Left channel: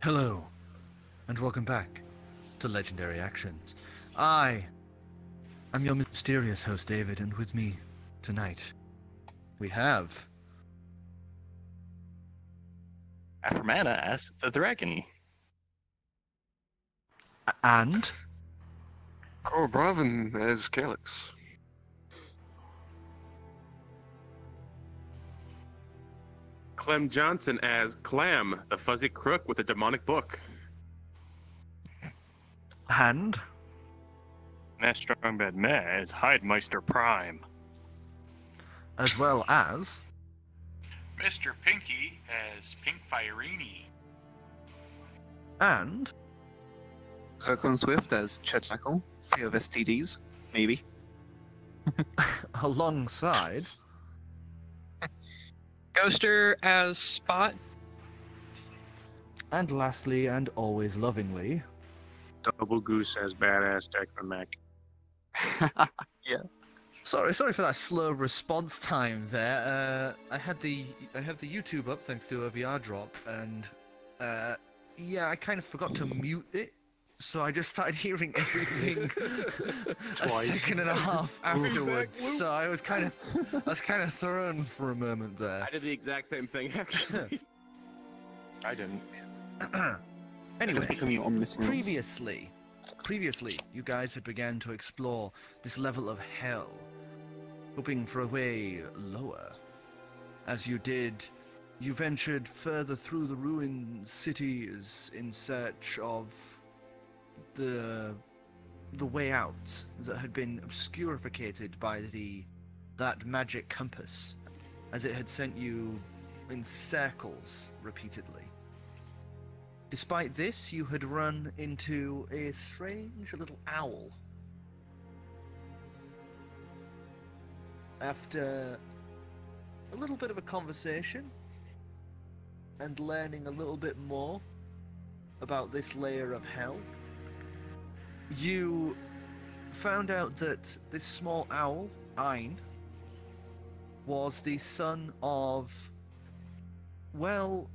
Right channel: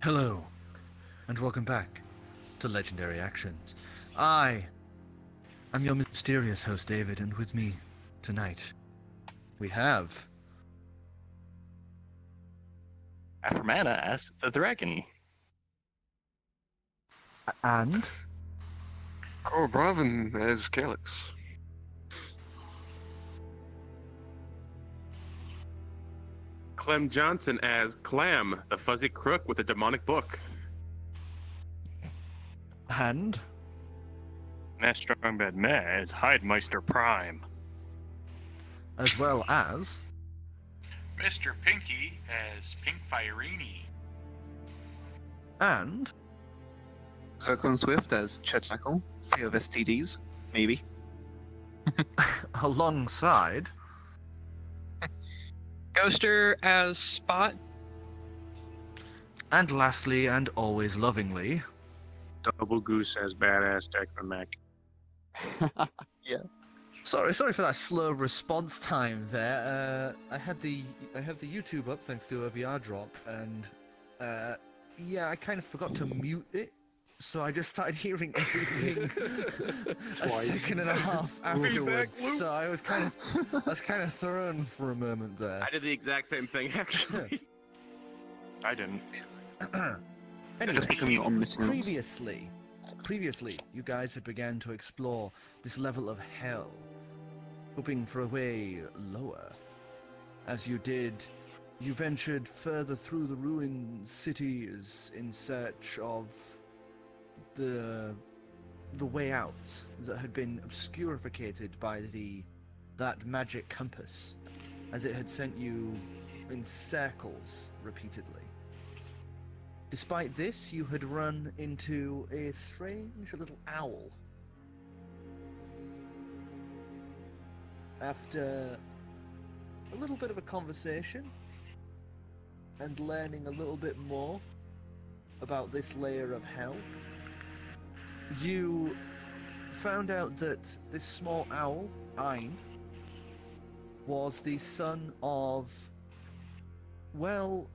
Hello, and welcome back to Legendary Actions. I am your mysterious host, David, and with me tonight we have... Afromana as the dragon. And... Oh, Bravin as Calix. Clem Johnson as Clam, the fuzzy crook with a demonic book. And... MehStrongBadMeh as Hidemeister Prime. as well as... MrPinkie as Pink Fireeny. and... Zircron Swift as Chir'takl, fear of STDs, maybe. alongside... Ghoster as Spot. and lastly, and always lovingly... Doublegoose as badass Technomech. Sorry for that slow response time there. I have the YouTube up thanks to a VR drop, and yeah, I kind of forgot to mute it, so I just started hearing everything a second and a half afterwards. So I was kind of thrown for a moment there. I did the exact same thing, actually. I didn't. Anyway, Just becoming omniscient. previously, you guys had began to explore this level of hell, hoping for a way lower. As you did, you ventured further through the ruined cities in search of the way out that had been obscurificated by that magic compass, as it had sent you in circles repeatedly. Despite this, you had run into a strange little owl. After a little bit of a conversation and learning a little bit more about this layer of hell, you found out that this small owl, Ein, was the son of, well,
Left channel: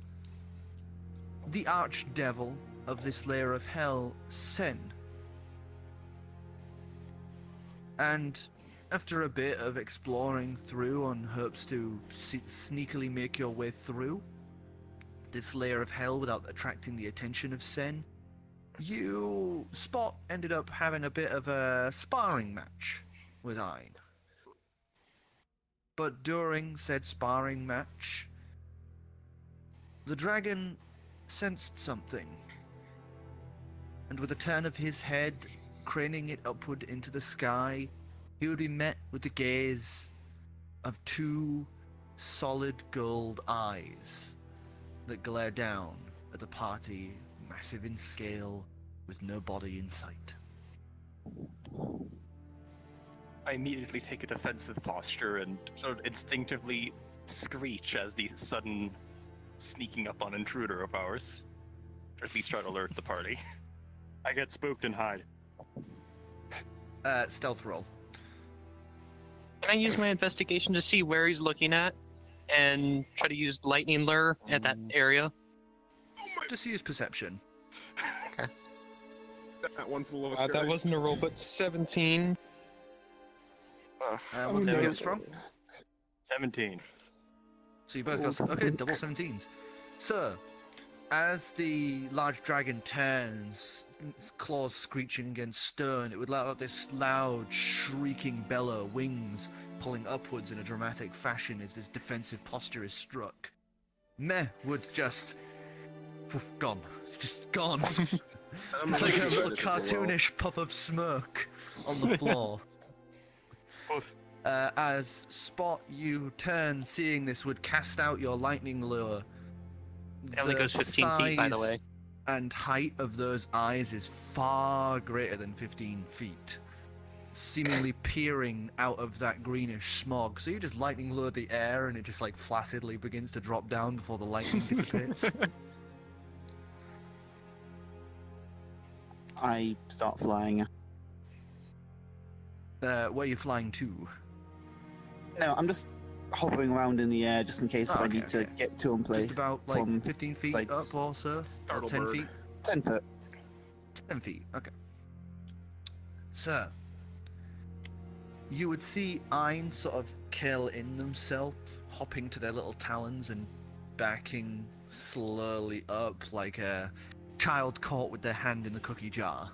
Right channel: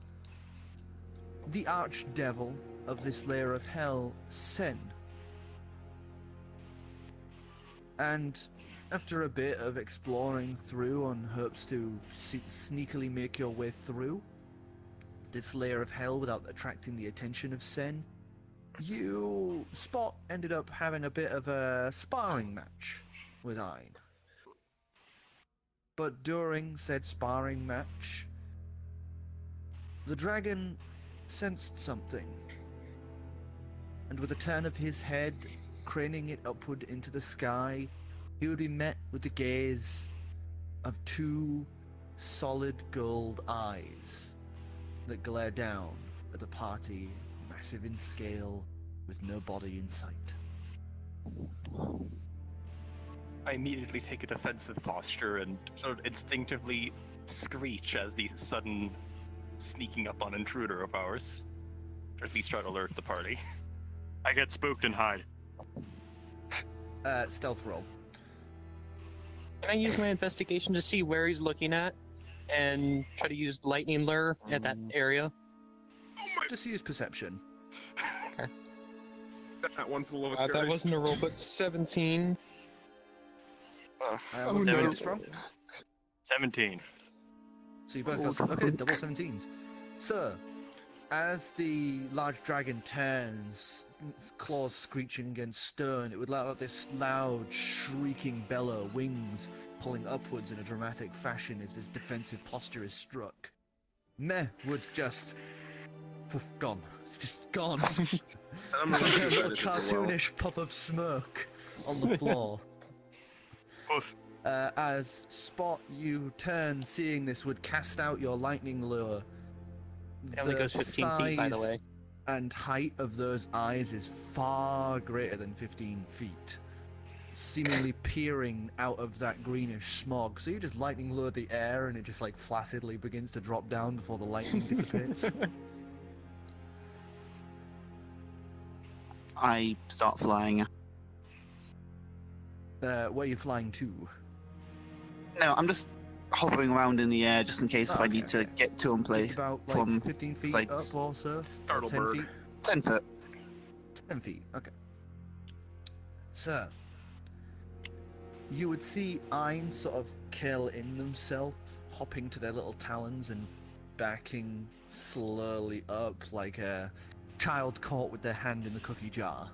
the archdevil of this layer of hell, Sen. And after a bit of exploring through on hopes to sneakily make your way through this layer of hell without attracting the attention of Sen, Spot ended up having a bit of a sparring match with Ein. But during said sparring match, the dragon sensed something, and with a turn of his head, craning it upward into the sky, he would be met with the gaze of two solid gold eyes that glare down at the party, massive in scale, with no body in sight. I immediately take a defensive posture and sort of instinctively screech as the sudden sneaking up on intruder of ours. Or at least try to alert the party. I get spooked and hide. Stealth roll. Can I use my investigation to see where he's looking at and try to use lightning lure at that area? Just use perception. That one's a little That wasn't a roll, but 17. What's your strong? 17. So you both got... Okay, double 17s. So, as the large dragon turns, its claws screeching against stone, it would let out this loud, shrieking bellow, wings pulling upwards in a dramatic fashion as this defensive posture is struck. Meh would just... gone. It's just gone. It's like a little cartoonish puff of smoke on the floor. As Spot, you turn, seeing this, would cast out your lightning lure. It only goes 15 feet, by the way. And height of those eyes is far greater than 15 feet, seemingly peering out of that greenish smog. So you just lightning lure the air, and it just like flaccidly begins to drop down before the lightning dissipates. I start flying. Where are you flying to? No, I'm just hovering around in the air just in case if I need to get to and play Just about like from 15 feet sight. up or so? Or Startle 10 bird. feet? 10 foot. 10 feet, okay. Sir, you would see Ein sort of curl in themselves, hopping to their little talons and backing slowly up like a child caught with their hand in the cookie jar.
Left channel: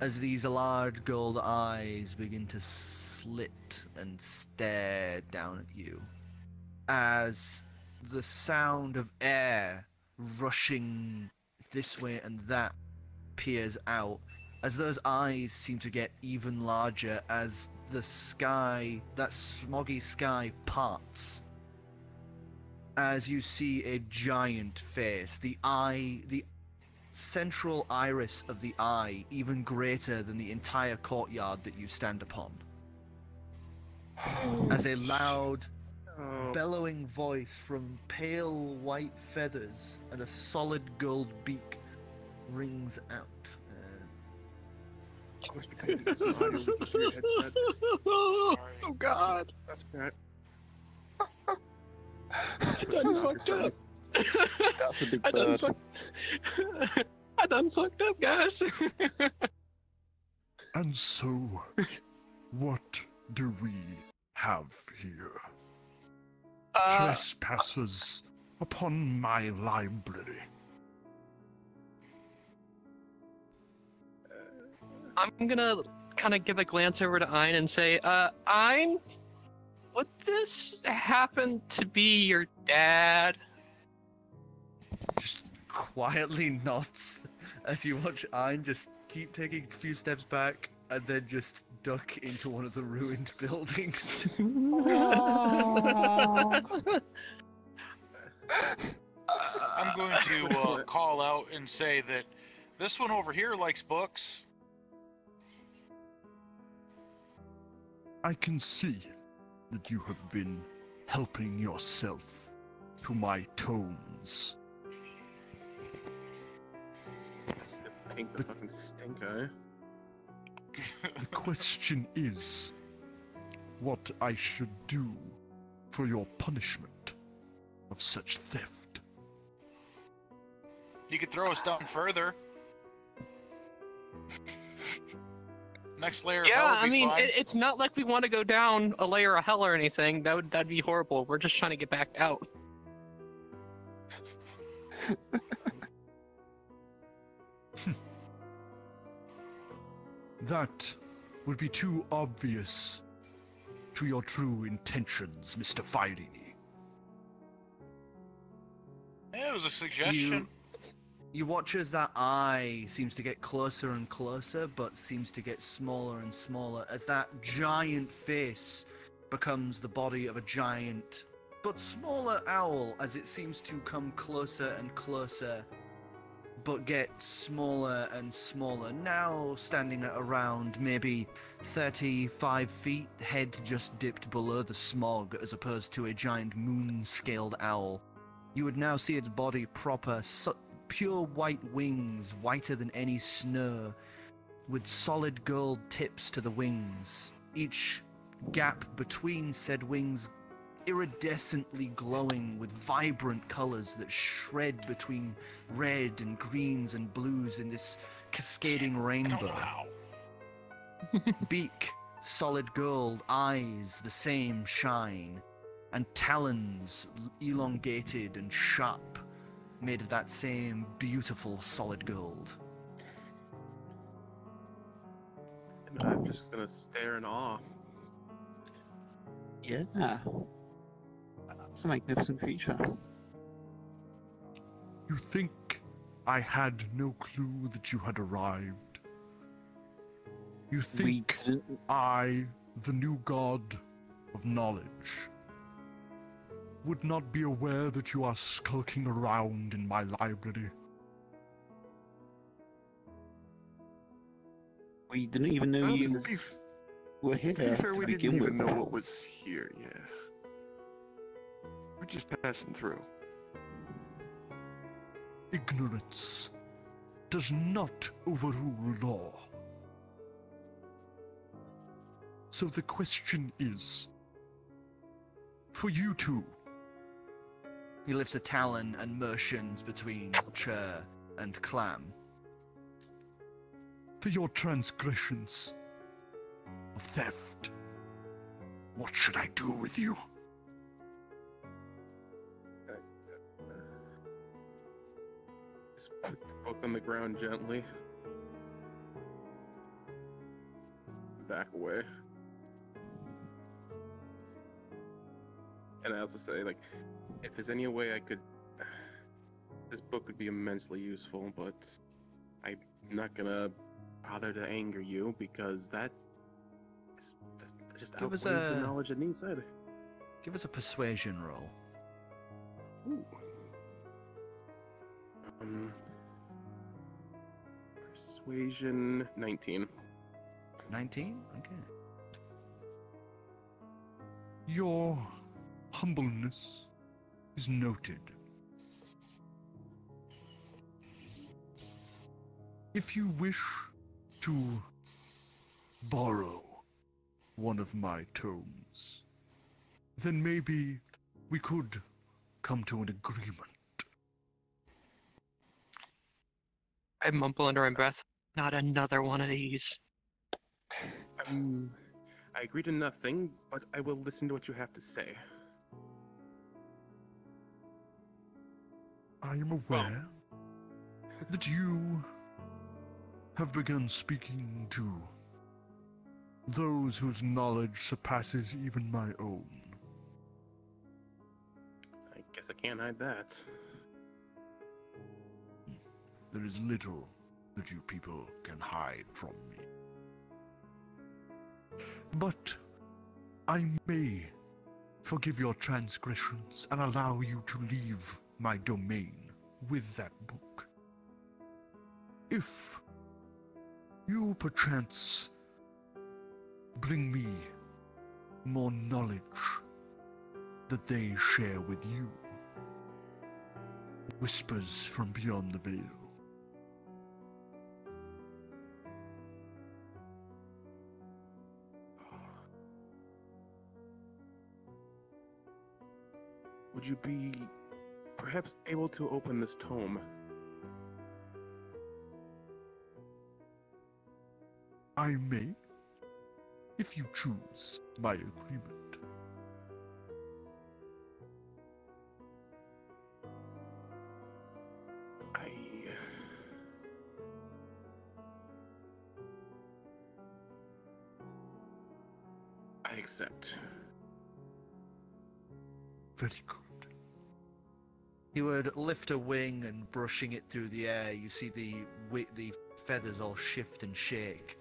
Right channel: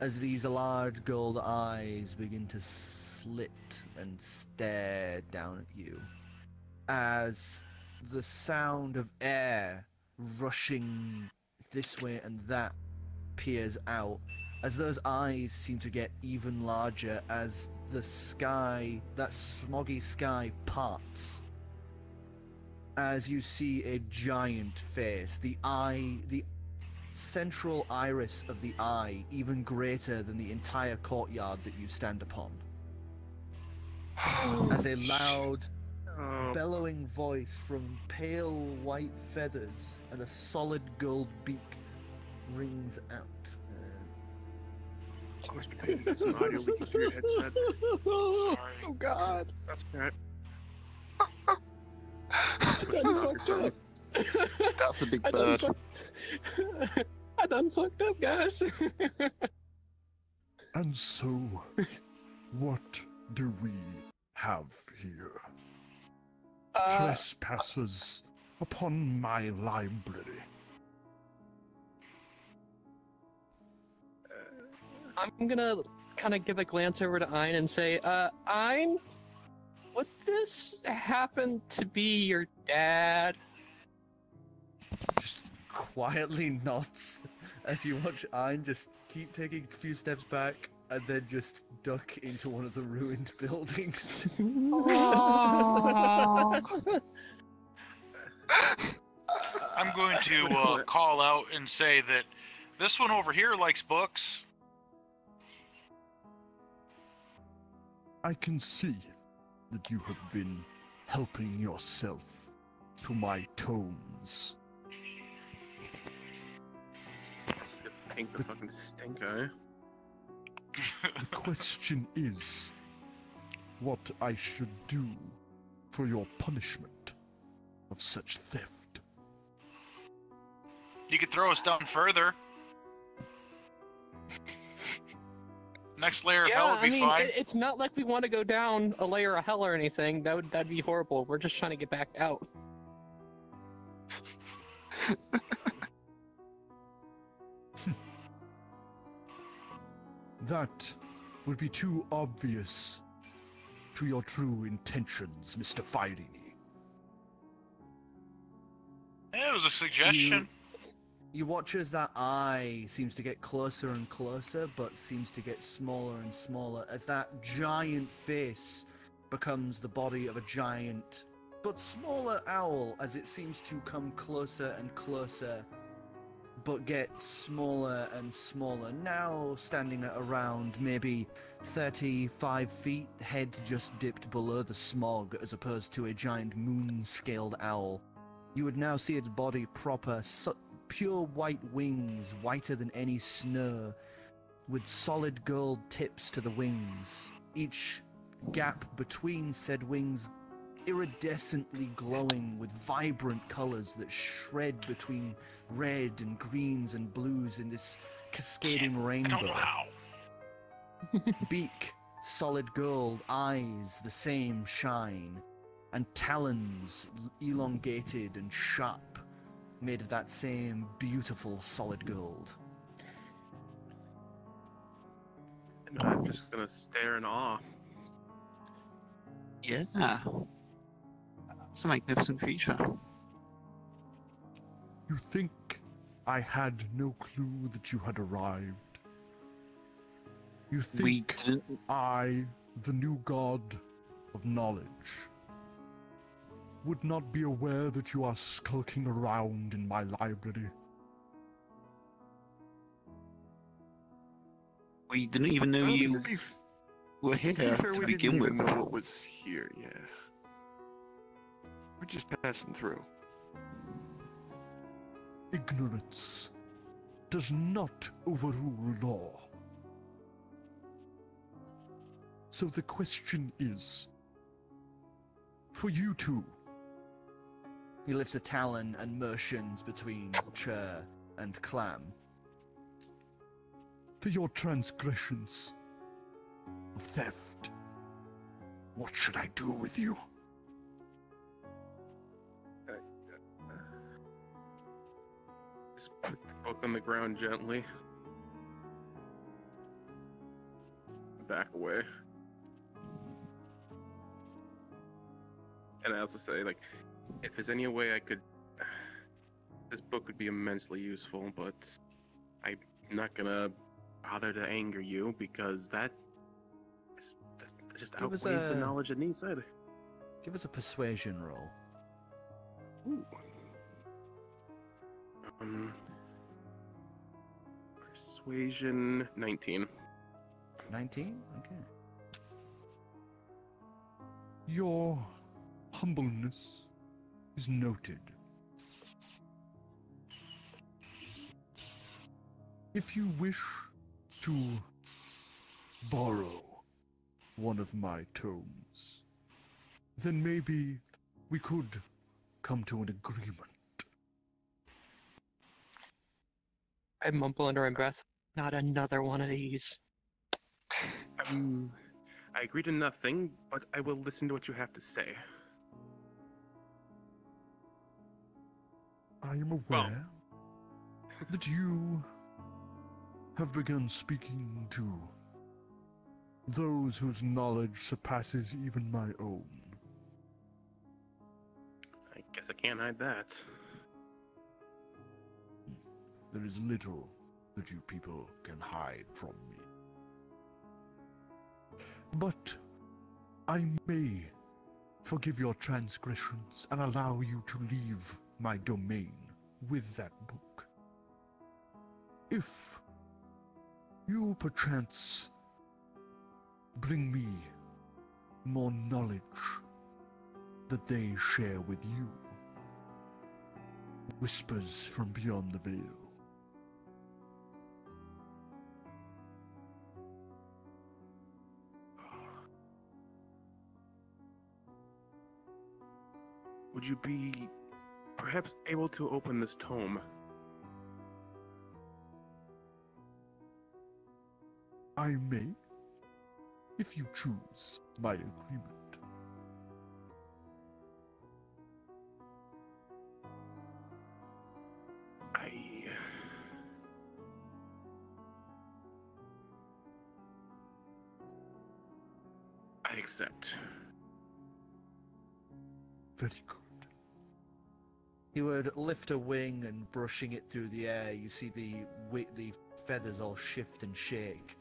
As these large gold eyes begin to slit and stare down at you. As the sound of air rushing this way and that peers out, as those eyes seem to get even larger as the sky, that smoggy sky, parts. As you see a giant face, the central iris of the eye even greater than the entire courtyard that you stand upon. As a loud, bellowing voice from pale white feathers and a solid gold beak rings out. Must be taking some audio with your headset. Oh God! That's right. I done fucked up. That's a big I done bird. I done fucked up, guys. And so, what do we have here? Trespassers upon my library. I'm gonna kind of give a glance over to Ein and say, Ein, would this happen to be your dad? Just quietly nods as you watch Ein just keep taking a few steps back and then just duck into one of the ruined buildings. I'm going to call out and say that this one over here likes books. I can see that you have been helping yourself to my tomes. Pink the fucking stink eye. The question is, what I should do for your punishment of such theft. You could throw us down further. Next layer of hell would be fine. It's not like we want to go down a layer of hell or anything. That'd be horrible. We're just trying to get back out. That would be too obvious to your true intentions, Mr. Fireeny. Yeah, it was a suggestion. You watch as that eye seems to get closer and closer, but seems to get smaller and smaller, as that giant face becomes the body of a giant, but smaller owl, as it seems to come closer and closer, but get smaller and smaller, now standing at around maybe 35 feet, head just dipped below the smog, as opposed to a giant moon-scaled owl. You would now see its body proper, pure white wings, whiter than any snow, with solid gold tips to the wings. Each gap between said wings iridescently glowing with vibrant colors that shred between red and greens and blues in this cascading rainbow. Beak, solid gold, eyes, the same shine, and talons elongated and sharp, made of that same beautiful solid gold. And I'm just gonna stare in awe. Yeah. It's a magnificent creature. You think I had no clue that you had arrived? You We think didn't. I, the new god of knowledge, would not be aware that you are skulking around in my library? We didn't even know Well, you to be were here To be fair, to we didn't begin even with. know what was here, yeah. We're just passing through. Ignorance does not overrule law. So the question is, For you two. He lifts a talon and motions between Chir and Clam. For your transgressions of theft. What should I do with you? Just put the book on the ground gently. Back away. And I also say, like, if there's any way I could... This book would be immensely useful, but I'm not gonna bother to anger you, because that just Give us outweighs the a- knowledge it needs. Give us a persuasion roll. Ooh. Persuasion 19. 19? Okay. Your humbleness is noted. If you wish to borrow one of my tomes, then maybe we could come to an agreement. I mumble under my breath. Not another one of these. I agree to nothing, but I will listen to what you have to say. I am aware that you have begun speaking to those whose knowledge surpasses even my own. I guess I can't hide that. There is little that you people can hide from me. But I may forgive your transgressions and allow you to leave my domain with that book. If you perchance bring me more knowledge that they share with you. Whispers from beyond the veil. Would you be perhaps able to open this tome? I may, if you choose my agreement. I accept. Very good. He would lift a wing and brushing it through the air, you see the feathers all shift and shake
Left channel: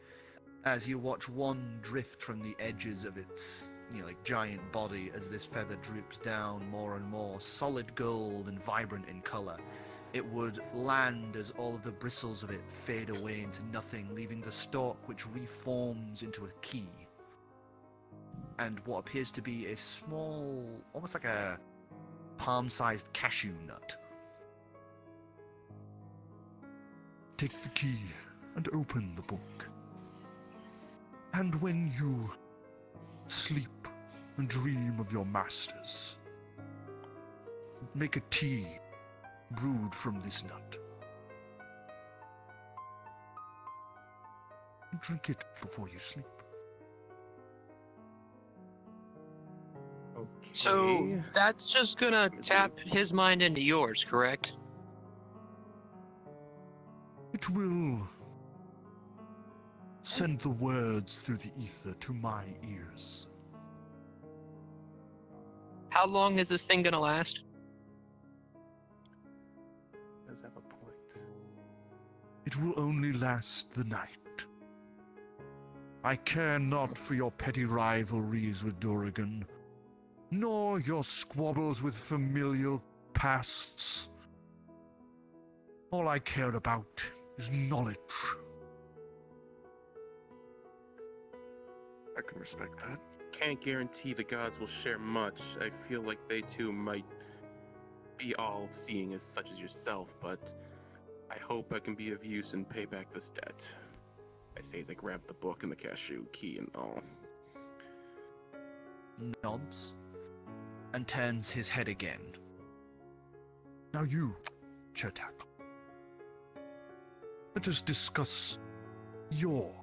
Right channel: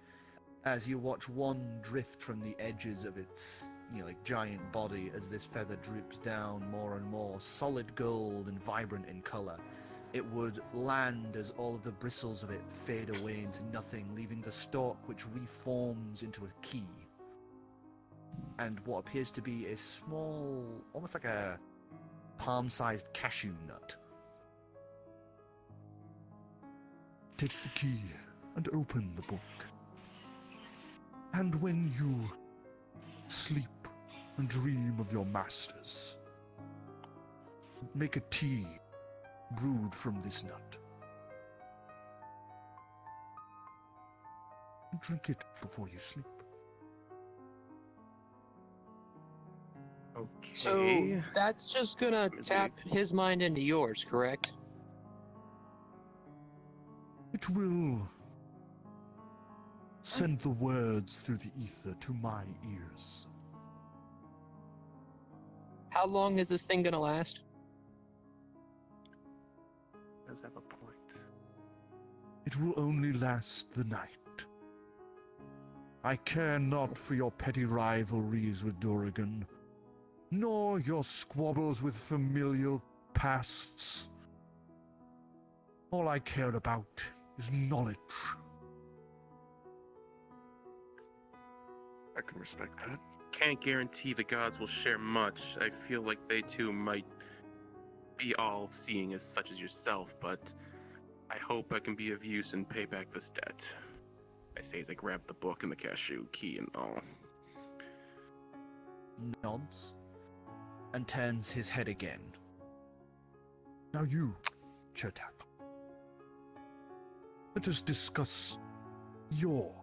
as you watch one drift from the edges of its, like giant body as this feather droops down more and more, solid gold and vibrant in color. It would land as all of the bristles of it fade away into nothing, leaving the stalk which reforms into a key. And what appears to be a small, almost like a palm-sized cashew nut. Take the key and open the book. And when you sleep and dream of your masters, make a tea brewed from this nut. And drink it before you sleep. Okay. So that's just gonna tap his mind into yours, correct? It will send the words through the ether to my ears. How long is this thing gonna last? Does have a point. It will only last the night. I care not for your petty rivalries with Doublegoose, nor your squabbles with familial pasts. All I care about is knowledge. I can respect that. Can't guarantee the gods will share much. I feel like they too might be all-seeing as such as yourself, but I hope I can be of use and pay back this debt. I say as I grab the book and the cashew key and all. Nods. and turns his head again. Now you, Chir'takl. Let us discuss your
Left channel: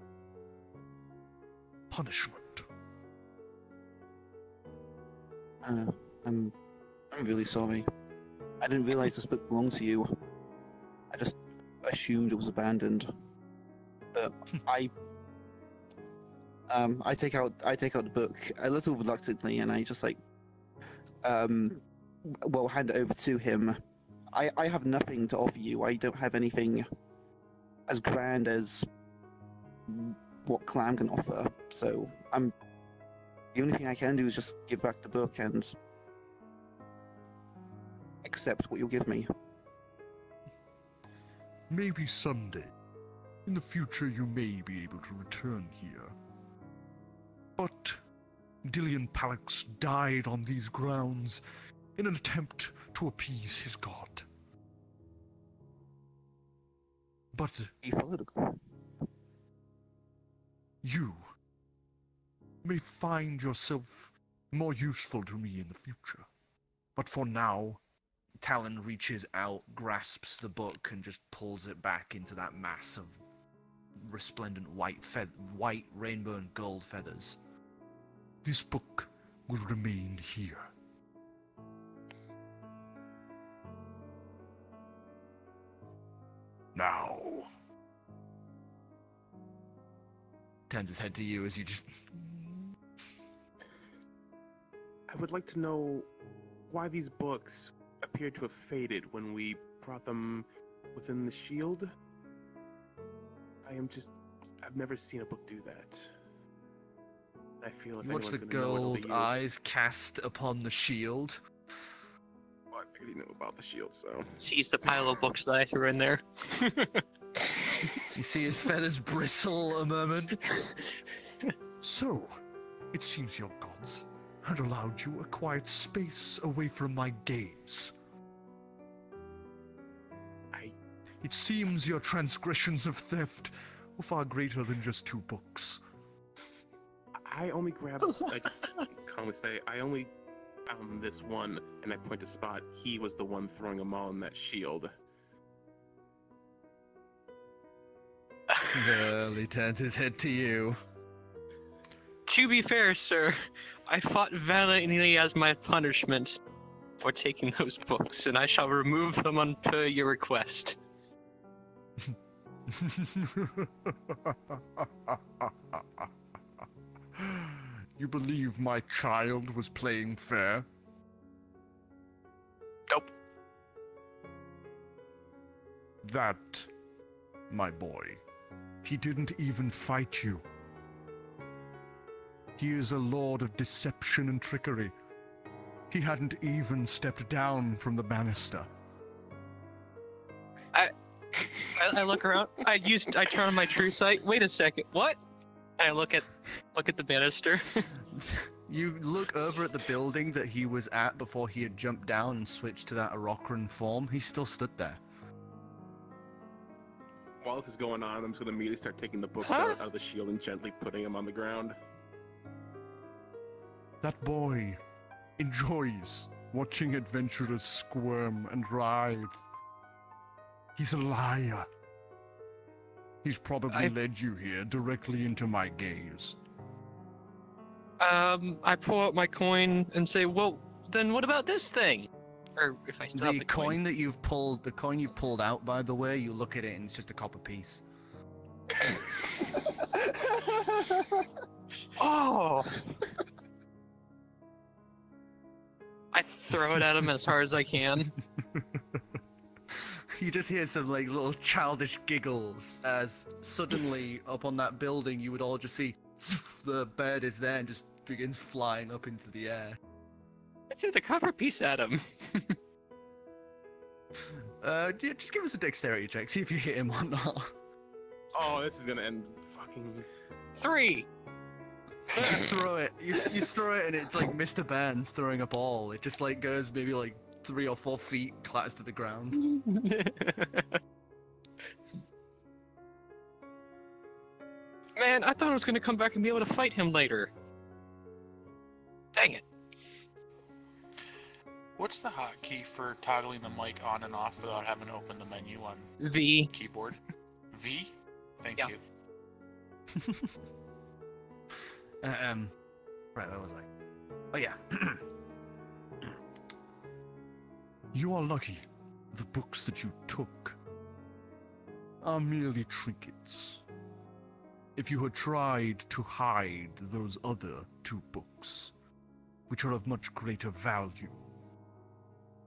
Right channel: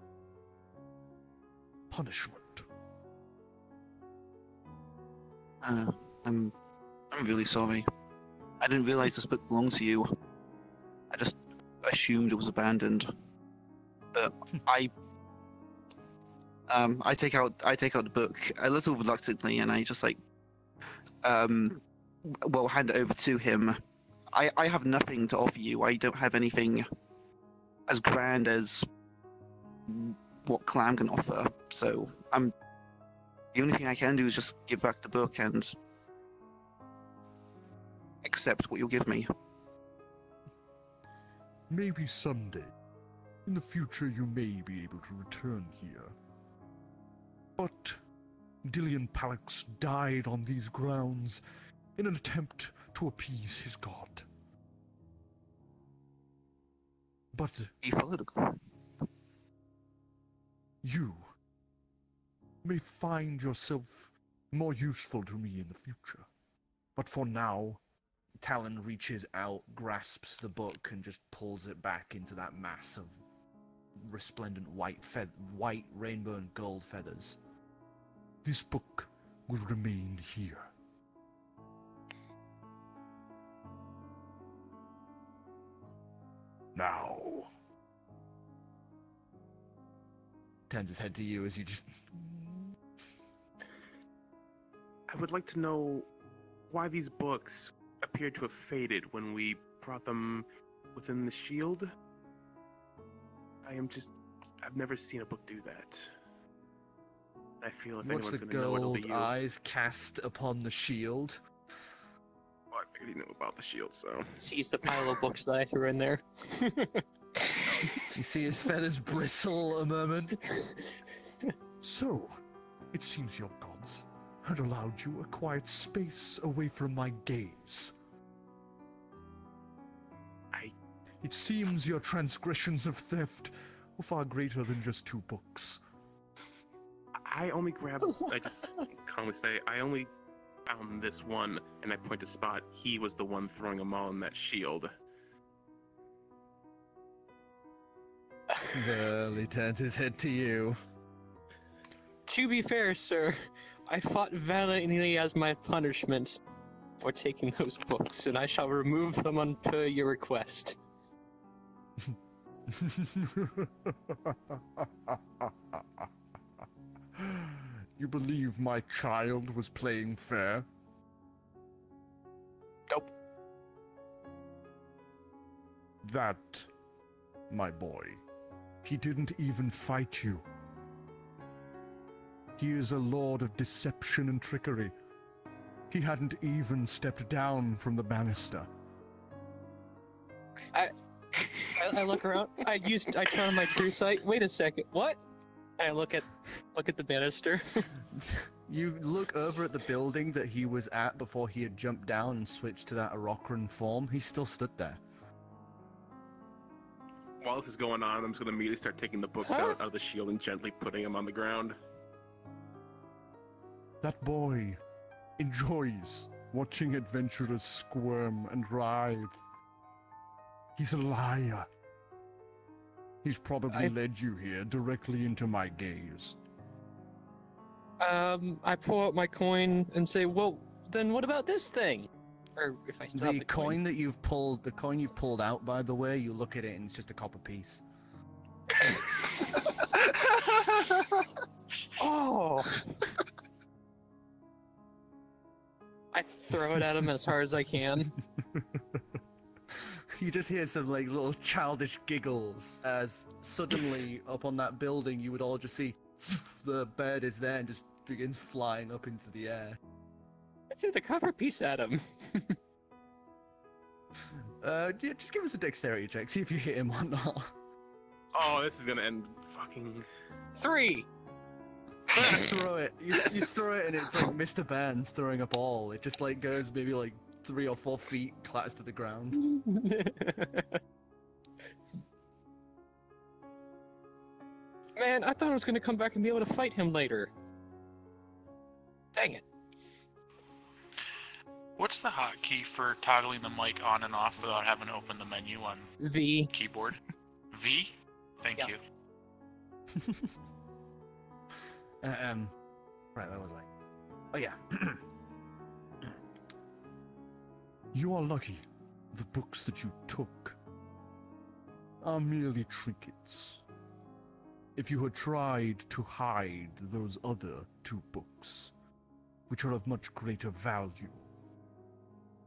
punishment. I'm really sorry. I didn't realize this book belonged to you. I just assumed it was abandoned. I take out the book a little reluctantly, and I just hand it over to him. I have nothing to offer you. I don't have anything as grand as what Clam can offer. So the only thing I can do is just give back the book and accept what you'll give me. Maybe someday, in the future, you may be able to return here. But Dillion Calix died on these grounds in an attempt to appease his god. But He followed you may find yourself more useful to me in the future. But for now, Talon reaches out, grasps the book, and just pulls it back into that mass of resplendent white rainbow and gold feathers. This book will remain here. Now. Turns his head to you as you just... I would like to know why these books appear to have faded when we brought them within the shield. I've never seen a book do that. I feel if Watch anyone's the going to know, it'll be gold you. eyes cast upon the shield. Well, I already know about the shield, so... Sees the pile of books that I threw in there. You see his feathers bristle a moment. So, it seems your gods had allowed you a quiet space away from my gaze. It seems your transgressions of theft were far greater than just 2 books. I only grabbed... I just calmly say, I only found this one, and I point to Spot. He was the one throwing them all in that shield. Well, he turns his head to you. To be fair, sir, I fought valiantly as my punishment for taking those books, and I shall remove them on per your request. You believe my child was playing fair? Nope. That, my boy, he didn't even fight you. He is a lord of deception and trickery. He hadn't even stepped down from the banister. I look around. I turn on my true sight. Wait a second. What? I look at the banister. You look over at the building that he was at before he had jumped down and switched to that Arokran form. He still stood there. While this is going on, I'm just going to immediately start taking the books out of the shield and gently putting them on the ground. That boy enjoys watching adventurers squirm and writhe. He's a liar. He's probably led you here directly into my gaze. I pull out my coin and say, well, then what about this thing? Or if I still have the coin. That you've pulled, the coin you've pulled out, by the way, you look at it and it's just a copper piece. Oh! I throw it at him as hard as I can. You just hear some like little childish giggles as suddenly up on that building you would all just see the bird is there and just begins flying up into the air. I threw the copper piece at him. Just give us a dexterity check, see if you hit him or not. Oh, this is gonna end fucking... 3! You throw it. You throw it and it's like Mr. Burns throwing a ball. It just like goes maybe like 3 or 4 feet, clatters to the ground. Man, I thought I was gonna come back and be able to fight him later. Dang it. What's the hotkey for toggling the mic on and off without having to open the menu on V. keyboard? V? Thank Yeah. you. Right, that was like... Oh, yeah. You are lucky. The books that you took are merely trinkets. If you had tried to hide those other 2 books, which are of much greater value,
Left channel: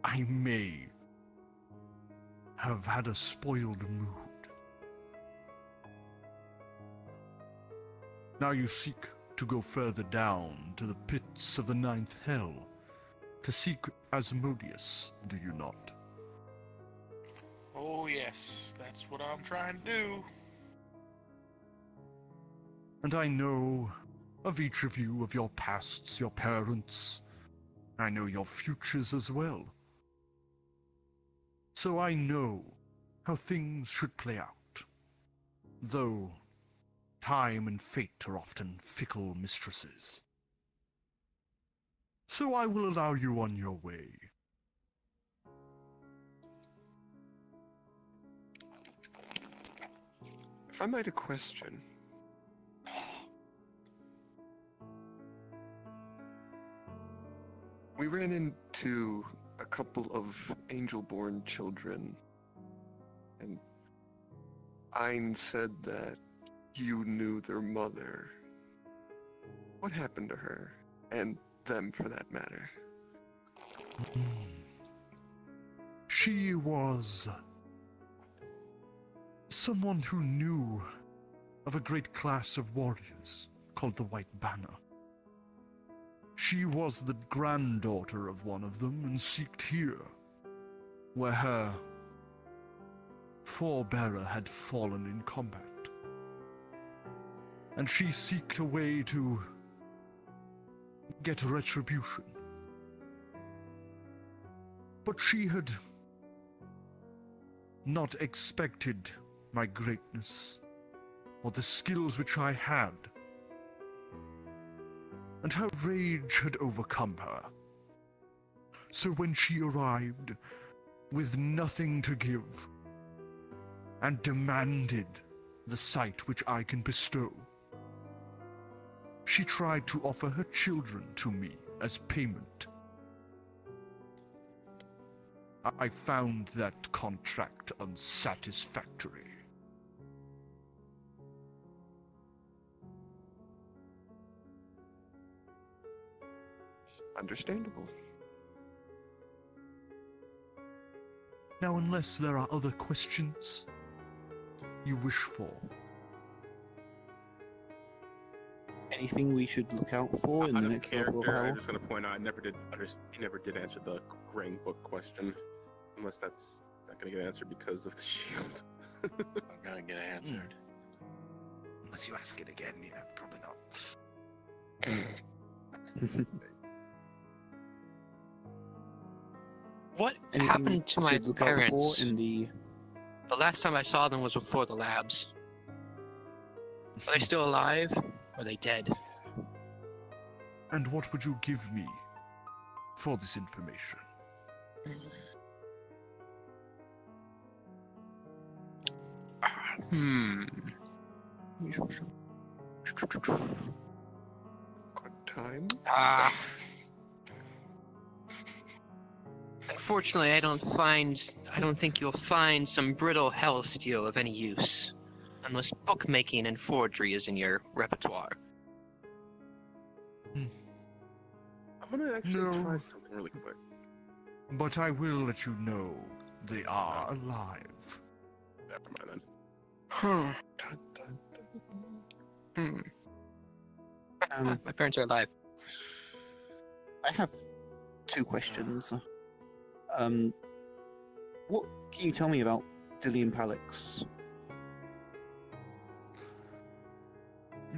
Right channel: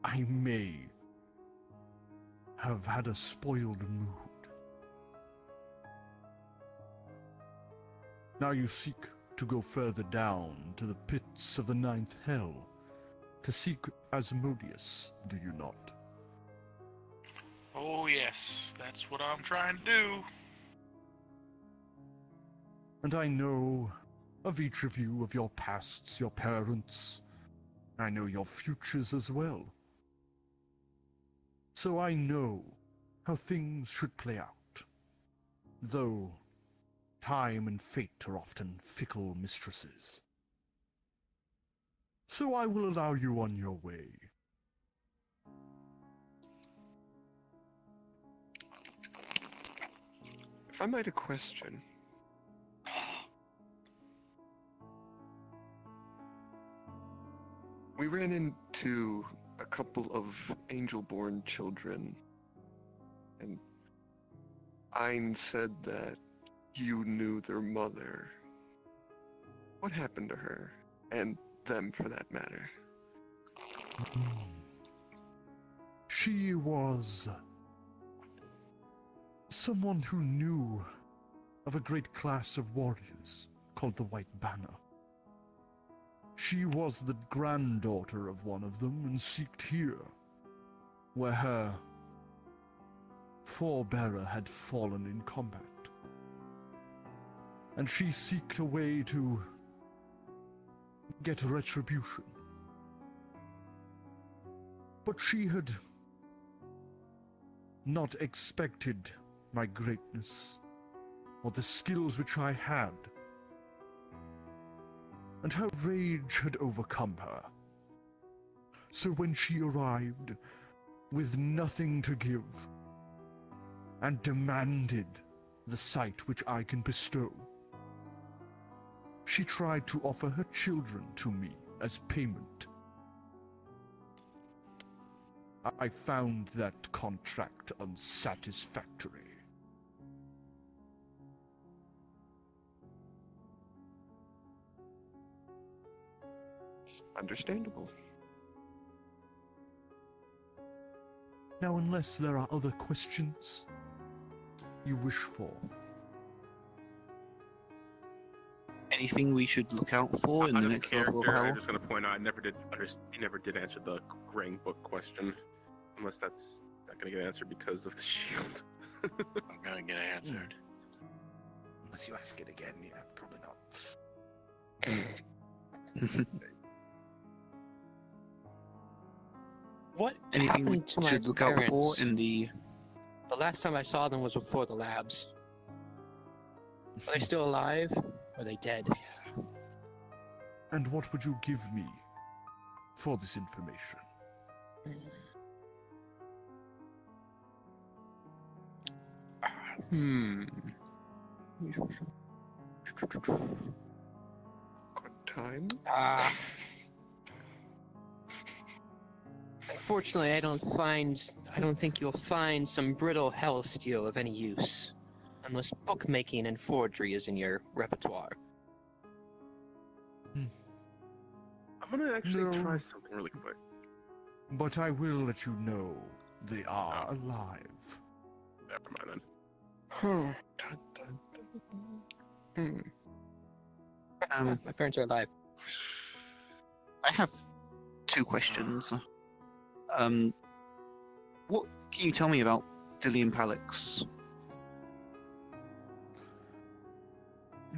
I may have had a spoiled mood. Now you seek to go further down to the pits of the 9th hell, to seek Asmodeus, do you not? Oh, yes. That's what I'm trying to do. And I know of each of you, of your pasts, your parents. I know your futures as well. So I know how things should play out. Though time and fate are often fickle mistresses. So I will allow you on your way. If I might a question. We ran into a couple of angel-born children, and Ein said that you knew their mother. What happened to her? And them, for that matter. She was someone who knew of a great class of warriors called the White Banner. She was the granddaughter of one of them and seeked here, where her forebearer had fallen in combat. And she seeked a way to get retribution. But she had not expected my greatness, or the skills which I had, and her rage had overcome her. So when she arrived, with nothing to give, and demanded the sight which I can bestow, she tried to offer her children to me as payment. I found that contract unsatisfactory. Understandable. Now, unless there are other questions you wish for. Anything we should look out for in the next level of I'm hell? just going to point out, he never did answer the Grang book question. Unless that's not going to get answered because of the shield. I'm gonna get answered. Unless you ask it again, yeah, probably not. What Anything happened to we my should look out parents? for in the... The last time I saw them was before the labs. Are they still alive? Or are they dead? And what would you give me for this information? Good time. Unfortunately, I don't think you'll find some brittle hell steel of any use. Unless bookmaking and forgery is in your repertoire. I'm going to actually No. try something really quick. But I will let you know they are alive. Never mind then. Dun, dun, dun. My parents are alive. I have 2 questions. What can you tell me about Dillian Calix?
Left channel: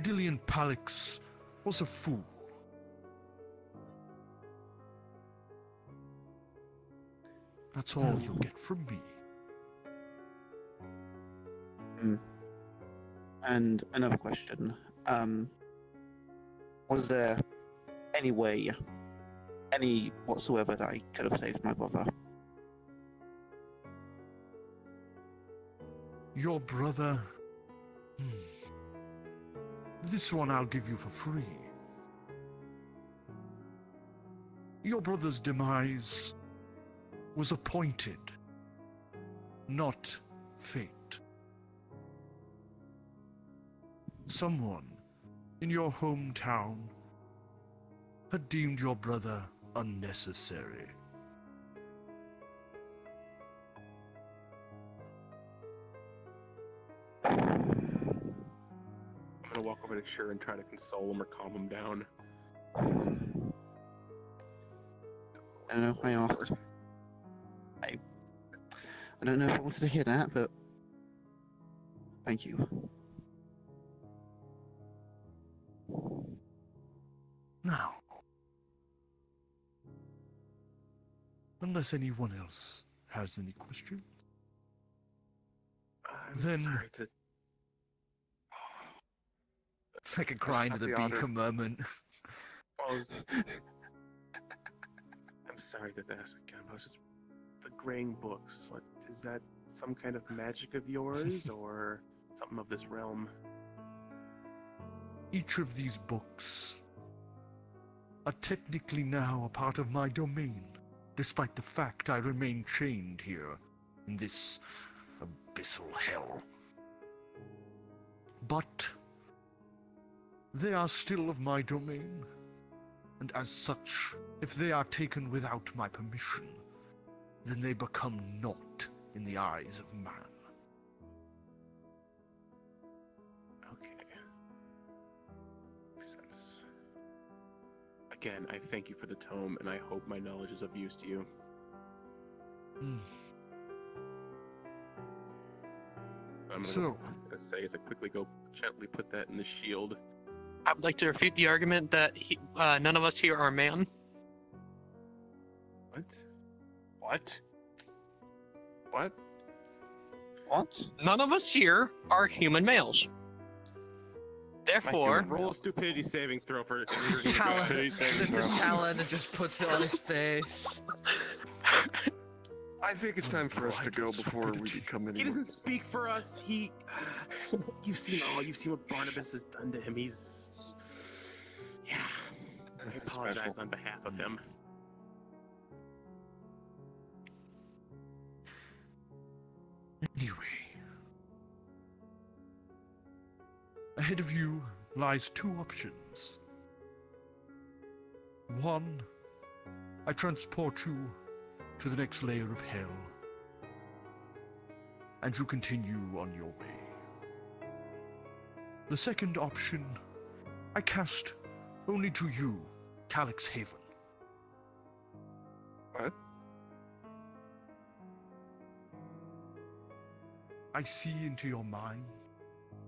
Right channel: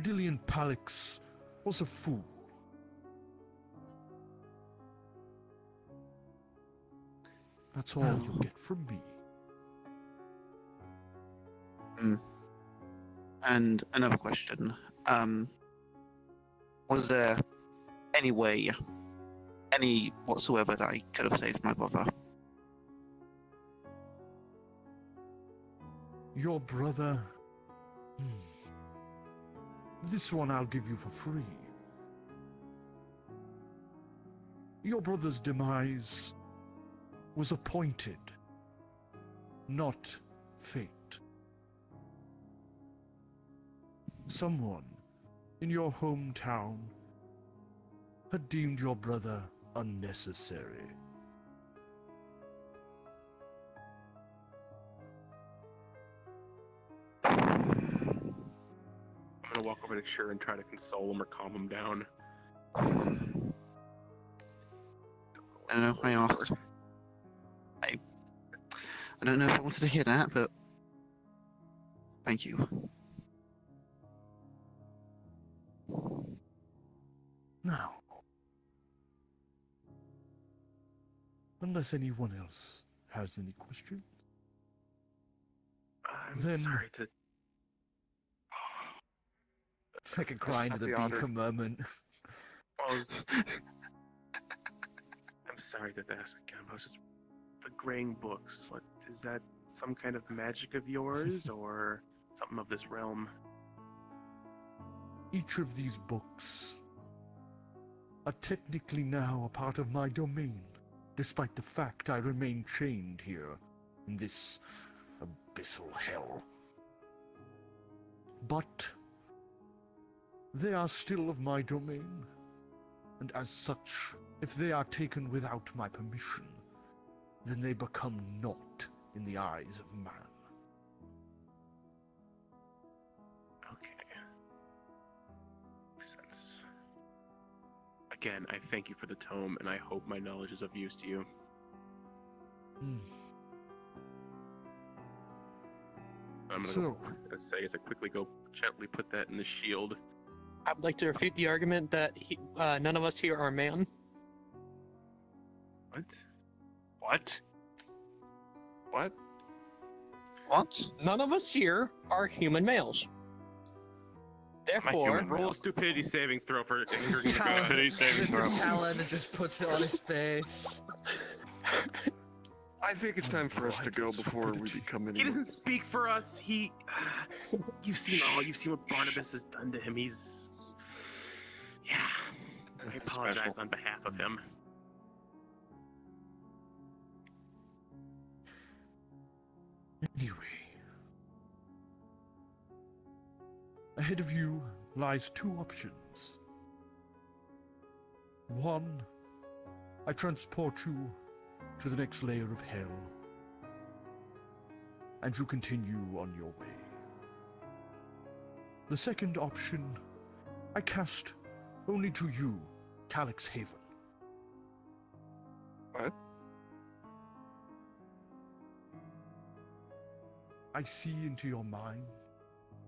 Dillian Calix was a fool. That's all you'll get from me. And another question. Was there any way any whatsoever that I could have saved my brother. Your brother... This one I'll give you for free. Your brother's demise was appointed, not fate. Someone in your hometown had deemed your brother unnecessary. I'm gonna walk over to Chir and try to console him or calm him down. I don't know. I asked. I don't know if I wanted to hear that, but thank you. Now, unless anyone else has any questions, I'm Then- sorry to. It's like a grind of the beaker moment. I'm sorry to ask again. I was just the graying books. What is that? Some kind of magic of yours, or something of this realm? each of these books are technically now a part of my domain, despite the fact I remain chained here in this abyssal hell. But they are still of my domain, and as such, if they are taken without my permission, then they become naught in the eyes of man. Okay. Makes sense. Again, I thank you for the tome, and I hope my knowledge is of use to you. I'm gonna say as I quickly go gently put that in the shield. I would like to refute the argument that none of us here are man. What? What? What? None of us here are human males. Therefore, Roll a stupidity saving throw for Talon just puts it on his face. I think it's time for us to go before we become He any. doesn't speak for us. You've seen what Barnabas has done to him. I apologize on behalf of him. Anyway, ahead of you lies two options. One, I transport you to the next layer of hell, and you continue on your way. The second option, I cast only to you, Calix Haven. What? I see into your mind,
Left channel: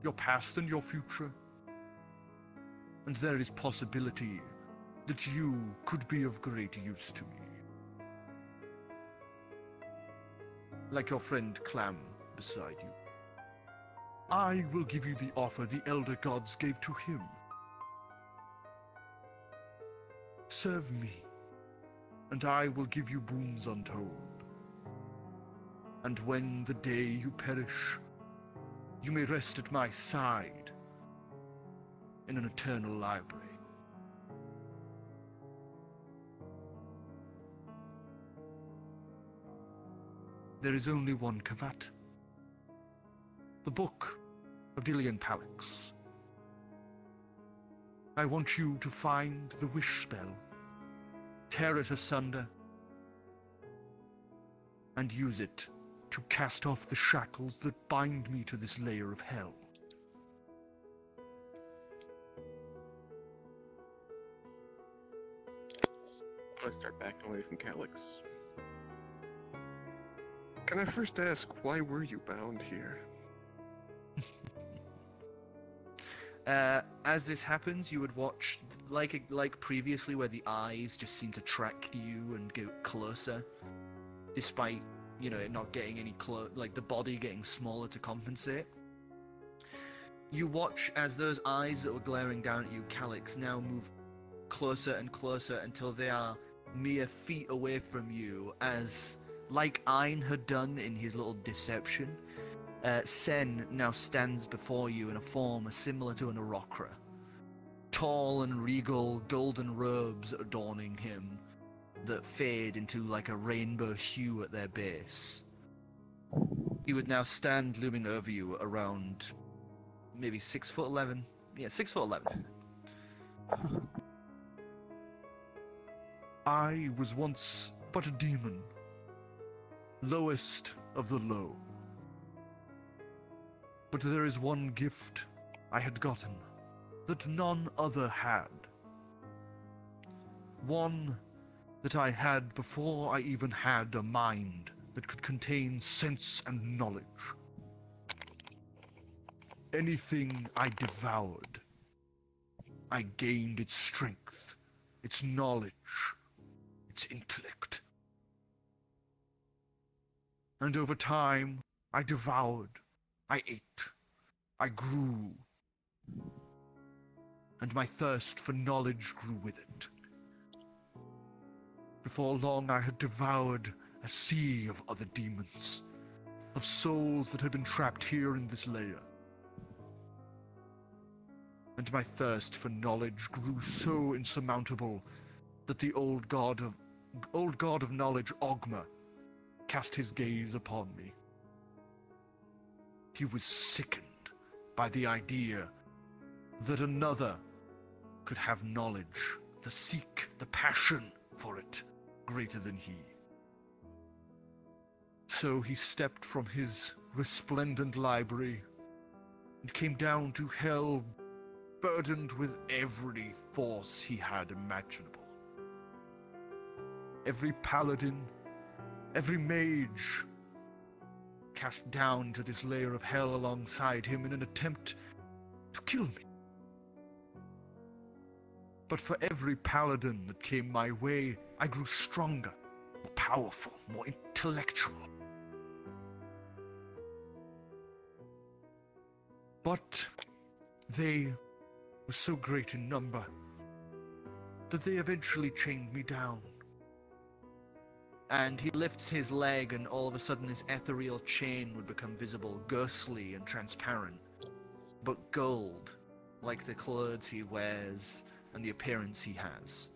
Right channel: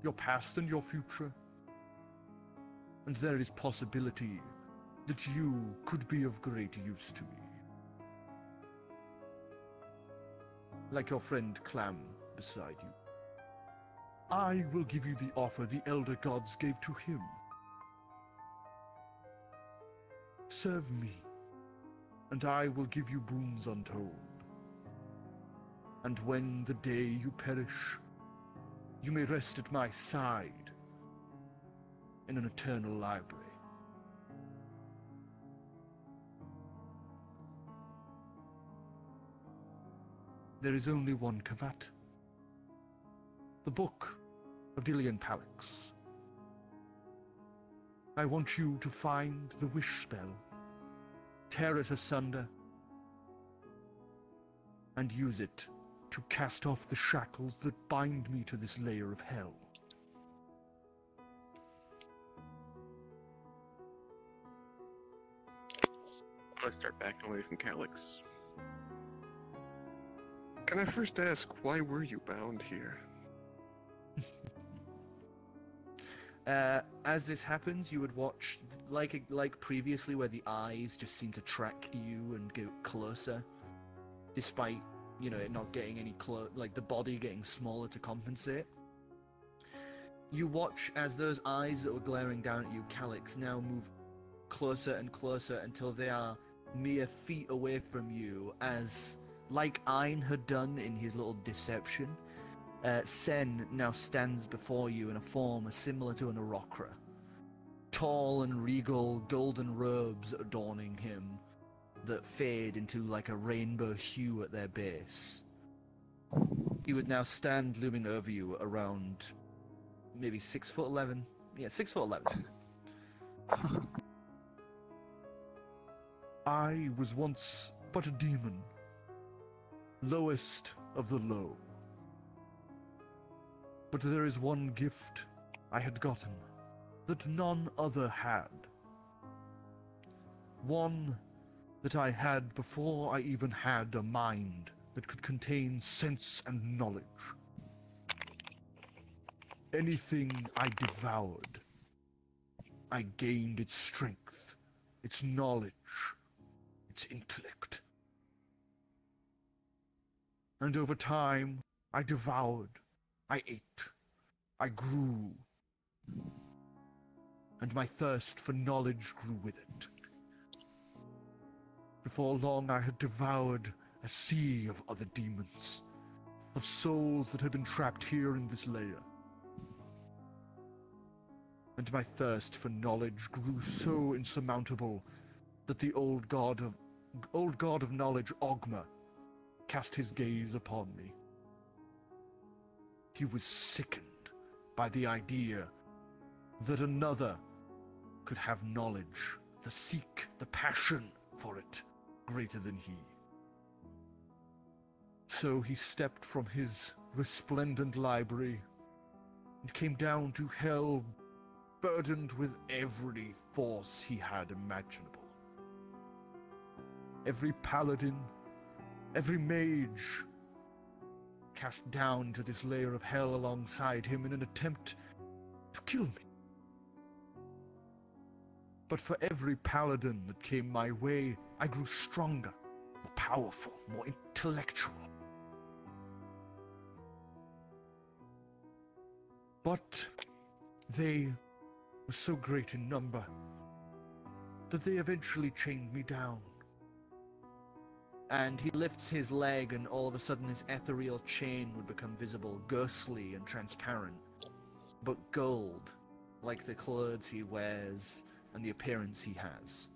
your past and your future, and there is possibility that you could be of great use to me. Like your friend Clam beside you. I will give you the offer the Elder Gods gave to him. Serve me, and I will give you boons untold. And when the day you perish, you may rest at my side in an eternal library. There is only one caveat. The Book of Dillian Calix. I want you to find the wish spell, tear it asunder, and use it to cast off the shackles that bind me to this layer of hell. I'm gonna start backing away from Calix. Can I first ask, why were you bound here? As this happens, you would watch, like previously, where the eyes just seem to track you and get closer, despite, it not getting any like the body getting smaller to compensate. You watch as those eyes that were glaring down at you, Calix, now move closer and closer until they are mere feet away from you as, like Ein had done in his little deception, Sen now stands before you in a form similar to an Arokra. Tall and regal, golden robes adorning him that fade into like a rainbow hue at their base. He would now stand looming over you around maybe 6'11". Yeah, 6'11". I was once but a demon, lowest of the low. But there is one gift I had gotten that none other had. One that I had before I even had a mind that could contain sense and knowledge. Anything I devoured, I gained its strength, its knowledge, its intellect. And over time, I devoured, I ate, I grew, and my thirst for knowledge grew with it. Before long, I had devoured a sea of other demons, of souls that had been trapped here in this lair. And my thirst for knowledge grew so insurmountable that the old god of knowledge, Ogma, cast his gaze upon me. He was sickened by the idea that another could have knowledge, the seek, the passion for it, greater than he. So he stepped from his resplendent library and came down to hell, burdened with every force he had imaginable. Every paladin, every mage, cast down to this layer of hell alongside him in an attempt to kill me. But for every paladin that came my way, I grew stronger, more powerful, more intellectual. But they were so great in number that they eventually chained me down. And he lifts his leg, and all of a sudden this ethereal chain would become visible, ghostly and transparent, but gold, like the clothes he wears and the appearance he has,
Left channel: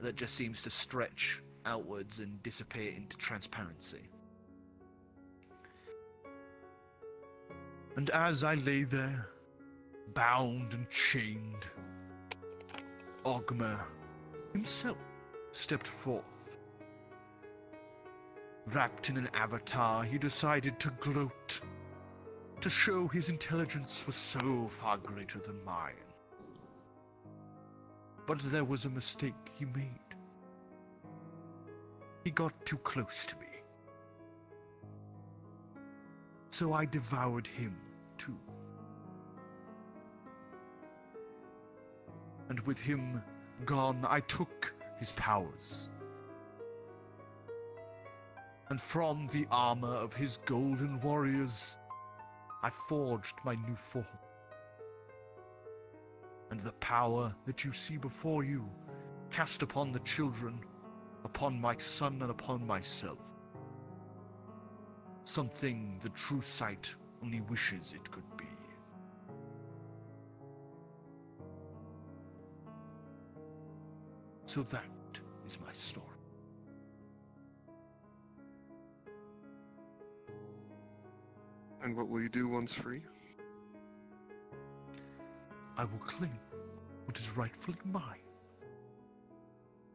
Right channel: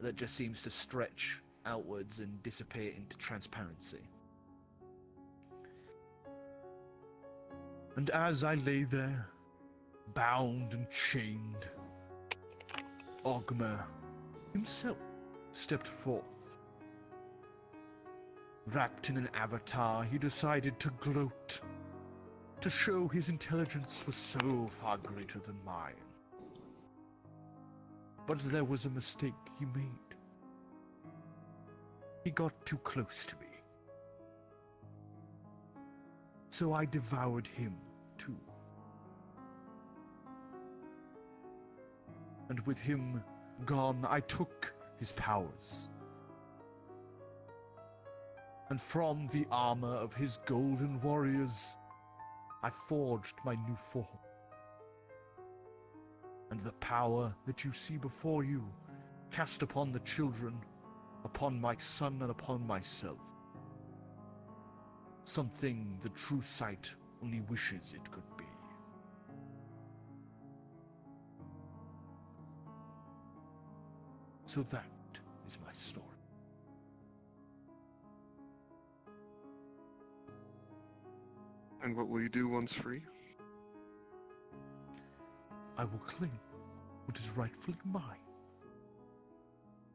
that just seems to stretch outwards and dissipate into transparency. And as I lay there, bound and chained, Ogma himself stepped forth. Wrapped in an avatar, he decided to gloat, to show his intelligence was so far greater than mine. But there was a mistake he made. He got too close to me. So I devoured him, too. And with him gone, I took his powers. And from the armor of his golden warriors, I forged my new form. And the power that you see before you, cast upon the children, upon my son and upon myself. Something the true sight only wishes it could be. So that is my story. And what will you do once free? I will claim what is rightfully mine.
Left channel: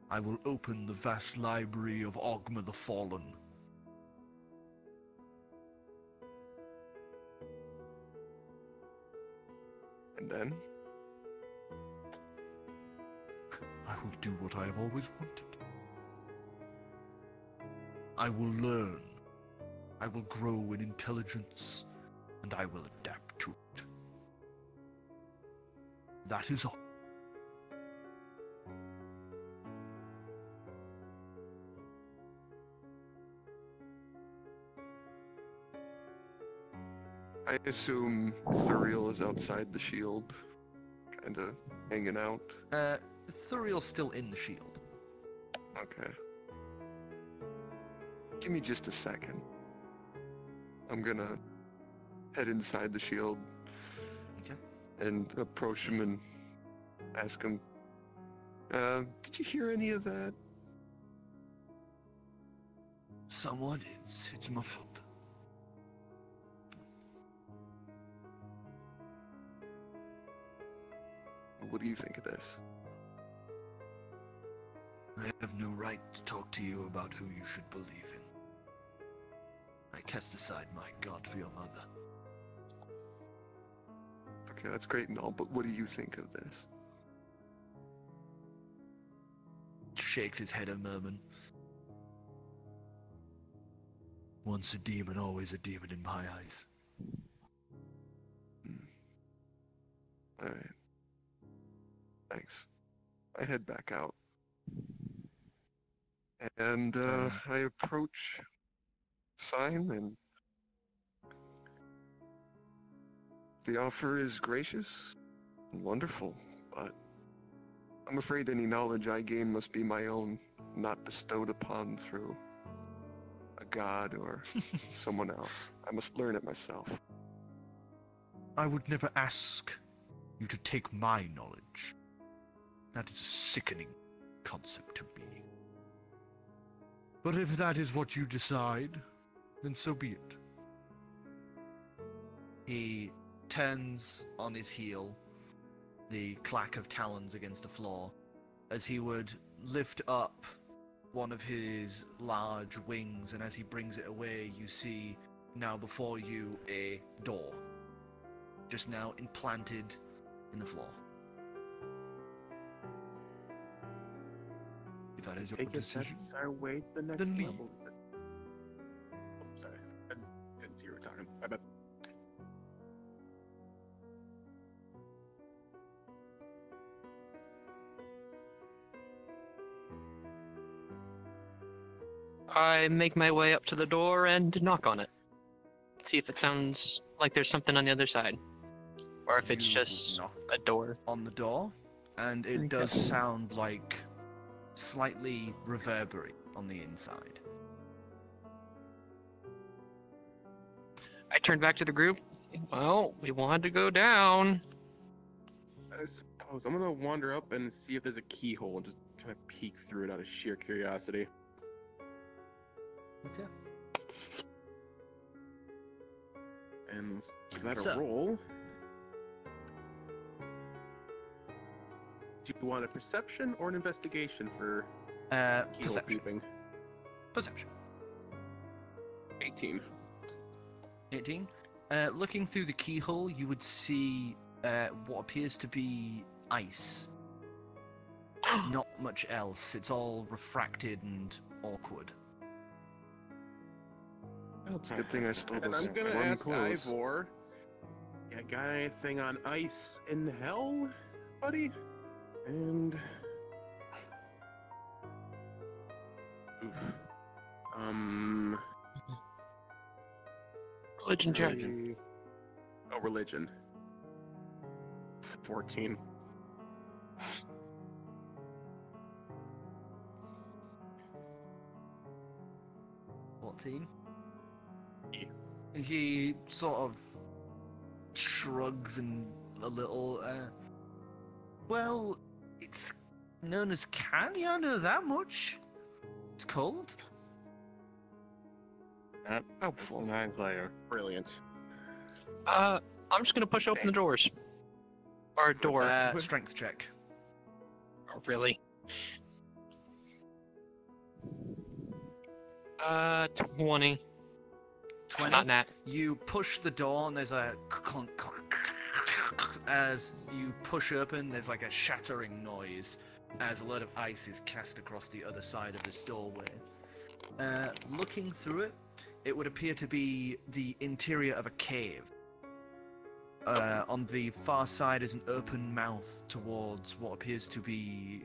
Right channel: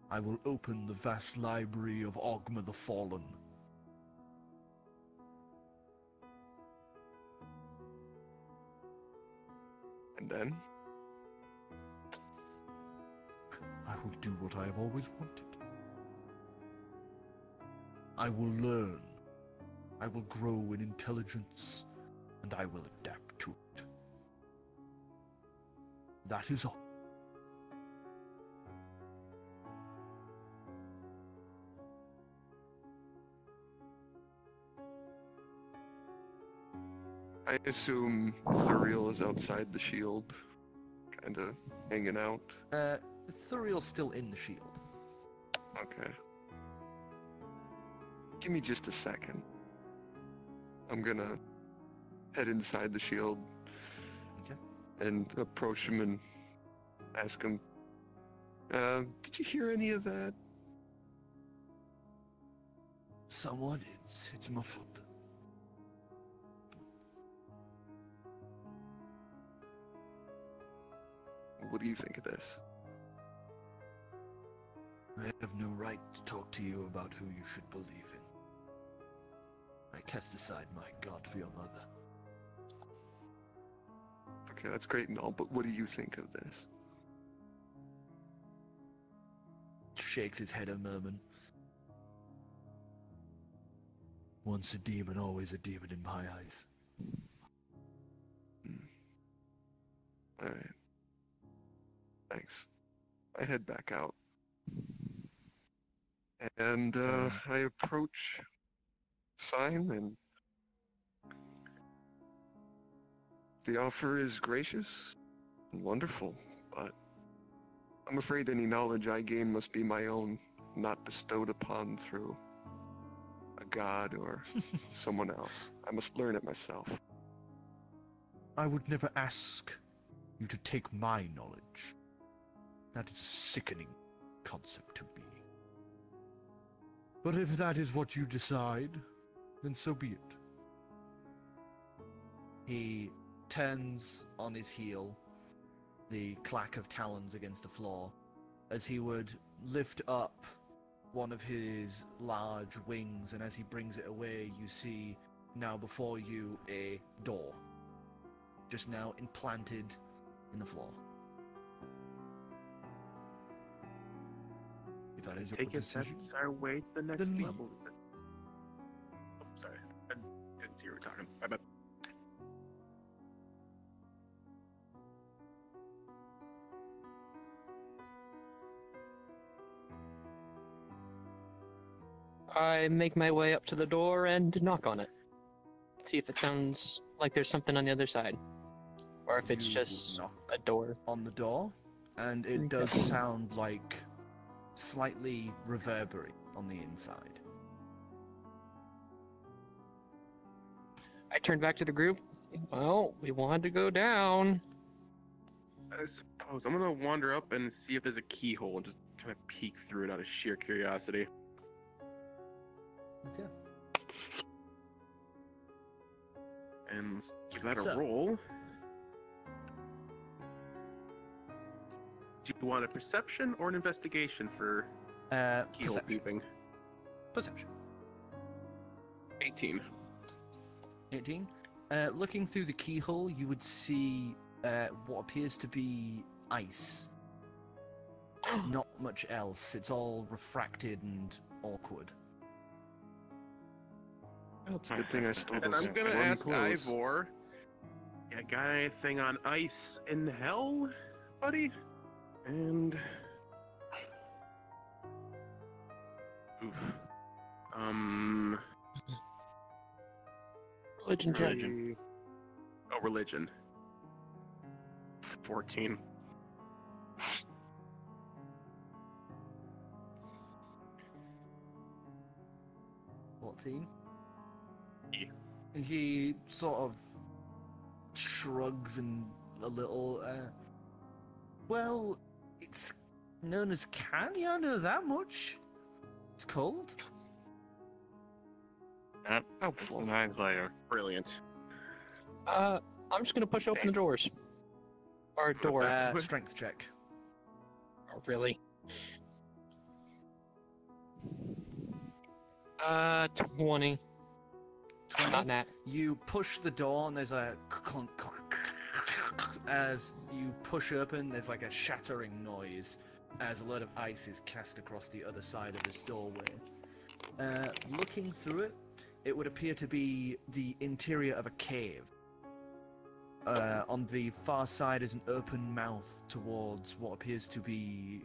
I will open the vast library of Ogma the Fallen. And then? I will do what I have always wanted. I will learn. I will grow in intelligence, and I will adapt to it. That is all. I assume Thuriel is outside the shield, kinda hanging out. Thuriel's still in the shield. Okay. Give me just a second. I'm gonna head inside the shield Okay. and approach him and ask him, did you hear any of that? Somewhat, it's muffled. What do you think of this? I have no right to talk to you about who you should believe in. I cast aside my God for your mother. Okay, that's great and all, but what do you think of this? Shakes his head a moment. Once a demon, always a demon in my eyes. Alright. Thanks. I head back out. And I approach Sign, and the offer is gracious and wonderful, but I'm afraid any knowledge I gain must be my own, not bestowed upon through a god or someone else. I must learn it myself. I would never ask you to take my knowledge. That is a sickening concept to me. But if that is what you decide, then so be it. He turns on his heel, the clack of talons against the floor, as he would lift up one of his large wings, and as he brings it away, you see now before you a door, just now implanted in the floor. If that is your Take it, decision, that's our way to the next then leave. level. Oh, sorry. I didn't see you were talking. My bad. I make my way up to the door and knock on it. See if it sounds like there's something on the other side. Or if it's You just knock a door. on the door, and it does sound like slightly reverberate on the inside. I turn back to the group. Well, we wanted to go down. I suppose I'm gonna wander up and see if there's a keyhole and just kind of peek through it out of sheer curiosity. Okay. And let's give that a So- roll. Do you want a perception or an investigation for keyhole Perception. peeping? Perception. 18. 18. Looking through the keyhole, you would see what appears to be ice. Not much else. It's all refracted and awkward. Well, it's a good thing I stole And those I'm gonna warm ask clothes. Ivor, you got anything on ice in hell, buddy? And oof. Religion check. Oh, religion. 14. Yeah. He sort of shrugs and a little, well, it's known as candy, I know that much. It's cold. That's Helpful. a nice layer. Brilliant. I'm just gonna push open the doors. Or door. Strength check. Oh, really? 20. 20. Not that. You push the door and there's a clunk. As you push open, there's like a shattering noise as a load of ice is cast across the other side of this doorway. Looking through it, it would appear to be the interior of a cave. On the far side is an open mouth towards what appears to be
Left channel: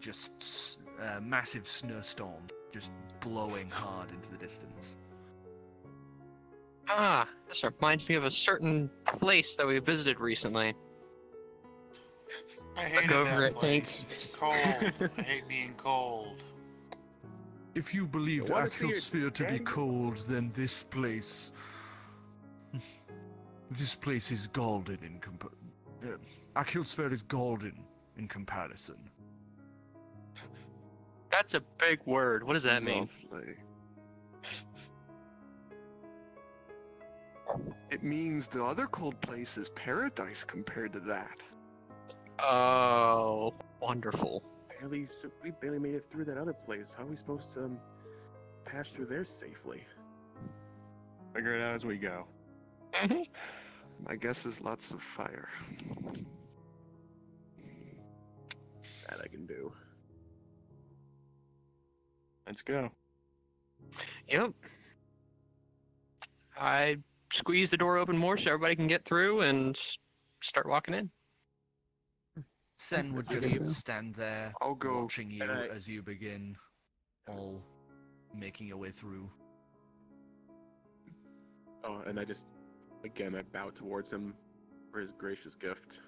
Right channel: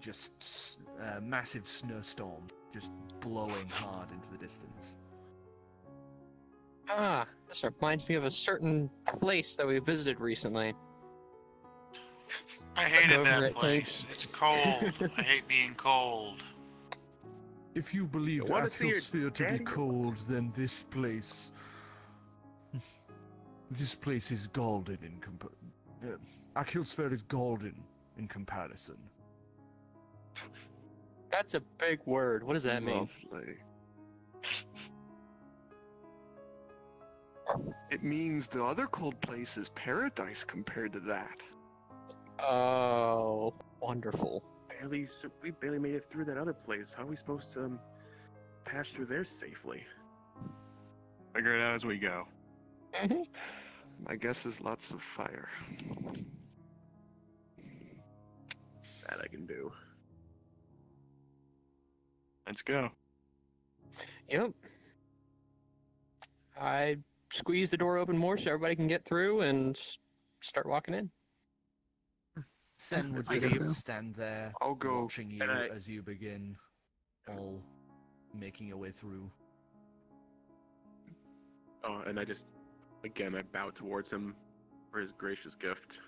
just a massive snowstorm, just blowing hard into the distance. Ah, this reminds me of a certain place that we visited recently. I hated Over that it, place. It's cold. I hate being cold. If you believe wanna see your Achilsphere to be daddy? cold, then this place... This place is golden in Achilsphere is golden in comparison. That's a big word. What does that mean? Lovely. It means the other cold place is paradise compared to that. Oh, wonderful. We barely made it through that other place. How are we supposed to pass through there safely? Figure it out as we go. My guess is lots of fire. That I can do. Let's go. Yep. I squeeze the door open more so everybody can get through and start walking in. Sen would That's just good. stand there, I'll go. watching you And I- as you begin all making your way through. Oh, and I just, again, I bow towards him for his gracious gift.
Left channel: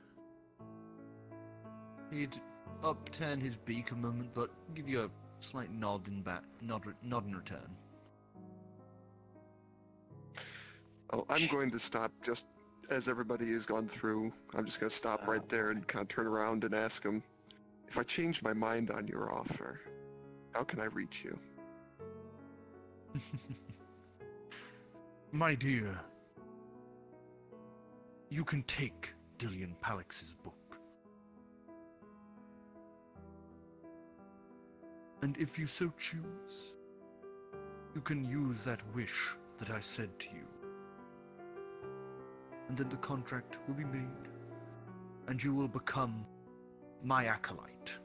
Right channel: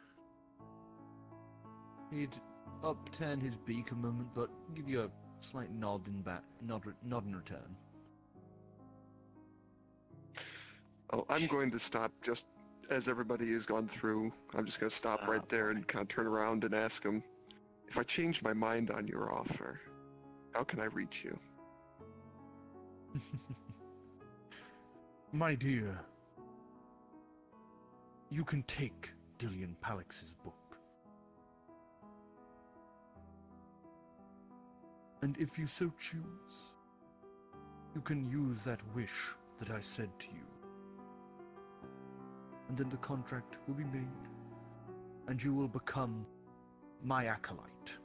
He'd upturn his beak a moment, but give you a slight nod in return. Oh, I'm going to stop just as everybody has gone through. I'm just going to stop right there and kind of turn around and ask him, if I change my mind on your offer, how can I reach you? My dear, you can take Dillian Palix's book. And if you so choose, you can use that wish that I said to you. And then the contract will be made, and you will become my acolyte,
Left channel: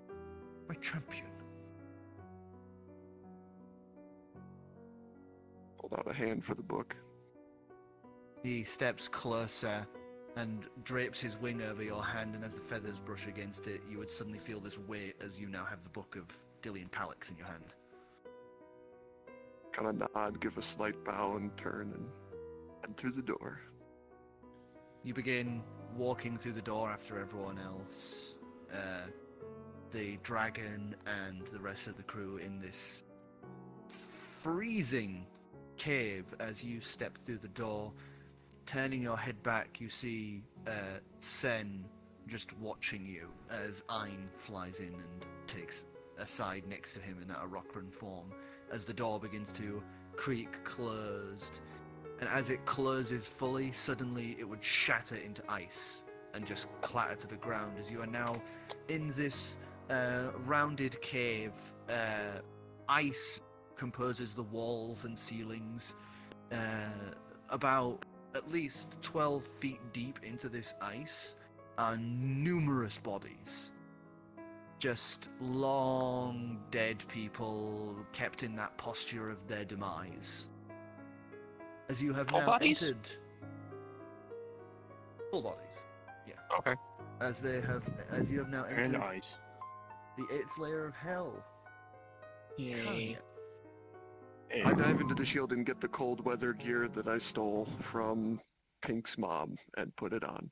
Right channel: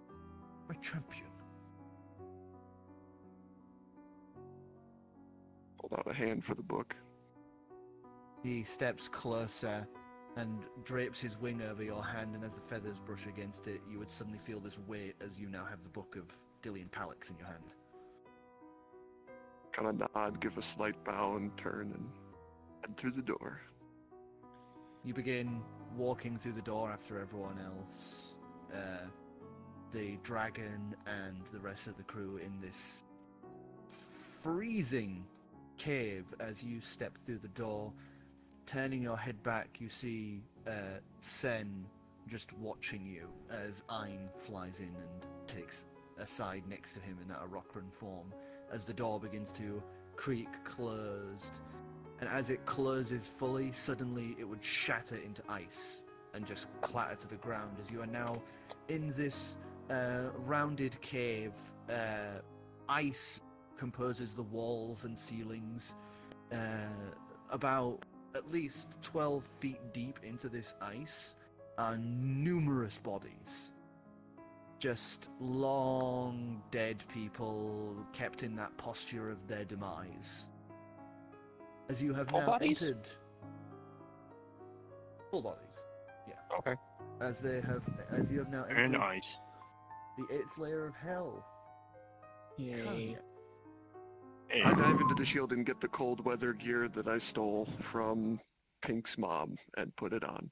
my champion. Hold out a hand for the book. He steps closer and drapes his wing over your hand, and as the feathers brush against it, you would suddenly feel this weight as you now have the book of Dillian Palix in your hand. Kind of nod, give a slight bow, and turn and head through the door. You begin walking through the door after everyone else. The dragon and the rest of the crew in this freezing cave. As you step through the door, turning your head back, you see Sen just watching you as Ein flies in and takes a side next to him in that Arokran form, as the door begins to creak closed. And as it closes fully, suddenly it would shatter into ice and just clatter to the ground, as you are now in this rounded cave. Ice composes the walls and ceilings. About at least 12 feet deep into this ice are numerous bodies. Just long dead people kept in that posture of their demise. As you have Full now bodies? entered... Full bodies, yeah. Okay. As you have now And entered ice. the 8th layer of hell. Yay. Hey, I dive into the shield and get the cold weather gear that I stole from Pink's mom and put it on.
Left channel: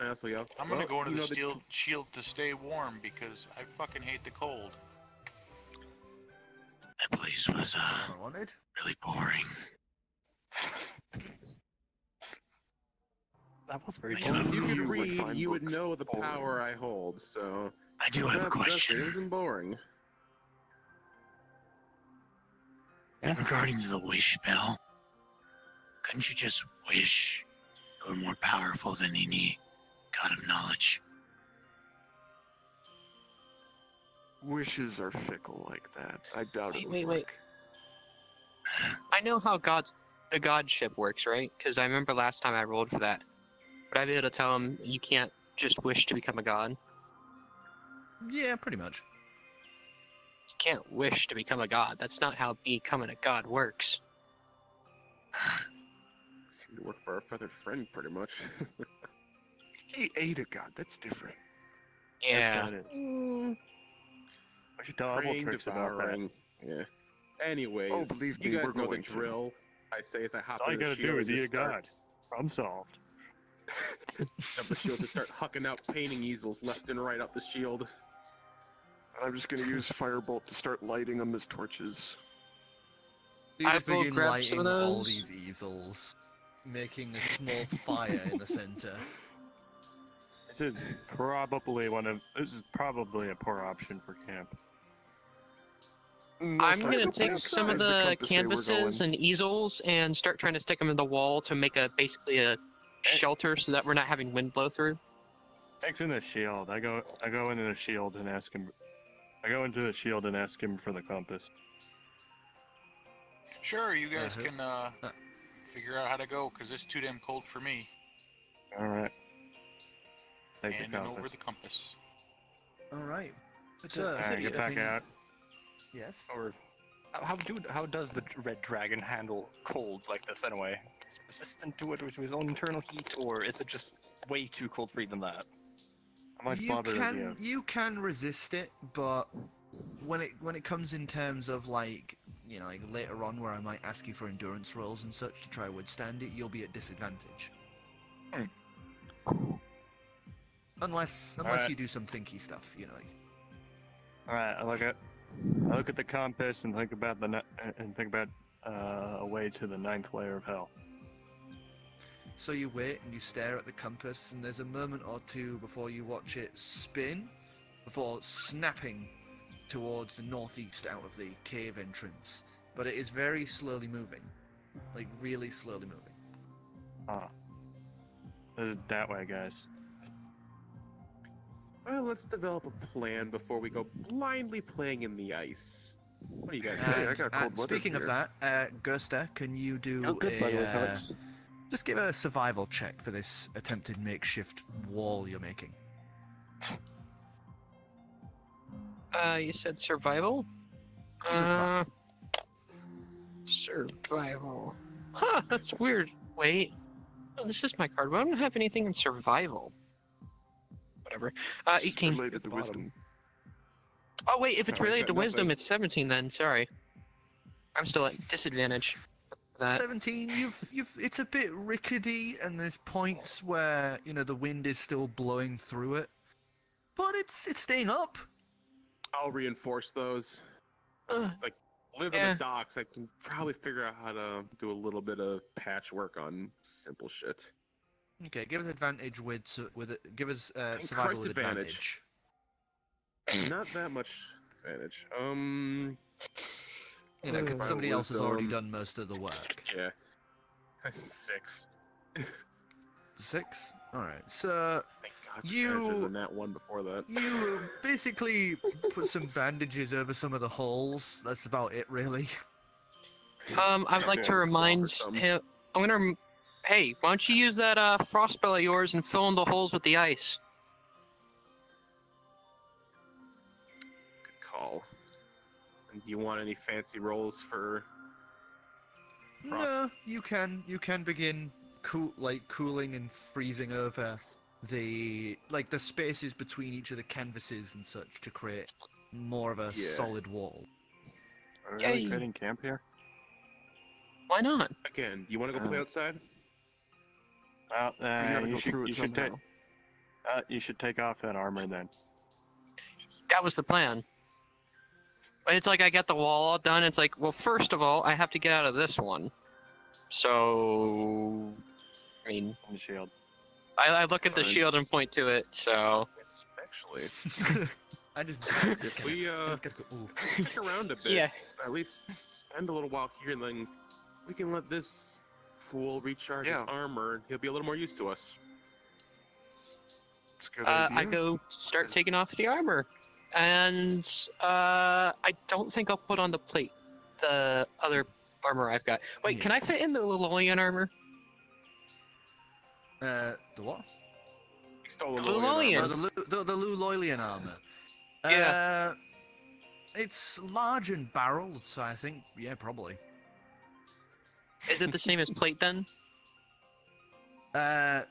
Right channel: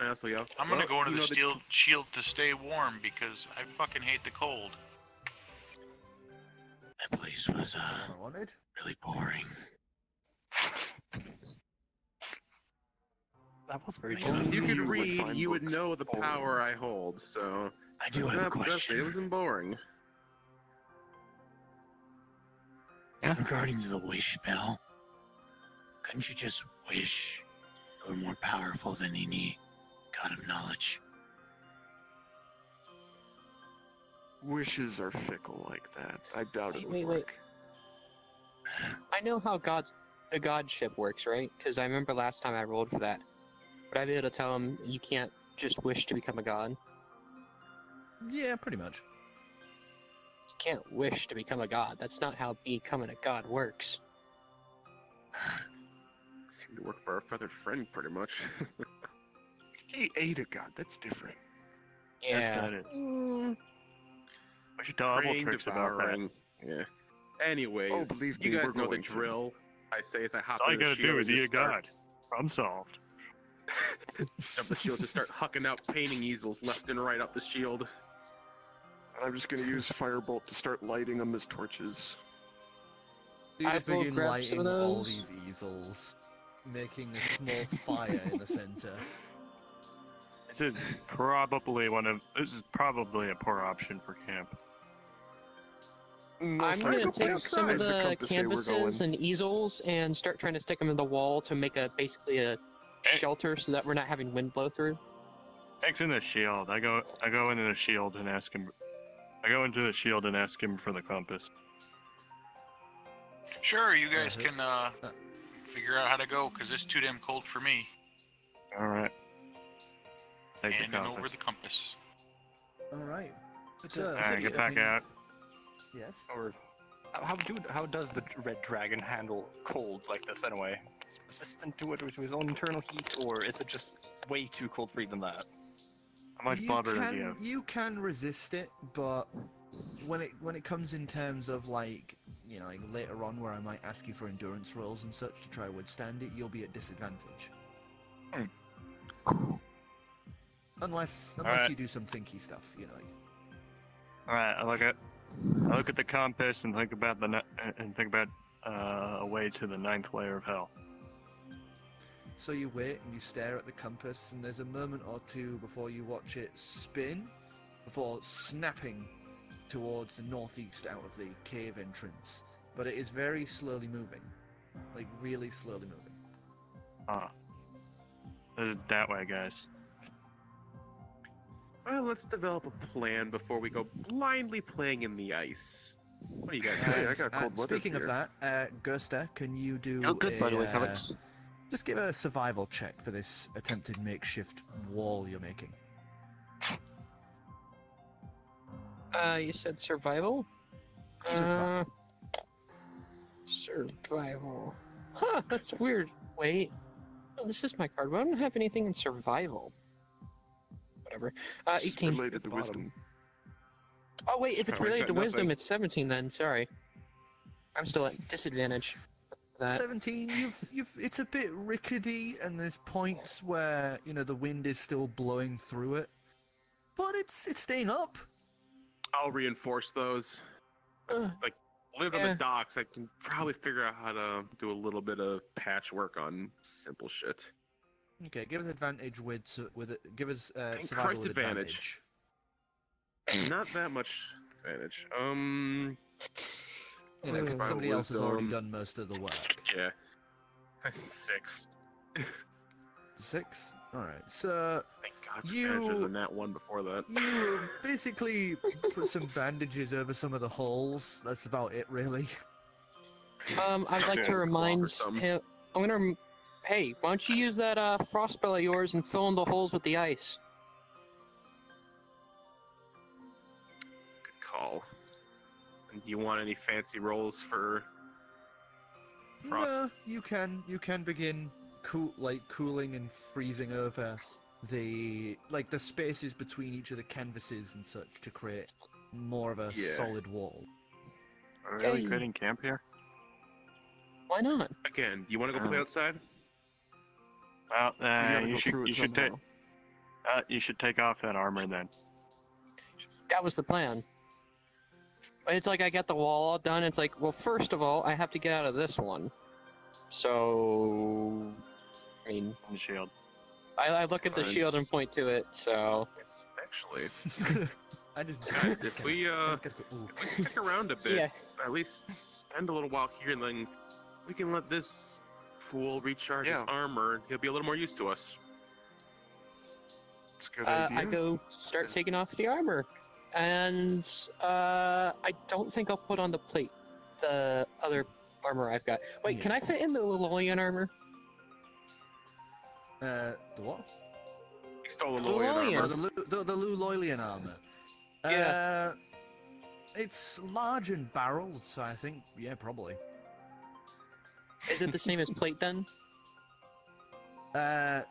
And also, yeah. I'm gonna go into you the know, steel shield to stay warm because I fucking hate the cold. that place was I wanted. really boring. That was very Only If you you could would read, find you would books know the boring. power I hold, so... I do have a No, trust me, question. It wasn't boring. Regarding the wish spell, couldn't you just wish you were more powerful than any god of knowledge? Wishes are fickle like that. I doubt it would Wait. work. I know how the godship works, right? Because I remember last time I rolled for that. Would I be able to tell him you can't just wish to become a god? Yeah, pretty much. You can't wish to become a god. That's not how becoming a god works. Seemed to work for our feathered friend, pretty much. He ate a god. That's different. Yeah. That is. What's your double Praying, tricks about that? devouring. Yeah. Anyways, Oh, believe you me, guys we're know going the to. drill. I say as I hop That's all you in the gotta shield do is and eat a just start- god. Problem solved. Of the shield to start hucking out painting easels left and right up the shield. And I'm just gonna use Firebolt to start lighting them as torches. You I just will begin grab some of lighting all those. these easels, making a small fire in the center. This is probably a poor option for camp. I'm Most gonna likely. take some of Where's the compass say we're canvases going? and easels and start trying to stick them in the wall to make basically a shelter so that we're not having wind blow through. Thanks in the shield. I go into the shield and ask him. I go into the shield and ask him for the compass. Sure, you guys can figure out how to go, because it's too damn cold for me. All right. Take the Handing over compass. the compass. Alright. All right, get back out. Yes? Or how does the red dragon handle cold like this anyway? Is it resistant to it or to his own internal heat, or is it just way too cold for even that? How much blubber does he have? You can resist it, but when it comes in terms of like later on where I might ask you for endurance rolls and such to try to withstand it, you'll be at disadvantage. Unless Alright. you do some thinky stuff, All right, I look at the compass and think about a way to the 9th layer of hell. So you wait and you stare at the compass, and there's a moment or two before you watch it spin, before snapping towards the northeast out of the cave entrance. But it is very slowly moving, like really slowly moving. Ah, this is that way, guys. Well, let's develop a plan before we go blindly playing in the ice. What do you guys Hey, think? I got cold weather Speaking of here. that, Gusta, can you do Oh, good, by the way, Calix. just give a survival check for this attempted makeshift wall you're making? You said survival? Survival. Survival. Huh, that's weird. Wait. Oh, this is my card. Why don't I have anything in survival? Whatever. 18. Related to wisdom. Oh, wait, if it's Oh, I related to got wisdom, nothing. it's 17 then. Sorry. I'm still at disadvantage. That. 17, it's a bit rickety, and there's points where, the wind is still blowing through it. But it's staying up. I'll reinforce those. Like, live on Yeah. the docks, I can probably figure out how to do a little bit of patchwork on simple shit. Okay, give us advantage give us Christ survival with advantage. advantage. Not that much advantage. Somebody else has already wisdom. done most of the work. Yeah. 6. 6? Alright, so Thank God You- better than that one before that. you basically put some bandages over some of the holes. That's about it, really. I'd like Yeah, to remind some. him. Hey, why don't you use that frost spell of yours and fill in the holes with the ice? Good call. And do you want any fancy rolls for frost? No, you can begin cooling and freezing over the spaces between each of the canvases and such to create more of a Yeah. solid wall. Are we really Yay. creating camp here? Why not? Again, do you want to go play outside? Well, We gotta you go through it should somehow. you should take off that armor then. That was the plan. But it's like I got the wall all done. It's like, well, first of all, I have to get out of this one. So, I mean, And the shield. I look at the Fine. shield and point to it. So, Actually, I just if we stick around a bit, yeah. at least spend a little while here, and then we can let this fool recharge Yeah. his armor. He'll be a little more used to us. It's a good idea. I go start taking off the armor, and I don't think I'll put on the plate, the other armor I've got. Wait, Yeah. can I fit in the Lilolian armor? the what? He stole the Lilolian. Lilolian armor. The Luloilian armor. Yeah. It's large and barreled, so I think, yeah, probably. Is it the same as plate then, It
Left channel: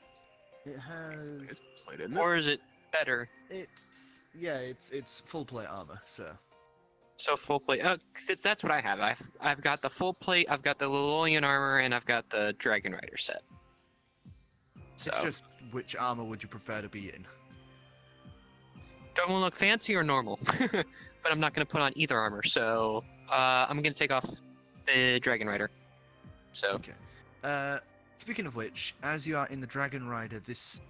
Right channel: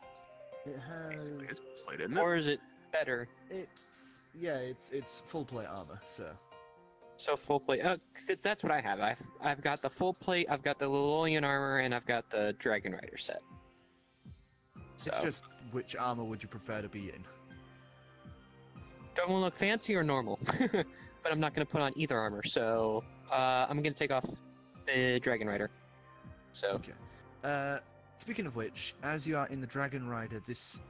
has. It's played, isn't it? or is it better? It's full plate armor, so. So full plate. That's what I have. I've got the full plate. I've got the Lilolian armor, and I've got the Dragon Rider set. So, It's just which armor would you prefer to be in? do I want to look fancy or normal? But I'm not going to put on either armor, so I'm going to take off the Dragon Rider. So, Okay. Speaking of which, as you are in the Dragon Rider, this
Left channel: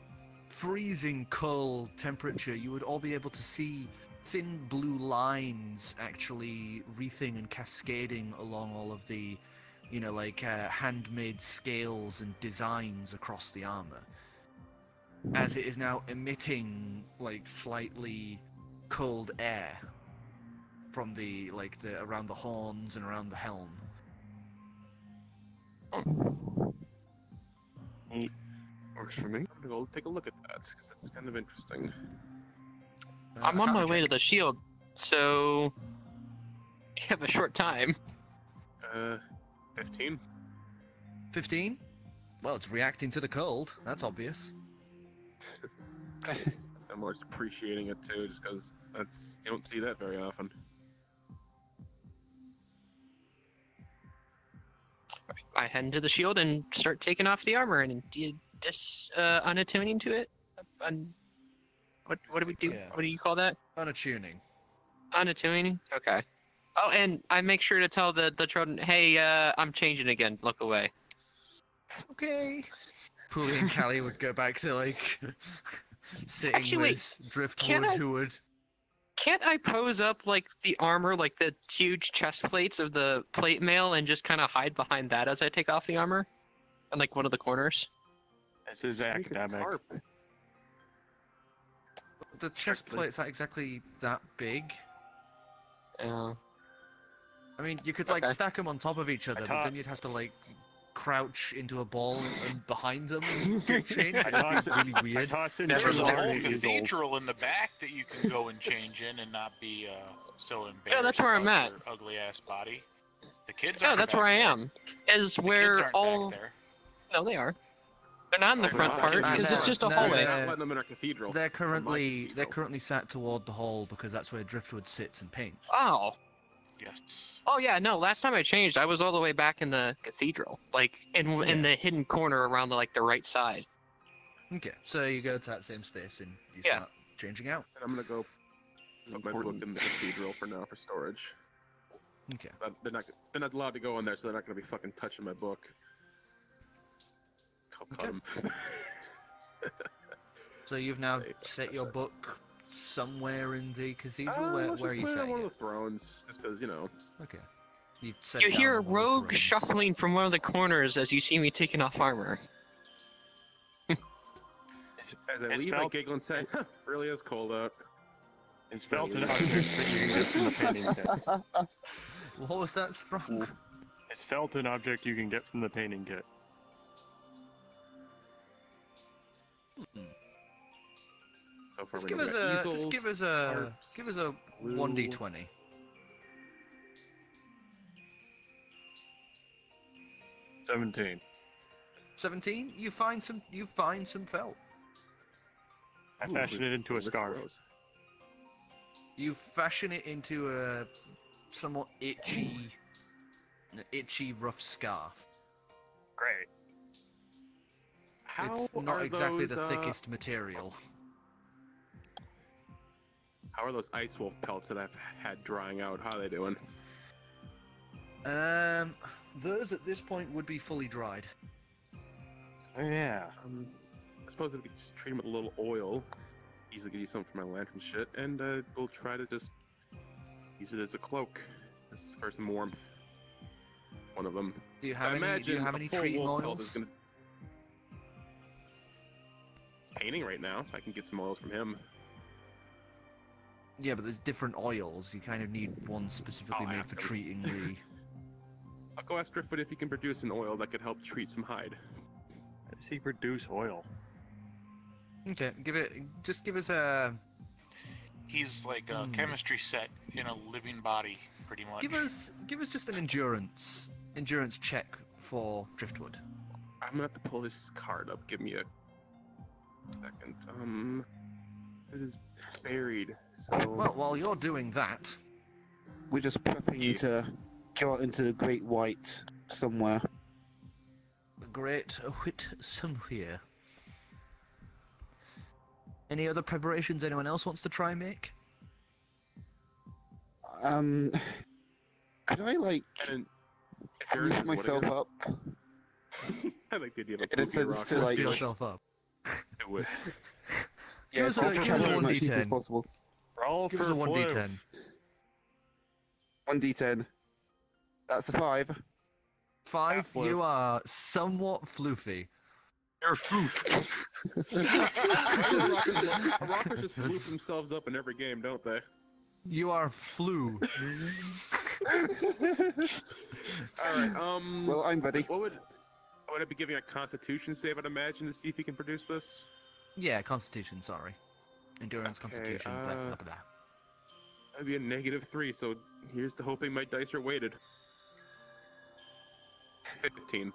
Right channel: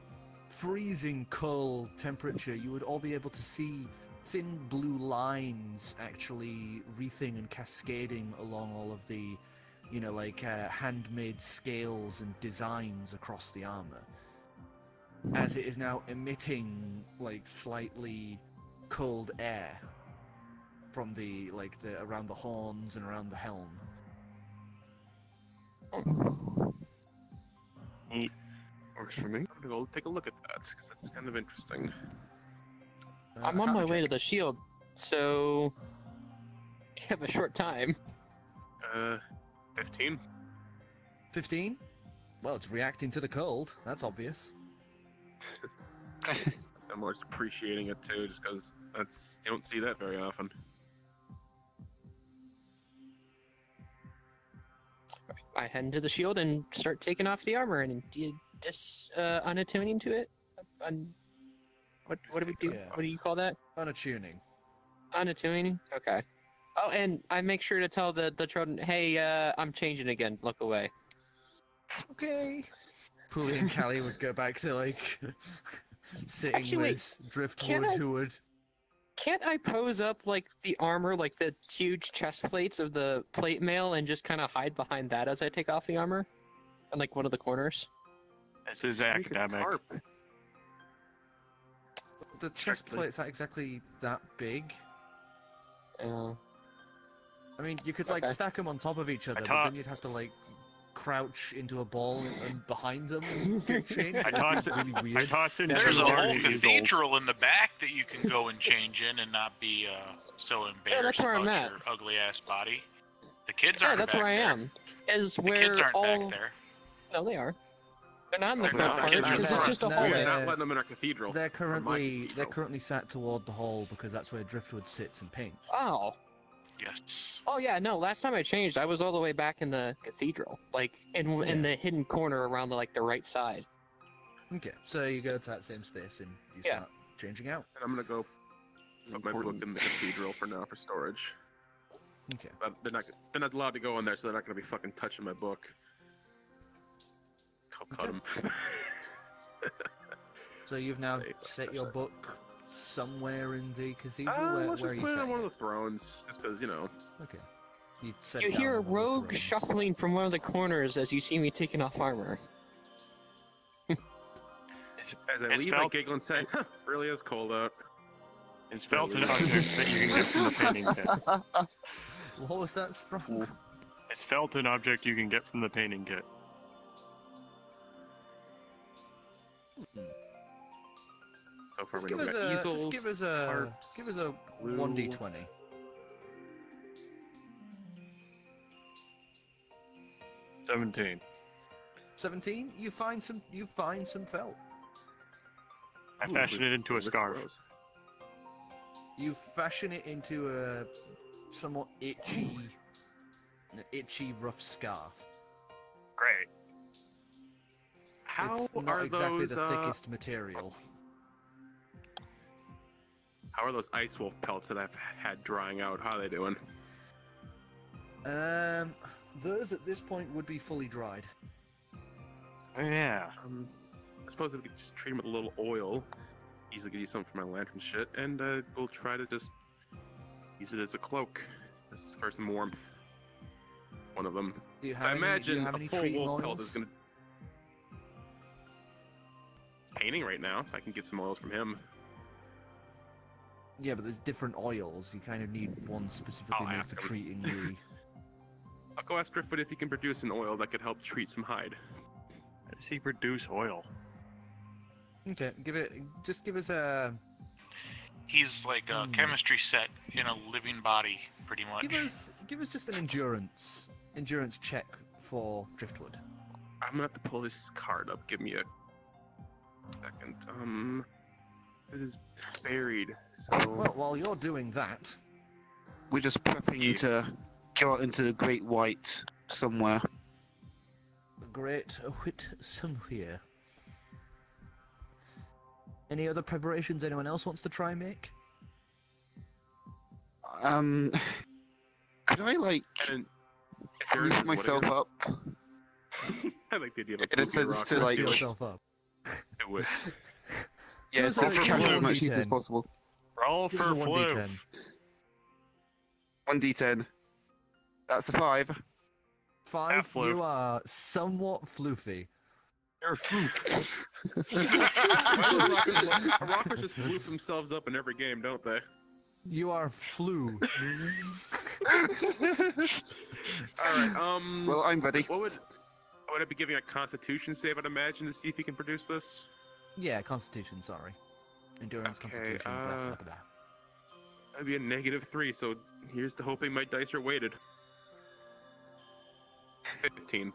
freezing cold temperature, you would all be able to see thin blue lines actually wreathing and cascading along all of the, handmade scales and designs across the armor. As it is now emitting, slightly cold air from the around the horns and around the helm. Neat. Works for me. I'm gonna go take a look at that because that's kind of interesting. I'm on my way to the shield, so you have a short time. 15. 15? Well, it's reacting to the cold. That's obvious. I'm more appreciating it too, just because you don't see that very often. I head into the shield and start taking off the armor and unattuning to it. What do we do? Yeah. What do you call that? Unattuning. Unattuning? Okay. Oh, and I make sure to tell the Trojan, hey, I'm changing again. Look away. Okay. Puli and Callie would go back to sitting Actually, with Driftwood, who would. Can't I pose up the armor, the huge chest plates of the plate mail, and just kind of hide behind that as I take off the armor? On one of the corners? This is academic. The chest plate's not exactly that big. I mean, you could stack them on top of each other, but then you'd have to crouch into a ball and behind them and get changed. It's really weird. There's a whole cathedral in the back that you can go and change in and not be so embarrassed. Yeah, that's where I'm about at. Your ugly ass body. The kids Yeah, aren't. that's back where I there. am. Is The where kids aren't all. back there. No, they are. They're not in the Oh, front they're part not. because it's just a No, hallway. Not letting them in our cathedral. They're On my currently cathedral. sat toward the hall because that's where Driftwood sits and paints. Oh. Yes. Oh yeah, no. Last time I changed, I was all the way back in the cathedral, in the hidden corner around the right side. Okay, so you go to that same space and you Yeah. start changing out. And I'm gonna go It's put my book important. in the cathedral for now for storage. Okay. But they're not allowed to go in there, so they're not gonna be fucking touching my book. I'll cut 'em. So you've now Hey, set your book somewhere in the cathedral. Let's where are just you put it on setting one of it? the thrones, just because Okay. You, set You it down hear a on one of the rogue thrones. shuffling from one of the corners as you see me taking off armor. As I It's leave, I felt- giggle and say, huh, really is cold out. It's felt an object that you can get from the painting kit. What was that, Sprung? It's felt an object you can get from the painting kit. So far, Just we give know us we got a easels, just give us a glue. 1d20. 17. 17. You find some felt. I fashion it into a this scarf. gross. You fashion it into a somewhat itchy, rough scarf. Great. How It's not are exactly those, the thickest material. How are those ice wolf pelts that I've had drying out? How are they doing? Those at this point would be fully dried. Oh, yeah. I suppose if we could just treat them with a little oil, easily could use some for my lantern shit, and we'll try to just use it as a cloak, just for some warmth. One of them. Do you I have any, imagine do you have a any full treating wolf pelt is oils? gonna. It's painting right now. I can get some oils from him. Yeah, but there's different oils. You kind of need one specifically I'll made ask for him. treating the. I'll go ask Driftwood if he can produce an oil that could help treat some hide. How does he produce oil? Okay, just give us a. He's like a chemistry set in a living body, pretty much. Give us just an endurance check for Driftwood. I'm gonna have to pull this card up. Give me a second. It is buried. So Well, while you're doing that, We're just prepping to go out into the Great White somewhere. the great wit somewhere. Any other preparations anyone else wants to try and make? Could I, like, lift myself up? I like the idea of In a sense to, like... Lift yourself up. I wish. Yeah, Give to us a carry as much D10. heat as possible. Roll Give for us a 1d10. Fliv. 1d10. That's a 5. 5, Yeah, Fliv. you are somewhat floofy. You're floof. Rockers just floof themselves up in every game, don't they? You are flu. Alright, Well, I'm ready. What would I be giving a constitution save, I'd imagine, to see if he can produce this? Yeah, Constitution, sorry. Endurance, Okay, Constitution, blah, blah, blah. That'd be a -3, so here's to hoping my dice are weighted. 15.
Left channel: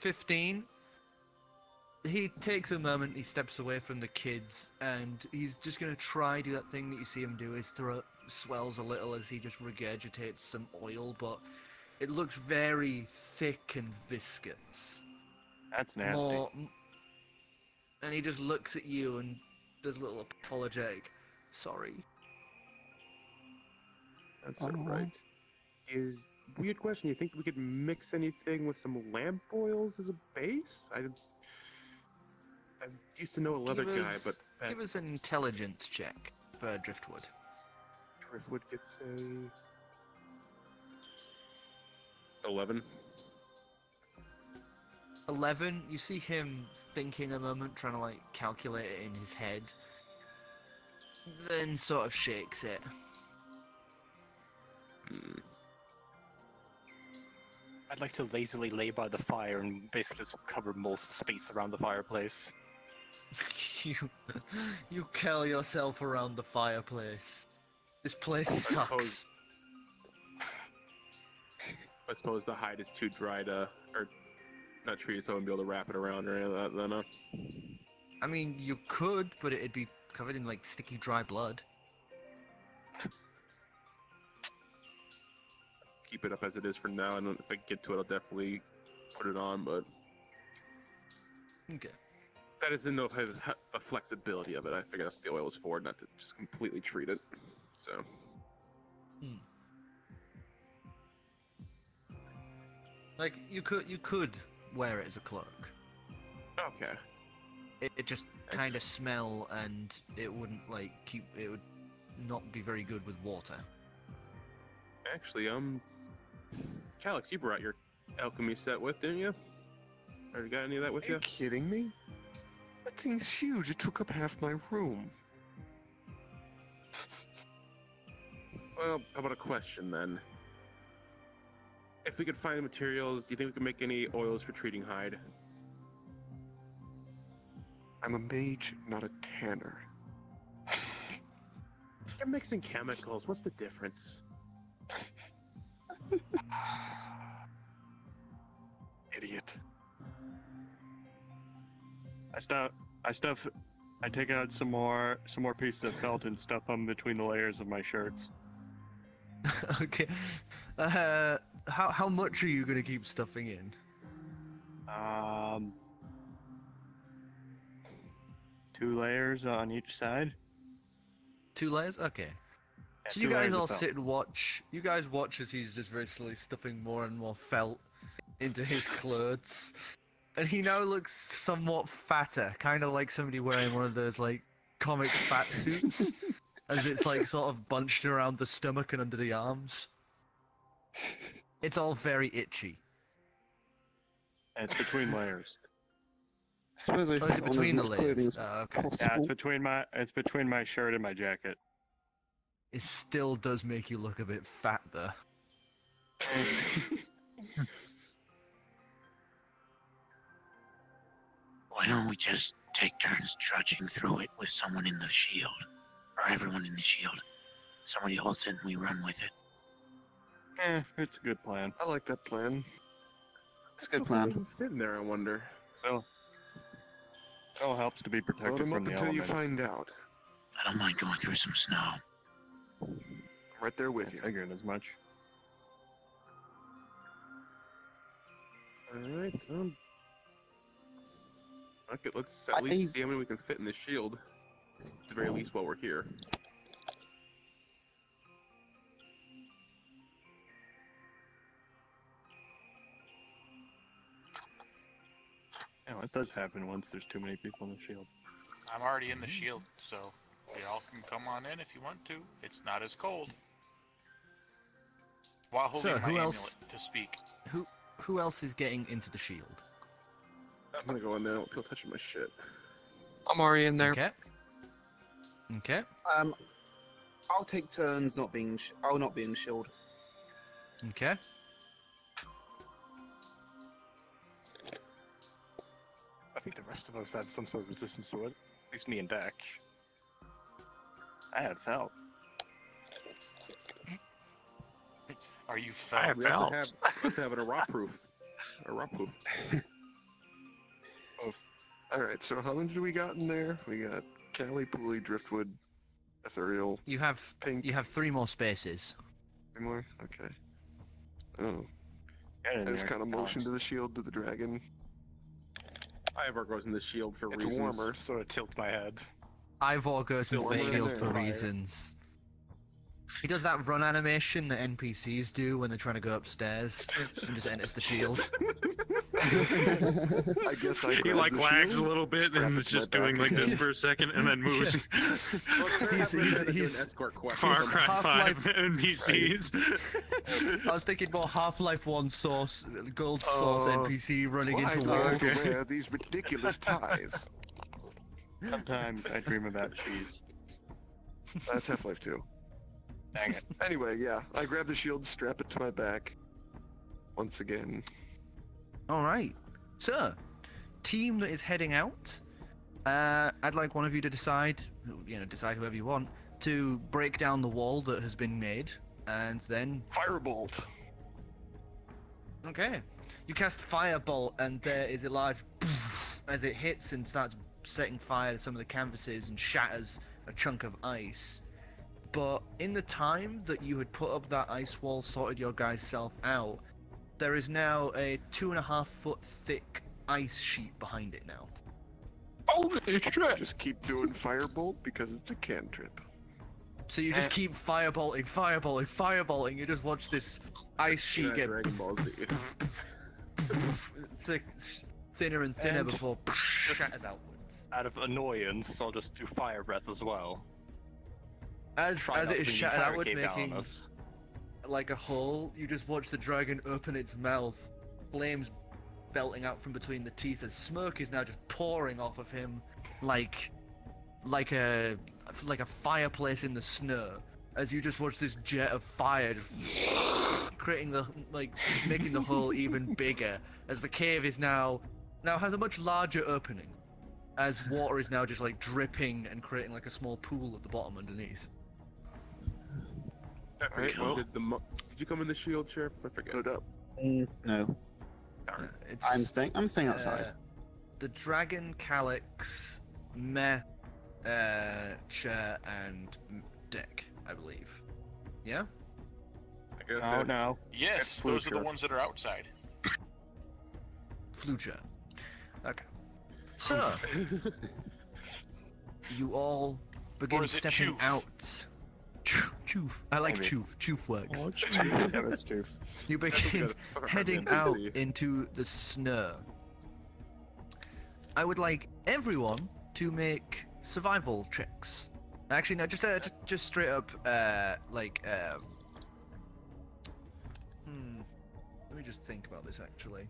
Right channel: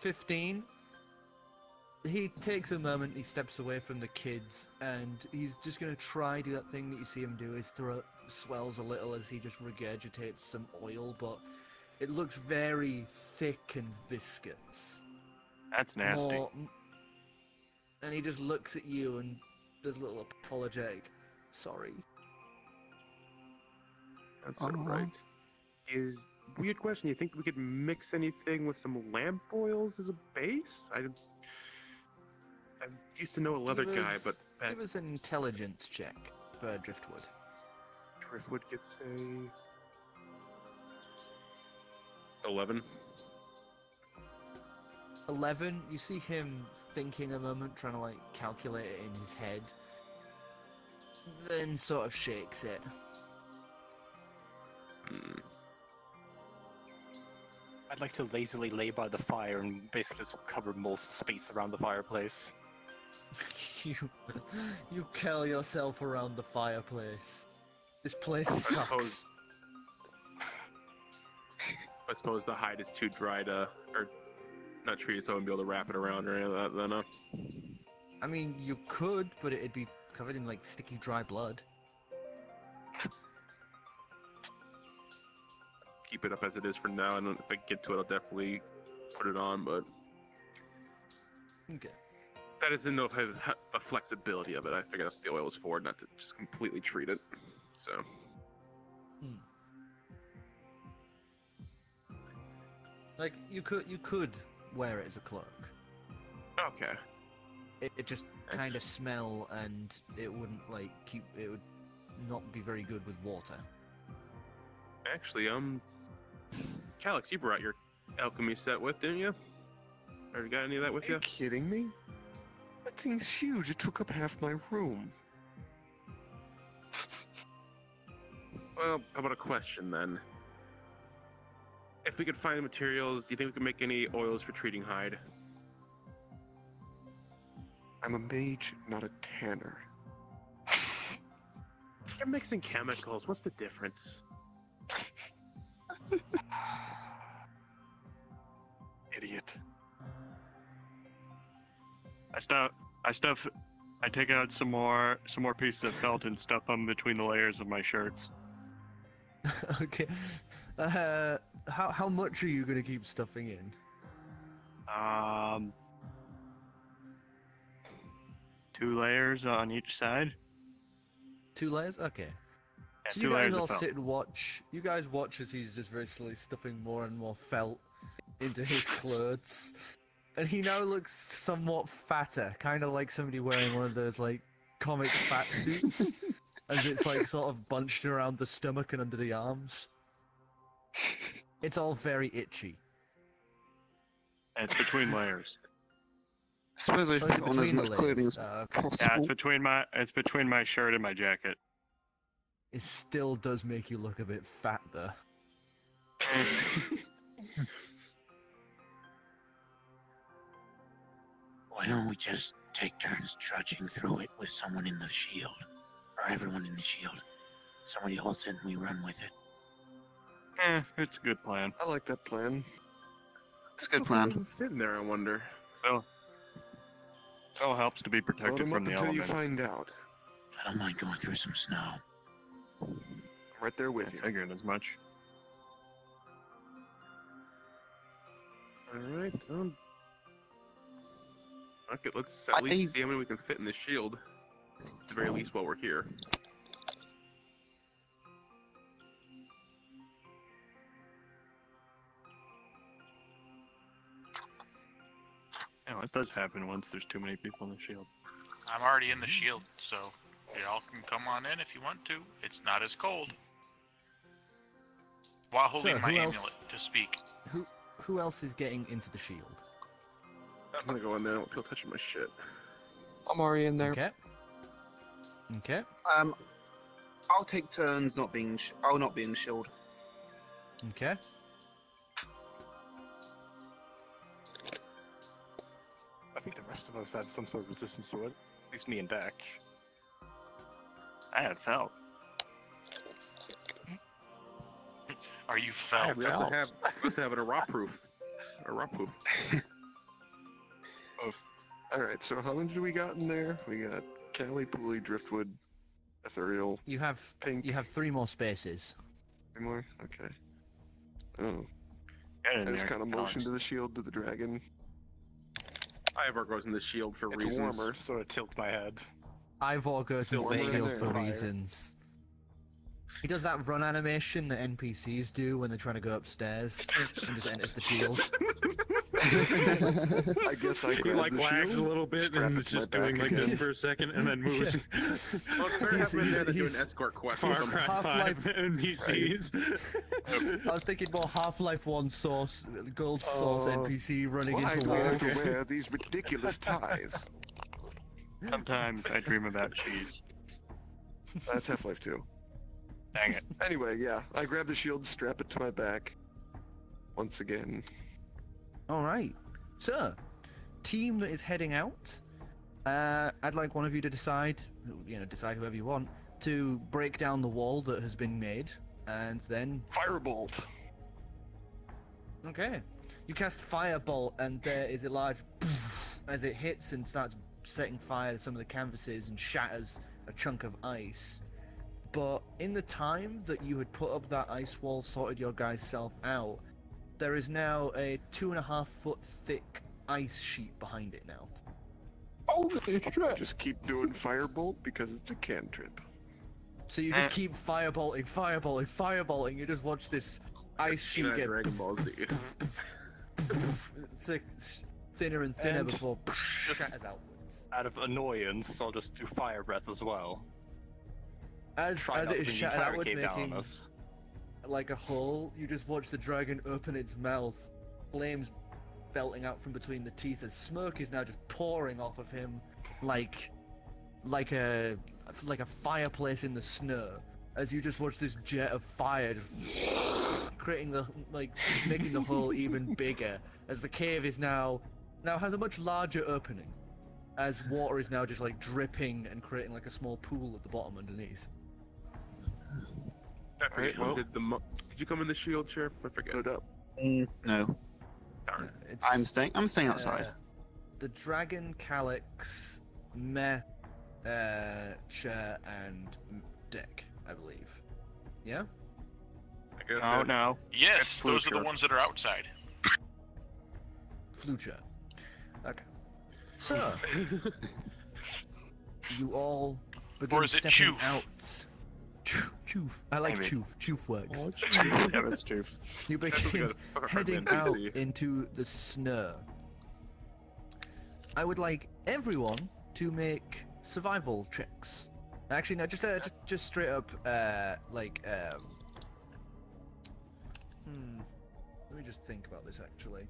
15. He takes a moment, he steps away from the kids, and he's just going to try do that thing that you see him do. His throat swells a little as he just regurgitates some oil, but it looks very thick and viscous. That's nasty. And he just looks at you and does a little apologetic, sorry. That's alright. Weird question, you think we could mix anything with some lamp oils as a base? I used to know a leather guy, but... Give us an intelligence check for Driftwood. Driftwood gets a... 11. 11, you see him thinking a moment, trying to, like, calculate it in his head. Then sort of shakes it. I'd like to lazily lay by the fire and basically just cover most space around the fireplace. You curl yourself around the fireplace. This place sucks. I suppose the hide is too dry to, or not treated so I wouldn't be able to wrap it around or any of that, then, I mean, you could, but it'd be covered in, like, sticky, dry blood. Keep it up as it is for now, and if I get to it, I'll definitely put it on, but... Okay. That is to know if I have the flexibility of it. I figured that's what the oil was for, not to just completely treat it, so... Like, you could wear it as a cloak. Okay. It just kind of smell, and it wouldn't, like, it would not be very good with water. Actually, Calix, you brought your alchemy set with, didn't you? Or you got any of that with you? Are you kidding me? That thing's huge. It took up half my room. Well, how about a question then? If we could find the materials, do you think we could make any oils for treating hide? I'm a mage, not a tanner. You're mixing chemicals. What's the difference? Idiot. I take out some more pieces of felt and stuff them between the layers of my shirts. Okay. How much are you going to keep stuffing in? 2 layers on each side. 2 layers? Okay. Yeah, So 2 you guys layers of all felt. sit and watch. You guys watch as he's just very slowly stuffing more and more felt into his clothes. And he now looks somewhat fatter, kind of like somebody wearing one of those, like, comic fat suits. As it's, like, sort of bunched around the stomach and under the arms. It's all very itchy. And it's between layers. I suppose I should Oh, it's put on as between the much clothing layers. as Okay. possible. Yeah, it's between my shirt and my jacket. It still does make you look a bit fat, though. Why don't we just take turns trudging through it with someone in the shield? Or everyone in the shield. Somebody holds it and we run with it. It's a good plan. I like that plan. It's a good plan. Fit in there, I wonder. Well, it all helps to be Load protected them from up the until you elements. find out. I don't mind going through some snow. I'm right there with you. I figured as much. Alright, Okay, let's at least see how many we can fit in the shield. At the very least while we're here. Yeah, it does happen once there's too many people in the shield. I'm already in the shield, so y'all can come on in if you want to. It's not as cold. While holding my amulet to speak. Who else is getting into the shield? I'm gonna go in there. I don't feel touching my shit. I'm already in there. Okay. Okay. I'll take turns not being. I'll not be in the shield. Okay. I think the rest of us have some sort of resistance to it. At least me and Dak. I have felt. Are you felt? We also have a raw proof. A raw proof. Alright, so how many do we got in there? We got Cali, Pooley, Driftwood, Ethereal, You have Pink. you have 3 more spaces. 3 more? Okay. Oh. Yeah, I just kind of motion to the shield to the dragon. Ivor goes in the shield for It's reasons. warmer. Sort of tilt my head. Ivor goes Still into the warmer in shield there. for Fire. reasons. He does that run animation that NPCs do when they're trying to go upstairs and just enters the shield. I guess I He grabbed like the wags shield, a little bit strap and it is to my just doing back like this again. for a second and then moves. Well, they're He's- halfway there to do he's- an escort quest. Far or something. Cry 5 Half-Life- NPCs. I was thinking more Half-Life 1 source, gold source NPC running Why into do I have walls. to wear these ridiculous ties? Sometimes I dream about cheese. That's Half-Life 2. Dang it. Anyway, yeah, I grab the shield, strap it to my back. Once again. Alright. So, team that is heading out, I'd like one of you to decide whoever you want, to break down the wall that has been made, and then... Firebolt! Okay. You cast Firebolt, and there is a large as it hits and starts setting fire to some of the canvases and shatters a chunk of ice. But in the time that you had put up that ice wall, sorted your guys' self out, there is now a 2.5 foot thick ice sheet behind it now. Just keep doing Firebolt because it's a cantrip. So you just keep firebolting. You just watch this ice sheet Yeah, get Dragon Ball Z. it's like thinner and thinner And before just- shatters outwards. Out of annoyance, I'll just do fire breath as well. As Try not it is bringing shattered fire outward, cave down on making us. like a hole, you just watch the dragon open its mouth, flames belting out from between the teeth as smoke is now just pouring off of him like a fireplace in the snow. As you just watch this jet of fire just creating making the hole even bigger, as the cave is now has a much larger opening, as water is now just like dripping and creating like a small pool at the bottom underneath. Alright, well, Did you come in the shield, Sheriff? I forget. put it up. No, It's, I'm staying outside. The dragon, Calix, Meh, Chair, and Deck, I believe. Yeah? I guess Oh no. Yes, It's those are the Flucher. ones that are outside. Flucher. Okay. So, you all begin Or is it stepping Choof? out. Choof. I like Maybe. Choof. Choof works. Yeah, that's true. You That's what we begin gotta- heading Hardman, out see. into the snow. I would like everyone to make survival checks. Actually, no, just straight up, Let me just think about this, actually.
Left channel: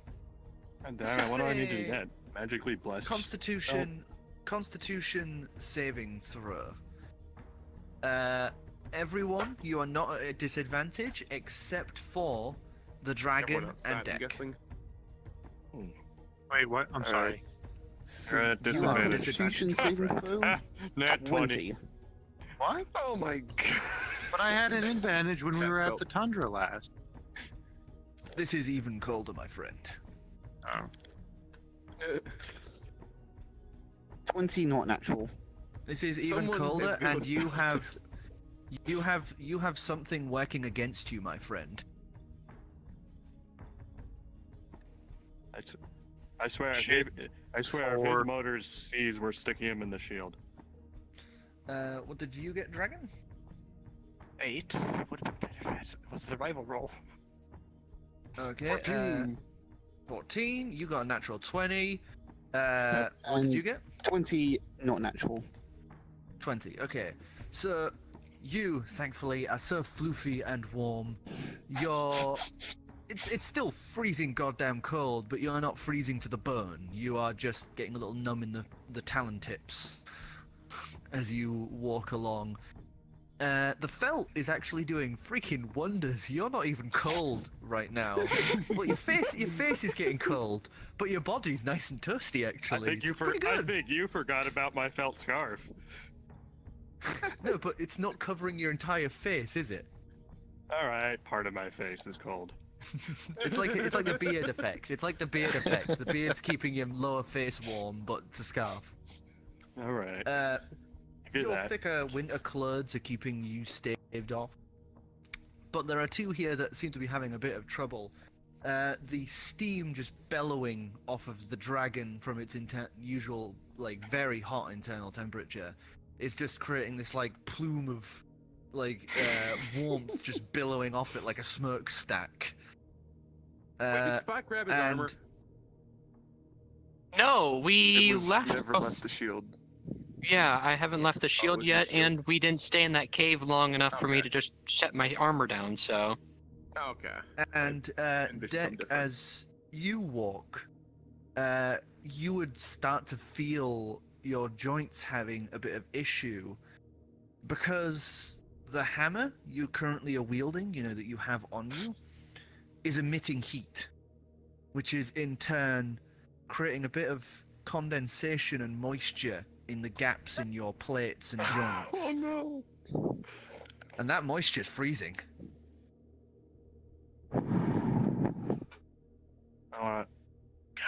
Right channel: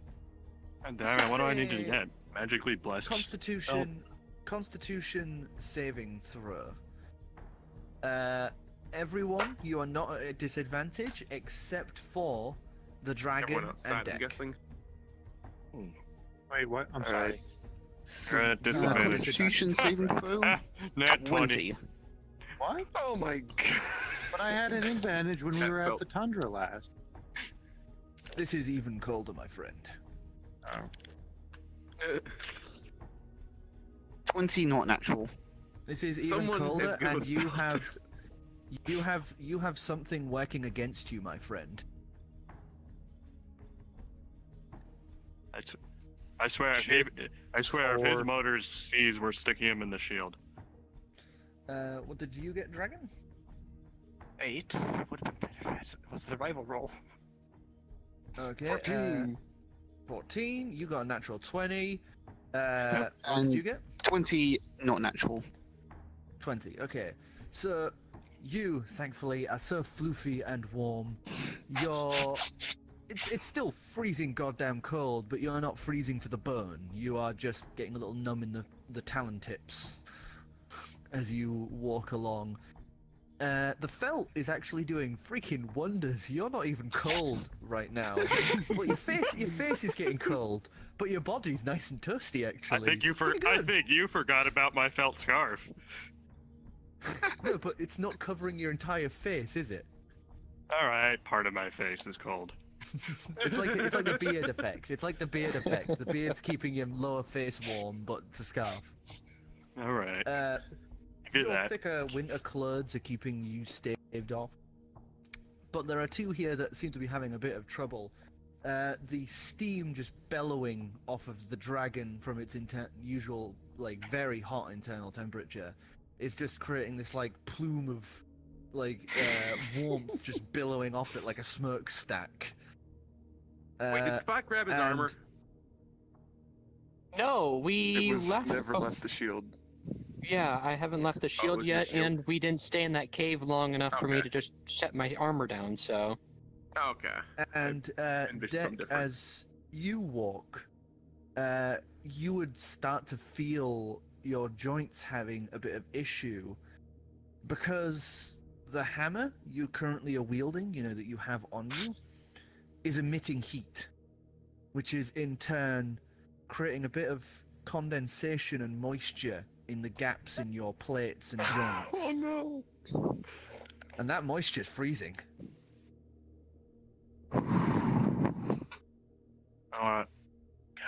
God damn it, what do I need to get? Magically blessed. Constitution saving throw. Everyone, you are not at a disadvantage except for the dragon Everyone outside, and I'm Deck. guessing. Wait, what? I'm Alright. sorry. So at you have disadvantage. Constitution saving throw. Nat 20. 20. What? Oh my god. But I had an advantage when we That were at felt- the tundra last. This is even colder, my friend. Oh. 20 not natural. This is even Someone colder, is good and with you have something working against you, my friend. That's I swear, if his motors sees, we're sticking him in the shield. What did you get, Dragon? 8. Would have been better. What's the survival roll? Okay. 14. 14. You got a natural 20. What did you get? 20, not natural. 20. Okay. So you, thankfully, are so floofy and warm. It's still freezing goddamn cold, but you're not freezing to the bone. You are just getting a little numb in the talon tips as you walk along. The felt is actually doing freaking wonders. You're not even cold right now. Well, your face is getting cold, but your body's nice and toasty. Actually, I think you forgot about my felt scarf. No, but it's not covering your entire face, is it? All right, part of my face is cold. It's like the beard effect. It's like the beard effect. The beard's keeping your lower face warm, but it's a scarf. All right. Your thicker winter clothes are keeping you staved off. But there are two here that seem to be having a bit of trouble. The steam just bellowing off of the dragon from its usual, like, very hot internal temperature is just creating this, like, plume of, like, warmth just billowing off it like a smokestack. Wait, did Spot grab his armor? No, we never left the shield. Yeah, I haven't left the shield yet, and we didn't stay in that cave long enough for me to just set my armor down, so... Okay. And, Deck, as you walk, you would start to feel your joints having a bit of issue, because the hammer you currently are wielding, that you have on you, is emitting heat, which is in turn creating a bit of condensation and moisture in the gaps in your plates and joints. Oh no! And that moisture's freezing.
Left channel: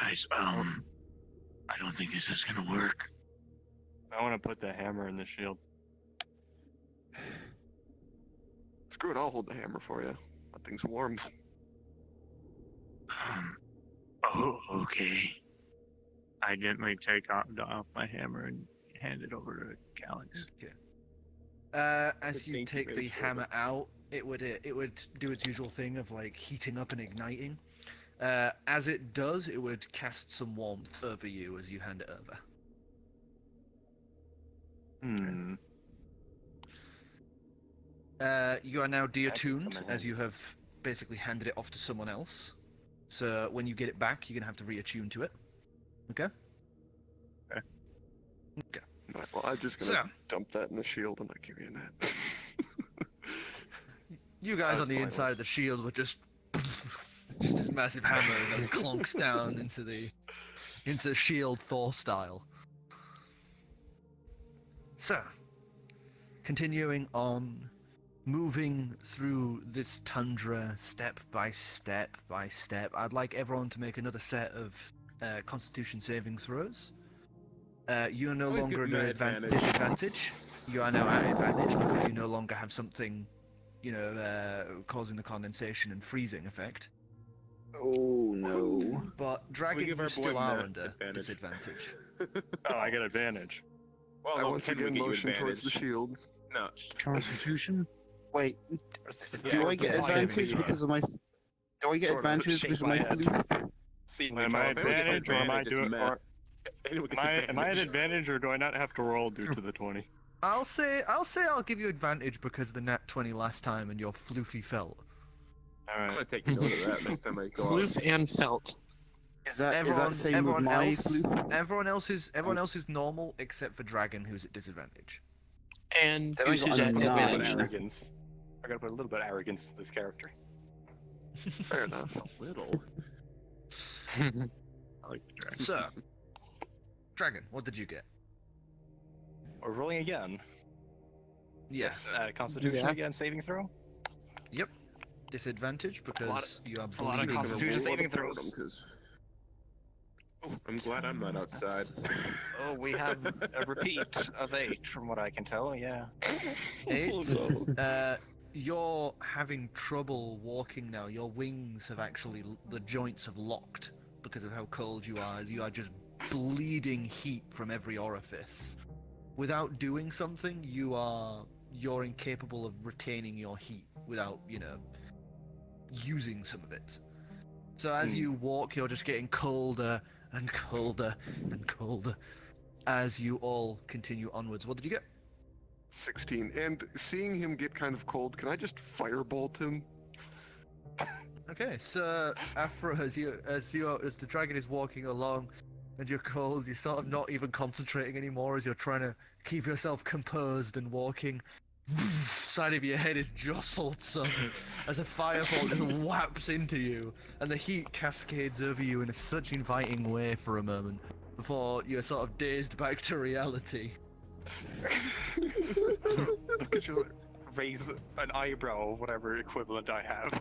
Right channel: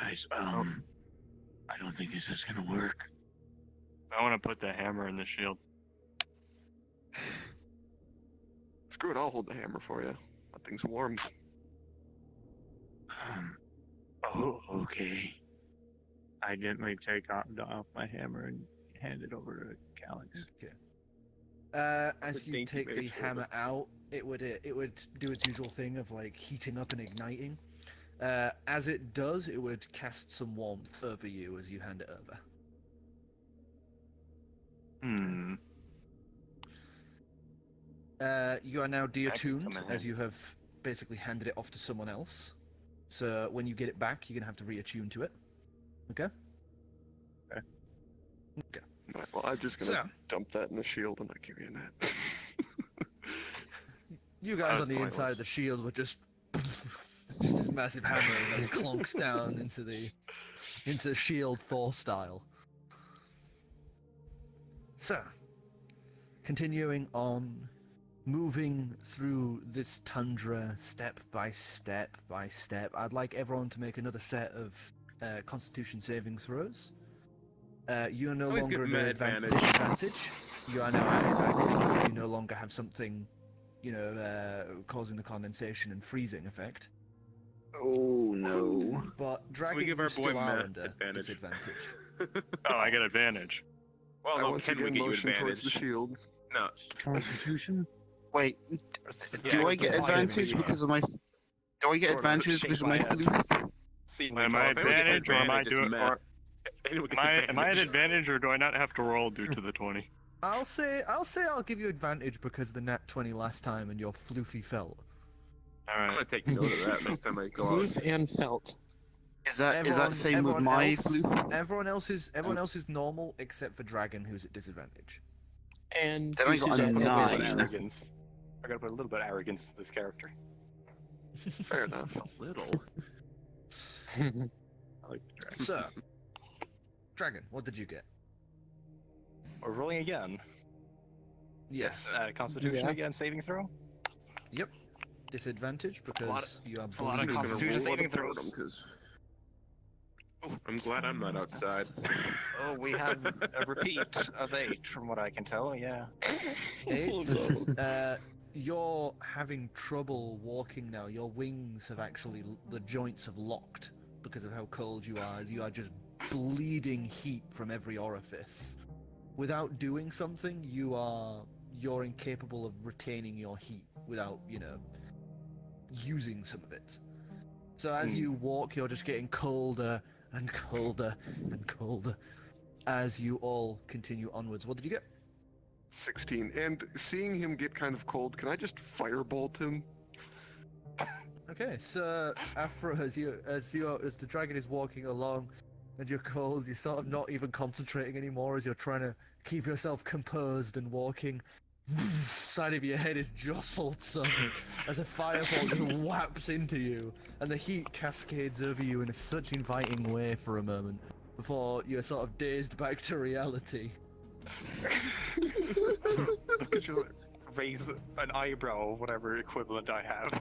Guys, I don't think this is gonna work. I want to put the hammer in the shield. Screw it, I'll hold the hammer for you. That thing's warm. Oh, okay. I gently take off my hammer and hand it over to Calix. Okay. As you take the hammer out, it would do its usual thing of, like, heating up and igniting. As it does, it would cast some warmth over you as you hand it over. You are now deattuned, as you have basically handed it off to someone else. So when you get it back, you're going to have to reattune to it. Okay? Okay. Right, well, I'm just going to dump that in the shield and not give you that. You guys on the inside of the shield were just this massive hammer and then clunks down into the shield Thor style. So, continuing on, moving through this tundra step by step by step, I'd like everyone to make another set of Constitution saving throws. You are no longer at an disadvantage. You are now at advantage because you no longer have something, causing the condensation and freezing effect. Oh no! But Dragon, you still are under disadvantage. Oh, I get advantage. Well, I once again motion towards the shield. No. Constitution? Wait, do I get advantage because of my... Do I get advantage because of my floof? Am I advantage, or am I doing... Am I at advantage, or do I not have to roll due to the 20? I'll say I'll give you advantage because of the nat 20 last time and your floofy felt. Alright. I'm gonna take note of that next time I go out. Floof and felt. Is that the same with my floof? Everyone else is normal except for Dragon, who's at disadvantage. And then I got a 9. I gotta put a little bit of arrogance to this character. Fair enough. A little. I like the dragon. So, Dragon, what did you get? We're rolling again. Yes. Constitution again, saving throw? Yep. Disadvantage because you are a lot of Constitution saving throws. I'm glad I'm not outside. Oh, we have a repeat of 8 from what I can tell, yeah. 8. You're having trouble walking now. Your wings have actually, the joints have locked because of how cold you are, as you are just bleeding heat from every orifice. Without doing something, you're incapable of retaining your heat without, using some of it. So as you walk, you're just getting colder and colder and colder as you all continue onwards. What did you get? 16. And seeing him get kind of cold, can I just firebolt him? Okay, so Afro, as the dragon is walking along and you're cold, you're sort of not even concentrating anymore as you're trying to keep yourself composed and walking. Side of your head is jostled some as a fireball just whaps into you, and the heat cascades over you in a such inviting way for a moment before you're sort of dazed back to reality. Could you raise an eyebrow, whatever equivalent I have?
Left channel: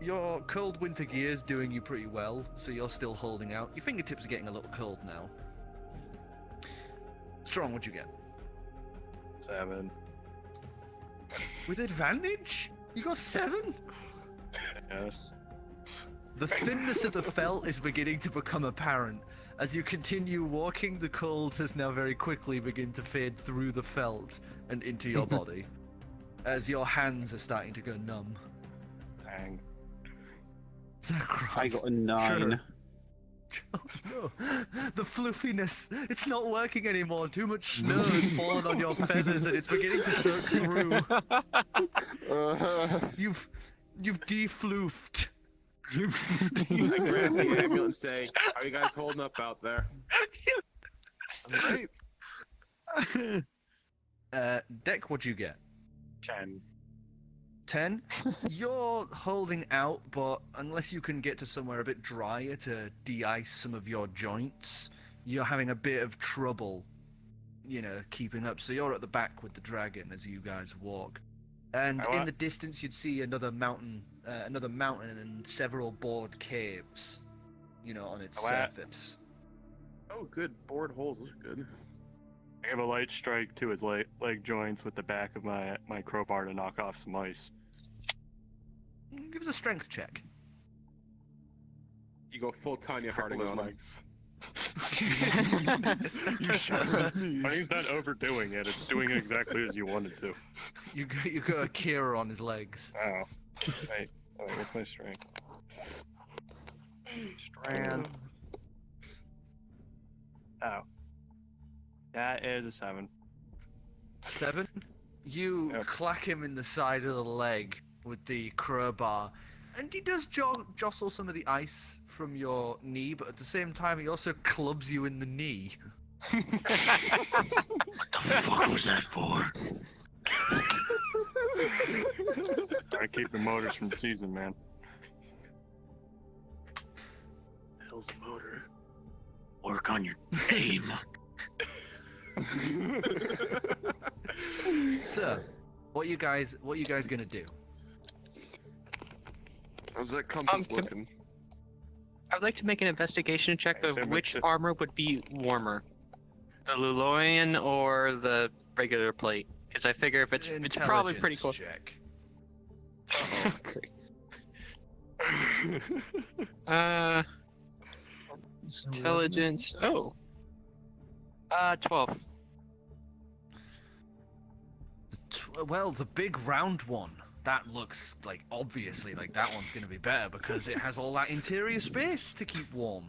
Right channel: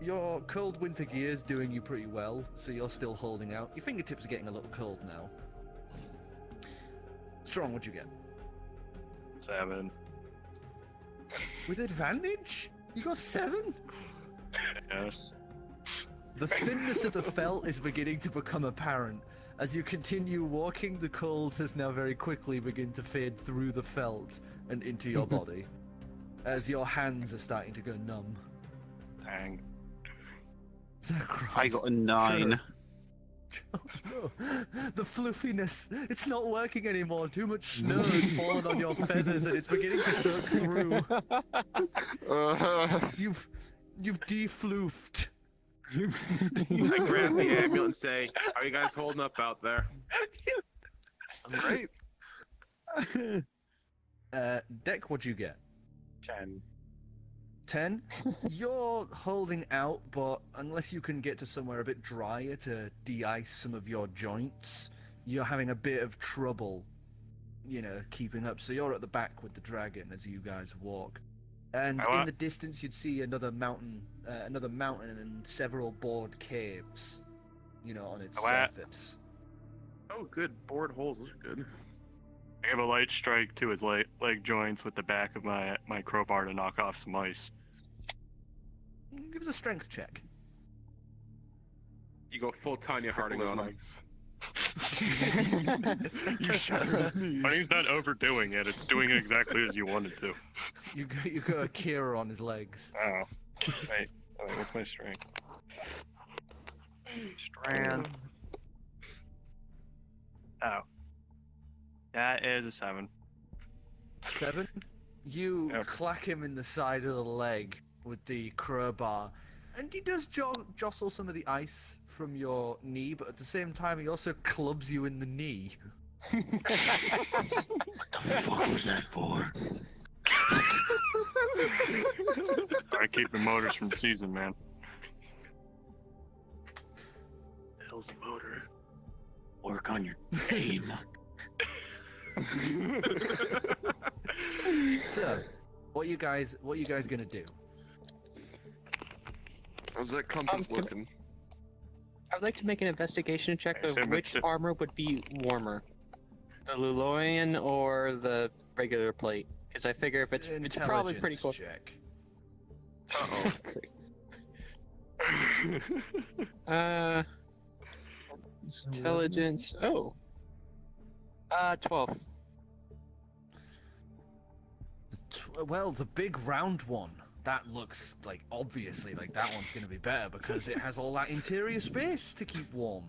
Your cold winter gear is doing you pretty well, so you're still holding out. Your fingertips are getting a little cold now. Strong, what'd you get? 7. With advantage? You got 7? Yes. The thinness of the felt is beginning to become apparent. As you continue walking, the cold has now very quickly begun to fade through the felt and into your body, as your hands are starting to go numb. Dang. Zircron. I got a 9. Oh no, the fluffiness, it's not working anymore. Too much snow has fallen on your feathers and it's beginning to soak through. You've defloofed. I grab the ambulance and say, "Are you guys holding up out there?" Great. Deck, what'd you get? 10. 10? You're holding out, but unless you can get to somewhere a bit drier to de-ice some of your joints, you're having a bit of trouble, keeping up. So you're at the back with the dragon as you guys walk. And in the distance you'd see another mountain and several bored caves, on its surface. Oh, good. Bored holes. Those are good. I give a light strike to his leg joints with the back of my crowbar to knock off some ice. Give us a strength check. You go full Tanya Harding on him. You shatter his knees. He's not overdoing it. It's doing exactly as you wanted to. You got a Kira on his legs. Oh. Wait, what's my strength? Strand. Oh. That is a 7. 7? You clack him in the side of the leg with the crowbar, and he does jostle some of the ice from your knee, but at the same time he also clubs you in the knee. What the fuck was that for? I keep the motors from season, man. The hell's a motor? Work on your aim. So, what you guys gonna do? How's that compass looking? I'd like to make an investigation check of which armor would be warmer, the Luloian or the regular plate. Because I figure if it's probably pretty close. Check. Intelligence. 12. Well, the big round one. That looks obviously that one's going to be better because it has all that interior space to keep warm.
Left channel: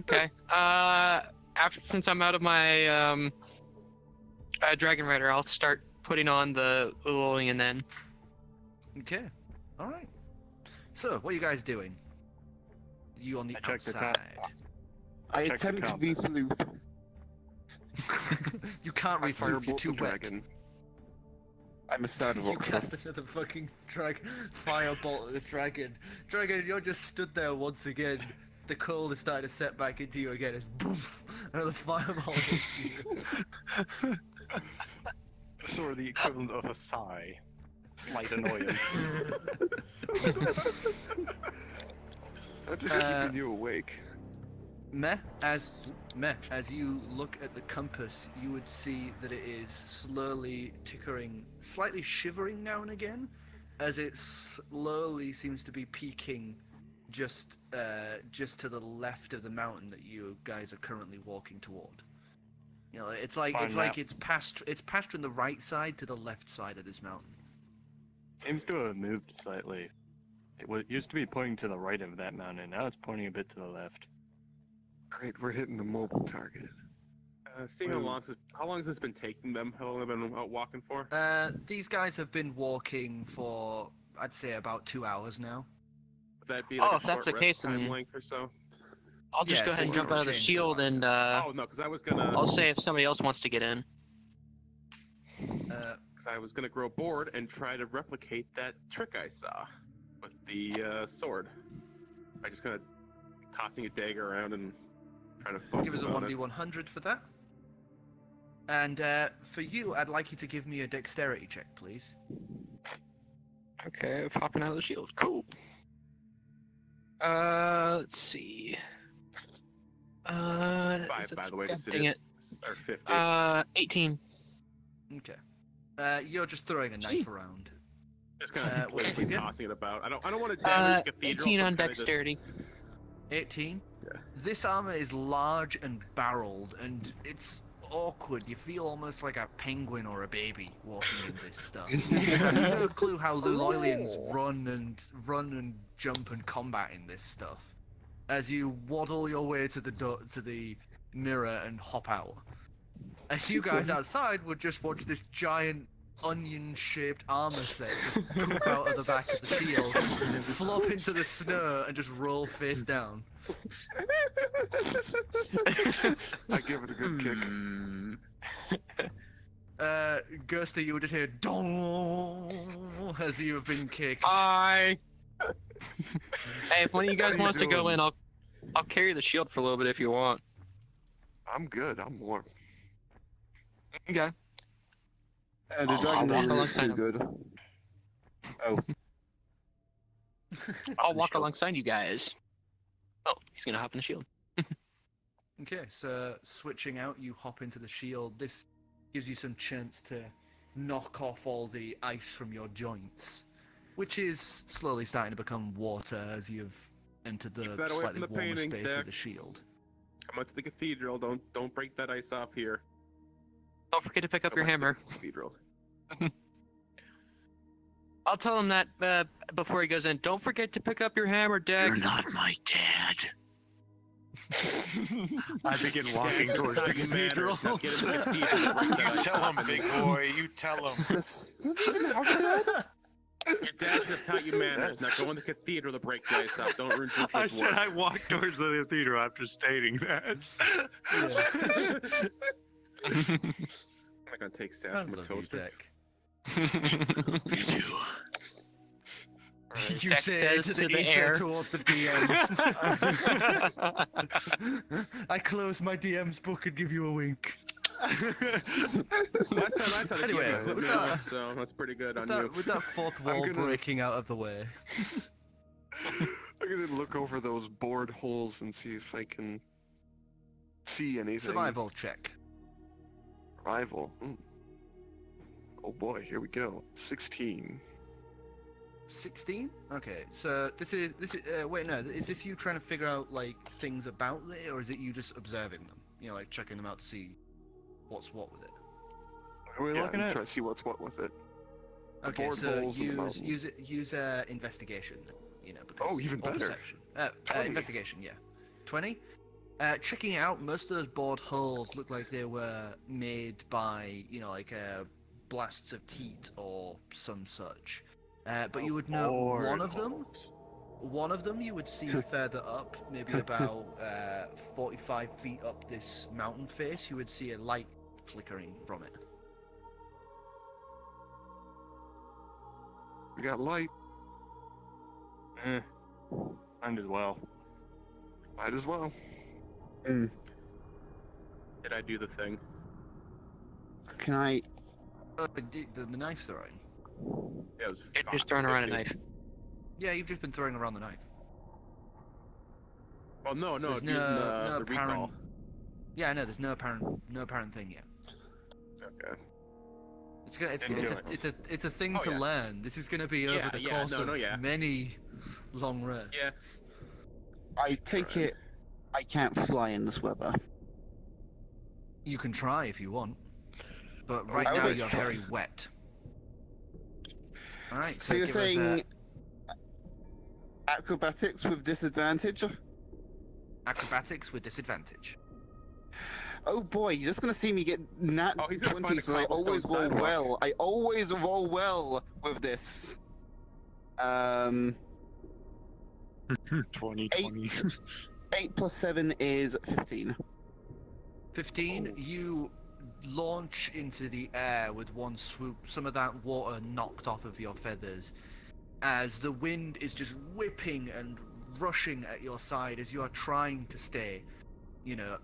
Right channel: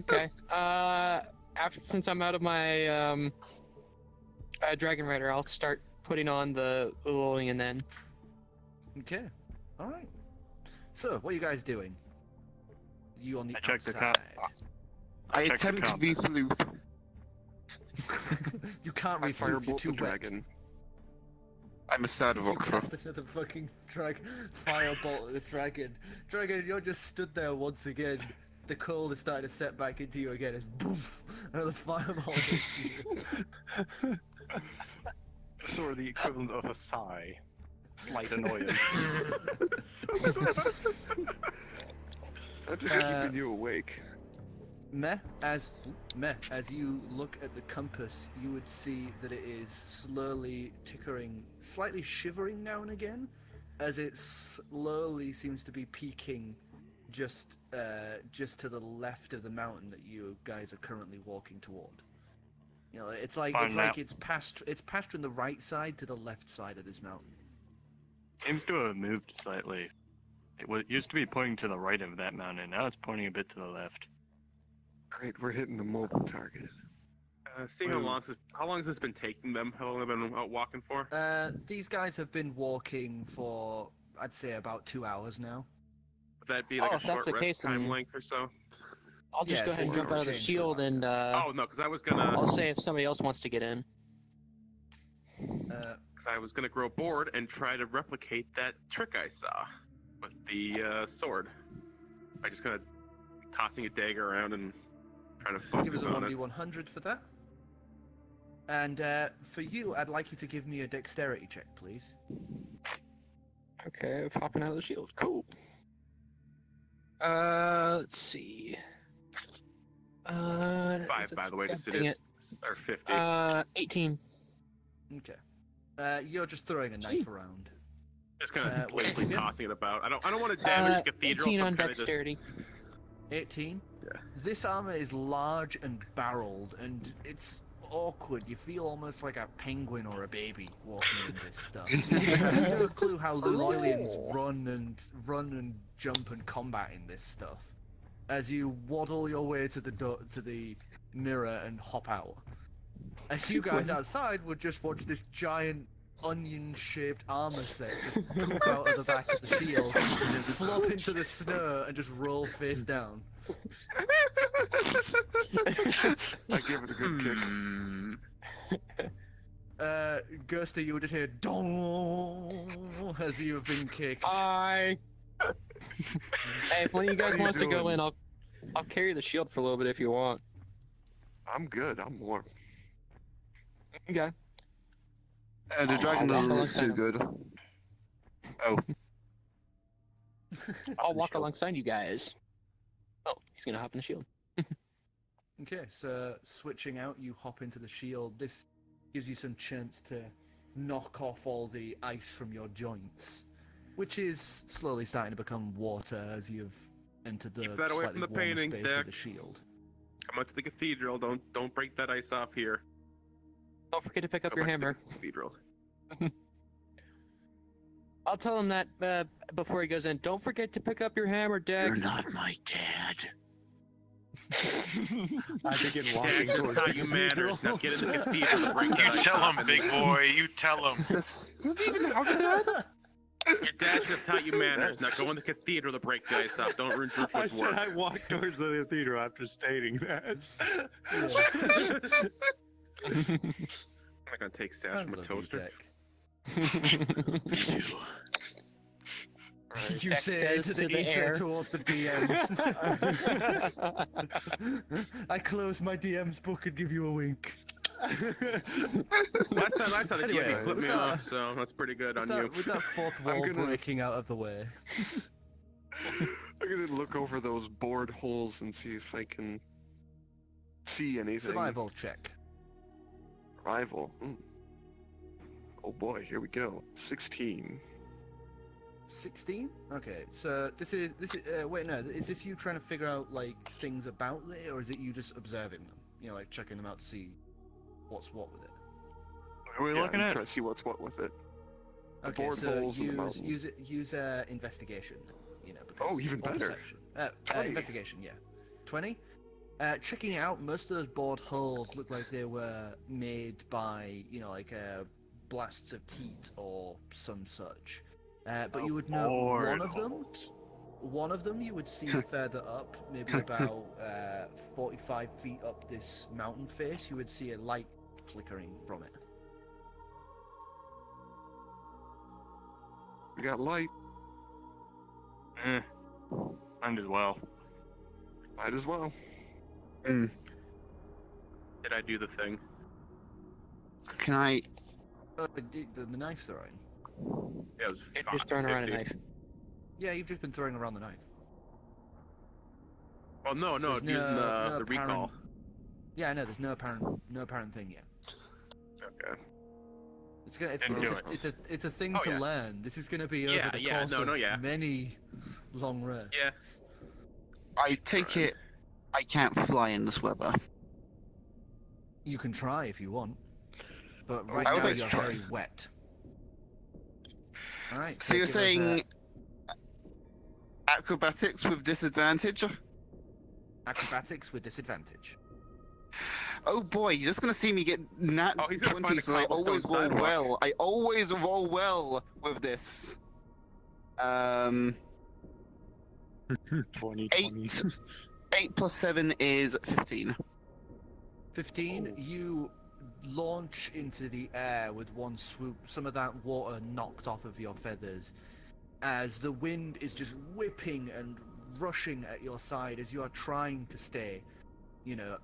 Okay. Since I'm out of my Dragon Rider, I'll start putting on the Luloian then. Okay. All right. So, what are you guys doing? You on the outside? I attempt to refloof. You can't I refloof. firebolt the dragon. I'm a sad You rock. cast another fucking firebolt at the dragon. Dragon, you're just stood there once again. The cold is starting to set back into you again. It's boof! Another fireball hits you. Sort of the equivalent of a sigh. Slight annoyance. I'm just keeping you awake. Meh, as you look at the compass, you would see that it is slowly tickering, slightly shivering now and again, as it slowly seems to be peaking just to the left of the mountain that you guys are currently walking toward. You know, it's passed from the right side to the left side of this mountain. Seems to have moved slightly. It used to be pointing to the right of that mountain. Now it's pointing a bit to the left. Great, we're hitting the mobile target. Seeing how long has this been taking them? How long have they been out walking for? These guys have been walking for, I'd say, about 2 hours now. Would that be like if that's the case, time then length or so? I'll just go ahead and jump out of the shield and oh no, because I was gonna. I'll say if somebody else wants to get in. Because I was gonna grow bored and try to replicate that trick I saw with the sword. By just kind of tossing a dagger around and trying to focus Give us a on 1d100 for that. And for you, I'd like you to give me a dexterity check, please. Okay, popping out of the shield. Cool. Let's see. 5, by the way, because it is. Or 50. 18. Okay. You're just throwing a knife around. Just kind of playfully tossing it about. I don't want to damage the cathedral. 18 on dexterity. 18? Yeah. This armor is large and barreled, and it's awkward. You feel almost like a penguin or a baby walking in this stuff. You have no clue how Luloilians run and jump and combat in this stuff. As you waddle your way to the mirror and hop out. As you guys outside would just watch this giant onion-shaped armor set just poop out of the back of the shield, and flop into the snow and just roll face down. I give it a good kick. Ghosty, you would just hear "dong" as you have been kicked. Bye. Hey, if one of you guys wants to go in, I'll carry the shield for a little bit if you want. I'm good. I'm warm. Okay. The dragon doesn't look too good. Oh. I'll walk alongside you guys. Oh, he's gonna hop in the shield. Okay, so switching out, you hop into the shield. This gives you some chance to knock off all the ice from your joints, which is slowly starting to become water as you've entered the slightly warmer space of the shield. Come out to the cathedral. Don't break that ice off here. Don't forget to pick up your hammer. Cathedral. I'll tell him that before he goes in. Don't forget to pick up your hammer, Dad. You're not my dad. I begin walking towards the cathedral. You tell him, big boy. You tell him. Your dad should have taught you manners. Now go in the cathedral to break the ice off. Don't ruin Drupal's work. I said I walked towards the cathedral after stating that. I'm not gonna take stabs from a toaster. Right. You Dex say says to the air toward the DM. I close my DM's book and give you a wink. last time Anyway, you put me off, so that's pretty good on you. With that fourth wall breaking out of the way. I'm gonna look over those bored holes and see if I can see anything. Survival check. Survival. Oh boy, here we go. 16. 16? Okay, so this is wait, no, is this you trying to figure out like things about it, or is it you just observing them? You know, like checking them out to see what's what with it. What are we looking at? Trying to see what's what with it. The Okay, board so holes in the mountain. use investigation. You know, because, Oh, even or better. perception. 20. Investigation, yeah. 20. Checking it out, most of those bored holes look like they were made by, you know, like blasts of heat or some such. But you would know one of them you would see further up, maybe about 45 feet up this mountain face. You would see a light flickering from it. We got light. Might as well. Might as well. Did I do the thing? Can I? The knife throwing. Yeah, it was Just throwing around a knife. Yeah, you've just been throwing around the knife. Oh no, There's using the apparent- recall. Yeah, no, there's no apparent thing yet. Okay. It's a thing Oh, to yeah. learn. This is gonna be over the course of many long rests. Yeah. I take it I can't fly in this weather. You can try if you want, but right I now would you're try. very wet. All right. So you're give us saying acrobatics with disadvantage? acrobatics with disadvantage. Oh boy, you're just gonna see me get nat Oh, he's gonna find 20, a so I always cobblestone roll sidewalk. well. I always roll well with this. 20. 8 plus 7 is 15. 15. You launch into the air with one swoop. Some of that water knocked off of your feathers, as the wind is just whipping and rushing at your side as you are trying to stay,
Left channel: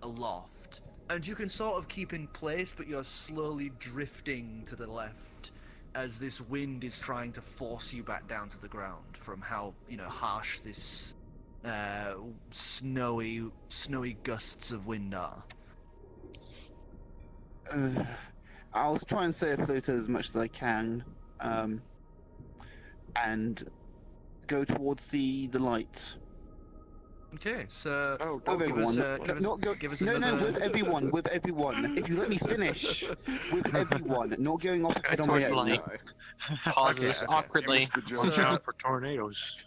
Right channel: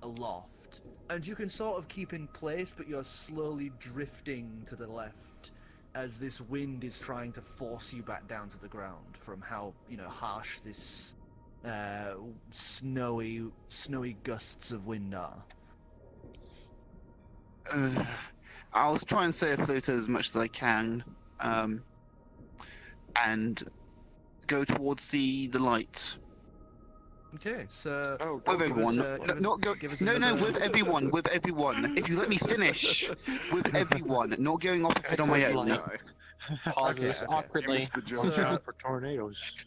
aloft. And you can sort of keep in place, but you're slowly drifting to the left as this wind is trying to force you back down to the ground from how, harsh this snowy gusts of wind are. I'll try and stay afloat as much as I can, and go towards the light. Okay, so With everyone. give us No, another- with everyone. If you let me finish, with everyone, not going off ahead on my own. Pauses Okay. awkwardly. Watch out for tornadoes.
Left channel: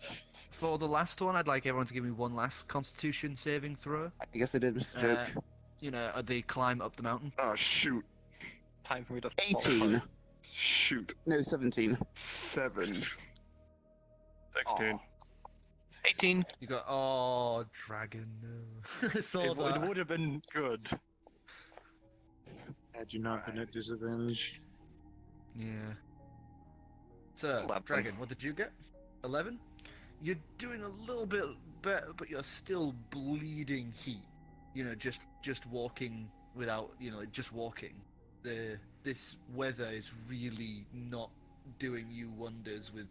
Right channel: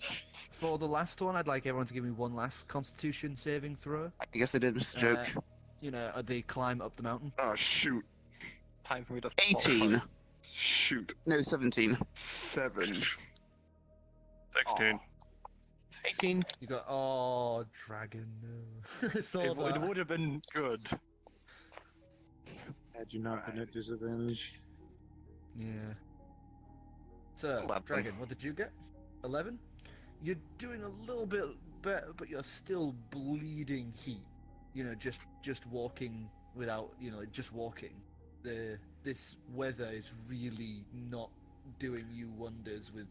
For the last one, I'd like everyone to give me one last Constitution saving throw. I guess I did miss the joke. They climb up the mountain. Oh, shoot. Time for me to fall 18. apart. Shoot. No, 17. 7. 16. 18. You got dragon. No. I saw It that. would have been good. Had you not been at disadvantage? Yeah. So, 11. dragon, what did you get? 11. You're doing a little bit better, but you're still bleeding heat. Just walking without, just walking. This weather is really not doing you wonders with,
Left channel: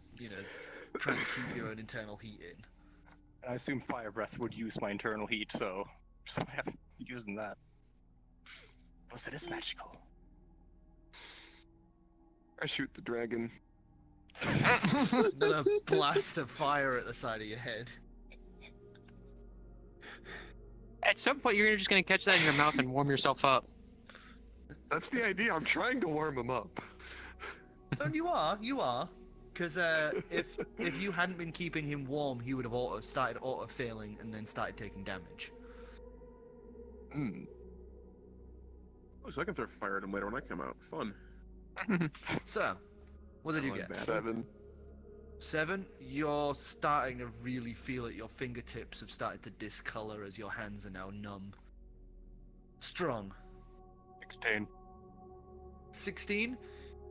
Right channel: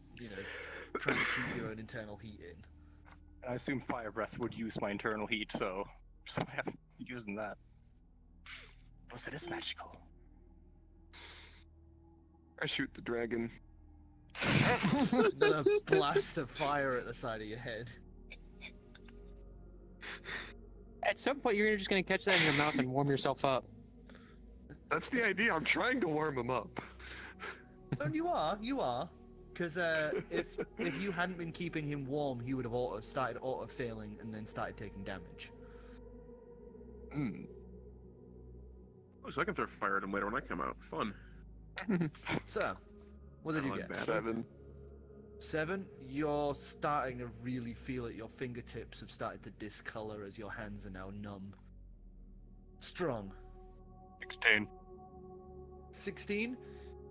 trying to keep your own internal heat in. I assume fire breath would use my internal heat, so I haven't using that. Plus, it is magical. I shoot the dragon. Another blast of fire at the side of your head. At some point, you're just gonna catch that in your mouth and warm yourself up. That's the idea. I'm trying to warm him up. And you are. Because if you hadn't been keeping him warm, he would have started auto-failing and then started taking damage. Hmm. Oh, so I can throw fire at him later when I come out. Fun. So, what did you Not get? bad. 7. 7. You're starting to really feel it. Your fingertips have started to discolor as your hands are now numb. Strong. 16. 16.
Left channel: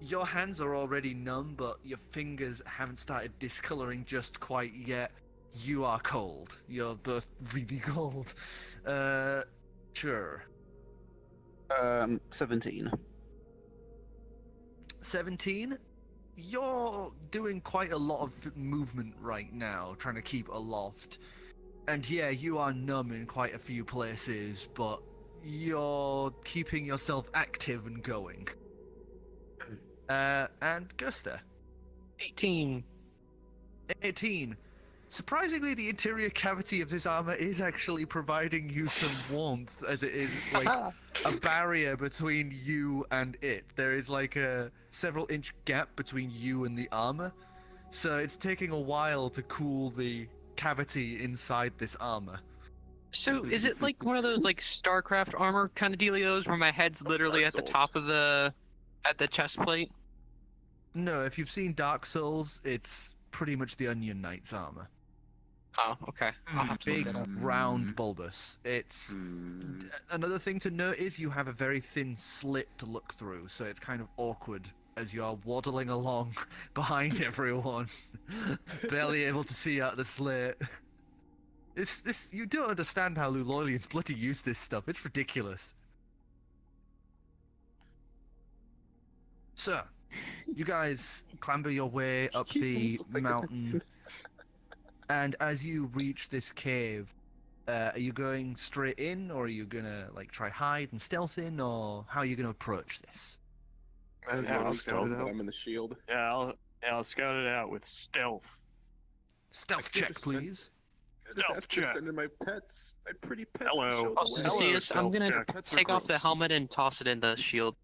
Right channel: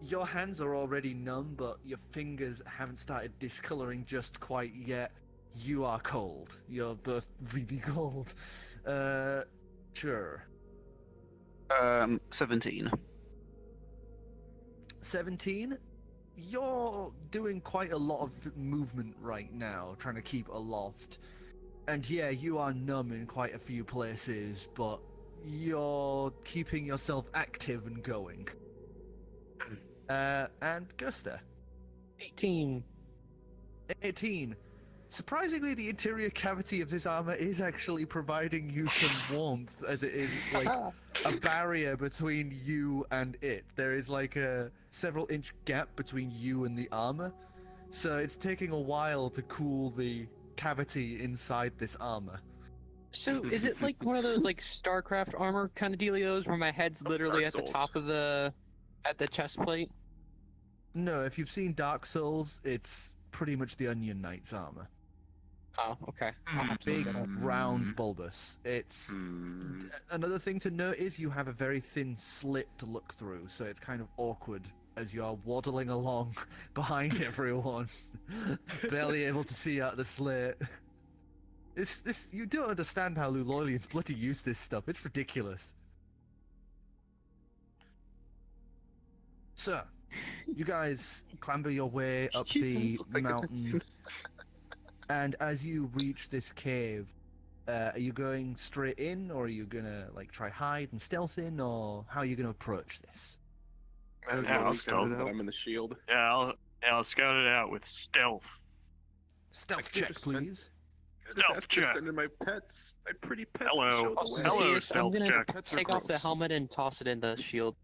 Your hands are already numb, but your fingers haven't started discoloring just quite yet. You are cold. You're both really cold. Sure. 17. 17. You're doing quite a lot of movement right now, trying to keep aloft. And yeah, you are numb in quite a few places, but you're keeping yourself active and going. And Gusta. 18. 18. Surprisingly, the interior cavity of this armor is actually providing you some warmth, as it is like a barrier between you and it. There is like a several-inch gap between you and the armor, so it's taking a while to cool the cavity inside this armor. So, is it like one of those like StarCraft armor kind of dealios where my head's literally at the top of the chest plate? No, if you've seen Dark Souls, it's pretty much the Onion Knight's armor. Oh, okay. I'll have to look Big, that up. round, bulbous. It's another thing to note is you have a very thin slit to look through, so it's kind of awkward as you're waddling along behind everyone, barely able to see out the slit. You don't understand how Lulolians bloody use this stuff. It's ridiculous. So, you guys clamber your way up the mountain, and as you reach this cave, Are you going straight in, or are you gonna like try hide and stealth in, or how are you gonna approach this? I'll scout it out. I'm in the shield. Yeah, I'll scout it out with stealth. Stealth check, please. Stealth check. Sending my pets, my pretty pets. Hello. I'm gonna Pets are take off the gross. helmet and toss it in the shield.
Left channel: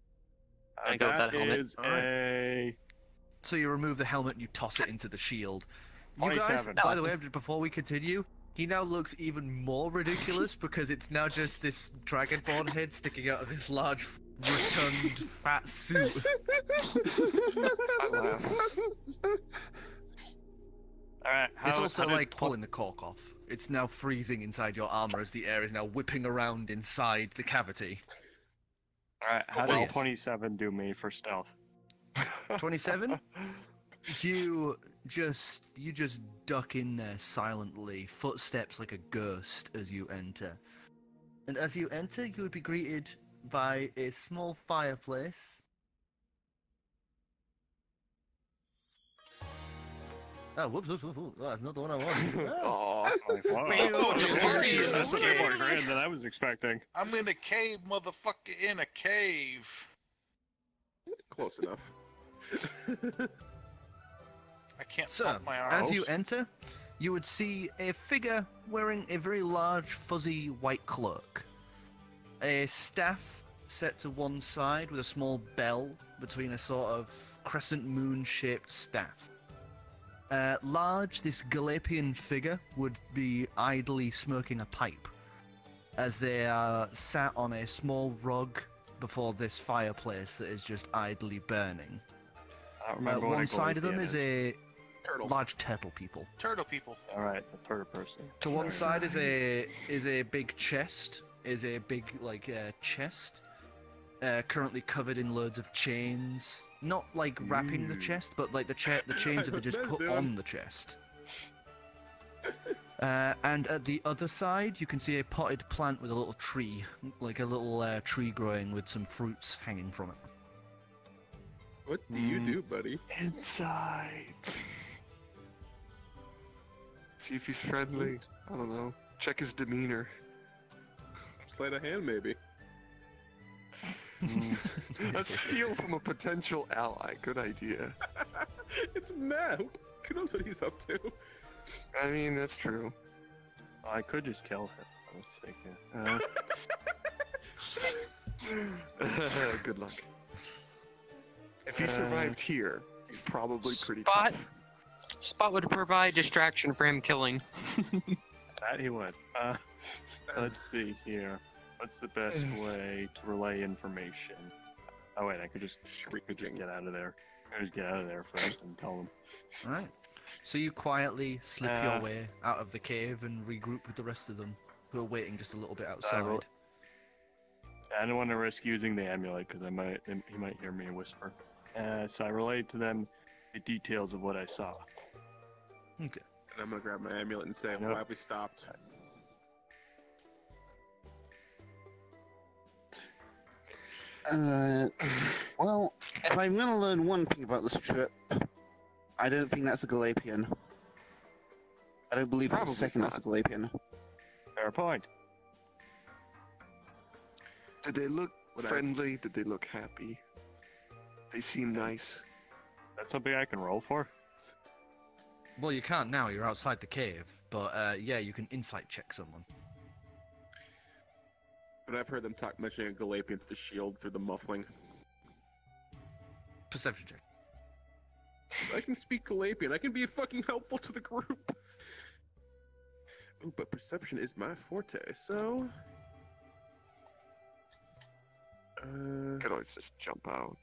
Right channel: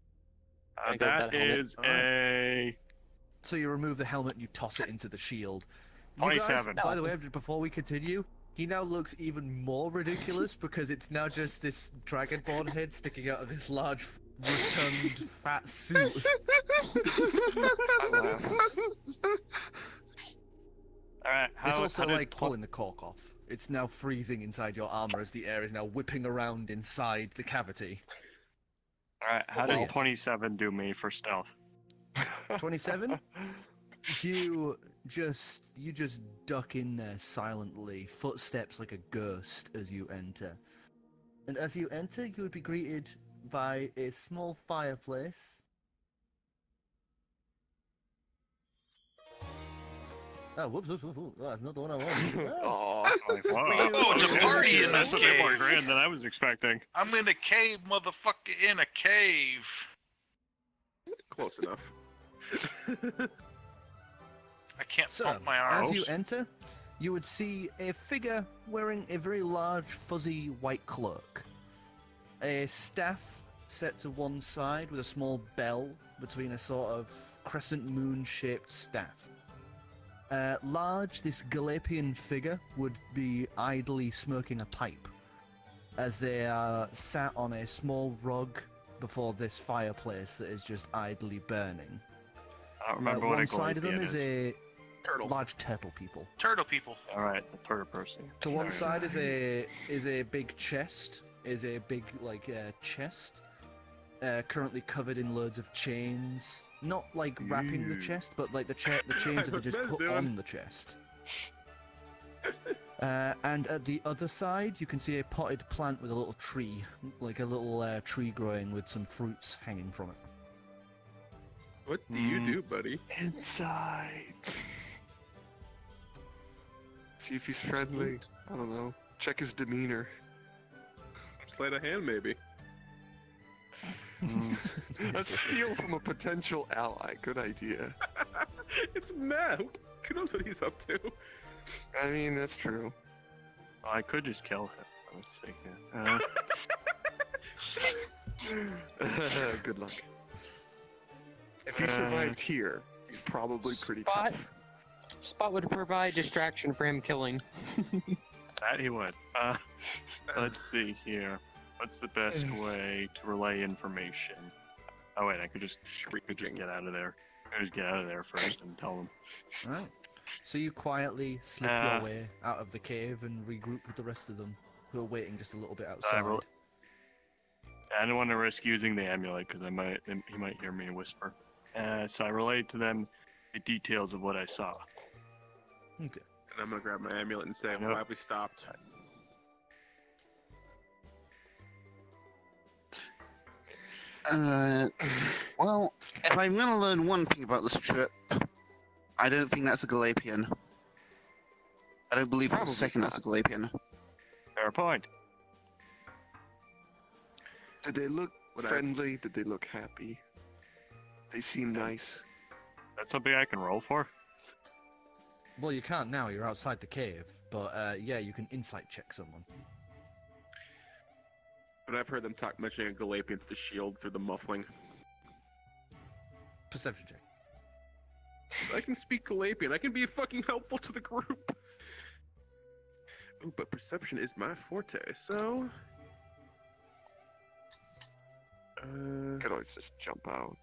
I go with that helmet. Is a So you remove the helmet and you toss it into the shield. You guys, 27. by the way, before we continue, he now looks even more ridiculous because it's now just this dragonborn head sticking out of this large, rotund, fat suit. I laugh. Alright, It's also how did like pulling the cork off. It's now freezing inside your armor as the air is now whipping around inside the cavity. Alright, how How did did 27 do me for stealth? 27? You just duck in there silently, footsteps like a ghost as you enter. And as you enter, you would be greeted by a small fireplace. Oh, whoops, whoops, whoops, whoops. Oh, that's not the one I wanted. Oh. Aw. Oh, just dirty in this That's a bit more cave. grand than I was expecting. I'm in a cave, motherfucker, in a cave. Close enough. I can't So, pump my arms. as you enter, you would see a figure wearing a very large, fuzzy white cloak. A staff set to one side with a small bell between a sort of crescent moon-shaped staff. Large, this Galapian figure would be idly smoking a pipe as they are sat on a small rug before this fireplace that is just idly burning. I don't remember what One a side of them Galapian is a Turtle. large turtle people. Turtle people. Alright, the third person. To one side is a big chest, chest, currently covered in loads of chains. Not like wrapping the chest, but like the chains that are just put on the chest. And at the other side, you can see a potted plant with a little tree, like a little tree growing with some fruits hanging from it. What do you do, buddy? Inside. See if he's friendly. I don't know. Check his demeanor. Sleight of hand, maybe. Let's steal from a potential ally. Good idea. It's Matt. Who knows what he's up to? I mean, that's true. I could just kill her. Let's see. Good luck. If he survived here, he's probably pretty tough. Spot would provide distraction for him killing. That he would. Let's see here. What's the best way to relay information? Oh wait, I could just get out of there. I just get out of there first and tell them. Alright. So you quietly slip your way out of the cave and regroup with the rest of them, who are waiting just a little bit outside. I don't want to risk using the amulet because he might hear me whisper. So I relayed to them the details of what I saw. Okay. And I'm gonna grab my amulet and say, Yep. why have we stopped? Well, if I'm going to learn one thing about this trip, I don't think that's a Galapian. I don't believe for a Probably second that's a Galapian. Fair point. Did they look friendly? Did they look happy? They seem nice. That's something I can roll for? Well, you can't now, you're outside the cave, but yeah, you can insight check someone. But I've heard them mentioning a Galapian to the shield through the muffling. Perception check. I can speak Galapian. I can be fucking helpful to the group. Ooh, but perception is my forte, so... Could always just jump out.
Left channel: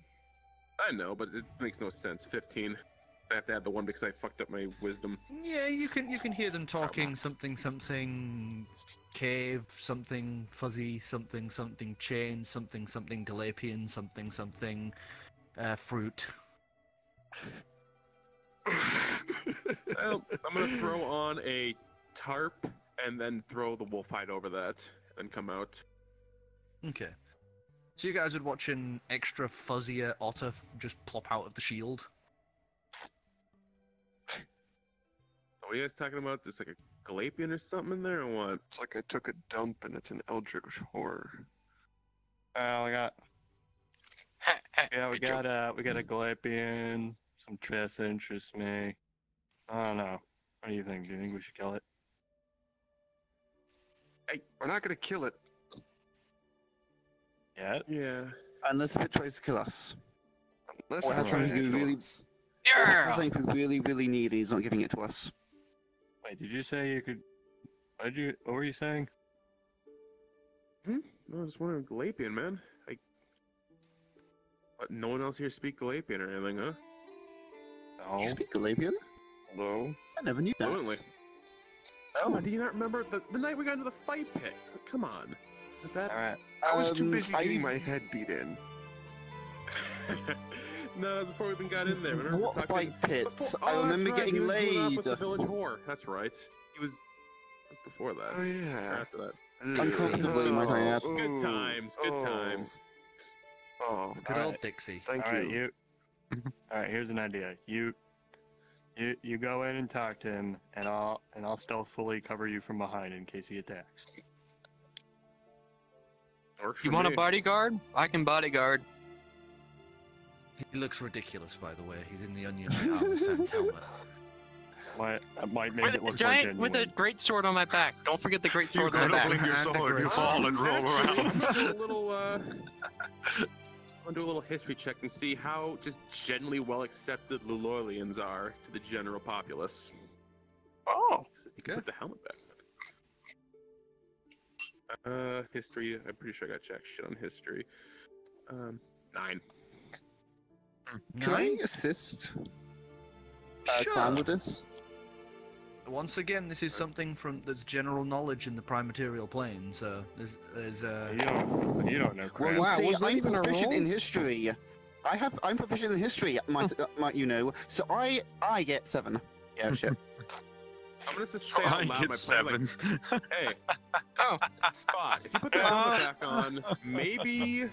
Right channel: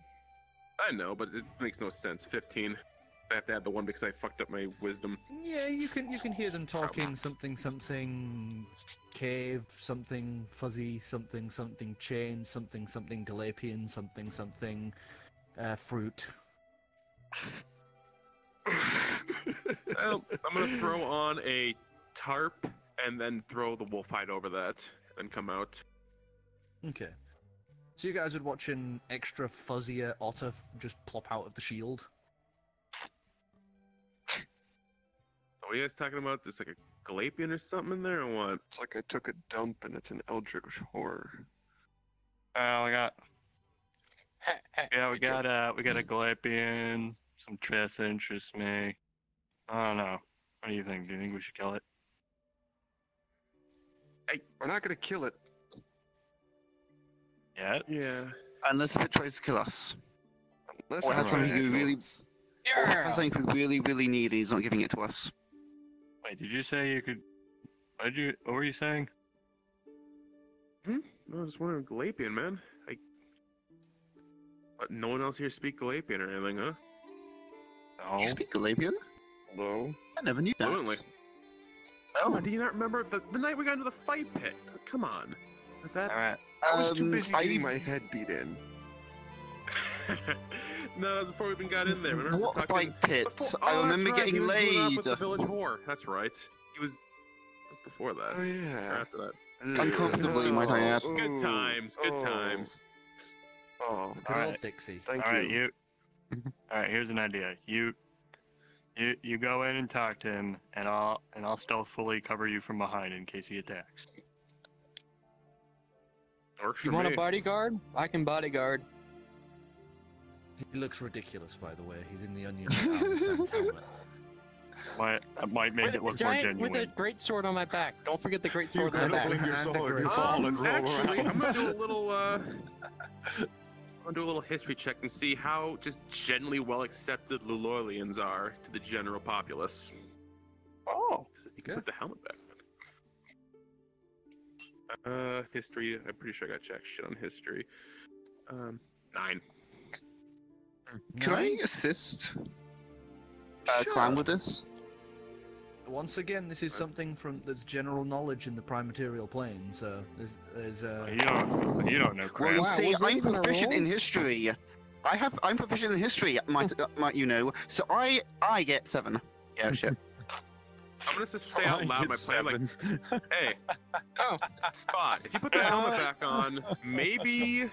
I know, but it makes no sense. 15. I have to add the 1 because I fucked up my wisdom. Yeah, you can hear them talking something cave, something fuzzy, something chain, something Galapian, something fruit. Well, I'm gonna throw on a tarp and then throw the wolf hide over that and come out. Okay. So you guys would watch an extra fuzzier otter just plop out of the shield. What are you guys talking about? This like a Galapian or something in there, or what? It's like I took a dump and it's an eldritch horror. We got we got a Galapian, some chess interests me. I don't know. What do you think? Do you think we should kill it? We're not gonna kill it. Yeah. Unless it tries to kill us. Unless Or it has tries something to we kill us. Or has something we really, really need and he's not giving it to us. Wait, did you say you could? What were you saying? No, I was wondering, Galapian, man. But no one else here speak Galapian or anything, huh? No. You speak Gallium? No. I never knew that. Fluently. Oh, do you not remember the night we got into the fight pit? Come on. Alright. I was too busy getting my head beat in. No, that was before we even got in there. Remember What talking- fight pits? Before- I remember that's right, getting he was going off laid. with the village whore. That's right. He was before that. Oh yeah. After that. Uncomfortably, might I add. Good times. Good times. Oh, Good old Alright. Dixie. thank Alright, you. Alright, here's an idea. You go in and talk to him, and I'll stealthily cover you from behind in case he attacks. Works for You want a me. bodyguard? I can bodyguard. He looks ridiculous, by the way. He's in the Onion Sense helmet. Might make With it a look more giant, genuine. with a great sword on my back. Don't forget the great sword on my back. your sword, you fall and roll actually, I'm gonna do a little I'm gonna do a little history check and see how just generally well accepted Lulorlians are to the general populace. Oh, You can put the helmet back. History. I'm pretty sure I got jack shit on history. 9. Can I assist Clam with this? Once again, this is something that's general knowledge in the Primaterial plane, so there's you don't know Well, crap. you see, was that I'm even a proficient roll? in history. I'm proficient in history, might you know. So I get 7. Yeah, shit. I'm gonna just say out loud my plan, like, hey, Spot, if you put the helmet back on, maybe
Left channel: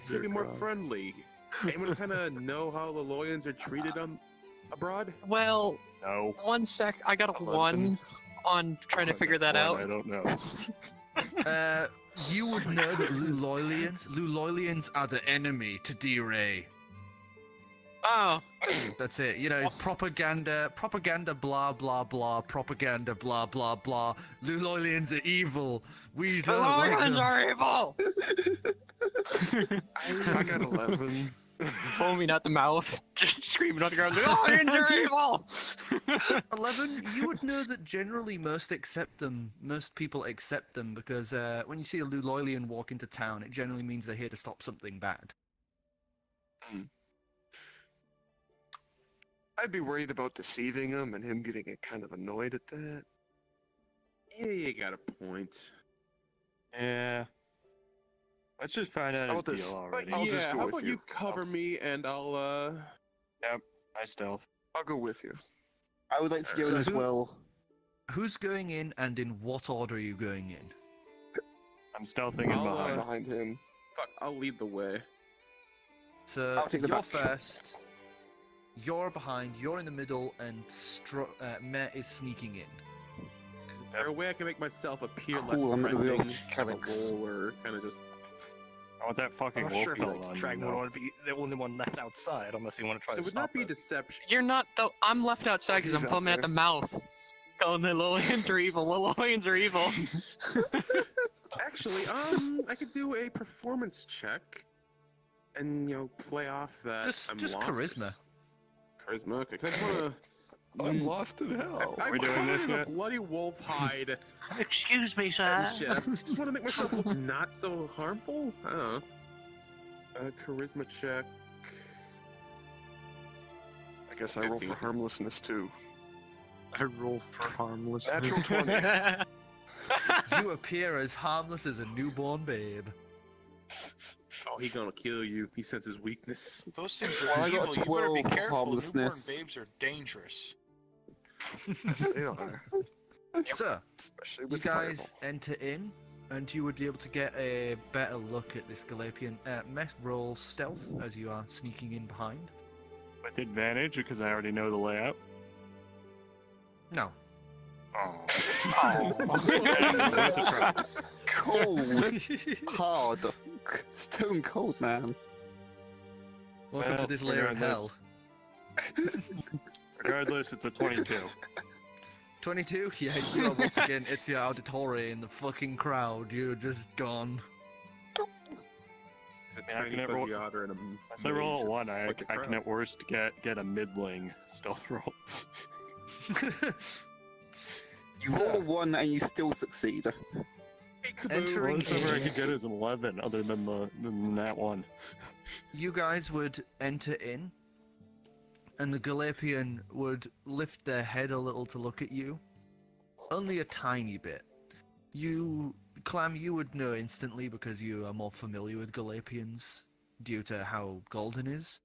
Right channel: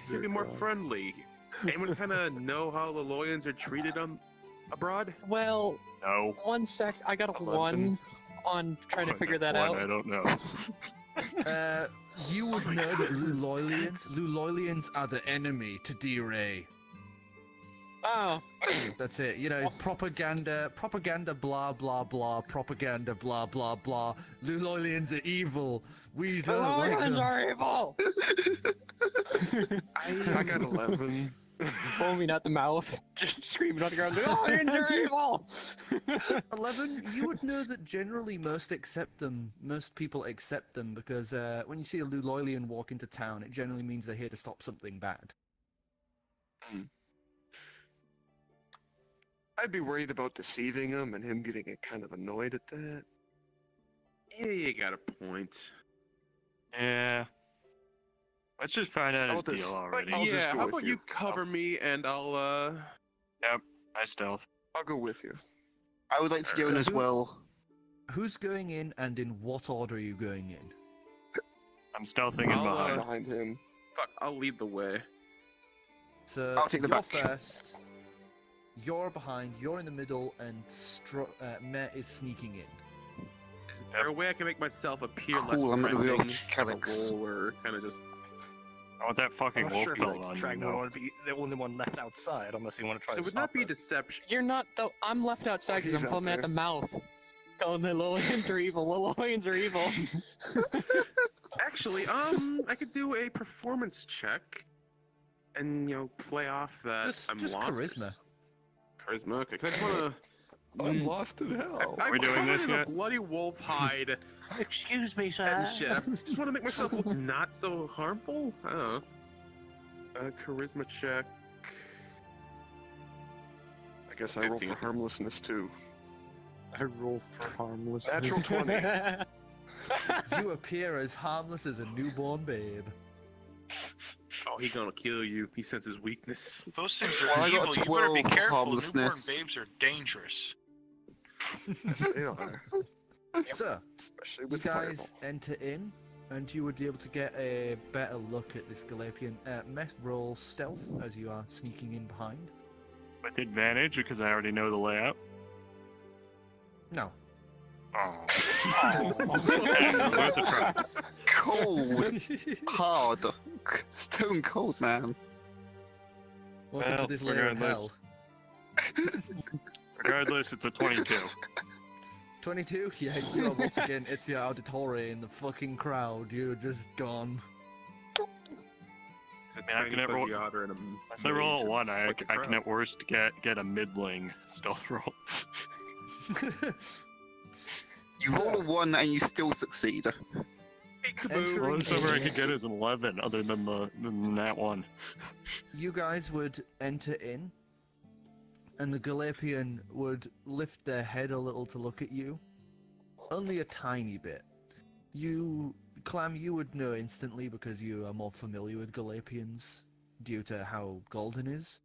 you'll be more friendly. Anyone kind of know how the Lulorlians are treated abroad? Well, No. 1 sec. I got a 11. 1 on trying to figure that One, out. I don't know. you would know that Lulorlians are the enemy to D-Ray. Oh, That's it. You know, propaganda, blah blah blah, propaganda, blah blah blah. Lulorlians are evil. We the don't like lions them. are evil! I got 11. Foaming at the mouth, just screaming on the ground, the lions are evil! 11. You would know that generally most people accept them because when you see a Lulorlian walk into town, it generally means they're here to stop something bad. I'd be worried about deceiving him and him getting kind of annoyed at that. Yeah, you got a point. Yeah. Let's just find out I'll his just- deal already. I'll just go how with about you. you cover me and I'll I stealth. I'll go with you. I would like to go in So as who- well. Who's going in, and in what order are you going in? I'm stealthing in I'll, behind. Behind him. fuck, I'll lead the way. So I'll take the you're back. first. You're behind. You're in the middle, and Meh is sneaking in. Is there a way I can make myself appear Cool, less I'm at the real threatening, Calix. or kind of just? I want that fucking I'm not wolf sure if belt the on you. dragon would though. want to be the only one left outside unless you want to try So to would stop not be it. deception. You're not, though. I'm left outside because he's I'm out foaming at there. the mouth. Going, the lions are evil, the lions are evil. Actually, I could do a performance check, and play off that I'm Just lost. charisma. Charisma. Okay, 'cause I just wanna. I'm lost in hell. I'm we doing covered this in a yet? bloody wolf hide Excuse me, sir. and shit. I just want to make myself look not so harmful. I don't know. Charisma check. I guess I roll for harmlessness too. I roll for harmless. Natural 20. You appear as harmless as a newborn babe. Oh, he gonna kill you. He senses weakness. Those things are Well, I got evil. You better be 12 careful. Newborn harmlessness. babes are dangerous. Yes, they are. So, Especially you with guys fireball. enter in, and you would be able to get a better look at this Galapian. Meh, roll stealth as you are sneaking in behind. With advantage because I already know the layout. No. Worth a try. Cold, hard, stone cold, man. Welcome to Well, this layer of regardless. hell. Regardless, it's a 22. 22? Yeah, you know, once again, it's your auditory in the fucking crowd. You're just gone. I can never. Unless I roll a 1, I can at worst get a middling stealth roll. You roll a 1 and you still succeed. The Entering lowest number I in, could get is an 11, other than that one. you guys would enter in, and the Galapian would lift their head a little to look at you. Only a tiny bit. Clam, you would know instantly because you are more familiar with Galapians due to how golden is.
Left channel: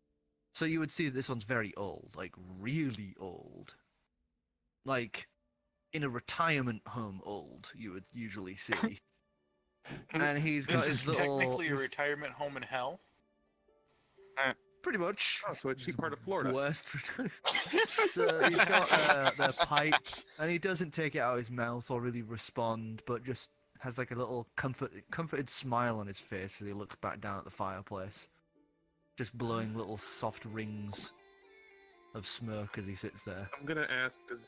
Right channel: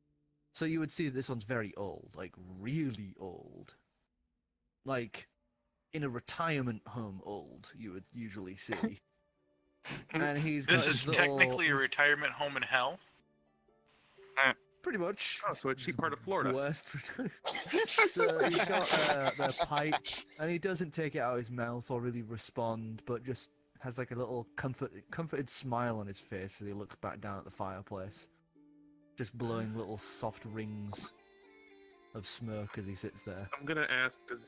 So you would see this one's very old, like really old. Like, in a retirement home old, you would usually see. And he's got This his is little, technically a his- retirement home in hell. Pretty much. Oh, so it's cheap part of Florida. Worst. So he's got the pipe, and he doesn't take it out of his mouth or really respond, but just has like a little comforted smile on his face as he looks back down at the fireplace, just blowing little soft rings of smoke as he sits there. I'm gonna ask, because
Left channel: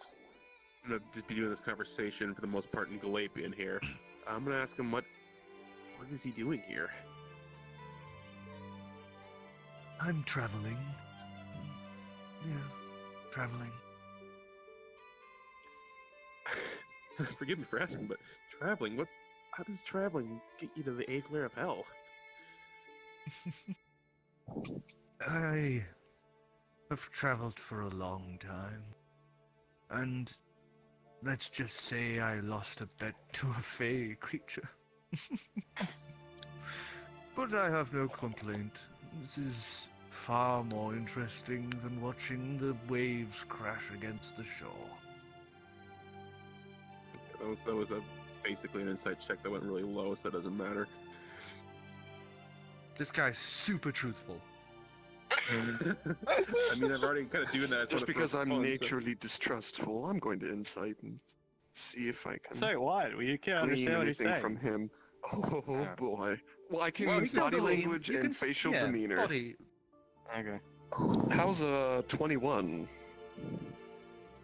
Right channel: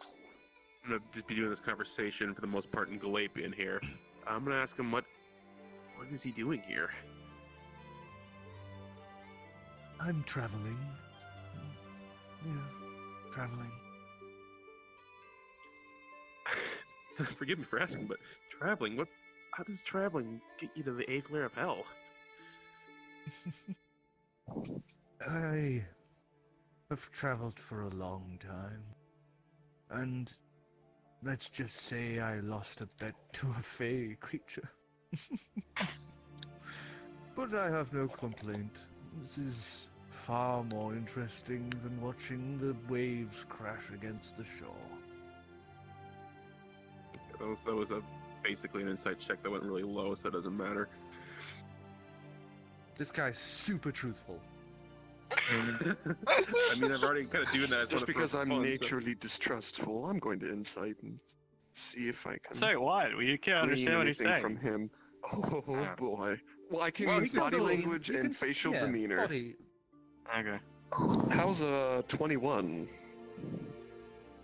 I'm gonna just be doing this conversation for the most part in Galapian here. I'm gonna ask him what is he doing here? I'm traveling. Yeah, traveling. Forgive me for asking, but traveling, how does traveling get you to the 8th layer of hell? I have traveled for a long time, and let's just say I lost a bet to a fey creature. But I have no complaint. This is far more interesting than watching the waves crash against the shore. That was basically an insight check that went really low, so it doesn't matter. This guy's super truthful. I mean, I've already kind of doing that. Just because I'm naturally distrustful, I'm going to insight and see if I can Say what? Well, you can't glean understand what he's anything saying. from him. Oh Yeah. boy. Well, I can Well, use you can body believe- language you and can- facial yeah, demeanor. body- Okay. How's a 21?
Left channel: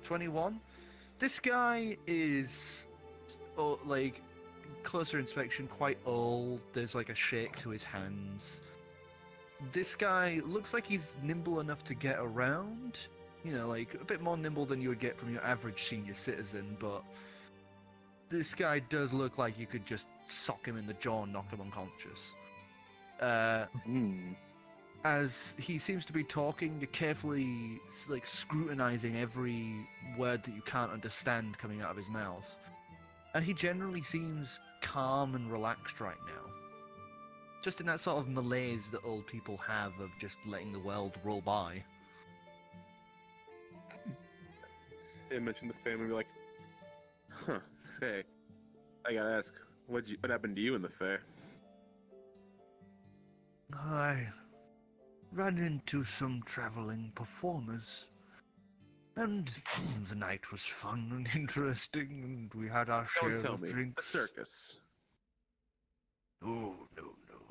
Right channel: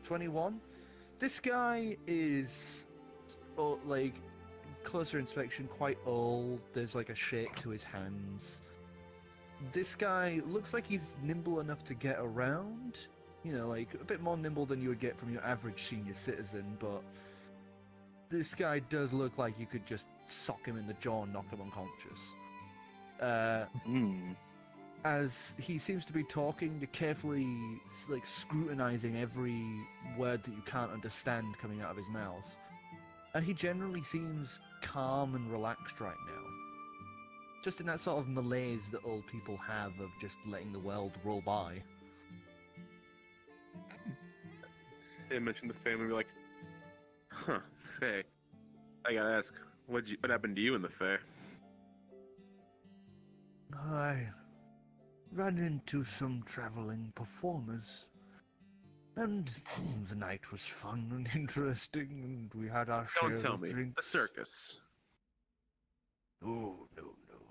21? This guy is, like, closer inspection, quite old. There's, like, a shake to his hands. This guy looks like he's nimble enough to get around. You know, like, a bit more nimble than you would get from your average senior citizen, but this guy does look like you could just sock him in the jaw and knock him unconscious. As he seems to be talking, you're carefully, like, scrutinizing every word that you can't understand coming out of his mouth. And he generally seems calm and relaxed right now. Just in that sort of malaise that old people have of just letting the world roll by. I mentioned the family, we're like, huh, Faye. I gotta ask, what happened to you in the Fae? I ran into some traveling performers, and the night was fun and interesting, and we had our share Don't tell of me. drinks. The circus. Oh, no,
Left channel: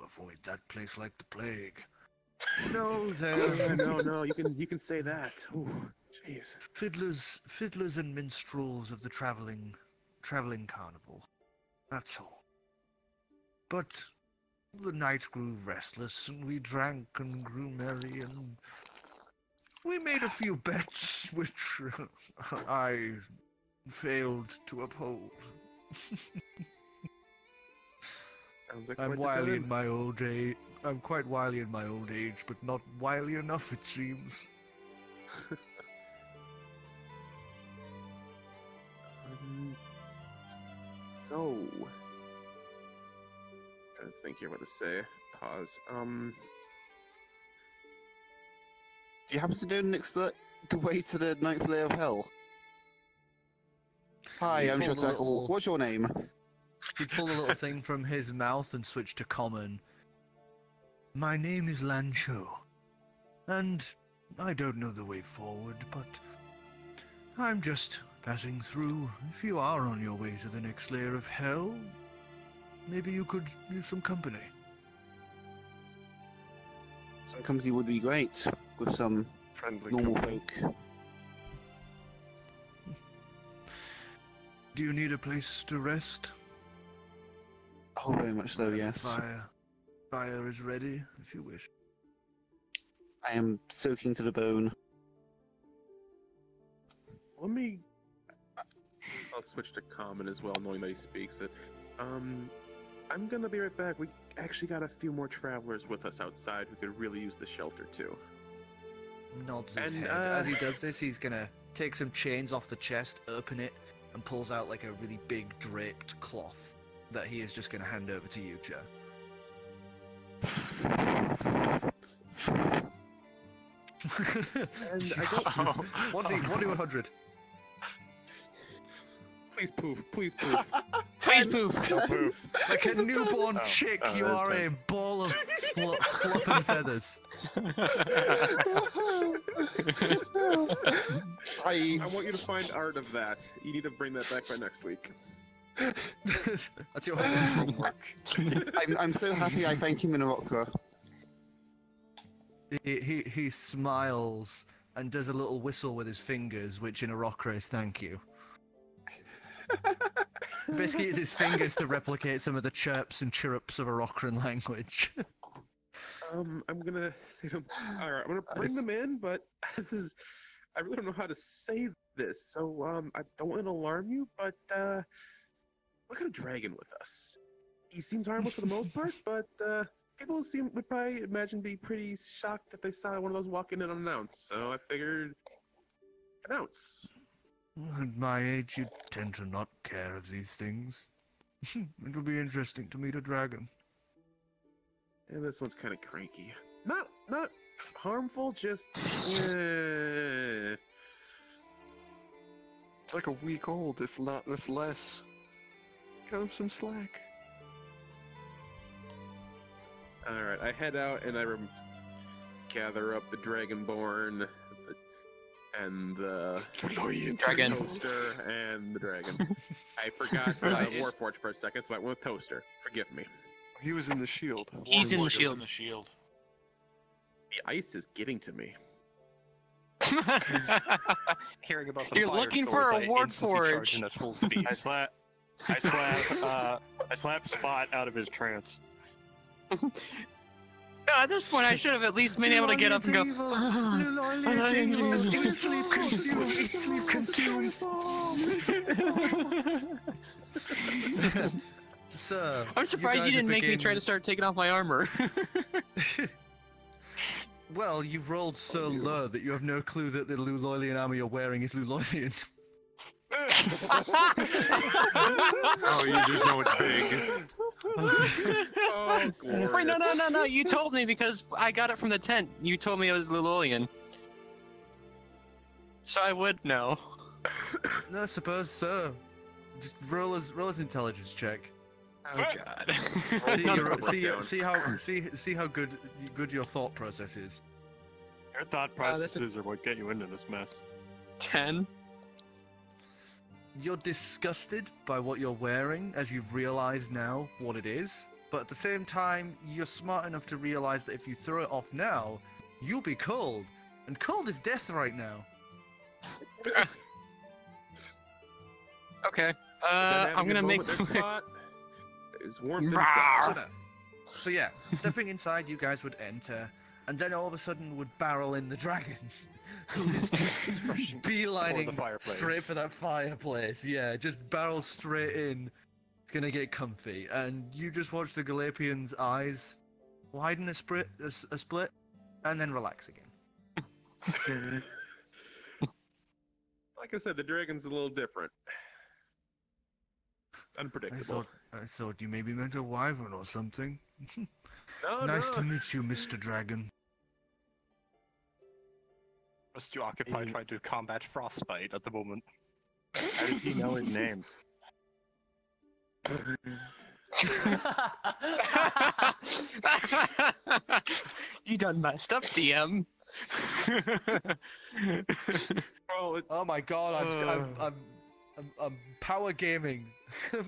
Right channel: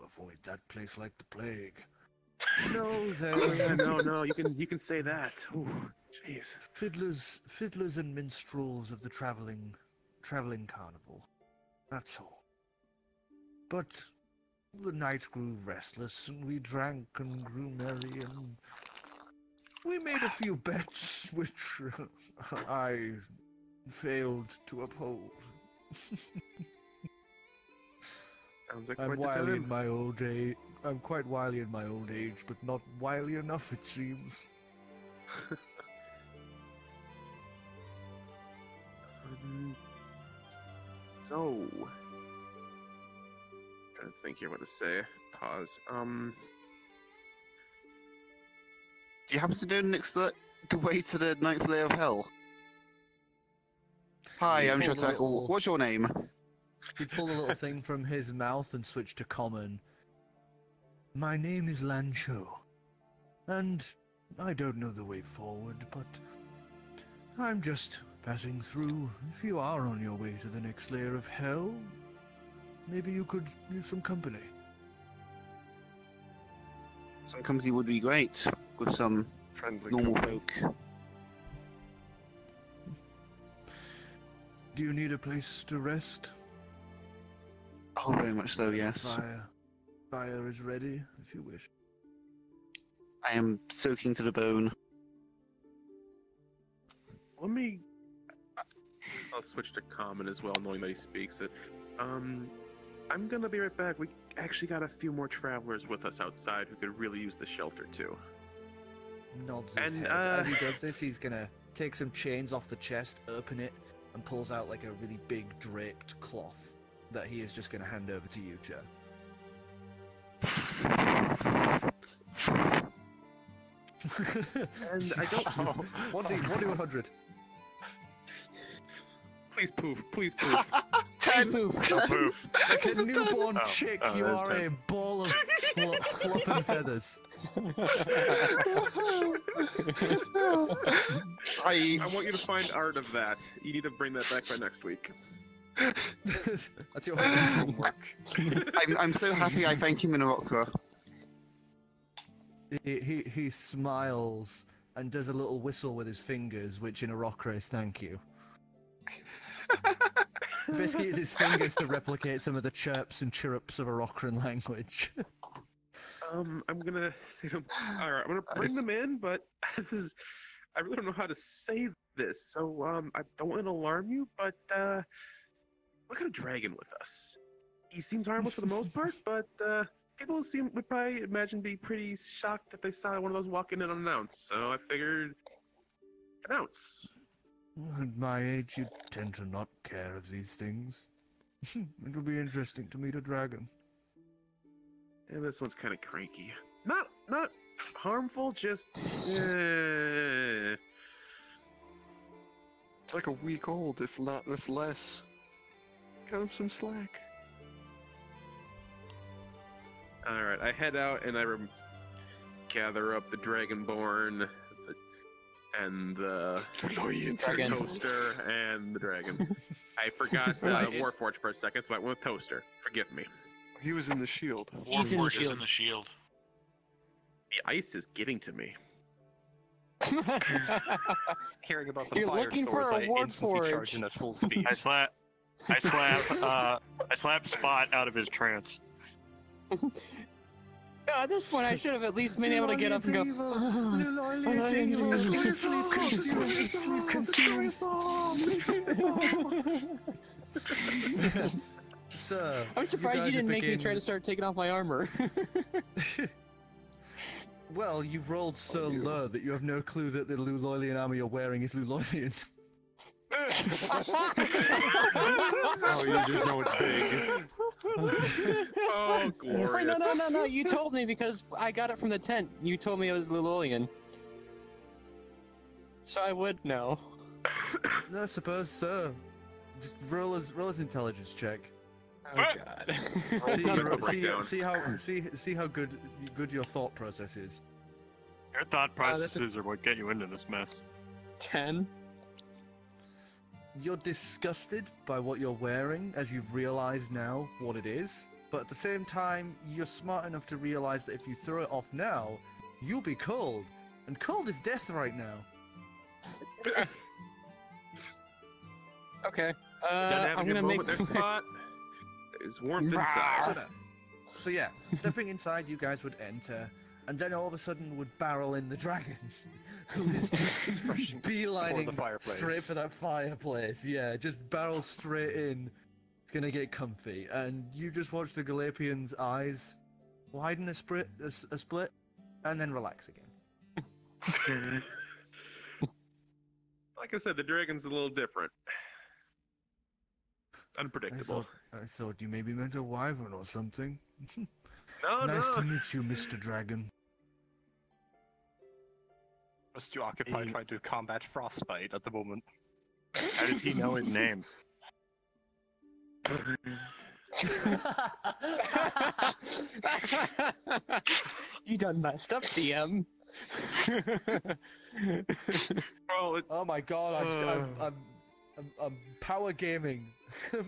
avoid that place like the plague. No, there Oh, yeah, no, you can say that. Ooh, jeez. fiddlers and minstrels of the traveling carnival. That's all. But the night grew restless, and we drank and grew merry, and we made a few bets, which I failed to uphold. Sounds like I'm quite the wily time. in my old age. I'm quite wily in my old age, but not wily enough, it seems. So, trying to think here what to say. Pause. Do you happen to know next the way to the 9th layer of hell? Hi, I'm Pull the Chir'takl. little- What's your name? He pulled a little thing from his mouth and switched to common. My name is Lancho, and I don't know the way forward, but I'm just passing through. If you are on your way to the next layer of hell, maybe you could use some company. Some company would be great with some Friendly normal company. folk. Do you need a place to rest? Oh, very much so, yes. Fire is ready, if you wish. I am soaking to the bone. I'll switch to common as well, knowing that he speaks it. I'm gonna be right back. We actually got a few more travelers with us outside who could really use the shelter too. Nods his And, head. As he does this, he's gonna take some chains off the chest, open it, and pulls out like a really big draped cloth that he is just gonna hand over to you, Joe. And I don't. 1d100. Please poof. Please poof. Please poof. Poof. Like a newborn Oh, chick, oh, you that's are a good. ball of fluff and feathers. I want you to find art of that. You need to bring that back by next week. That's your homework. I'm so happy I thank him in a opera. He smiles and does a little whistle with his fingers, which in Arokra is thank you. Basically, it's his fingers to replicate some of the chirps and chirrups of Arokran language. I'm gonna say to him, alright, I'm gonna bring them in, but I really don't know how to say this, so I don't want to alarm you, but we got a dragon with us. He seems harmless for the most part, but people would probably imagine be pretty shocked if they saw one of those walk in and unannounced, so I figured announce. At my age, you tend to not care of these things. It will be interesting to meet a dragon. And this one's kind of cranky. Not harmful, just It's like a week old, if less. Cut him some slack. Alright, I head out and I gather up the Dragonborn and the Dragon. Toaster and the dragon. I forgot Warforged for a second, so I went with Toaster. Forgive me. He was in the shield. He's in the Warforged is shield. in the shield. The ice is getting to me. Hearing about the You're fire looking stores, for a I Ward instantly Forge. charge in at full speed. I slap Spot out of his trance. At this point, I should have at least been able to get up and go. Sir, I'm surprised you didn't make me try to start taking off my armor. Well, you've rolled so low that you have no clue that the Luloilian armor you're wearing is Luloilian. Oh, you just know it's big. Oh, glorious. Wait, no. You told me because I got it from the tent. You told me it was Lulolian. So I would know. No, I suppose so. Just roll his intelligence check. Oh god. See how good your thought process is. Your thought that's processes are what get you into this mess. 10. You're disgusted by what you're wearing as you've realized now what it is, but at the same time, you're smart enough to realize that if you throw it off now, you'll be cold. And cold is death right now. Okay. I'm I'm gonna make. Spot. There's warmth inside. So yeah, stepping inside, you guys would enter, and then all of a sudden would barrel in the dragon. Who's beelining For the fireplace. straight for that fireplace. Yeah, just barrel straight in. It's gonna get comfy, and you just watch the Galapian's eyes widen a split, and then relax again. Like I said, the dragon's a little different. Unpredictable. I thought you maybe meant a wyvern or something. No, Nice no. to meet you, Mr. Dragon. Just too occupied trying to combat frostbite at the moment. How did he know his name? You done messed up, DM. No. Oh my god, I'm power gaming.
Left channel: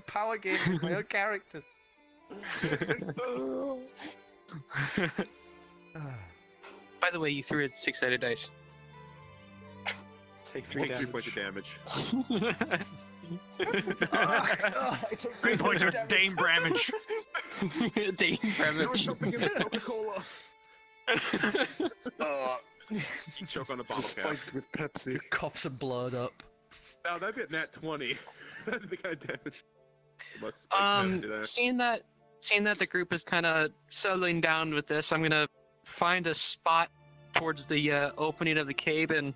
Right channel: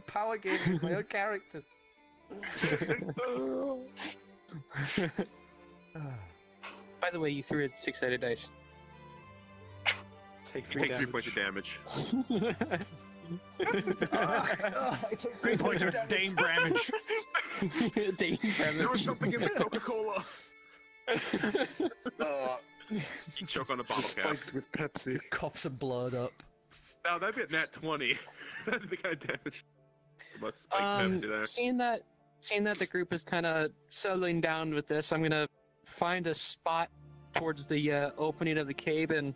Power gaming my own characters. By the way, you threw a 6-sided dice. Take 3 Take 3 damage. points of damage. 3 points of Dame damage. Dame damage. Something in the Coca-Cola. You choke on a bottle cap. Spiked with Pepsi. Cough some blood up. Now that'd be a nat 20. That'd be the kind of damage. Must spike Pepsi there. Seeing that the group is kind of settling down with this, I'm gonna find a spot towards the opening of the cave, and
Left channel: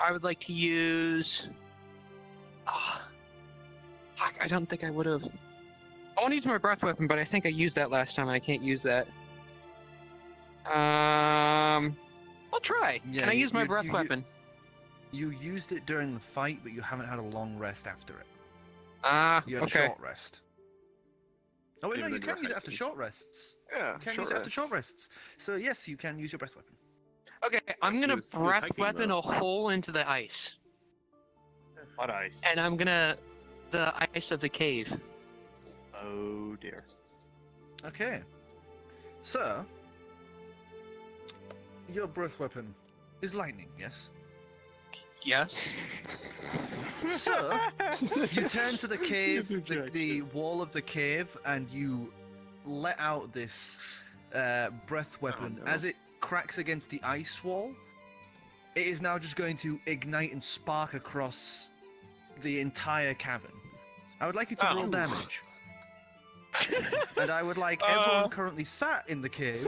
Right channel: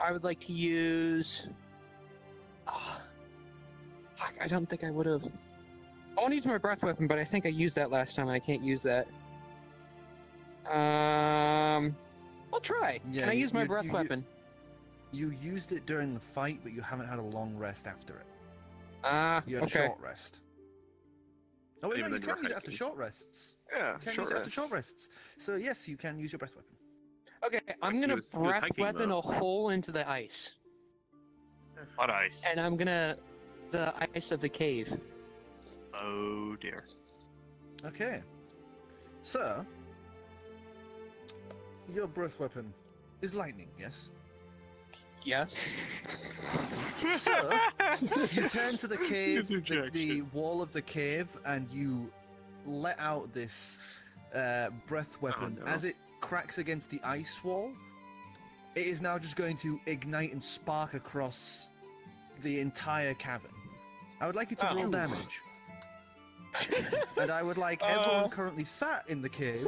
I would like to use. Fuck! I don't think I would have. I want to use my breath weapon, but I think I used that last time, and I can't use that. I'll try. Yeah, Can I use my breath weapon? You used it during the fight, but you haven't had a long rest after it. You had a Okay. short rest. Oh wait, no, Even you though you're can use it after hiking. short rests. Yeah, You can short use it after rest. short rests. So yes, you can use your breath weapon. Okay, I'm He gonna was breath hiking, weapon though. a hole into the ice, What ice? and I'm gonna the ice of the cave. Oh dear. Okay. So, your breath weapon is lightning, yes? Yes. So, you turn to the cave, the Objection. wall of the cave, and you let out this breath weapon. no. As it cracks against the ice wall, it is now just going to ignite and spark across the entire cavern. I would like you to roll damage. And I would like everyone currently sat in the cave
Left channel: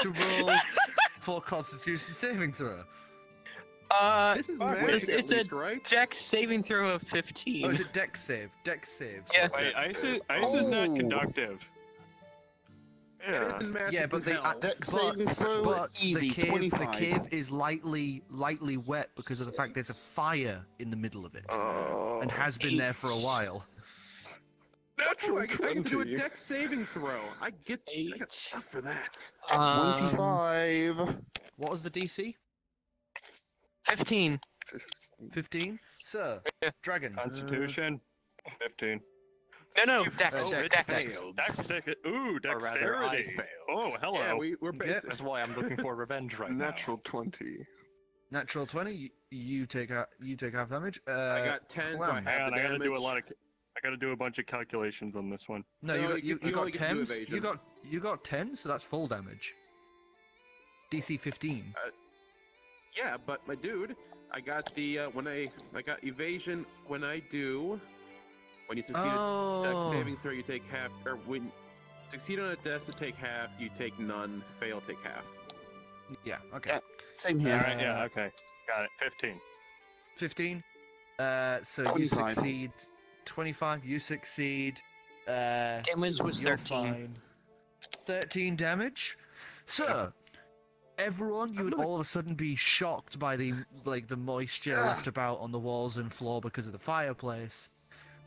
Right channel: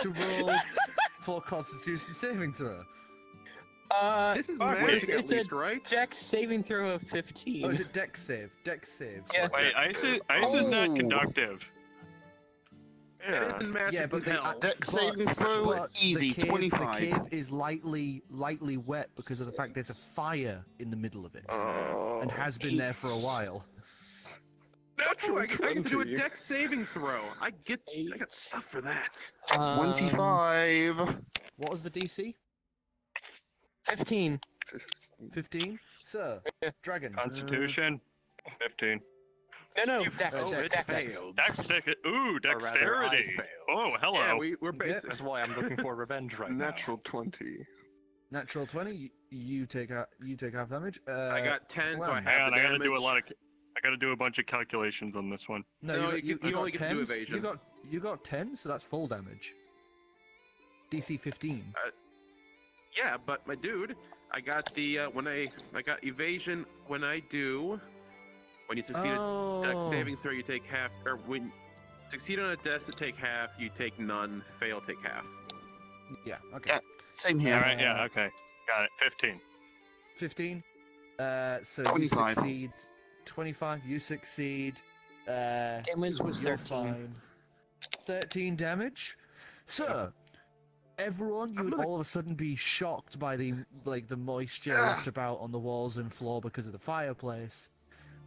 to roll for Constitution saving throw. This is it's- magic at it's a least, right? Dex saving throw of Oh, 15. is it Dex save? Dex save. Yeah. Wait, ice is not Oh. conductive. Yeah. This is magic Yeah, but as they hell. Dex But- saving throw, but easy, the cave, 25. The cave is lightly wet because of the fact there's a fire in the middle of it, Oh. and has been there for a while. Natural I can do a 20. dex saving throw. I got 8. stuff for that. 25. What was the DC? 15. 15. Sir, Yeah. dragon. Constitution. 15. No, Dex. Oh, it Dex. failed. Ooh, Or rather, I dexterity. failed. Oh, hello. Yeah, we're Yeah. basic. That's why I'm looking for revenge right now. Natural 20. Natural 20. You take half damage. I got 10, so I Clam. have Hang on, the I gotta damage. do a lot of. I gotta do a bunch of calculations on this one. No, No, you you got only get to do 10s. evasion. You got 10, so that's full damage. DC 15. Yeah, but my dude, I got the I got evasion when you succeed a dex saving throw, you take half, or when you succeed on a dex, you take half, you take none, fail, take half. Yeah. Okay. Yeah. Same here. Alright, yeah, okay. Got it. 15. 15. So 25. you succeed. 25. You succeed. Damage was You're 13. fine. 13 damage. So, everyone, you would all of a sudden be shocked by the moisture left about on the walls and floor because of the fireplace.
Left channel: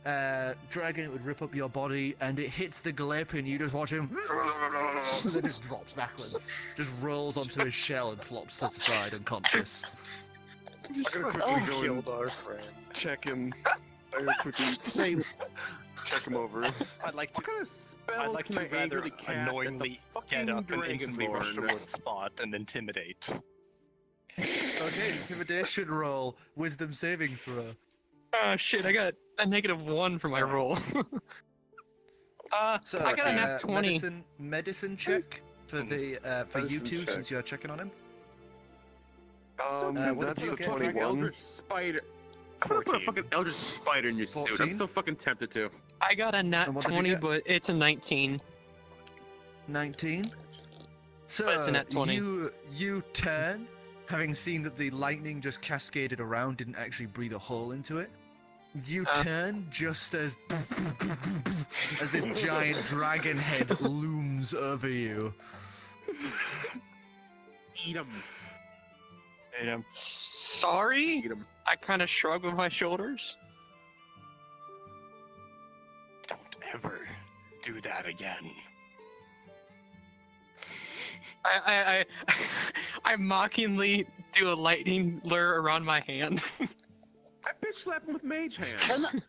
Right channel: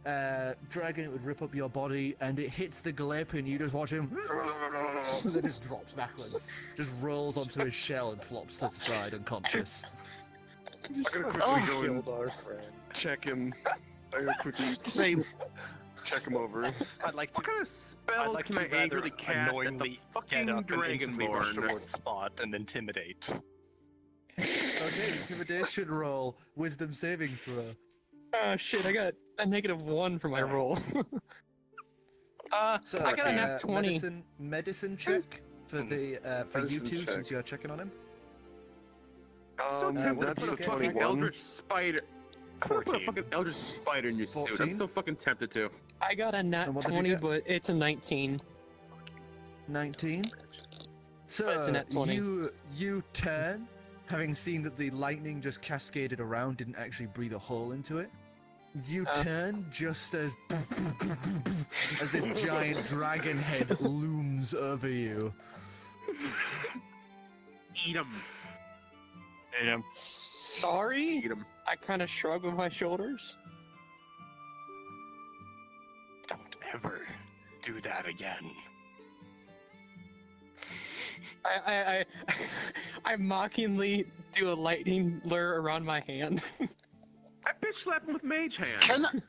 Dragon, it would rip up your body, and it hits the glip, and you just watch him, and then just drops backwards, just rolls onto his shell and flops to the side unconscious. I'm gonna quickly go and check him. I'm gonna quickly Same. check him over. I'd like What to. kind of spells I'd like can to I rather angrily cast at the annoyingly fucking get up and instantly rush Dragonborn? towards Spot and intimidate. Okay, intimidation roll, wisdom saving throw. Oh shit, I got a -1 for my roll. So, I got a nat 20. Medicine check for the for you Medicine two check. since you're checking on him. Um, what that's did a you get? 21. Eldritch Spider. I'm gonna put a 14. fucking Eldritch Spider in your suit. 14? I'm so fucking tempted to. I got a nat And what did you 20, get? but it's a 19. 19. So But it's a nat 20. you turn, having seen that the lightning just cascaded around, didn't actually breathe a hole into it. You turn just as this giant dragon head looms over you. Eat 'em. Sorry? Eat 'em. I kind of shrug with my shoulders. Don't ever do that again. I mockingly do a lightning lure around my hand. I bitch slap him with mage hand.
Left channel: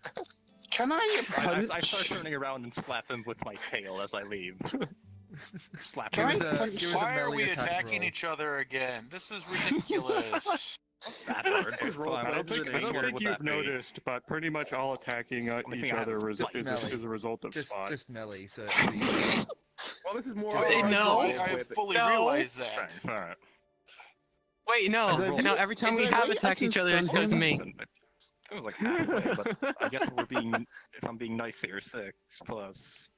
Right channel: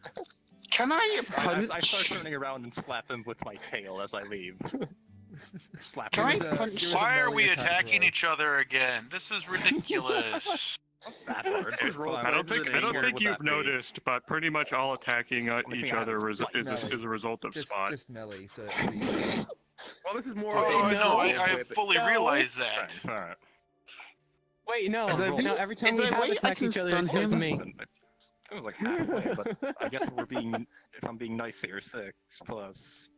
Can I punch? I start turning around and slap him with my tail as I leave. Slap Can him. I punch? Why are we attacking each other again? This is ridiculous. That hard. I don't think you've noticed, but pretty much all attacking each other is a result of spot. Just melee, so... Well, this is more... I fully realize that. Alright. Wait, no. Every time we have attacked each other, it's just me. It was like halfway, but I guess if I'm being nice here, 6 plus...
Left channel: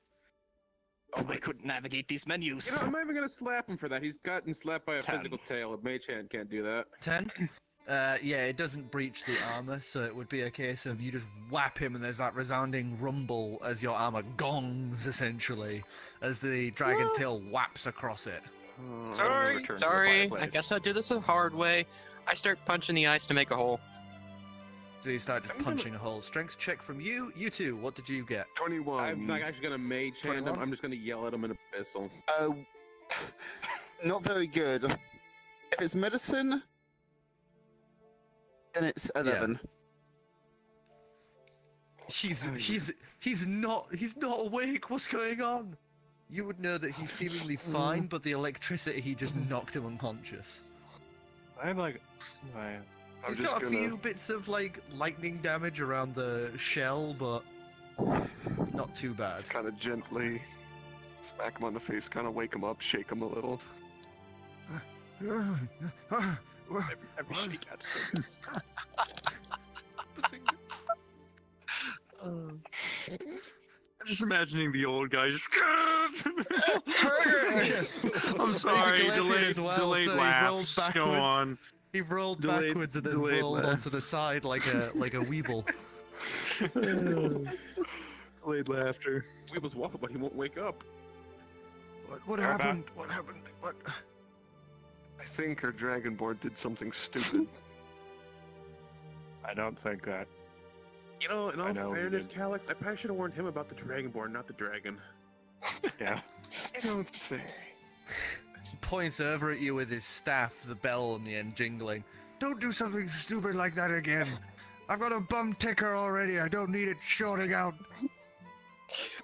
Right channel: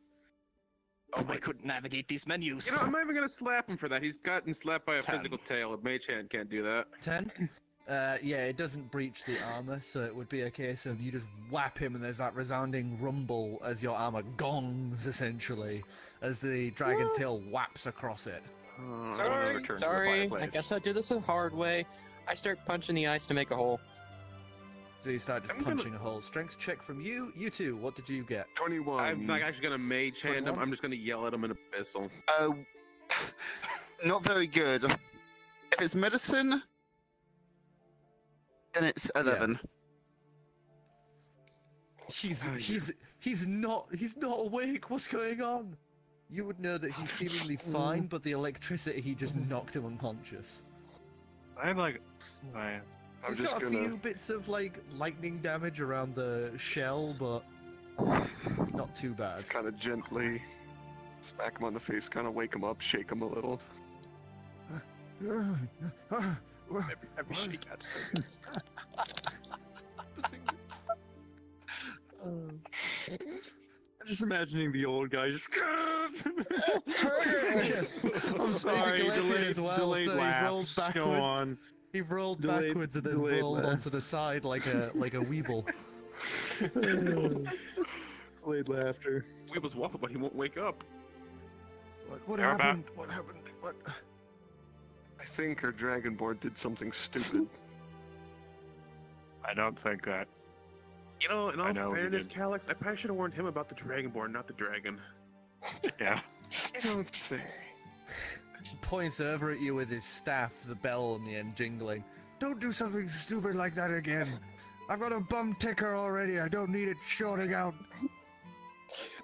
Oh, I couldn't navigate these menus. I'm not even gonna slap him for that. He's gotten slapped by a physical tail. A mage hand can't do that. 10? Yeah, it doesn't breach the armor, so it would be a case of you just whap him and there's that resounding rumble as your armor gongs, essentially, as the dragon's tail whaps across it. Sorry. I guess I'll do this the hard way. I start punching the ice to make a hole. So you start just punching a hole. Strength check from you. You two, what did you get? 21. I'm not actually gonna mage hand him. I'm just gonna yell at him in abyssal. Not very good. If it's medicine, then it's 11. Yeah. He's not awake. What's going on? You would know that he's seemingly fine, but the electricity just knocked him unconscious. I'm just gonna... a few bits of lightning damage around the shell, but not too bad. Just kind of gently smack him on the face, kind of wake him up, shake him a little. Every shake adds to I'm just imagining the old guy just. I'm sorry, delayed so laughs. Go on. He rolled backwards and then rolled onto the side like a weeble. Delayed laughter. Weeble's waffle, but he won't wake up. What happened? What happened? What? I think our Dragonborn did something stupid. I don't think that. In all fairness, Calix, I probably should have warned him about the Dragonborn, not the dragon. Yeah. I don't say. He points over at you with his staff, the bell on the end jingling. Don't do something stupid like that again. I've got a bum ticker already. I don't need it shorting out.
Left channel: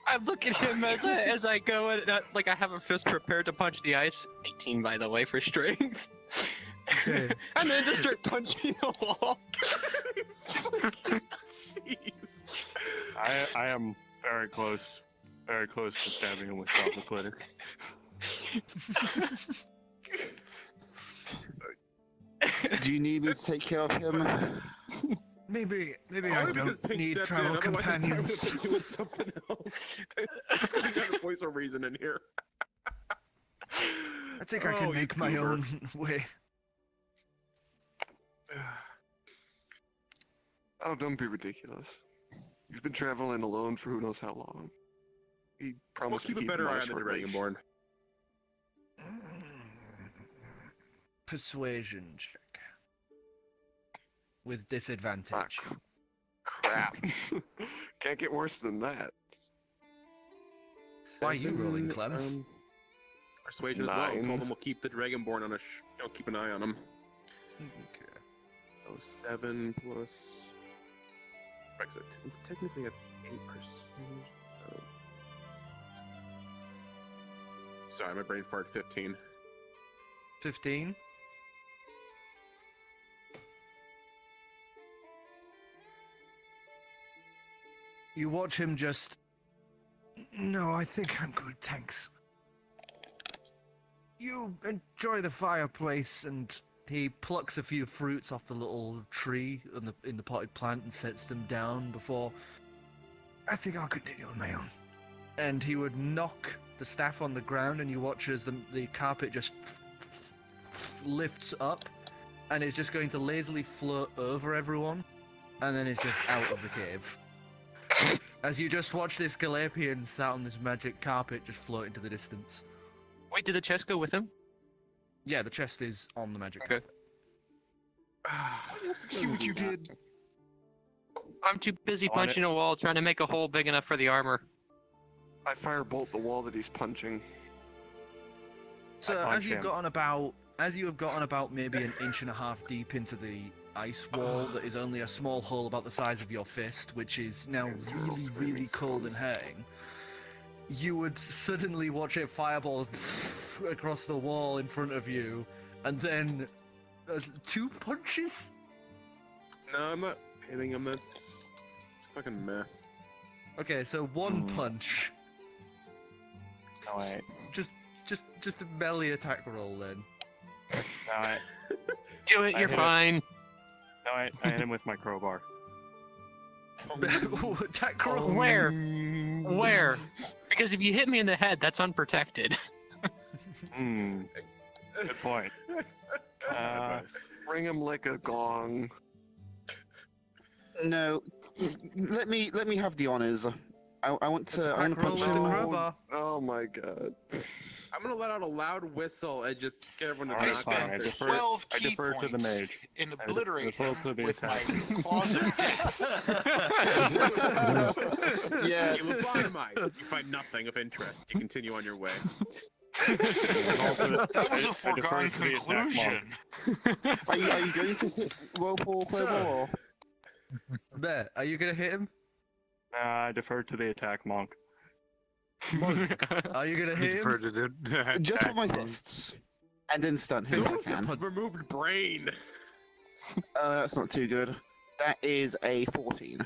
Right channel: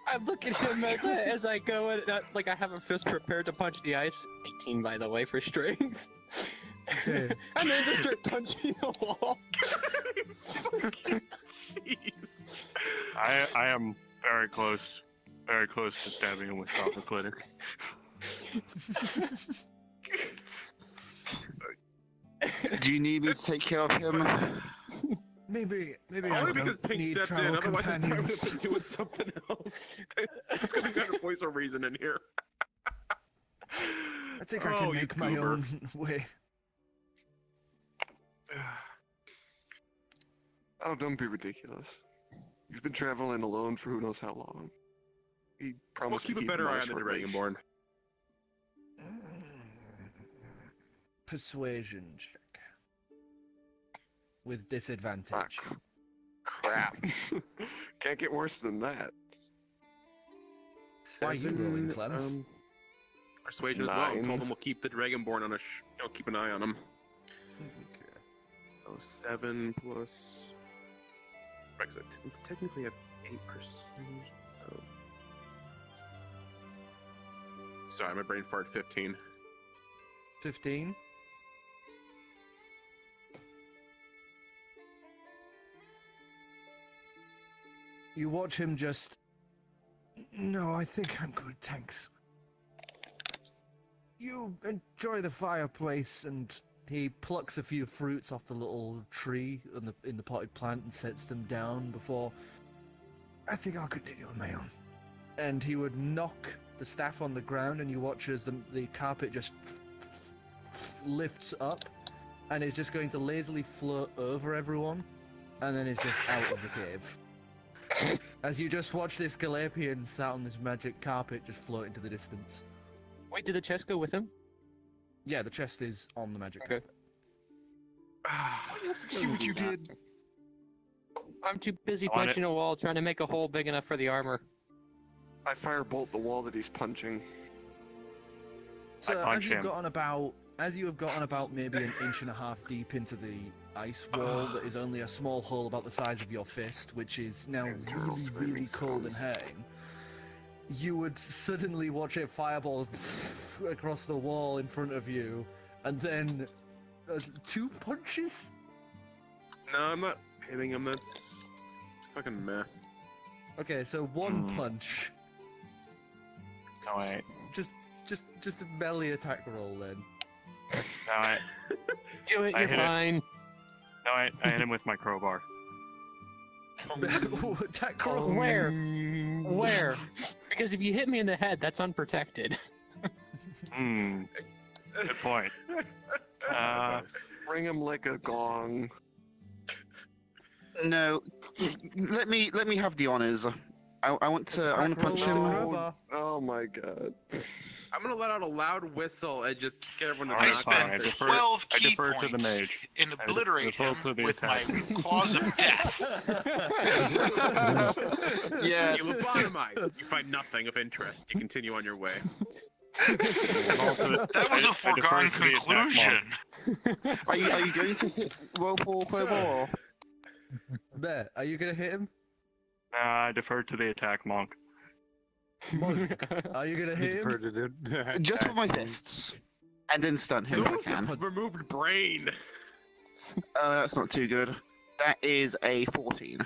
I look at him as I go, and I have a fist prepared to punch the ice. 18, by the way, for strength. Okay. And then just start punching the wall. Jeez. I am very close to stabbing him with chocolate glitter. Do you need me to take care of him? Maybe I Only because don't Pink need stepped travel in, otherwise I thought we companions. would be doing something else. It's gonna be a voice of reason in here. I think I can make my own way. Oh, don't be ridiculous. You've been traveling alone for who knows how long. He promised to keep a better him on eye a on the short leash. Dragonborn. Persuasion check. With disadvantage. Ah, crap. Can't get worse than that. Why are you rolling, Clem? Persuasion as well. 9. Told him we'll keep the Dragonborn on keep an eye on him. Okay. So 7 plus... Brexit. Technically at 8 persuasion. Sorry, my brain farted. 15. 15? You watch him just... No, I think I'm good, thanks. You enjoy the fireplace, and he plucks a few fruits off the little tree in the potted plant and sets them down before... I think I'll continue on my own. And he would knock the staff on the ground, and you watch as the carpet just lifts up, and is just going to lazily float over everyone, and then is just out of the cave. As you just watch this Galapian sat on this magic carpet just float into the distance. Wait, did the chest go with him? Yeah, the chest is on the magic carpet. See what you did? I'm too busy punching a wall trying to make a hole big enough for the armor. I firebolt the wall that he's punching. So as you've gotten about as you have gotten about maybe an inch and a half deep into the ice wall that is only a small hole about the size of your fist, which is now really, really cold and hurting, you would suddenly watch a fireball across the wall in front of you, and then 2 punches? No, I'm not hitting him. That's fucking meh. Okay, so 1 punch. No, wait. Just a melee attack roll then. No, Do it, you're fine. No, I hit him with my crowbar. Attack roll. Where? Because if you hit me in the head, that's unprotected. Good point. Ring him like a gong. No, let me have the honors. I want to punch him. Oh my god. I'm gonna let out a loud whistle and just get everyone to I knock spent out. 12 key defer to the points mage. in obliterate defer to him the with my attack. claws of death. Yeah. You lobotomize. You find nothing of interest. You continue on your way. That was a foregone conclusion. Are you going to hit roll for crowbar? Or? There, are you gonna hit him? I defer to the attack monk. Monk, are you gonna hit him? Just with my fists, and then stun him if I can. Removed brain. That's not too good. That is a 14.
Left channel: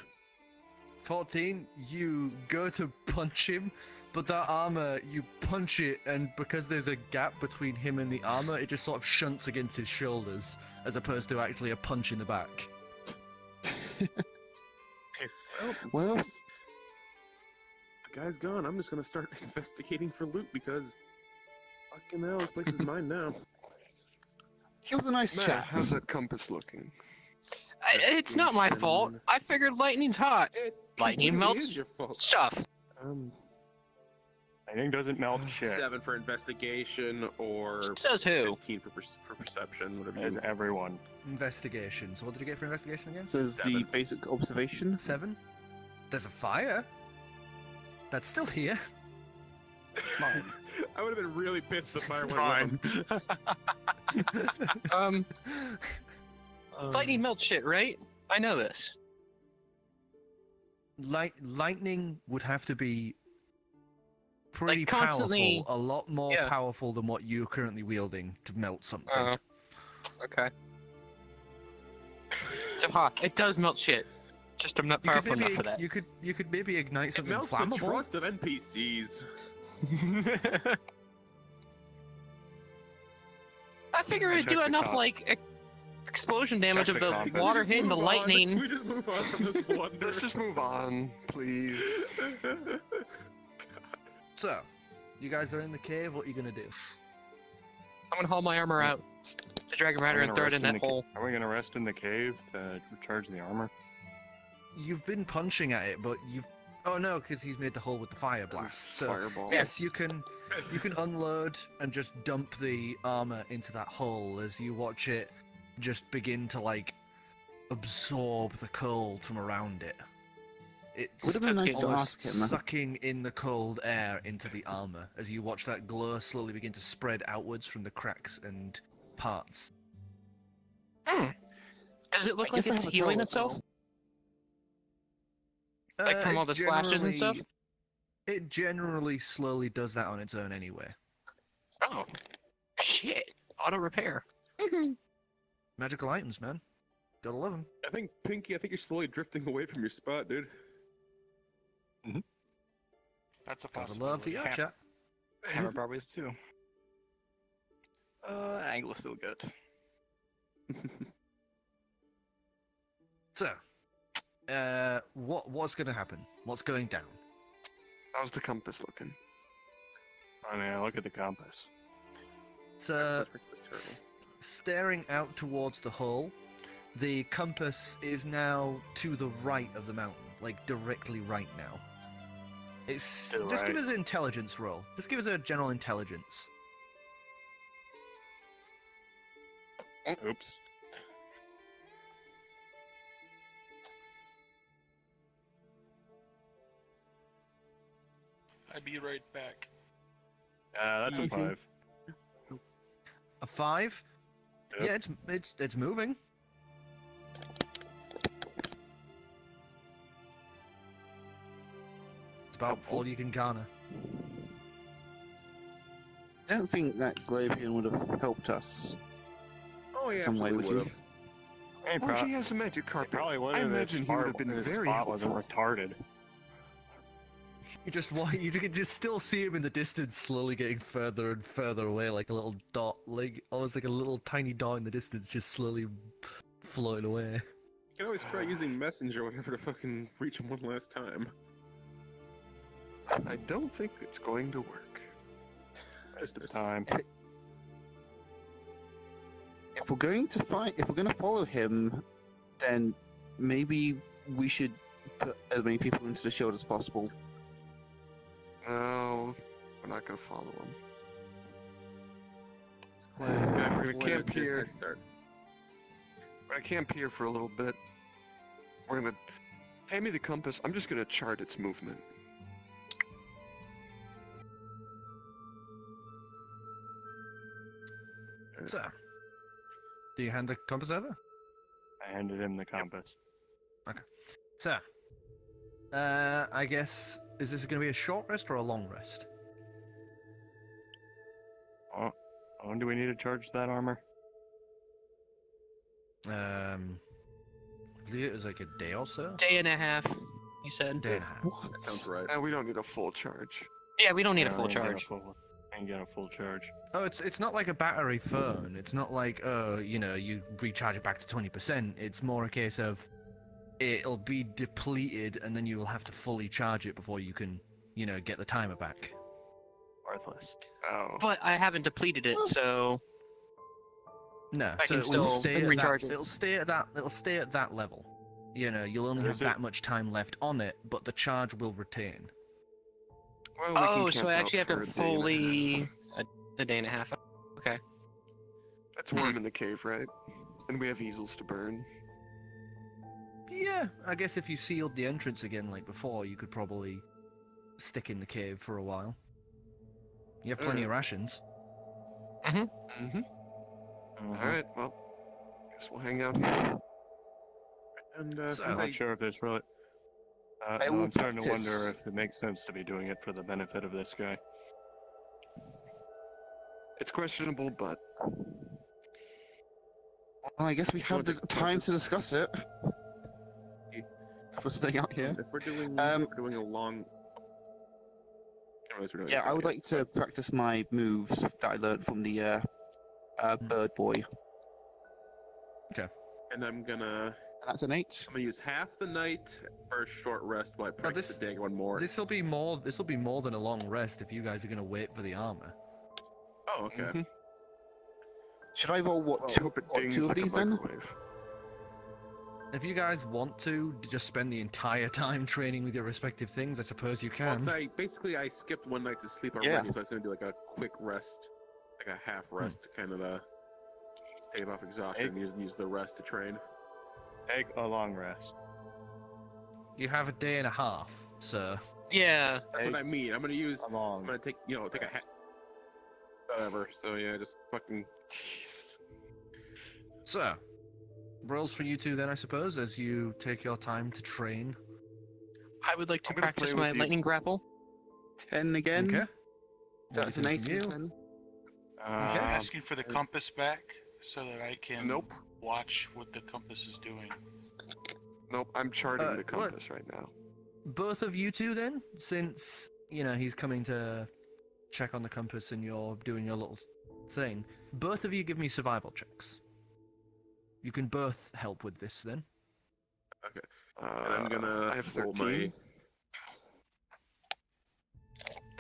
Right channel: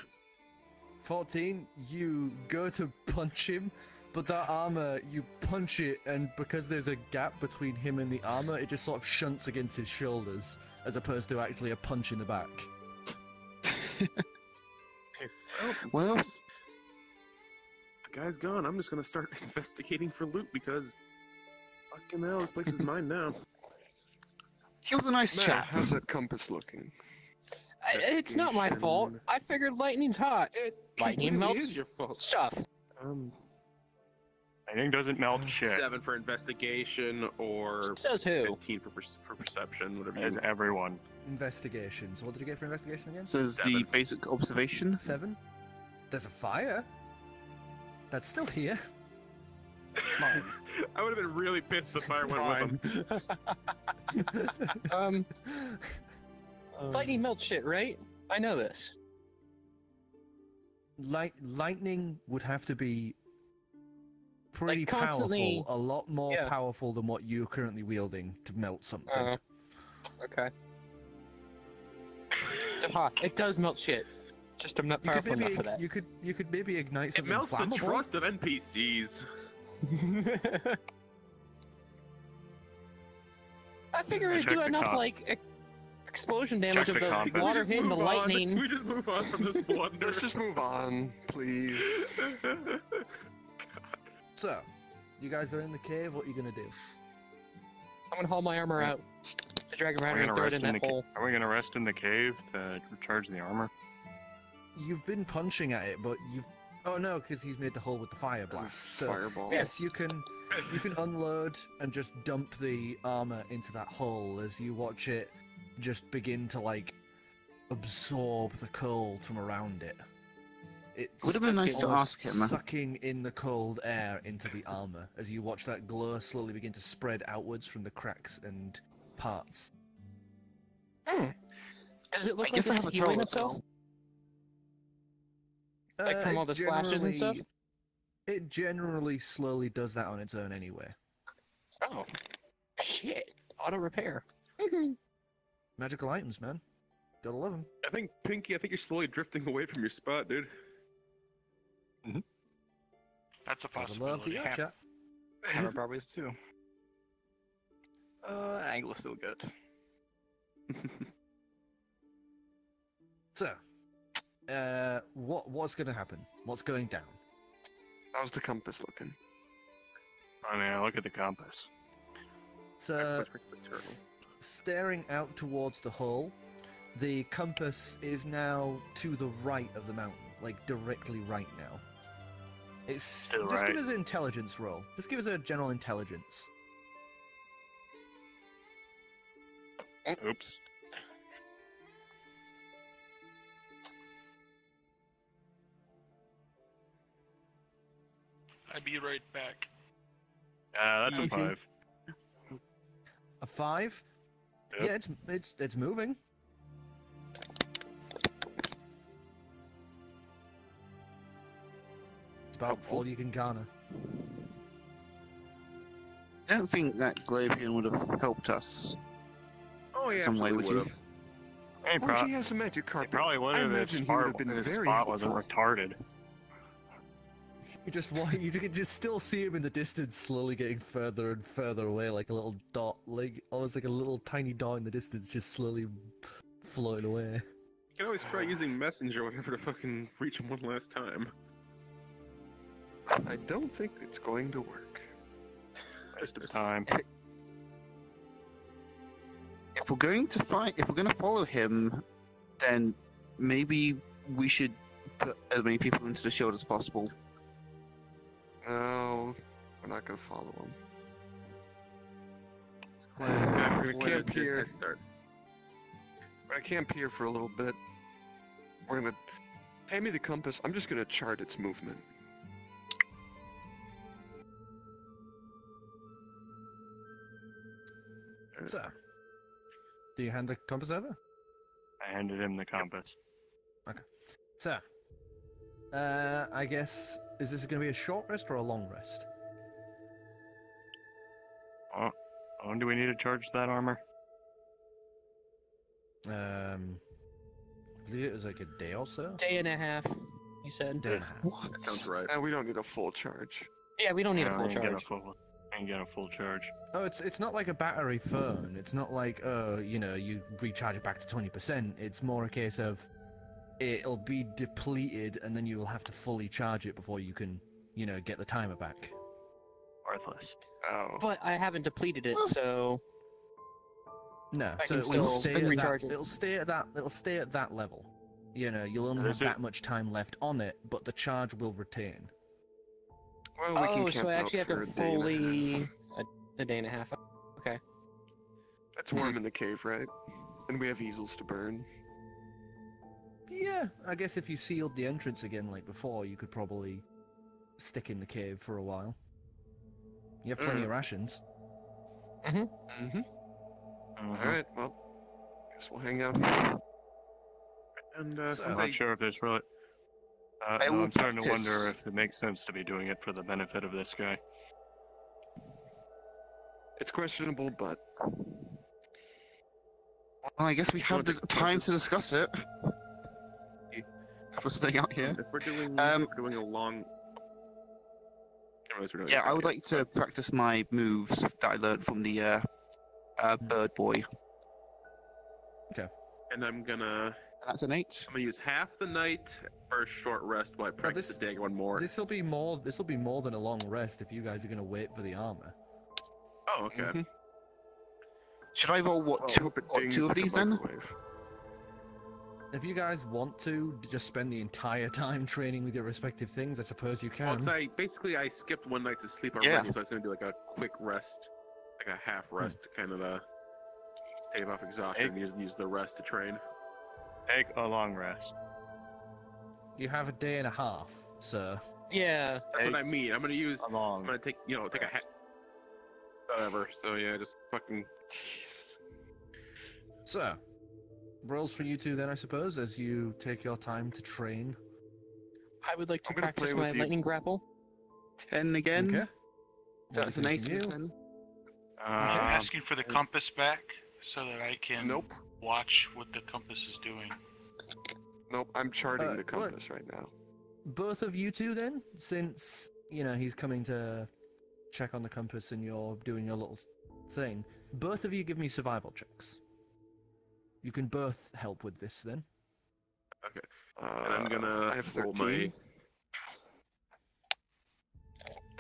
14, you go to punch him, but that armor, you punch it, and because there's a gap between him and the armor, it just sort of shunts against his shoulders, as opposed to actually a punch in the back. Well, the guy's gone. I'm just gonna start investigating for loot because fucking hell, this place is mine now. he was a nice Matt, chap. how's that compass looking? It's not my fault. I figured lightning's hot. Lightning It melts is your fault. stuff. Lightning doesn't melt shit. 7 for investigation or Says who? 15 for perception, whatever you As everyone. Investigation. So what did you get for investigation again? This is the basic observation. 7. There's a fire. That's still here. It's mine. I would have been really pissed if the fire went with him. Lightning melts shit, right? I know this. Lightning would have to be pretty Like, constantly- powerful, a lot more Yeah. powerful than what you're currently wielding to melt something. Okay. So hot. It does melt shit. Just I'm not You could powerful enough maybe- for that. You could maybe ignite It something melts the flammable. trust of NPCs. I figure I it'd do checked the enough, comp. like, explosion damage Check of the the compass. water hitting the lightning. We just move on from this blunder. Let's just move on, please. So, you guys are in the cave. What are you gonna do? I'm gonna haul my armor out to Dragon Are Rider we and gonna throw it rest in in that the hole. Are we gonna rest in the cave to recharge the armor? You've been punching at it, but you've. Oh no, because he's made the hole with the fire blast. So Fireball. yes, you can unload and just dump the armor into that hole as you watch it just begin to like absorb the cold from around it. It's Would have been nice to almost ask him. sucking in the cold air into the armor as you watch that glow slowly begin to spread outwards from the cracks and parts. Does it look I like guess I it's have a healing troll. itself? Like from all the slashes and stuff? It generally slowly does that on its own anyway. Oh. Shit. Auto repair. Magical items, man. Gotta love them. I think, Pinky, you're slowly drifting away from your spot, dude. That's a Gotta love the possibility. chat. Hammer probably is too. Angle is still good. So, what's gonna happen? What's going down? How's the compass looking? I mean, I look at the compass. So, staring out towards the hole, the compass is now to the right of the mountain, like directly right now. It's To the just give right. us an intelligence roll. Just give us a general intelligence. Oops. I'll be right back. That's a Okay. 5. A 5. Yep. Yeah, it's moving. It's about Helpful. all you can garner. I don't think that Glavian would have helped us Oh yeah, some way, would absolutely you? would've. Well, he has a magic carpet. Probably would I have. imagine he would have been very wasn't helpful. retarded. You can just still see him in the distance, slowly getting further and further away, like a little dot, like almost like a little tiny dot in the distance, just slowly floating away. You can always try using messenger or whatever to fucking reach him one last time. I don't think it's going to work. Waste of time. If we're going to follow him, then maybe we should put as many people into the shield as possible. No, we're not going to follow him. We're gonna camp here. We're going to camp here for a little bit. We're going to... Hand me the compass. I'm just going to chart its movement. So, do you hand the compass over? I handed him the compass. So, I guess, is this going to be a short rest or a long rest? How long do we need to charge that armor? I believe it was like a day or so? Day and a half, you said. Day and a half. That sounds right. And we don't need a full charge. Yeah, we don't need a No, full I ain't got charge. Ain't got a full charge. Oh, it's not like a battery phone. It's not like, you recharge it back to 20%. It's more a case of it'll be depleted and then you will have to fully charge it before you can, get the timer back. Worthless. Oh. But I haven't depleted it, so No, I so can still recharge it. It'll stay at that level. You'll only have Is it? that much time left on it, but the charge will retain. Well, we can oh, so camp I actually out have for to a day and a fully half. a day and a half. Okay. It's warm in the cave, right? And we have easels to burn. Yeah, I guess if you sealed the entrance again like before, you could probably stick in the cave for a while. You have plenty of rations. Mm-hmm. Alright, well, guess we'll hang out here. And So- I'm since I not sure if there's really. I will I'm starting to practice. wonder if it makes sense to be doing it for the benefit of this guy. It's questionable, but Well, I guess we have the time to discuss it. If we're staying out here. if we're doing a long. I realize we're doing Yeah, it. I would like to practice my moves that I learned from the bird boy. And I'm gonna And that's an 8. use half the night for a short rest while I practice this- the day one more. This will be more than a long rest if you guys are going to wait for the armor. Oh, okay. Mhm. Should I roll I two hope it what, dings two of like a these then? microwave. If you guys want to just spend the entire time training with your respective things, I suppose you Well, can. 'cause I skipped one night to sleep already, Yeah. so I was gonna do like a quick rest, like a half rest, to kind of stave off exhaustion and use the rest to train. Take a long rest. You have a day and a half, so Yeah. That's what I mean. I'm gonna A I'm long. gonna take a half. Whatever. So yeah, just fucking. Jeez. So, rolls for you two then, I suppose, as you take your time to train. I would like to I'm gonna practice play my with you. lightning grapple. 10 again. Okay. That's an One 8 from and you. 10. I'm Um, asking for the compass back so that I can Nope. watch what the compass is doing. Nope, I'm charting the What? compass right now. Both of you two then, since, he's coming to check on the compass and you're doing your little thing, both of you give me survival checks. You can both help with this then. I'm gonna. I have roll 13. my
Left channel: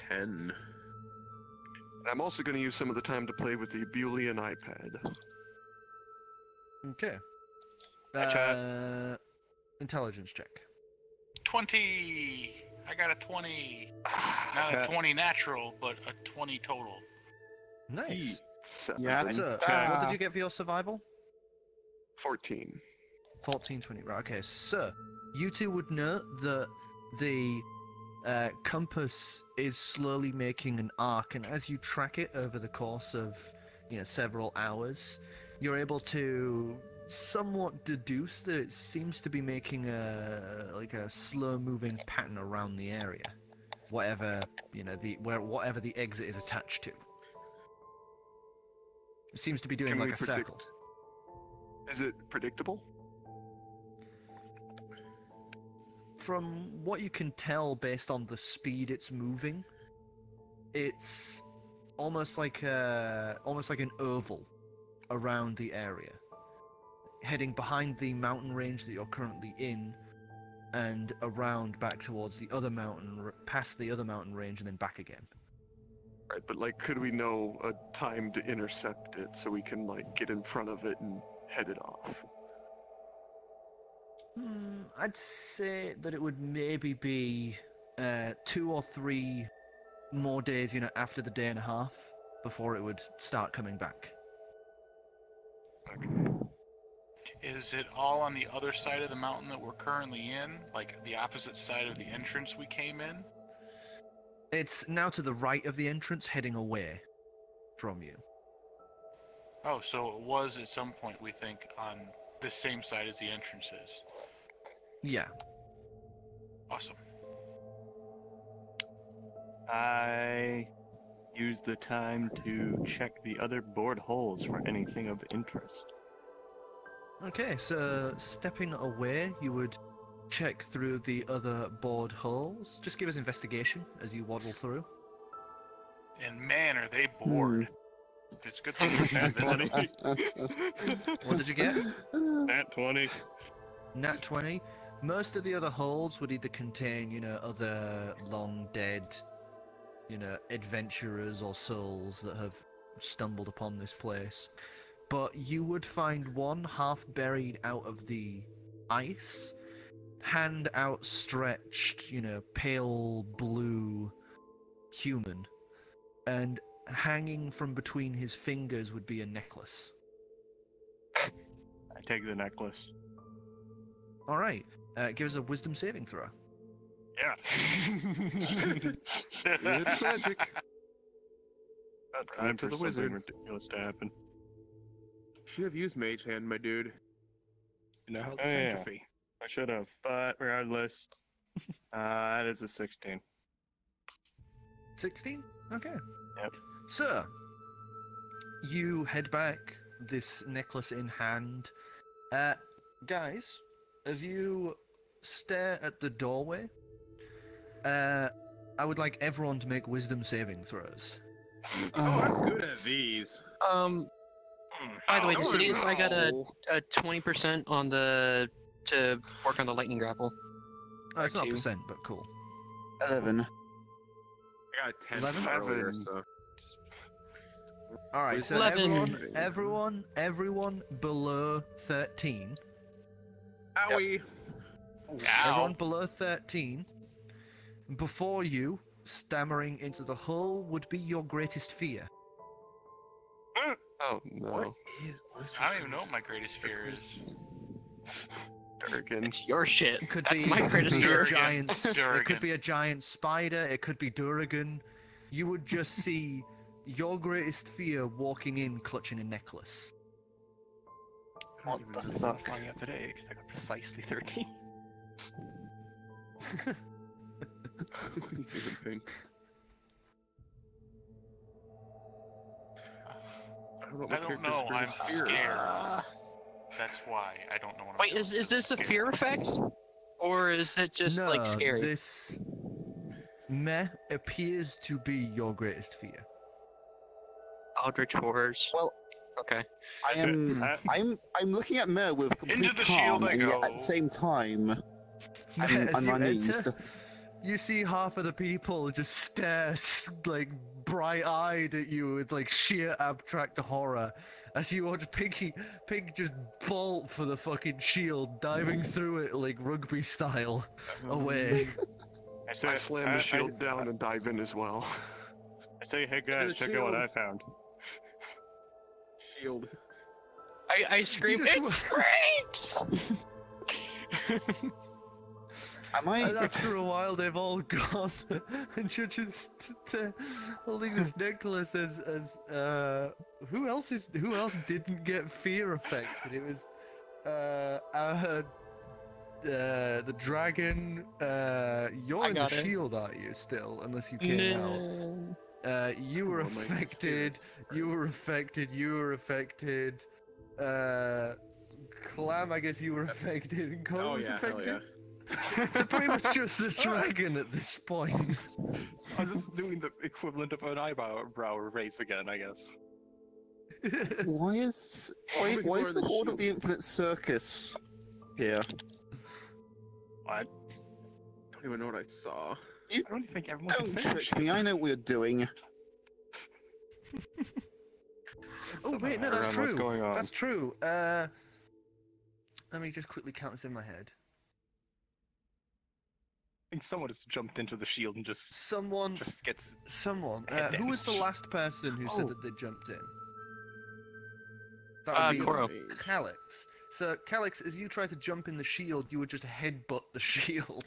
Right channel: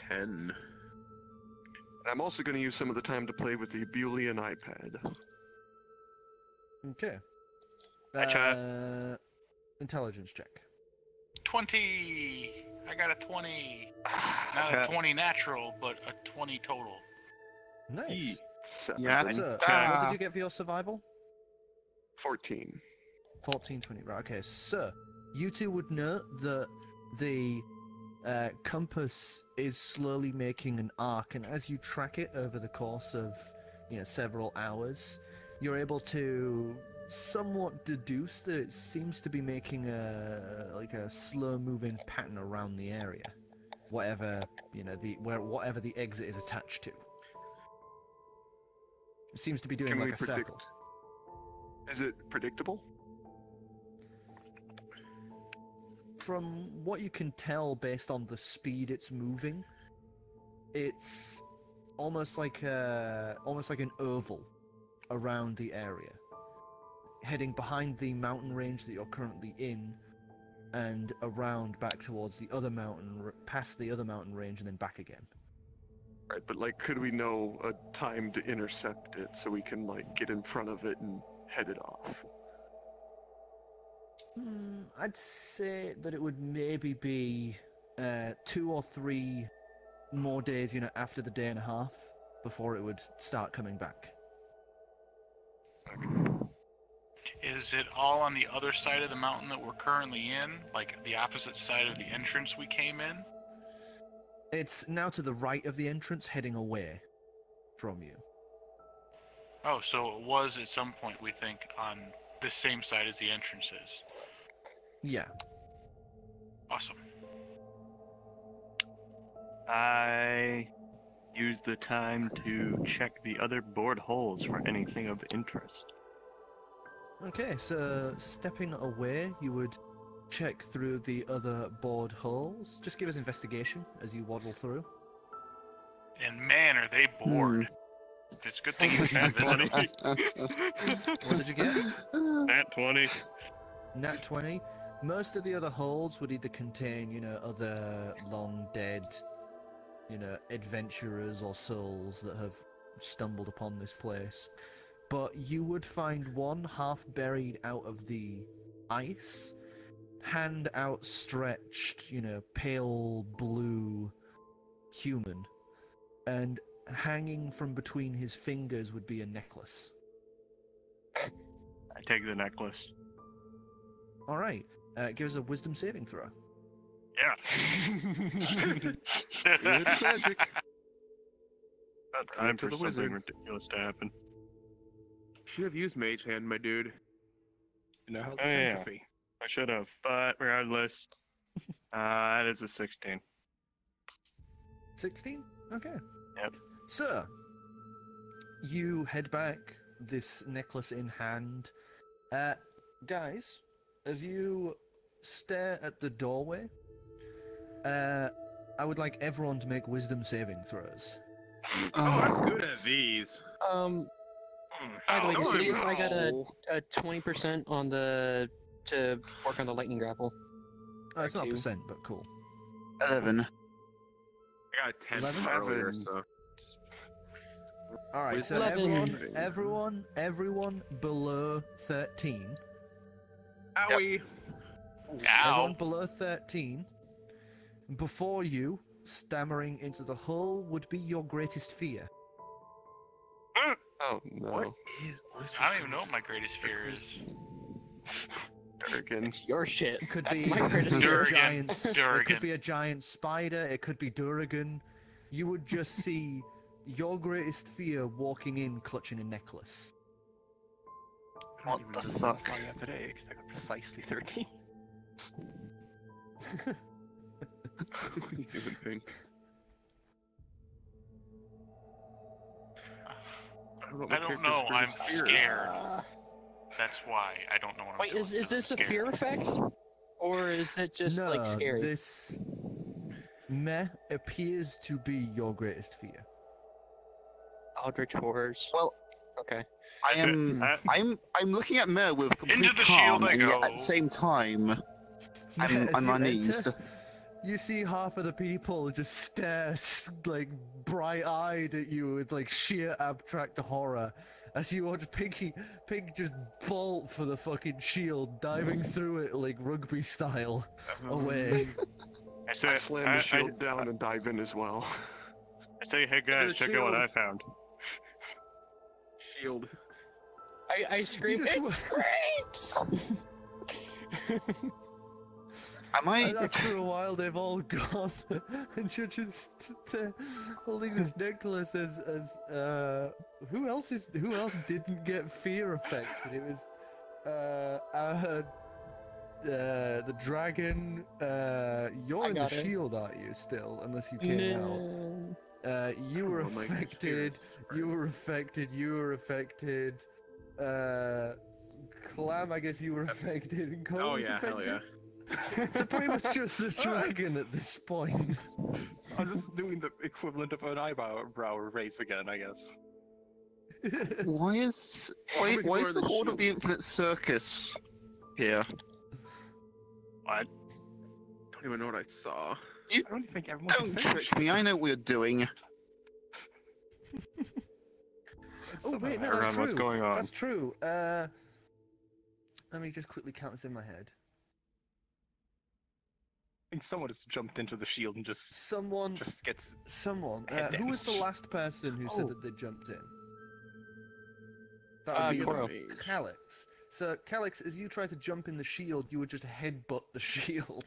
10. I'm also going to use some of the time to play with the Abulian iPad. Okay. Gotcha. Intelligence check. 20! I got a 20. Not a 20 natural, but a 20 total. Nice. 7. Yeah, So, what Ah. did you get for your survival? 14. 14, 20. Right, okay. So, you two would note that the compass is slowly making an arc, and as you track it over the course of, several hours, you're able to somewhat deduce that it seems to be making a slow-moving pattern around the area, whatever the exit is attached to. It seems to be doing Can like we a predict? circle. Is it predictable? From what you can tell based on the speed it's moving, it's almost like an oval around the area, heading behind the mountain range that you're currently in, and around back towards the other mountain, past the other mountain range, and then back again. Right, but like, could we know a time to intercept it so we can like get in front of it and head it off? I'd say that it would maybe be 2 or 3 more days, after the day and a half, before it would start coming back. Okay. Is it all on the other side of the mountain that we're currently in? Like the opposite side of the entrance we came in? It's now to the right of the entrance, heading away from you. Oh, so it was at some point, we think, on this same side as the entrance is. Yeah. Awesome. I use the time to check the other bored holes for anything of interest. Okay, so stepping away, you would check through the other bored holes. Just give us investigation as you waddle through. And man, are they bored. It's a good thing you can't visit them. What did you get? Nat 20. Nat 20. Most of the other holes would either contain, other long dead, adventurers or souls that have stumbled upon this place. But you would find one half buried out of the ice, hand outstretched, pale blue human, and hanging from between his fingers would be a necklace. I take the necklace. Alright, give us a wisdom saving throw. Yeah. It's magic. Time to for the something wizard. ridiculous to happen. Should have used Mage Hand, my dude. You know how Oh, yeah. entropy. I should have, but regardless, that is a 16. 16? Okay. Yep. So, you head back, this necklace in hand. Guys, as you stare at the doorway, I would like everyone to make wisdom saving throws. Oh, I'm good at these. By the way, to see this, no. I got a 20% on the to work on the lightning grapple. Oh, it's not Or two. percent, but cool. 11. I got a 10 earlier, so. Alright, so 11. everyone below 13. Owie! Everyone below 13. Before you, stammering into the hull, would be your greatest fear. Oh no. I don't even know what my greatest fear is. Durgan. It's your shit. It could That's be, my it could greatest be a fear. Durgan. giant. It Durgan. could be a giant spider. It could be Durgan. You would just see your greatest fear walking in, clutching a necklace. What the fuck? Long out today, because I got precisely 13. Even think. I don't know, I'm scared. That's why I don't know what I'm Wait, is this a scared. fear effect? Or is it just, no, like, scary? This meh appears to be your greatest fear. Eldritch horrors. Well, Okay. I'm looking at Mer with complete Into the calm, shield I and yet go. at the same time, As I'm you uneased. enter, you see half of the people just stare, like, bright-eyed at you with, like, sheer abstract horror. As you watch Pink just bolt for the fucking shield, diving through it, like, rugby style, away. I slam the shield down and dive in as well. I say, hey guys, check out what I found. Shield. I scream, it's Frakes! Am I? And after a while, they've all gone, and you're just holding this necklace as who else didn't get fear affected? It was the dragon. You're in the shield, aren't you? Still, unless you came out. You were affected. You were affected. You were affected. Clam, I guess you were affected. And Korro was affected. Hell yeah. So pretty much just the dragon at this point. I'm just doing the equivalent of an eyebrow raise again, I guess. Why is the Horde of the Infinite Circus here? I don't even know what I saw. I don't think everyone Don't can finish. trick me, I know what you're doing. Oh wait, no, that's true. What's going on? That's true. Let me just quickly count this in my head. I think someone just jumped into the shield and just gets. Someone. head Who was the damage. last person who said that they jumped in? That would be Korro. Calix. So, Calix, as you try to jump in the shield, you would just headbutt the shield.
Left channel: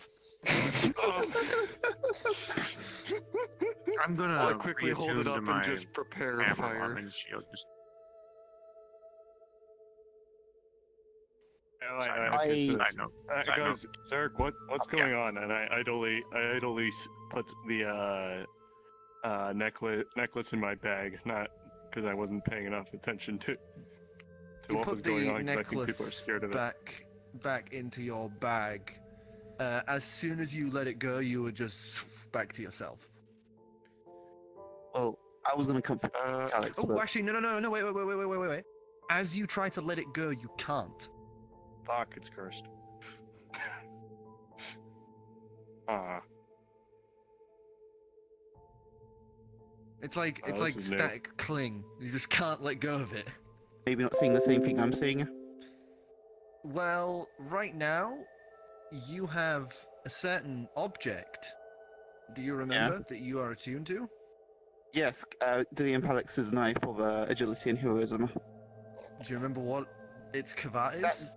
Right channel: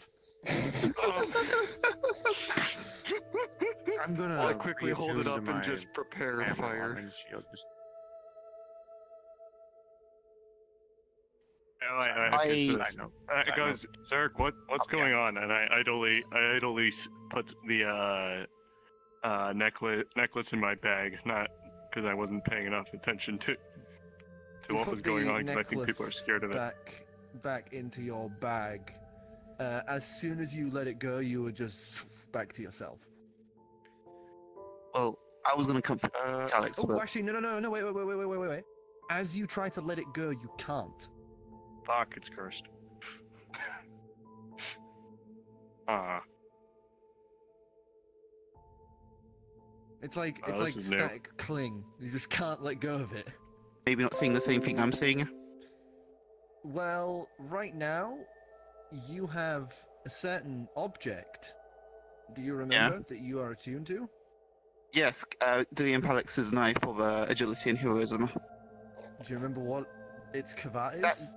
I'm gonna. I'll quickly hold it reattune up to and my just prepare a fire. Afromana shield. Just... Guys, Zerk, what's going on? And I idly put the necklace in my bag, not because I wasn't paying enough attention to what was going on, because I think people are scared of it. Back into your bag. As soon as you let it go, you were just back to yourself. Well, I was gonna come for Calix, Oh, but actually, no, wait. As you try to let it go, you can't. Fuck, it's cursed. It's like this is new. static cling. You just can't let go of it. maybe not seeing the same thing I'm seeing. Well, right now, you have a certain object. Do you remember that you are attuned to? Yes, Dillian Palix's knife of agility and heroism. Do you remember what its kavat is?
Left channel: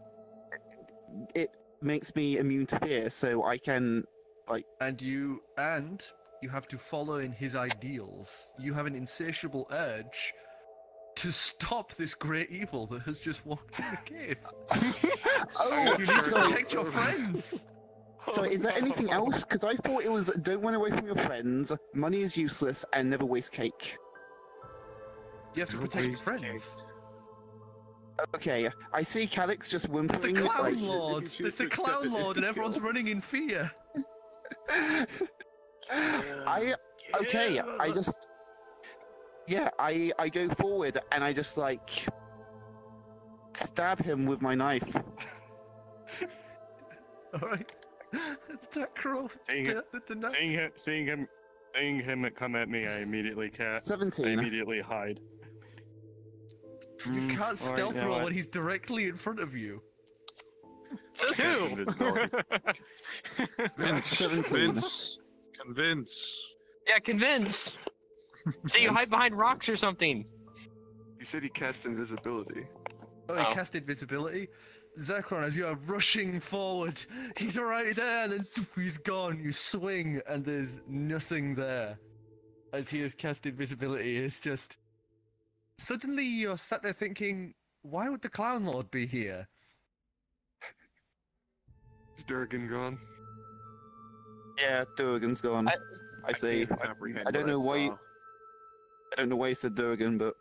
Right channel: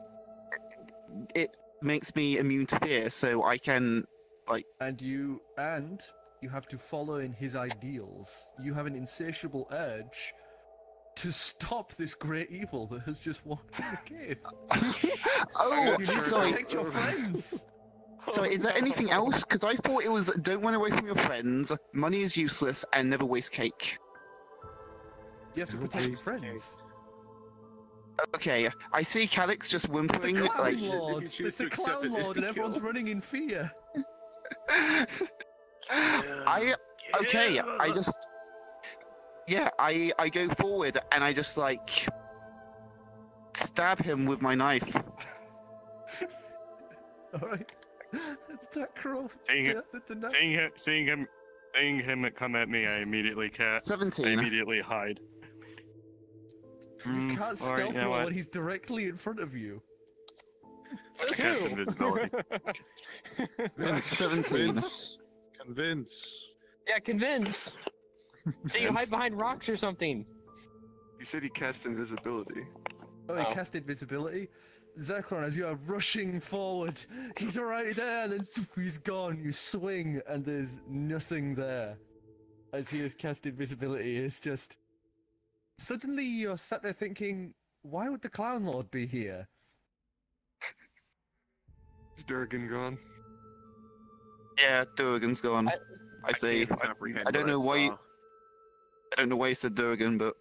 It makes me immune to fear, so I can, like... And you have to follow in his ideals. You have an insatiable urge to stop this great evil that has just walked in the cave. Oh, you need to sorry. protect your friends. So is there anything else? Because I thought it was don't run away from your friends, money is useless, and never waste cake. You have to protect your friends. Okay, I see Calix just whimpering. It's the Clown like... Lord. It's the Clown Lord, and everyone's running in fear. I just... Yeah, I go forward, and I just, like... stab him with my knife. Alright. Seeing him come at me, I immediately 17. I immediately hide. You can't stealth roll when he's directly in front of you. Says who? 17. Convince. Yeah, convince. So you hide behind rocks or something. He said he cast invisibility. Oh, he cast invisibility? Zircron, as you are rushing forward, he's right there, and then he's gone. You swing, and there's nothing there. As he has cast invisibility, it's just... Suddenly you're sat there thinking, why would the Clown Lord be here? Is Durgan gone? Yeah, Durgan's gone. I say. I don't know why. I don't know why you said Durgan, but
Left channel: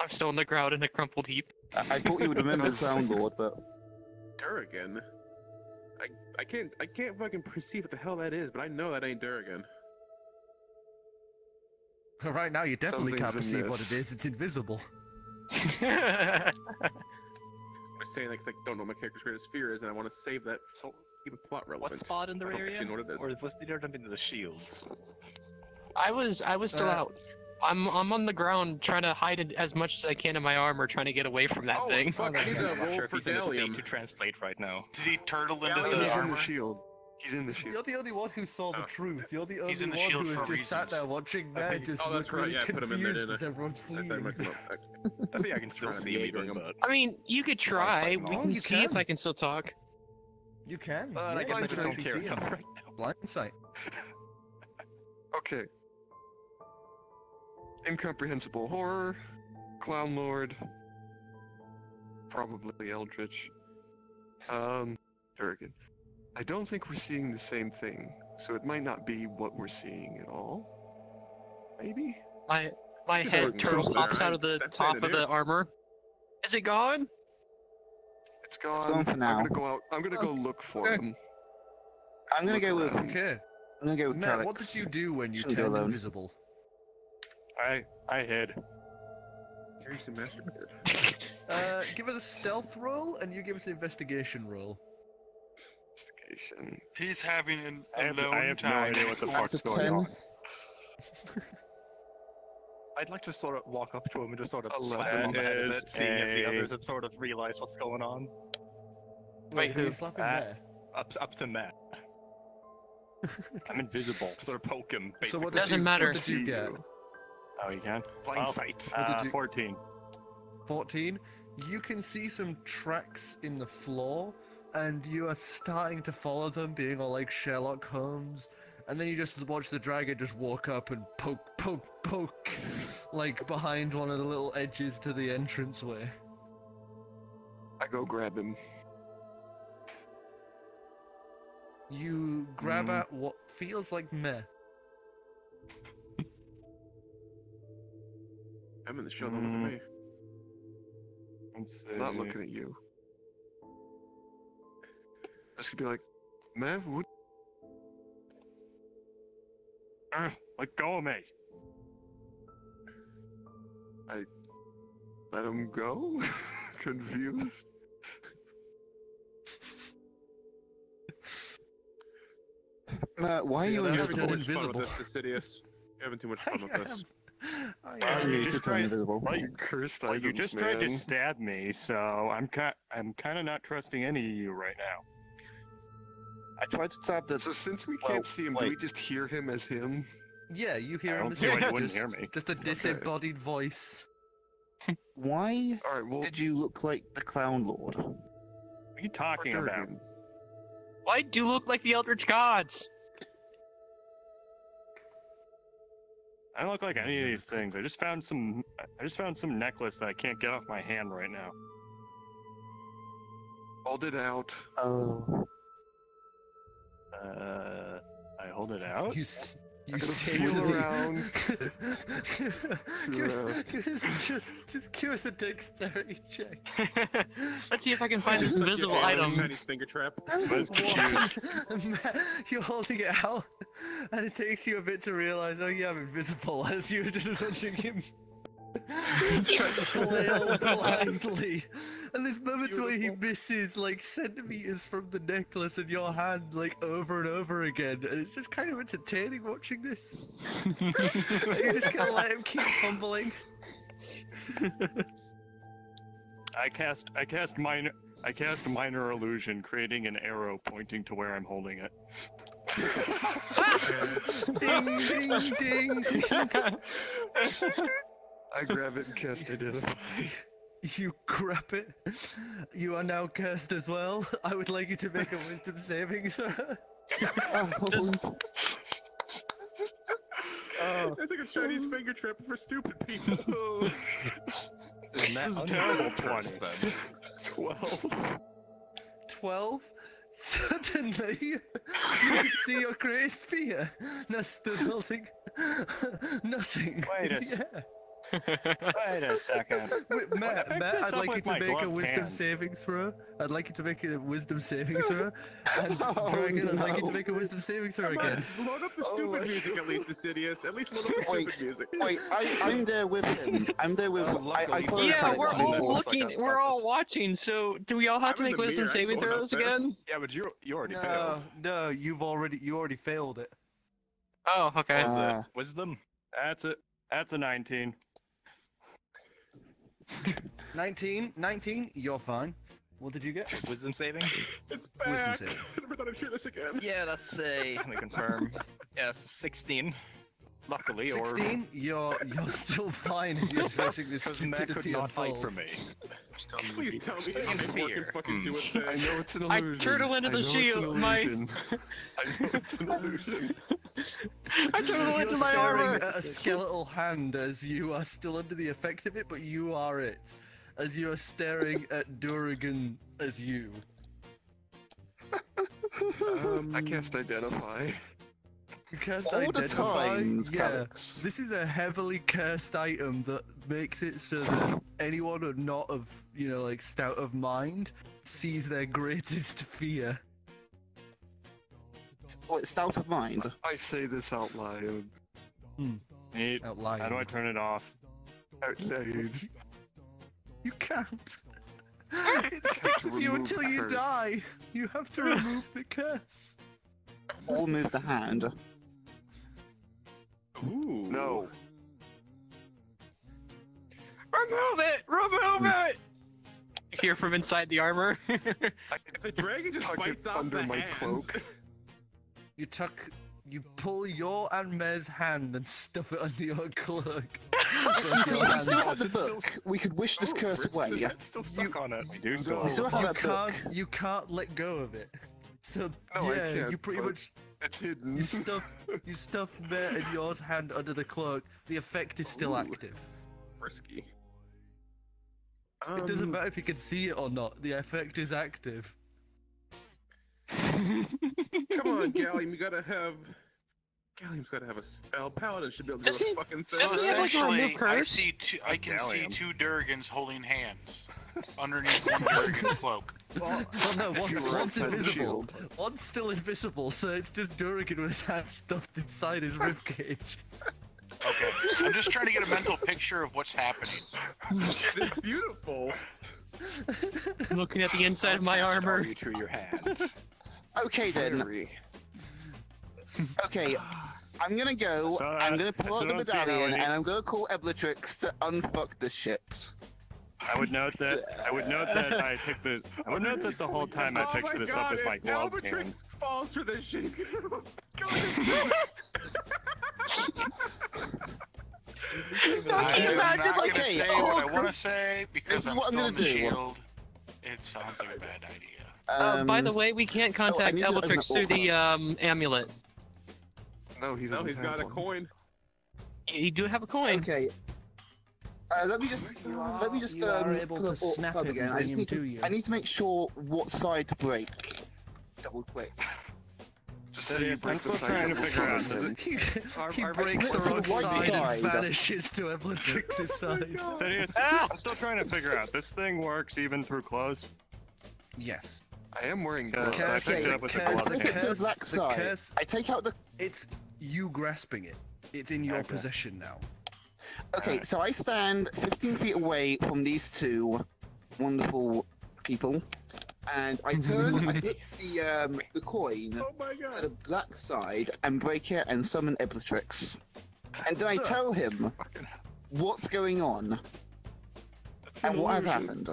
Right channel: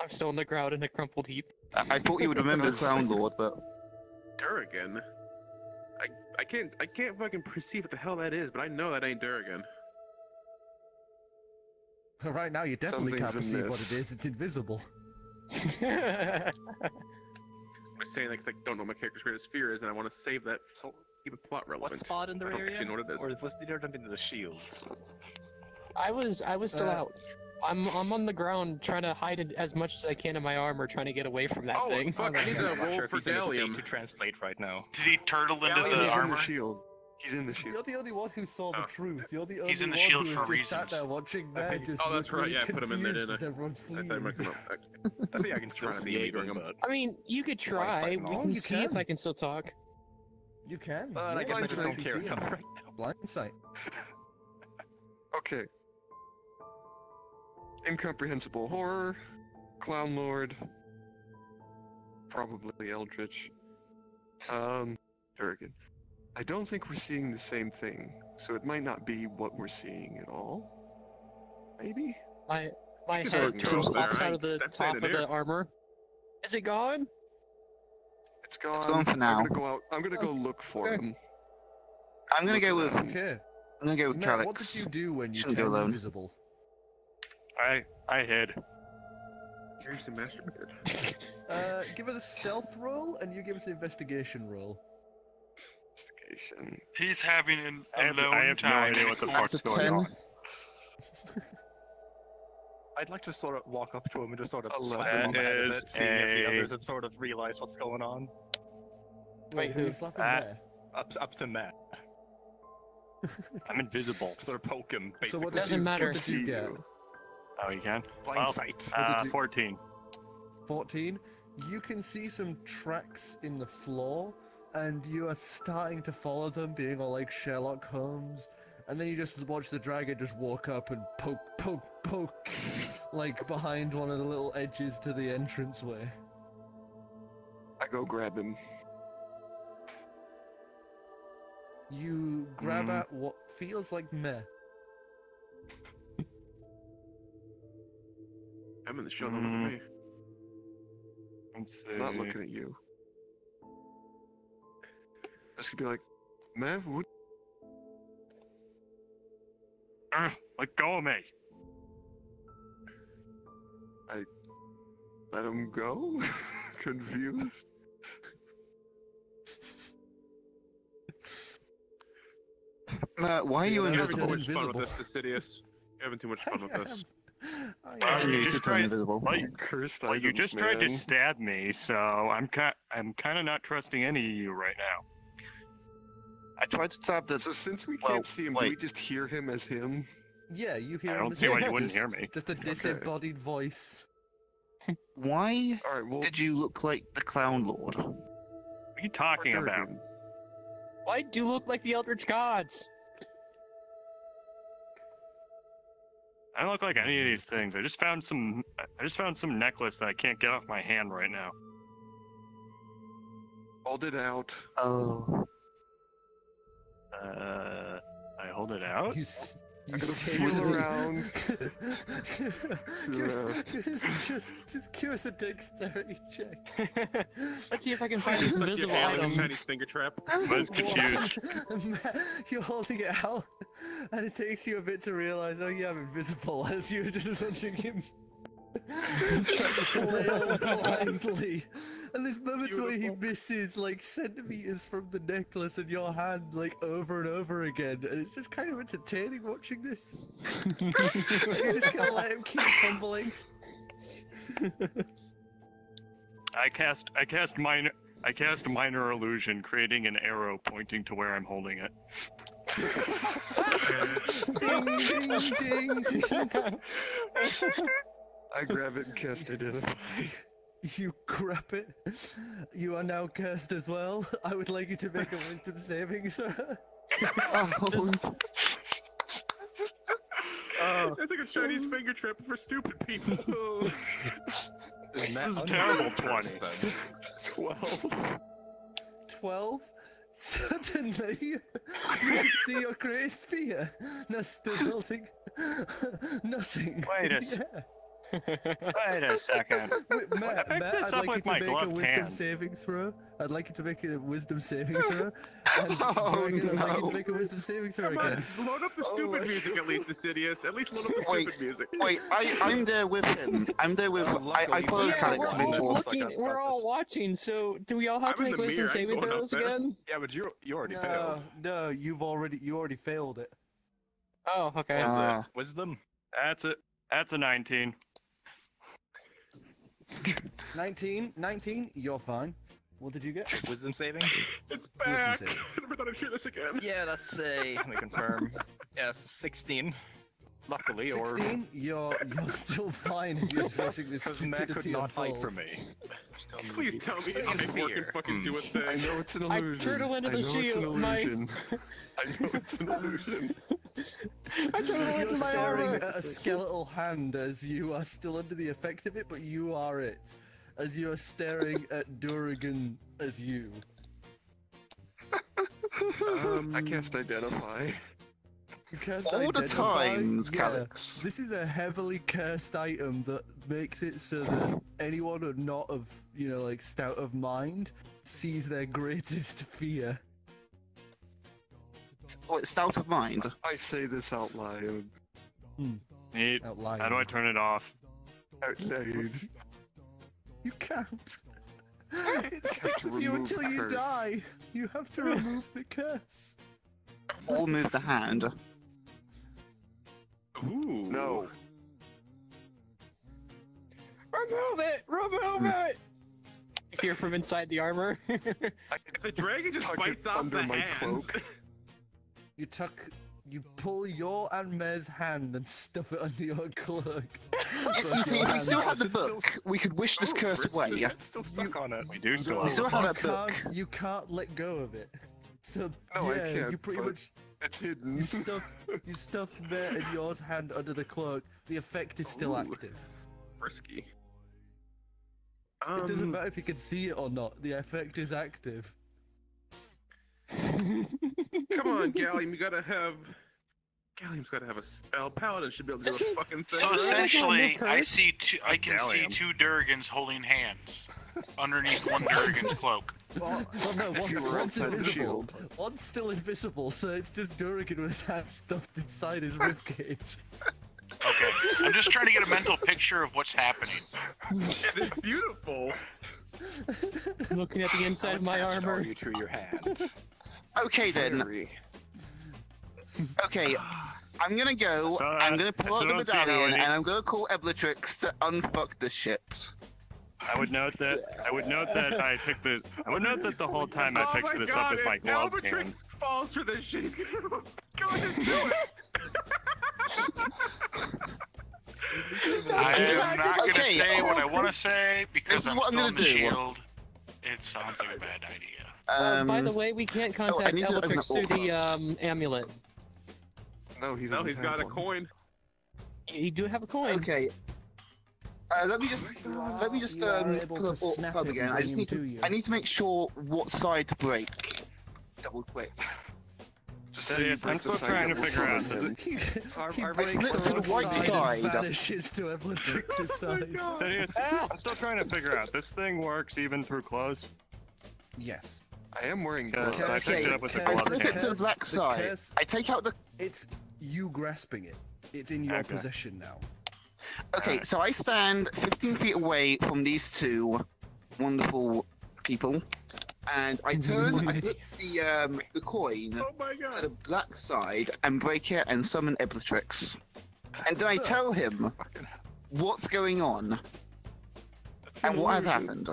I'm still on the ground in a crumpled heap. I thought you would remember the Clown Lord, but Durgan? I can't fucking perceive what the hell that is, but I know that ain't Durgan. Right now you definitely can't Something's perceive what amiss. it is, it's invisible. I was saying like, 'cause I don't know what my character's greatest fear is, and I want to save that so keep it plot relevant. What spot in the I don't area? actually know what it is. Or was the jump into the shield? I was still out. I'm on the ground trying to hide it as much as I can in my armor, trying to get away from that thing. Fuck, I need I'm to not roll sure if for he's in a state Gallium. to translate right now. Did he turtle into Yeah, the He's in armor? the shield. He's in the shield. You're the only one who saw the truth. You're the only He's in the one shield who for has just sat reasons. there watching I there think- just oh, that's look right, really yeah, I put him in there, confused didn't I? as everyone's I thought I might fleeing. come up. I think I can still Trying to see him, meet him. but I mean, you could try. fight We him can You see if can. I can still talk. You can. But I guess I just don't care see enough him. right now. Blind sight. Okay. Incomprehensible horror, clown lord, probably eldritch. Durgan. I don't think we're seeing the same thing, so it might not be what we're seeing at all. Maybe? My So- head so- turns so- off out of the That's top it of the here. armor. Is it gone? It's gone. gone for I'm now. gonna go out. I'm gonna go look for him. I'm gonna Look go with. around. Okay. I'm gonna go with Matt, what did Calix. you do when you Shouldn't go turned alone. invisible? I hid. Here's some master. Give us a stealth roll, and you give us an investigation roll. Investigation. He's having I a have, lone I have no time. idea what the That's fuck's a going 10. on. I'd like to sort of walk up to him and just sort of 11 slap him on the head a is bit, seeing if the a- others have sort of realized what's going on. Wait, who? who? Slap him Ah. there. Up to Matt. I'm invisible. Sort of poke him, So basically. what did Doesn't you, matter. What did you See get? you. Oh, you can? Blind Well, sight. What did you- 14. 14. You can see some tracks in the floor, and you are starting to follow them, being all like Sherlock Holmes. And then you just watch the dragon just walk up and poke, like behind one of the little edges to the entranceway. I go grab him. You grab at what feels like meh. I'm in the show. Don't look at me. Let's see. I'm not looking at you. Just gonna be like, man, what? Let go of me. Let him go? Confused? Matt, why are you Yeah, You're that's having too invisible? much fun with invisible. this, Fastidious. You're having too much fun with this. I You knew you just could turn tried- invisible. Well, You cursed well, you items, just man. tried to stab me, so I'm kind of not trusting any of you right now. I tried to stab the. So since we Well, can't see him, do we wait. just hear him as him? Yeah, you hear I him don't as see why well, you wouldn't just- hear me. Just a disembodied voice. Why Alright, well, did you look like the Clown Lord? What are you talking about? Durgan. Why do you look like the Eldritch Gods? I don't look like any of these things. I just found some necklace that I can't get off my hand right now. Hold it out. Oh. I hold it out. I'm gonna say feel it. around. just give us a dexterity check. Let's see if I can find this It's like invisible your item. Chinese finger trap. Let's confused. You're holding it out, and it takes you a bit to realize, oh yeah, I'm invisible, as you're just watching him flail blindly. And there's moments where he misses like centimeters from the necklace in your hand, like over and over again, and it's just kind of entertaining watching this. You're just gonna let him keep fumbling. I cast minor illusion, creating an arrow pointing to where I'm holding it. Ding, ding, ding. I grab it and cast Identify. You grab it. You are now cursed as well. I would like you to make a wisdom saving throw. It's like a Chinese finger trap for stupid people. Isn't that This is unfair terrible curse, then? 12. 12? Suddenly, you can see your greatest fear. Now still holding nothing. Wait a Yeah. Wait a second. Wait, Matt, I picked I'd this up like you with to my make a gloved wisdom hand. saving throw. I'd like you to make a wisdom saving throw. And Oh, Dragon, I'd like you no. to make a wisdom saving throw Come again. on, load up the Oh stupid my music at least, Assidious. At least load up the Wait, stupid music. Wait, I'm there with him. I'm there with. Oh, I luckily, follow Yeah, Calix we're Calix all before. looks like looking. a We're all purpose. watching. So, do we all have to I'm in make the wisdom mirror, I ain't saving going throws up there. again? Yeah, but you already No, failed. no, you already failed it. Oh, okay. What was Uh, it? Wisdom? That's it. That's a 19. 19, you're fine. What did you get? Wisdom saving? It's back. saving. I never thought I'd hear this again. Yeah, that's a. Let me confirm. Yes, 16. Luckily, or 16, you're still fine as you're watching this Because Meh could stupidity not hide unfold. from me. please tell me In Ivor fear. can fucking do it. I know it's an I illusion. turtle into I the know it's an shield, my- illusion. I know it's an illusion. I turtle You're into my staring armor! at a skeletal hand as you are still under the effect of it, but you are it. As you are staring at Duragan as you. I cast Identify. You can't All the identify- times, yeah. Calix. This is a heavily cursed item that makes it so that anyone who not of, like, stout of mind sees their greatest fear. Oh, it's stout of mind. I say this out loud. Neat. Out loud. How do I turn it off? Out loud. You can't. have It sticks to with you remove until the you curse. die. You have to remove the curse. Or move the hand. Ooh. No. Remove it! Remove it! You hear from inside the armor. If the dragon just Tuck it bites off under the my hands, cloak. You pull your and Meh's hand and stuff it under your cloak. You see, if we still had the book, we could wish this curse away. It's still stuck on it. We do still. We still have that book. You can't let go of it. So No, I yeah, can't, you pretty but- much It's hidden. you stuff Meh and yours hand under the cloak. The effect is still Ooh. active. Risky. It doesn't matter if you can see it or not. The effect is active. Come on, Gallium, you gotta have. Gallium's gotta have a spell. Paladin should be able to Does do a he- fucking So thing. Does he have a essentially, remove I curse? see I can see Gallium. two Durgans holding hands underneath one Durgan's cloak. Well, no, If you were one's outside the invisible. shield. One's still invisible, so it's just Duragan with his hand stuffed inside his ribcage. Okay, I'm just trying to get a mental picture of what's happening. It's beautiful. Looking at the inside of my How armor. you through your hand. Okay then. Fiery. Okay. I'm gonna go. So, I'm gonna pull I out the still don't see how medallion, any- and I'm gonna call Eblatrix to unfuck the shit. I would note that I picked the. I would note that the whole time I Oh picked my this god, up with my if gloved Albatrix hands. falls for this shit, he's gonna go and do it. I am not going to Okay, say what I want to say because This is I'm what I'm still gonna in the do. shield. It sounds like a bad idea. By the way, we can't I contact need to open Eldrix the through the amulet. No, he No, doesn't he's have got a one. coin. You do have a coin. Okay. Let me just You are able pull to up snap up it again. and I just bring need him to. to you. I need to make sure what side to break. Double quick. Just say you break I'm the still trying side to that will figure out, summon him. He Our breaks flip to the one right side side. and vanishes to Eblatrix's side. Serious? I'm still trying to figure out. This thing works even through clothes. Yes. I am wearing Because gloves. I picked it up with the Okay, I gloved flip it hands. to the black side. curse- I take out the. It's you grasping it. It's in your Okay. possession now. Okay, so I stand 15 feet away from these two wonderful people, and I turn. I flip the coin Oh my to god. the black side and break it and summon Eblatrix. And then I tell him what's going on It's an and what has illusion. happened.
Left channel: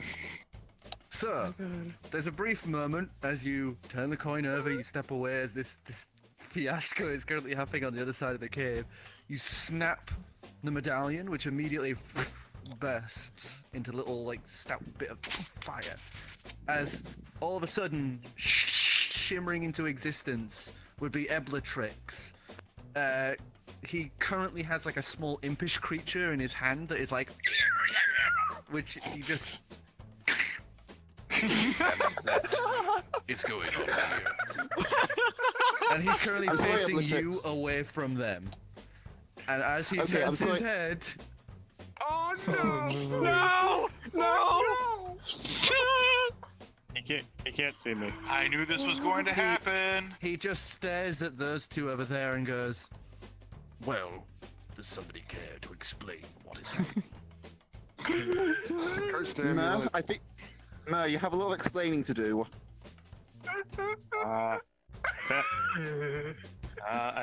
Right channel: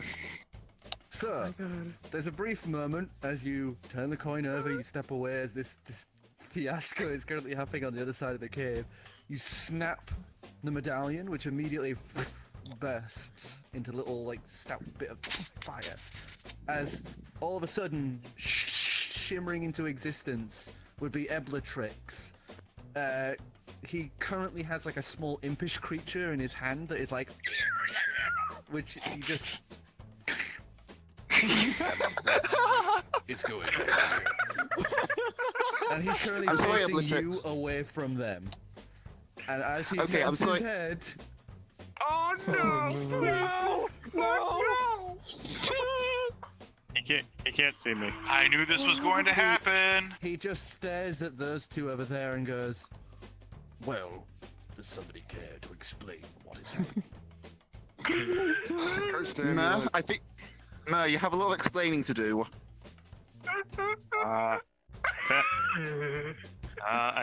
So, there's a brief moment as you turn the coin over, you step away as this fiasco is currently happening on the other side of the cave. You snap the medallion, which immediately bursts into a little, like, stout bit of fire. As all of a sudden, shimmering into existence would be Eblatrix. He currently has, like, a small impish creature in his hand that is like... which he just... It's going on here. And he's currently I'm sorry, facing you Eblatrix. away from them. And as he Okay, I'm turns his sorry. head, Oh no! No! No! He can't see me. I knew this was going to happen. he just stares at those two over there and goes, "Well, does somebody care to explain what is happening?" Cursed Mer, amulet. I think. Mer, you have a lot of explaining to do. I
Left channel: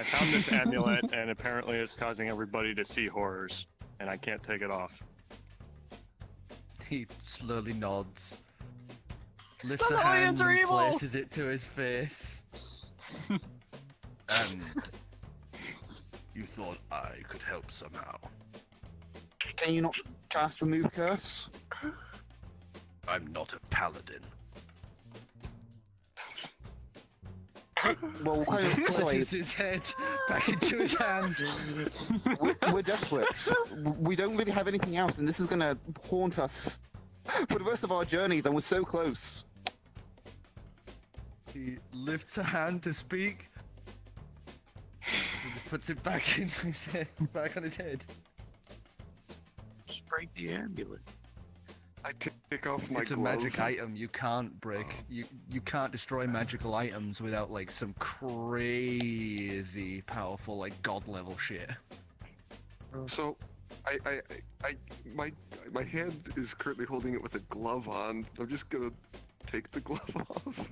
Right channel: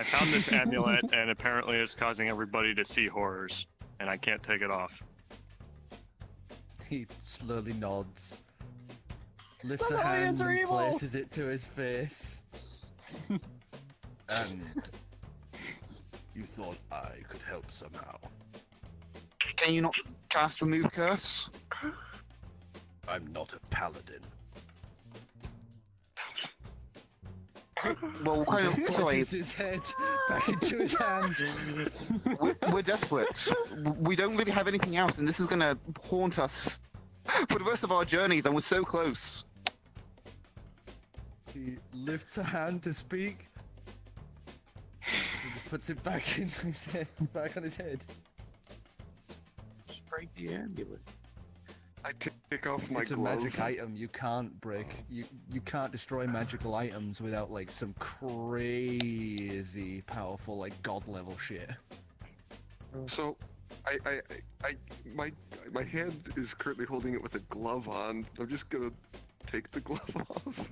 found this amulet, and apparently it's causing everybody to see horrors, and I can't take it off. He slowly nods, lifts The a hand lions are and evil! places it to his face. And You thought I could help somehow. Can you not cast Remove Curse? I'm not a paladin. Well, kind of. Sorry, Tosses his head back into his hand. we're desperate. We don't really have anything else, and this is gonna haunt us for the rest of our journeys, and we're so close. He lifts a hand to speak. He puts it back in his head, back on his head. Just break the amulet. I take off my It's a glove. magic item. You can't break. You can't destroy magical items without like some crazy powerful like god level shit. So, my hand is currently holding it with a glove on. I'm just gonna take the glove off.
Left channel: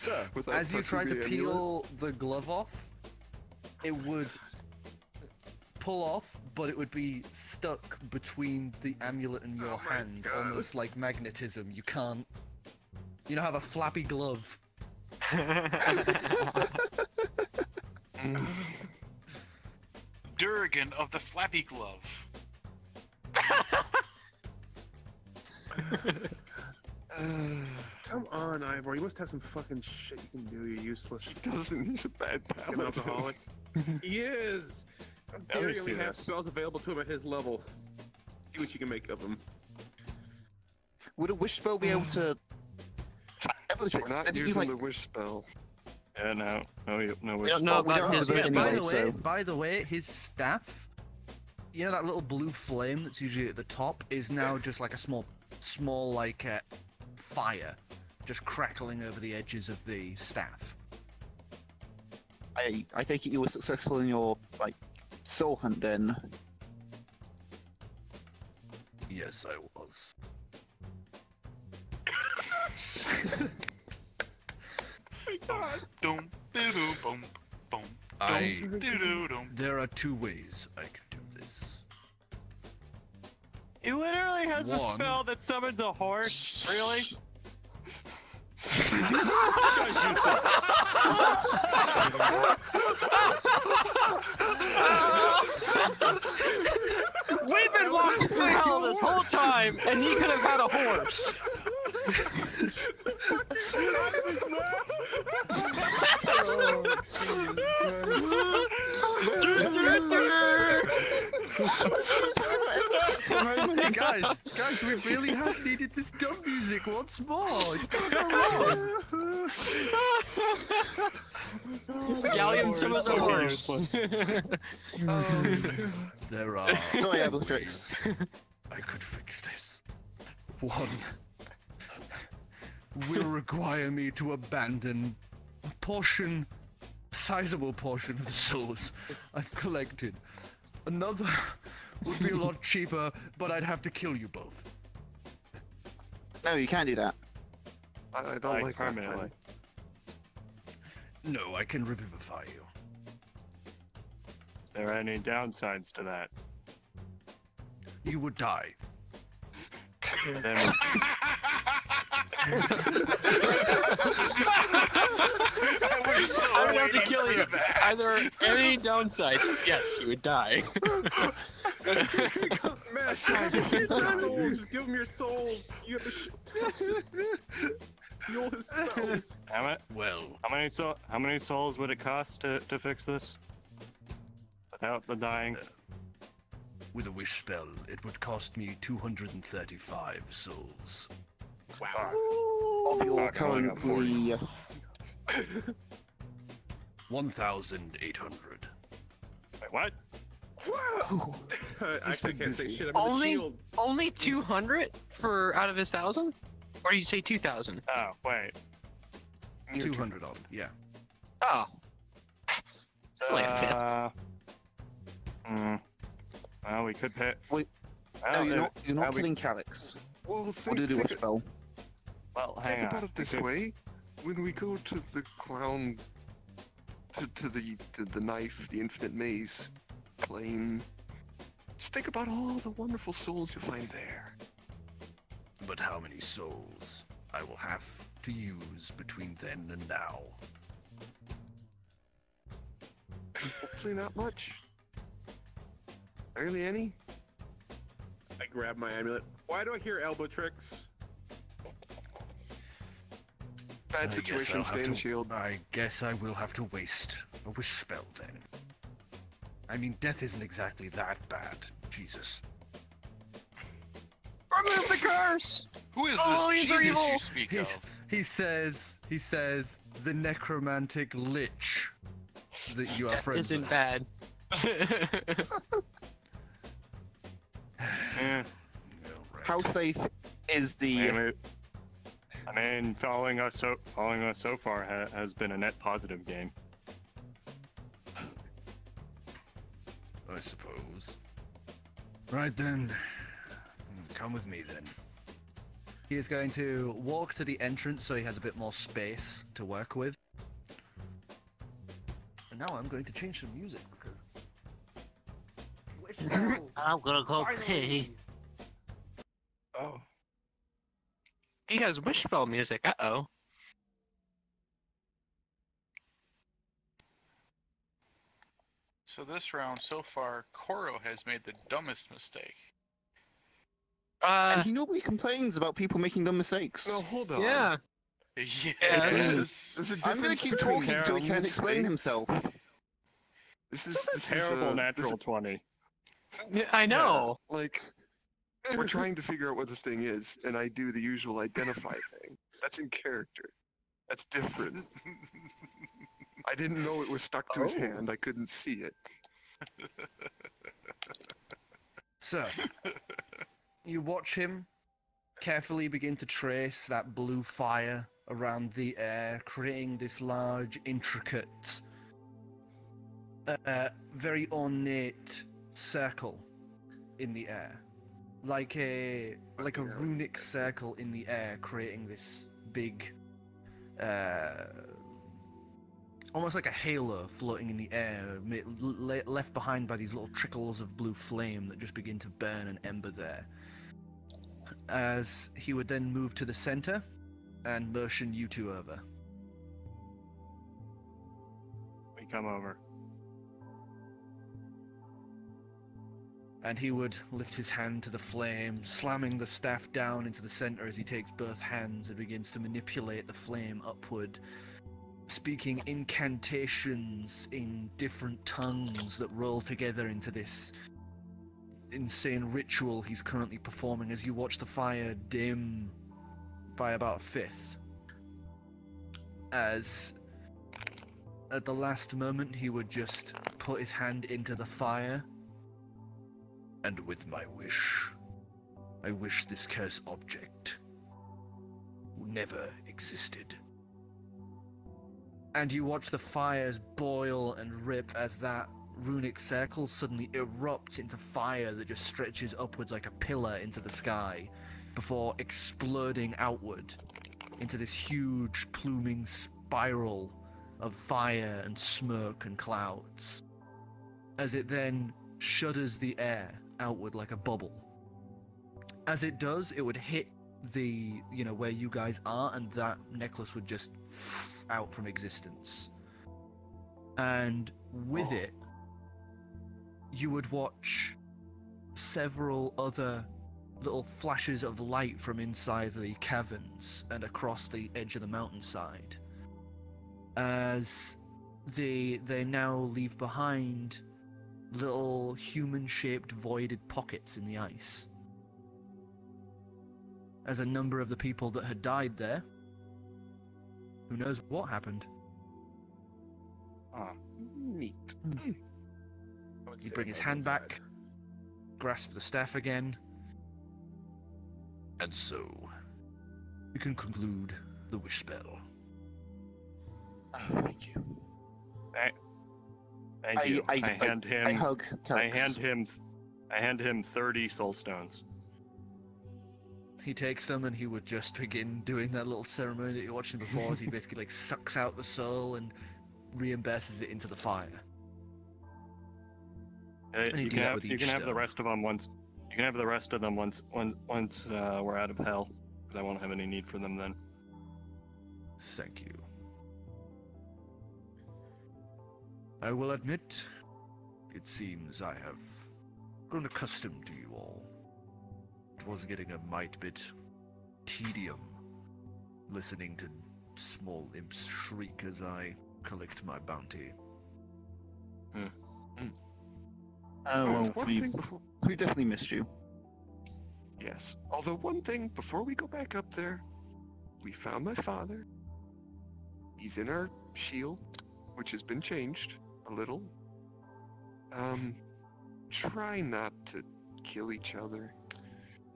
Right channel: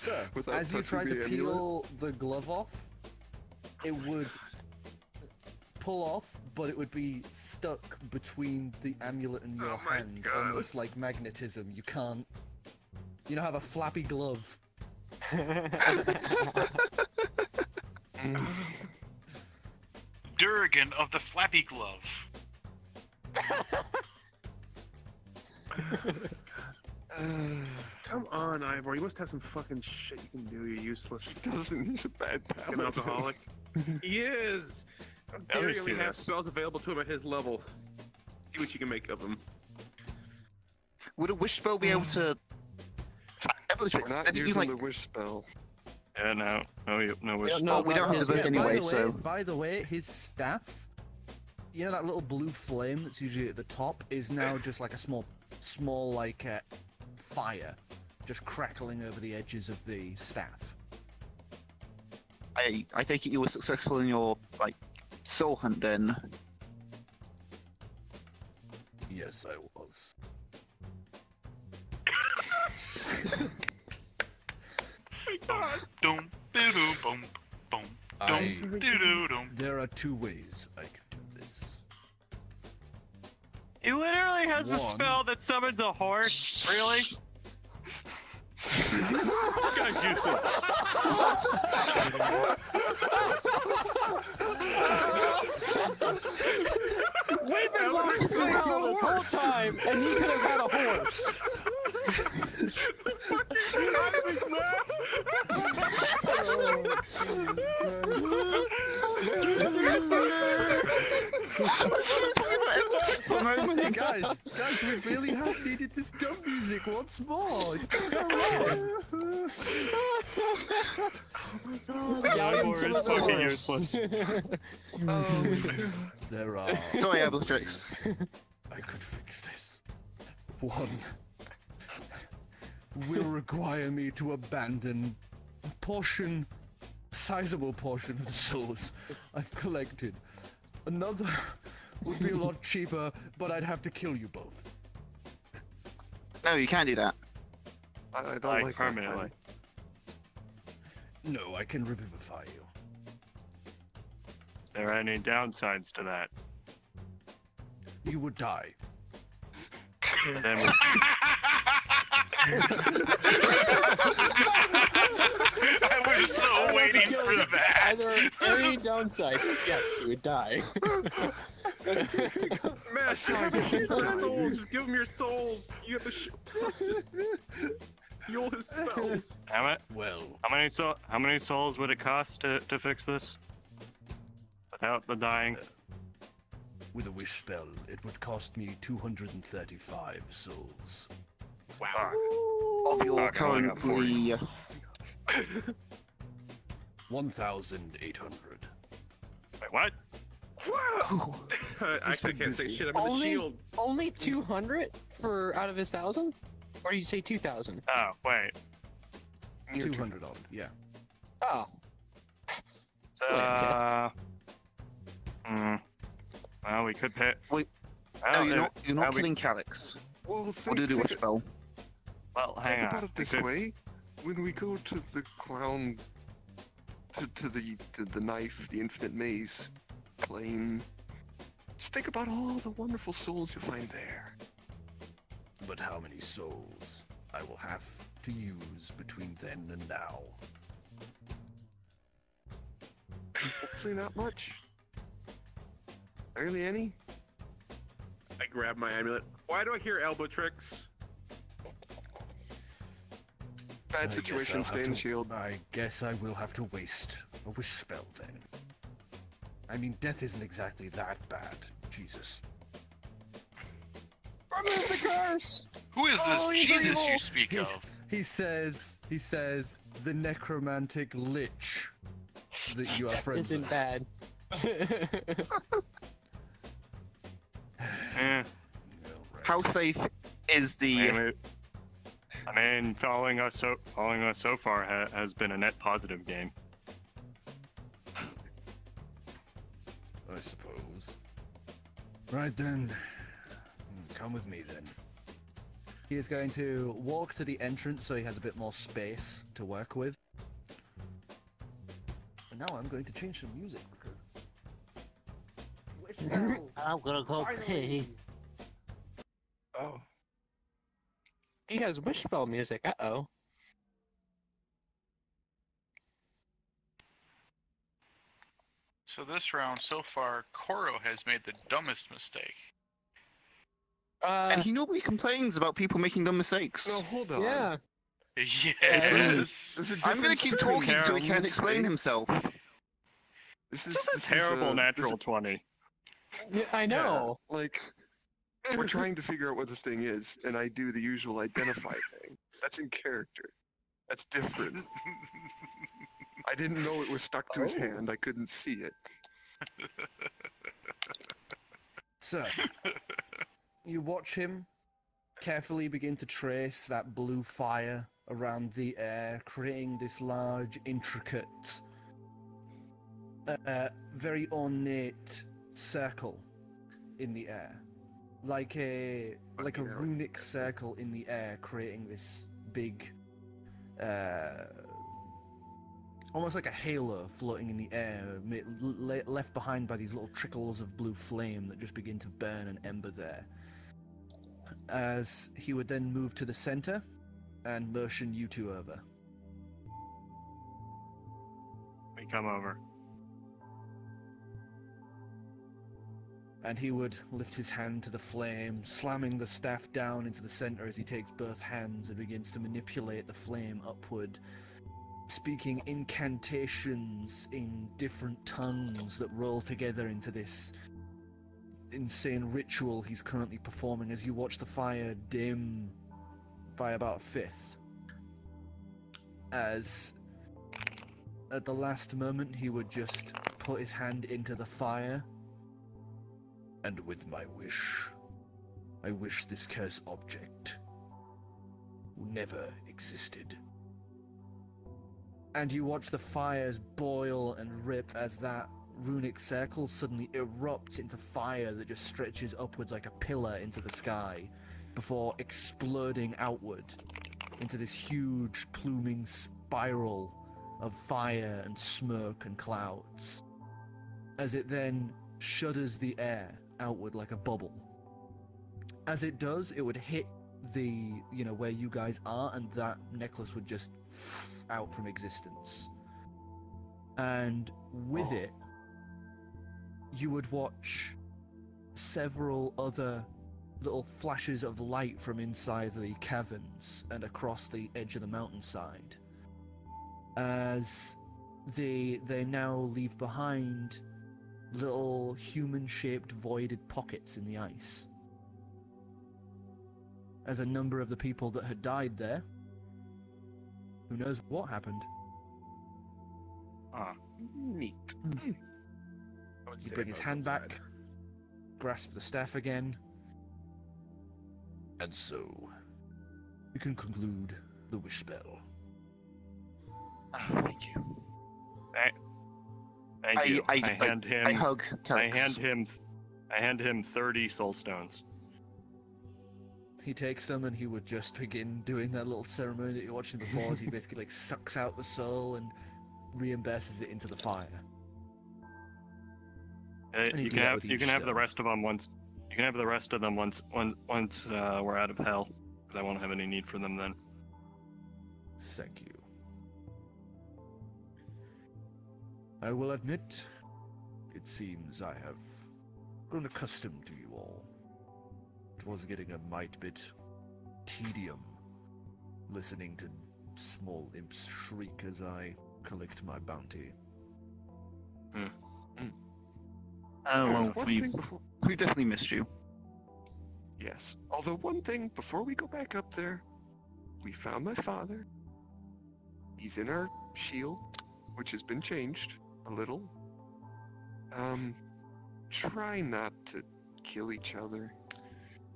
So, Without as you try touching to the peel the glove off, it would pull off, but it would be stuck between the amulet and your hand, almost like magnetism. You can't. You don't have a flappy glove. Durgan of the Flappy Glove. Come on, Ivor. You must have some fucking shit you can do. You're useless. He doesn't. He's a bad An paladin. alcoholic. He is. How Let dare me you see only have this. spells available to him at his level? See what you can make of him. Would a wish spell be able to? We're not using the wish spell. Yeah, no, We don't know Oh, we don't about have his the book wish. anyway. By the way, his staff, you know that little blue flame that's usually at the top, is now just like a small like fire, just crackling over the edges of the staff. I take it you were successful in your like soul hunt then. Yes, I was. Dum, doo-doo, bum, bum, I- dum, doo-doo, dum. There are two ways I could do this. He literally has a One. spell that summons a horse. Really? We've been walking through hell this whole time, and he could have got a horse. Guys, we really have needed this dumb music once more. It's been so long. Gallium to us a horse. There are. Sorry, I was triced. I could fix this. One will require me to abandon a sizable portion of the souls I've collected. Another would be a lot cheaper, but I'd have to kill you both. No, you can't do that. I don't like that permanently. plan. No, I can revivify you. Is there any downsides to that? You would die. Then I was so I would be waiting killing for that. either any downsides. Yes, you would die. Man, Aside give from him your dying. souls. Just give him your souls. You have the shit. Heal his spells. Well, how many souls would it cost to fix this? Without the dying? with a wish spell, it would cost me 235 souls. Wow. Of your currently 1,800. Wait, what? I actually can't say shit. I'm in the Only, shield. only 200 for out of his 1,000? Or did you say 2,000? Oh, wait. 200 of them, yeah. Oh. It's only a fifth. Well, we could pay. Wait. Well, No, you're not we- killing Calix. Well, Or think, do the think, wish spell. Well, think hang about on. it this We could- way: when we go to the clown, to the knife, the infinite maze plane, just think about all the wonderful souls you'll find there. But how many souls I will have to use between then and now? Hopefully not much. Barely any? I grab my amulet. Why do I hear elbow tricks? Bad situation, stay in the shield. I guess I will have to waste a wish spell then. I mean, death isn't exactly that bad. Jesus. Remove the curse! Who is this Jesus you speak of? He says, the necromantic lich that you are friends Isn't with. bad. Yeah. How safe is the... I mean, following us so far has been a net positive game. I suppose. Right then. Come with me then. He is going to walk to the entrance so he has a bit more space to work with. And now I'm going to change some music because... I'm gonna go pee. Oh. He has wish spell music. Uh-oh. So this round so far, Korro has made the dumbest mistake. And he normally complains about people making dumb mistakes. No, hold on. Yeah. Yes. There's a I'm gonna difference keep between talking so he can mistakes. explain himself. This is Terrible natural 20. Yeah, I know. Yeah, like, we're trying to figure out what this thing is, and I do the usual identify thing. That's in character. That's different. I didn't know it was stuck to his hand. I couldn't see it. So, you watch him carefully begin to trace that blue fire around the air, creating this large, intricate, very ornate circle in the air. Like a runic circle in the air, creating this big, almost like a halo floating in the air, left behind by these little trickles of blue flame that just begin to burn and ember there. As he would then move to the center and motion you two over. We come over. And he would lift his hand to the flame, slamming the staff down into the center as he takes both hands and begins to manipulate the flame upward, speaking incantations in different tongues that roll together into this insane ritual he's currently performing as you watch the fire dim by about a fifth. As at the last moment he would just put his hand into the fire. And with my wish, I wish this cursed object never existed. And you watch the fires boil and rip as that runic circle suddenly erupts into fire that just stretches upwards like a pillar into the sky before exploding outward into this huge pluming spiral of fire and smoke and clouds. As it then shudders the air outward like a bubble. As it does, it would hit the, where you guys are, and that necklace would just out from existence. And with it, you would watch several other little flashes of light from inside the caverns and across the edge of the mountainside. As they now leave behind little human-shaped voided pockets in the ice. As a number of the people that had died there, who knows what happened. Ah, neat. You bring his hand back, grasp the staff again, and so you can conclude the wish spell. Oh, thank you. Thank you. I hand him. I hug Calix. I hand him 30 soul stones. He takes them and he would just begin doing that little ceremony that you're watching before as he basically sucks out the soul and reimburses it into the fire. You can have the rest of them once. You can have the rest of them once we're out of hell, because I won't have any need for them then. Thank you. I will admit, it seems I have grown accustomed to you all. It was getting a mite bit tedium listening to small imps shriek as I collect my bounty. Well, one we've thing before... definitely missed you. Yes. Although one thing, before we go back up there, we found my father. He's in our shield, which has been changed a little. Try not to kill each other.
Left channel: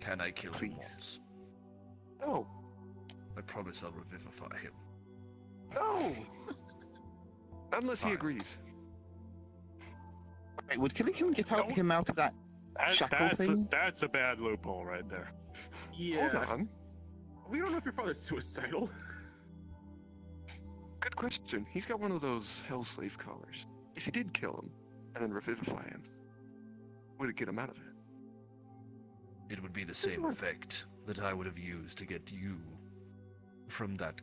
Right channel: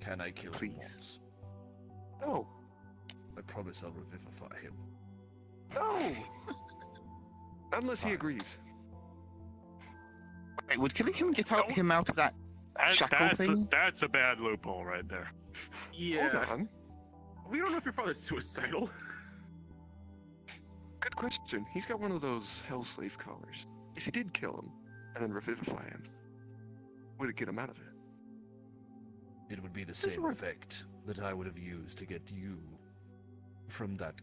Can I kill him Please. once? No. I promise I'll revivify him. No! Unless he Fine. agrees. Wait, would killing him get him out of that shackle thing? That's a bad loophole right there. Yeah. Hold on. We don't know if your father's suicidal. Good question. He's got one of those hell slave collars. If you did kill him and then revivify him, would it get him out of it? It would be the same effect that I would have used to get you from that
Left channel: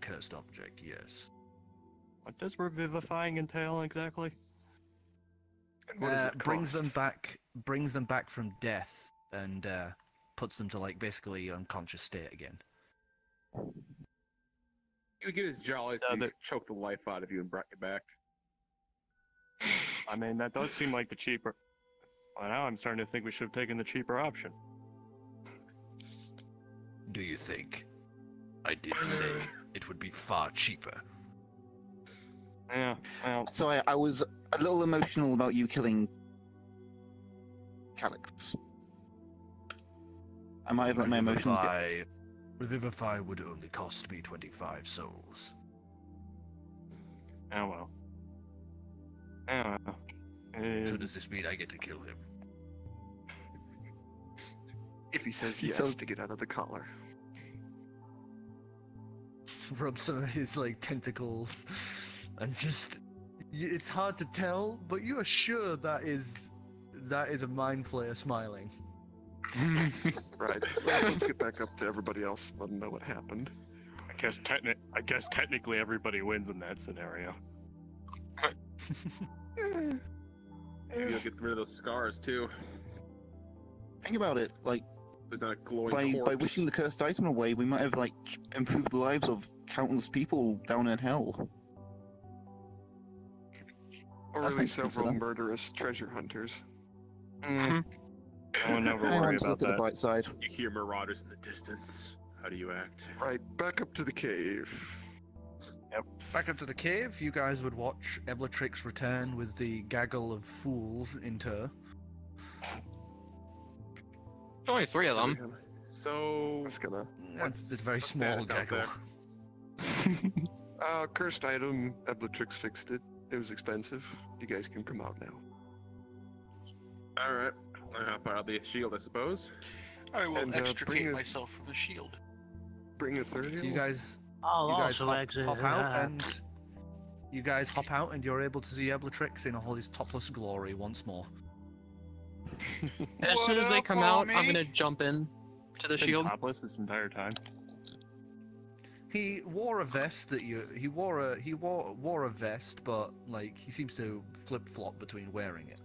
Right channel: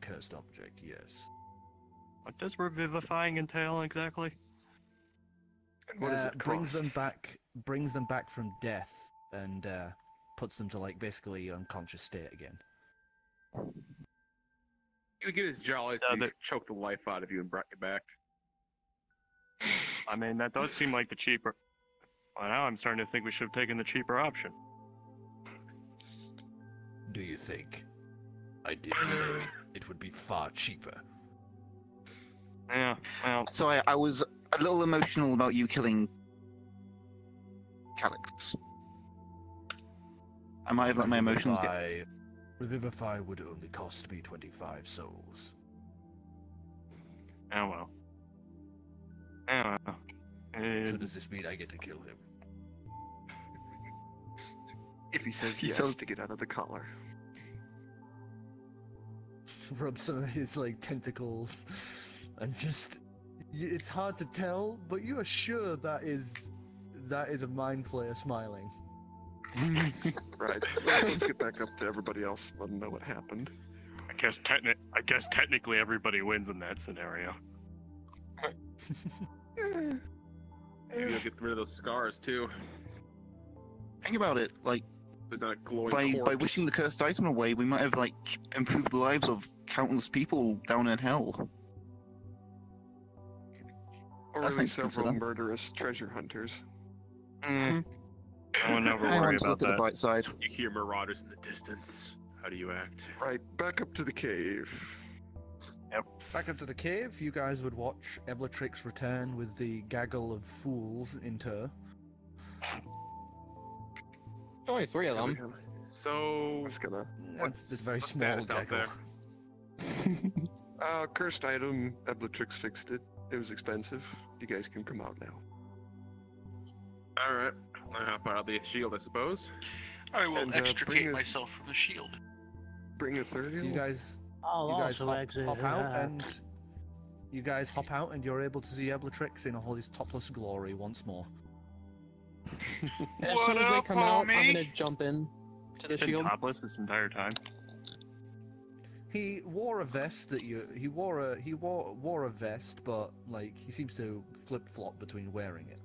cursed object. Yes. What does revivifying entail exactly? And what does it brings cost? brings them back from death and puts them to like basically unconscious state again. He would get his jolly to choke the life out of you and bring you back. I mean, that does seem like the cheaper... Well, now I'm starting to think we should have taken the cheaper option. Do you think? I did say it would be far cheaper. Yeah, well... So I was a little emotional about you killing Calix. I might have let my emotions get... Revivify would only cost me 25 souls. Oh well. Oh well. So does this mean I get to kill him? If he says yes to get out of the collar. Rub some of his like tentacles and just... It's hard to tell, but you are sure that is a mind flayer smiling. Right. Well, let's get back up to everybody else. Let them know what happened. I guess technically everybody wins in that scenario. You'll get rid of those scars too. Think about it, like, There's not a glowing by corpse. wishing the cursed item away, we might have, like, improved the lives of countless people down in hell. Or That's really nice to several consider. murderous treasure hunters. I will never I worry want to about look at the that. bright side. You hear marauders in the distance. How do you act? Right, back up to the cave. Back up to the cave, you guys would watch Eblatrix return with the gaggle of fools in tow. Only 3 of them. So That's gonna... It's a very what's small status out gaggle. there? Cursed item, Eblatrix fixed it. It was expensive. You guys can come out now. Alright. I hop out of the shield, I suppose. I will And, extricate bring myself from the shield. Bring a So you 30. guys, I'll you guys also exit hop out that. and you guys hop out and you're able to see Eblatrix in all his topless glory once more. As What soon as they up, come out, I'm homie? gonna jump in to the Been shield. topless this entire time. He wore a vest that he wore a vest, but like he seems to flip flop between wearing it.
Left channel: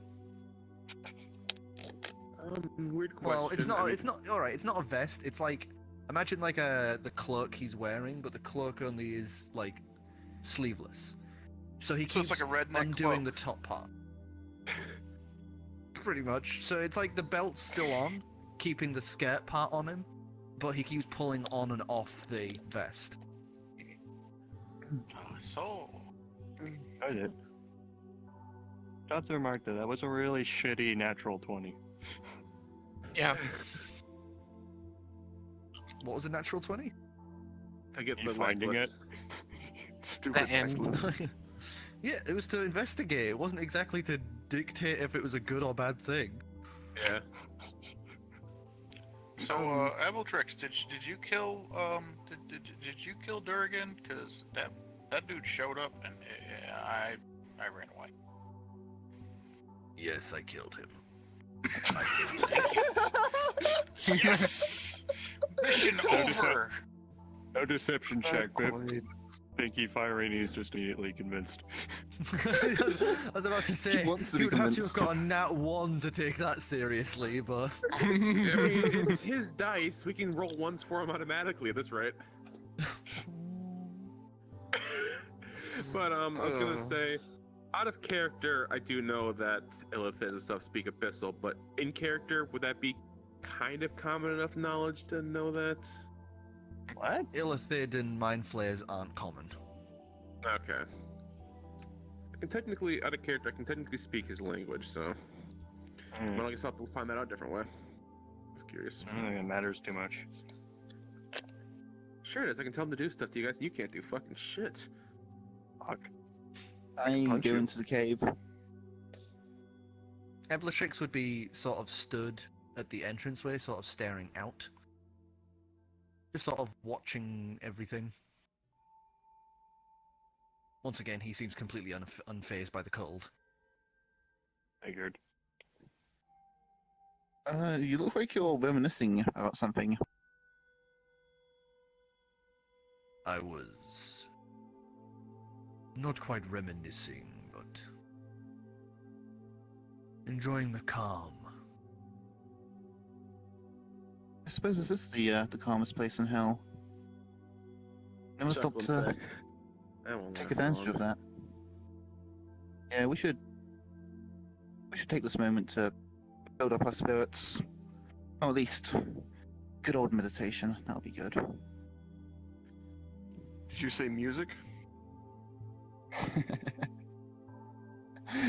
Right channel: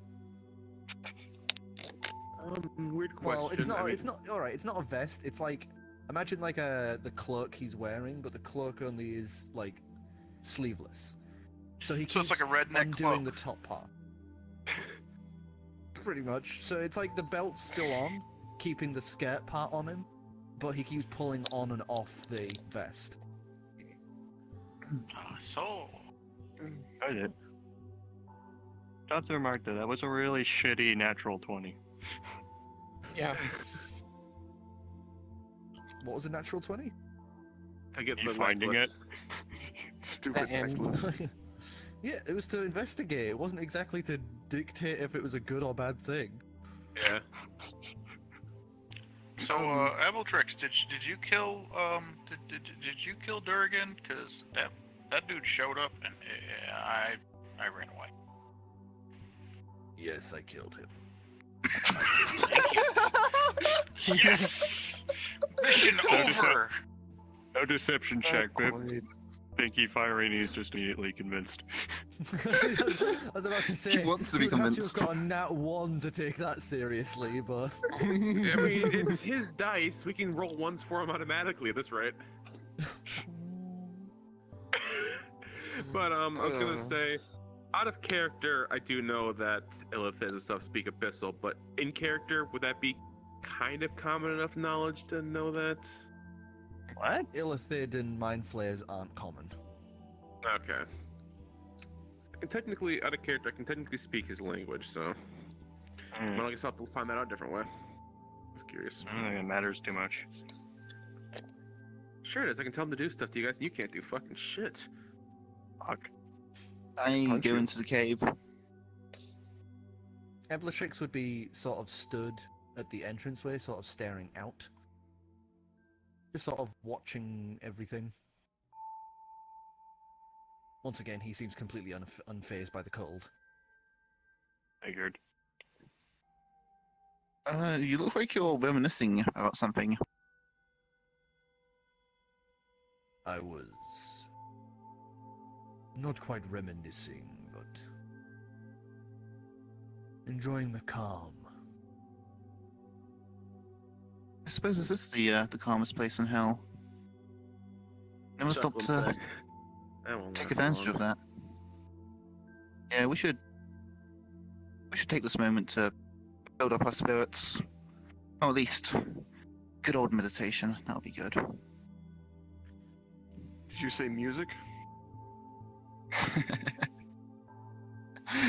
Weird question. Well, it's not. I mean, It's not. All right. It's not a vest. It's like imagine like the cloak he's wearing, but the cloak only is like sleeveless. So he So keeps it's like a redneck undoing cloak. the top part. Pretty much. So it's like the belt's still on, keeping the skirt part on him, but he keeps pulling on and off the vest. So, I did. Not to remark that was a really shitty natural 20. Yeah. What was a natural 20? I get You the finding necklace. Stupid The end. necklace. Yeah, it was to investigate. It wasn't exactly to dictate if it was a good or bad thing. Yeah. so Eblatrix, did you kill did you kill Durgan? Because that dude showed up and I ran away. Yes, I killed him. Thank you. Yes, mission over. No deception check, Not babe. quite. MrPinkie, Fireeny is just immediately convinced. I was about to say, He wants to be you'd have to have convinced. got a nat 1 to take that seriously, but... I mean, it's his dice. We can roll ones for him automatically at this rate. But I was gonna say, out of character, I do know that Illithid and stuff speak Abyssal, but in character, would that be kind of common enough knowledge to know that? What? Illithid and Mind Flayers aren't common. Okay. I can technically, out of character, I can technically speak his language, so... Well, I guess I'll have to find that out a different way. I was curious. I don't think it matters too much. Sure it is, I can tell him to do stuff to you guys, and you can't do fucking shit. Fuck. I punch go you. into the cave. Eblatrix would be sort of stood at the entranceway, sort of staring out. Just sort of watching everything. Once again, he seems completely unfazed by the cold. Figured. You look like you're reminiscing about something. I was not quite reminiscing, but enjoying the calm. I suppose this is the calmest place in hell. Never stop to take advantage of that. Yeah, we should take this moment to build up our spirits. Or at least good old meditation. That'll be good. Did you say music?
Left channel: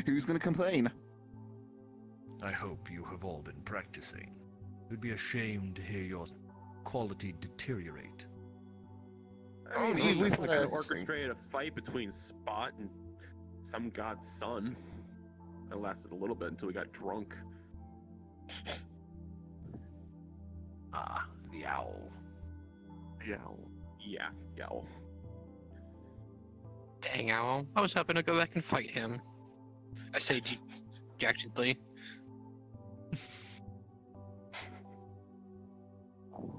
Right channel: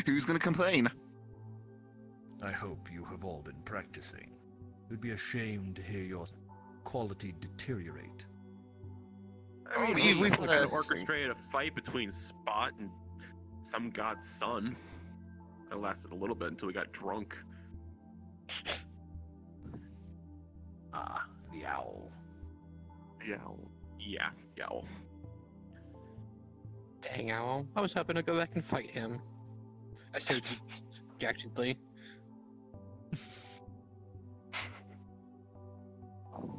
Who's gonna complain? I hope you have all been practicing. It would be a shame to hear your quality deteriorate. I mean, we've we had a- orchestrated a fight between Spot and some god's son. It lasted a little bit until we got drunk. Ah, the owl. The owl. Yeah, yowl. Dang owl. I was hoping to go back and fight him. I say dejectedly.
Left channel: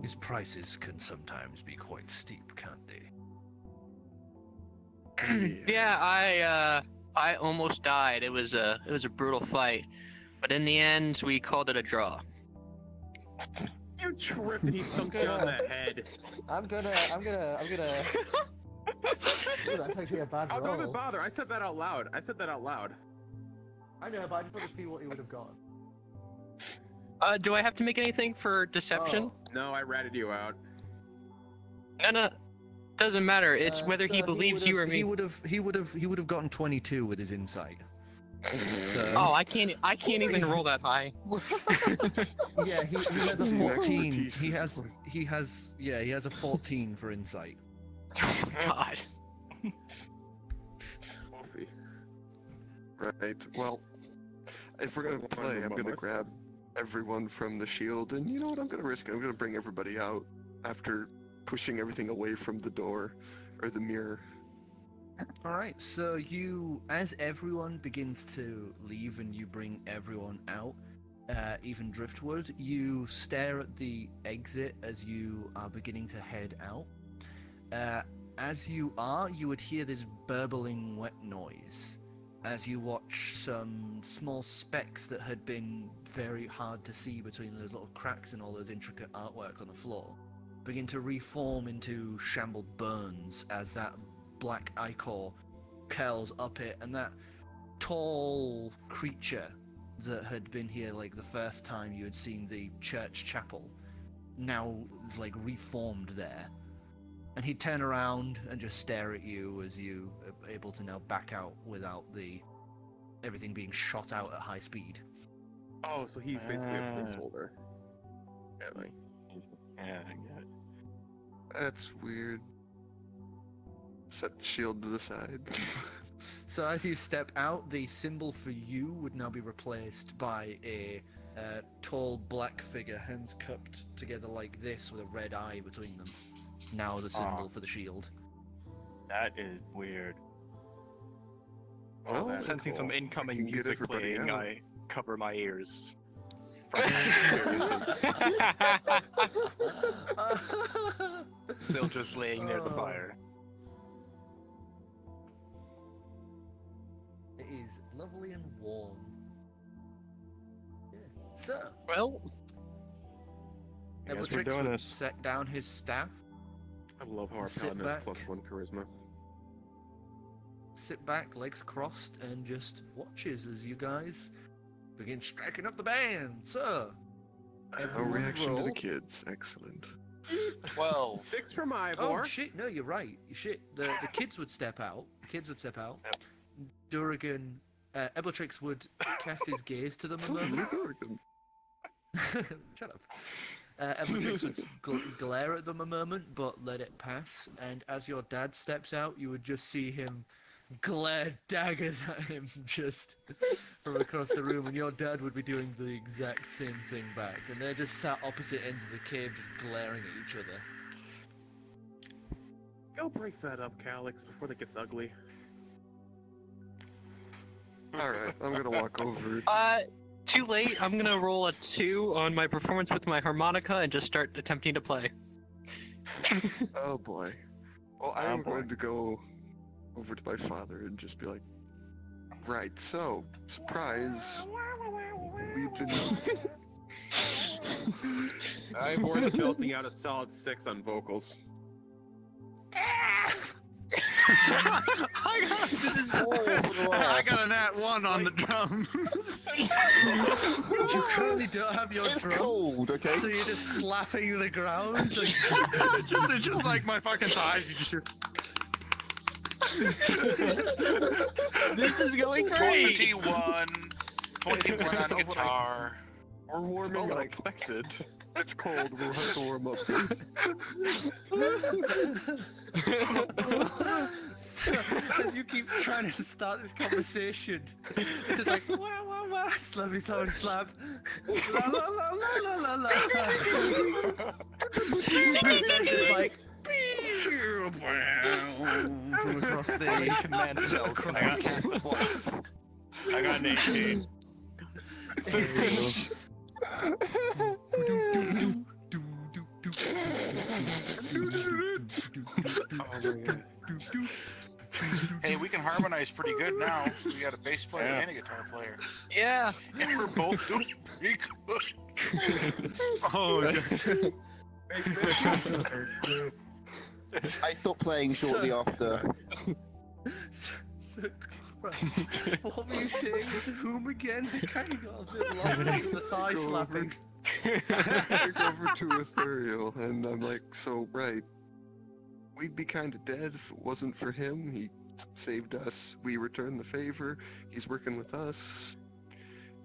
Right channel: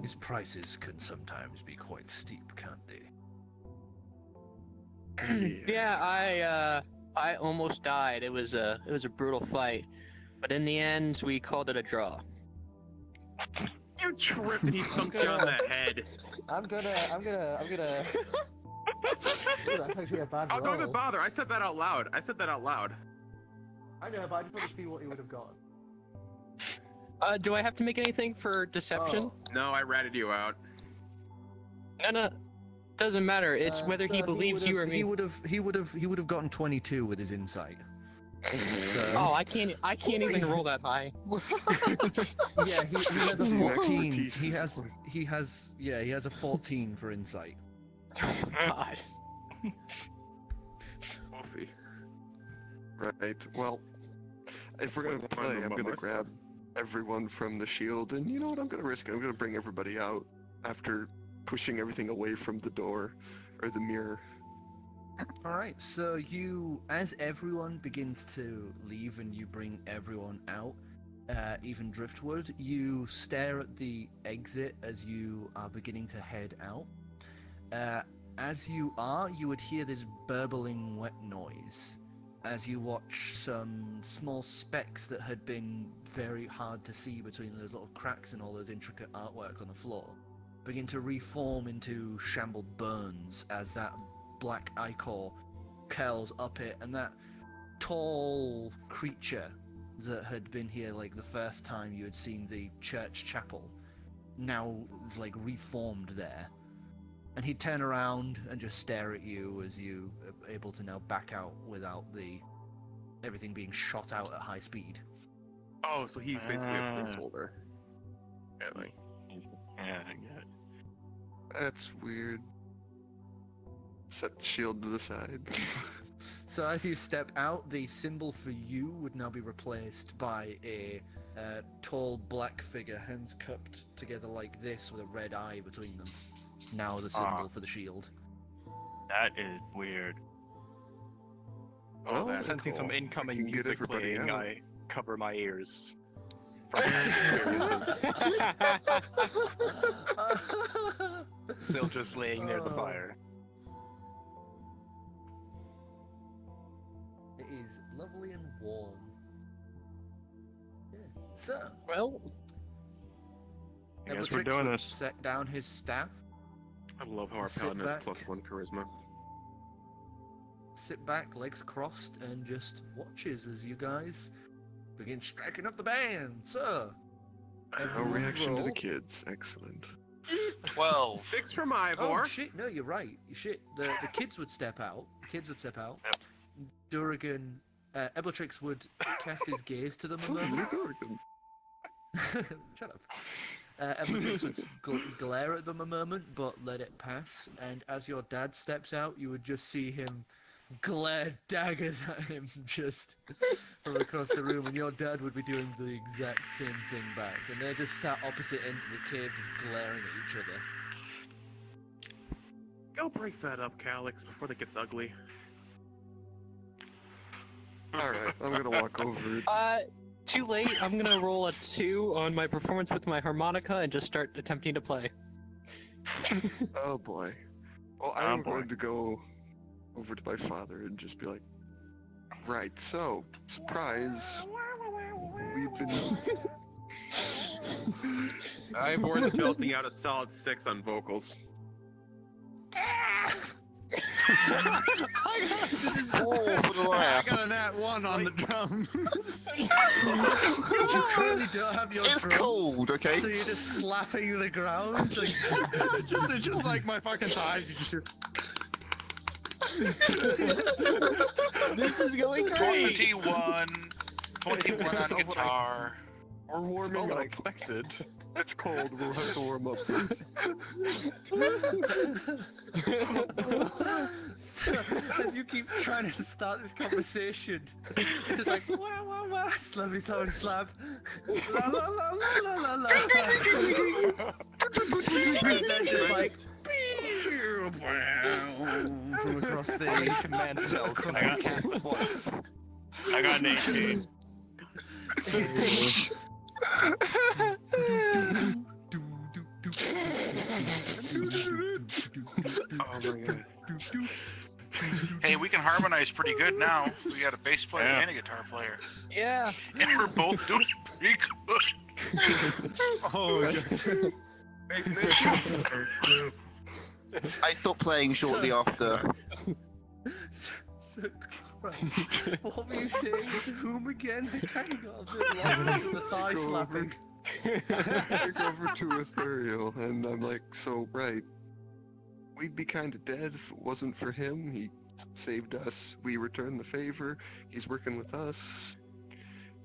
His prices can sometimes be quite steep, can't they? Yeah, I almost died. It was a brutal fight, but in the end, we called it a draw. You tripped and he thumped you on the head. I'm gonna. Ooh, that's actually a bad Oh, roll. don't even bother. I said that out loud. I know, but I just want to see what he would have gotten. Do I have to make anything for deception? Oh. No, I ratted you out. No. Doesn't matter. It's whether he believes you or me. He would have gotten 22 with his insight. Oh, I can't even roll that high. Yeah, he has a See, 14. expertise He has a 14 for insight. God. Coffee. Right. Well, if we're gonna play, I'm gonna grab everyone from the shield, and you know what? I'm gonna risk it. I'm gonna bring everybody out after pushing everything away from the door or the mirror. Alright, so as everyone begins to leave and you bring everyone out, even Driftwood, you stare at the exit as you are beginning to head out. As you would hear this burbling wet noise as you watch some small specks that had been very hard to see between those little cracks and all those intricate artwork on the floor begin to reform into shambled burns as that black ichor curls up it, and that tall creature that had been here like the first time you had seen the church chapel now is like reformed there. And he'd turn around and just stare at you as you are able to now back out without everything being shot out at high speed. Oh, so he's basically a placeholder. Apparently. Yeah, I get it. That's weird. Set the shield to the side. So as you step out, the symbol for you would now be replaced by a tall black figure, hands cupped together like this with a red eye between them. Now the symbol for the shield. That is weird. Well, Sensing some I incoming can get music everybody playing, out. I cover my ears from past experiences. Still just laying near the fire. It is lovely and warm. Yeah. So, Well, I guess we're Eldritch doing would this. set down his staff, I love how our Sit paladin has back. +1 charisma. sit back, legs crossed, and just watches as you guys begin striking up the band. So, No everyone reaction to the roll. kids. Excellent. 12. 6 from Ivor. Oh shit! No, you're right. Shit. The kids would step out. The kids would step out. Durgan, Ebletrix would cast his gaze to them a moment. Shut up. Ebletrix would glare at them a moment, but let it pass. And as your dad steps out, you would just see him glare daggers at him just from across the room, and your dad would be doing the exact same thing back. And they're just sat opposite ends of the cave, just glaring at each other. Go break that up, Calix, before that gets ugly. Alright, I'm gonna walk over. too late. I'm gonna roll a 2 on my performance with my harmonica and just start attempting to play. Oh boy. Well, I Oh, am boy. going to go over to my father and just be like, right, so, surprise, we've been... Ivor is belting out a solid 6 on vocals. This is all for the I laugh. got a nat 1 on the drums. You currently don't have your It's drums, cold, okay? so you're just slapping the ground. Like... It's just like my fucking thighs. You just... This is going great. 21. 21 on guitar. We're warming All up. unexpected. It's cold, we'll have to warm up first. So, as you keep trying to start this conversation, it's just like wah wah wah, slappy slappy slap, la la la la la la la. And then just like from across How many the. command spells can I cast at once? I got an 18. Hey, we can harmonize pretty good now. We got a bass player and a guitar player. Yeah. And we're both doing pretty good. Oh, I stopped playing shortly after. So, what were you saying? Whom again? I kind of got a bit lost into the thigh Go slapping. I go over to Ethereal, and I'm like, so, right, we'd be kinda dead if it wasn't for him. He saved us, we returned the favor, he's working with us.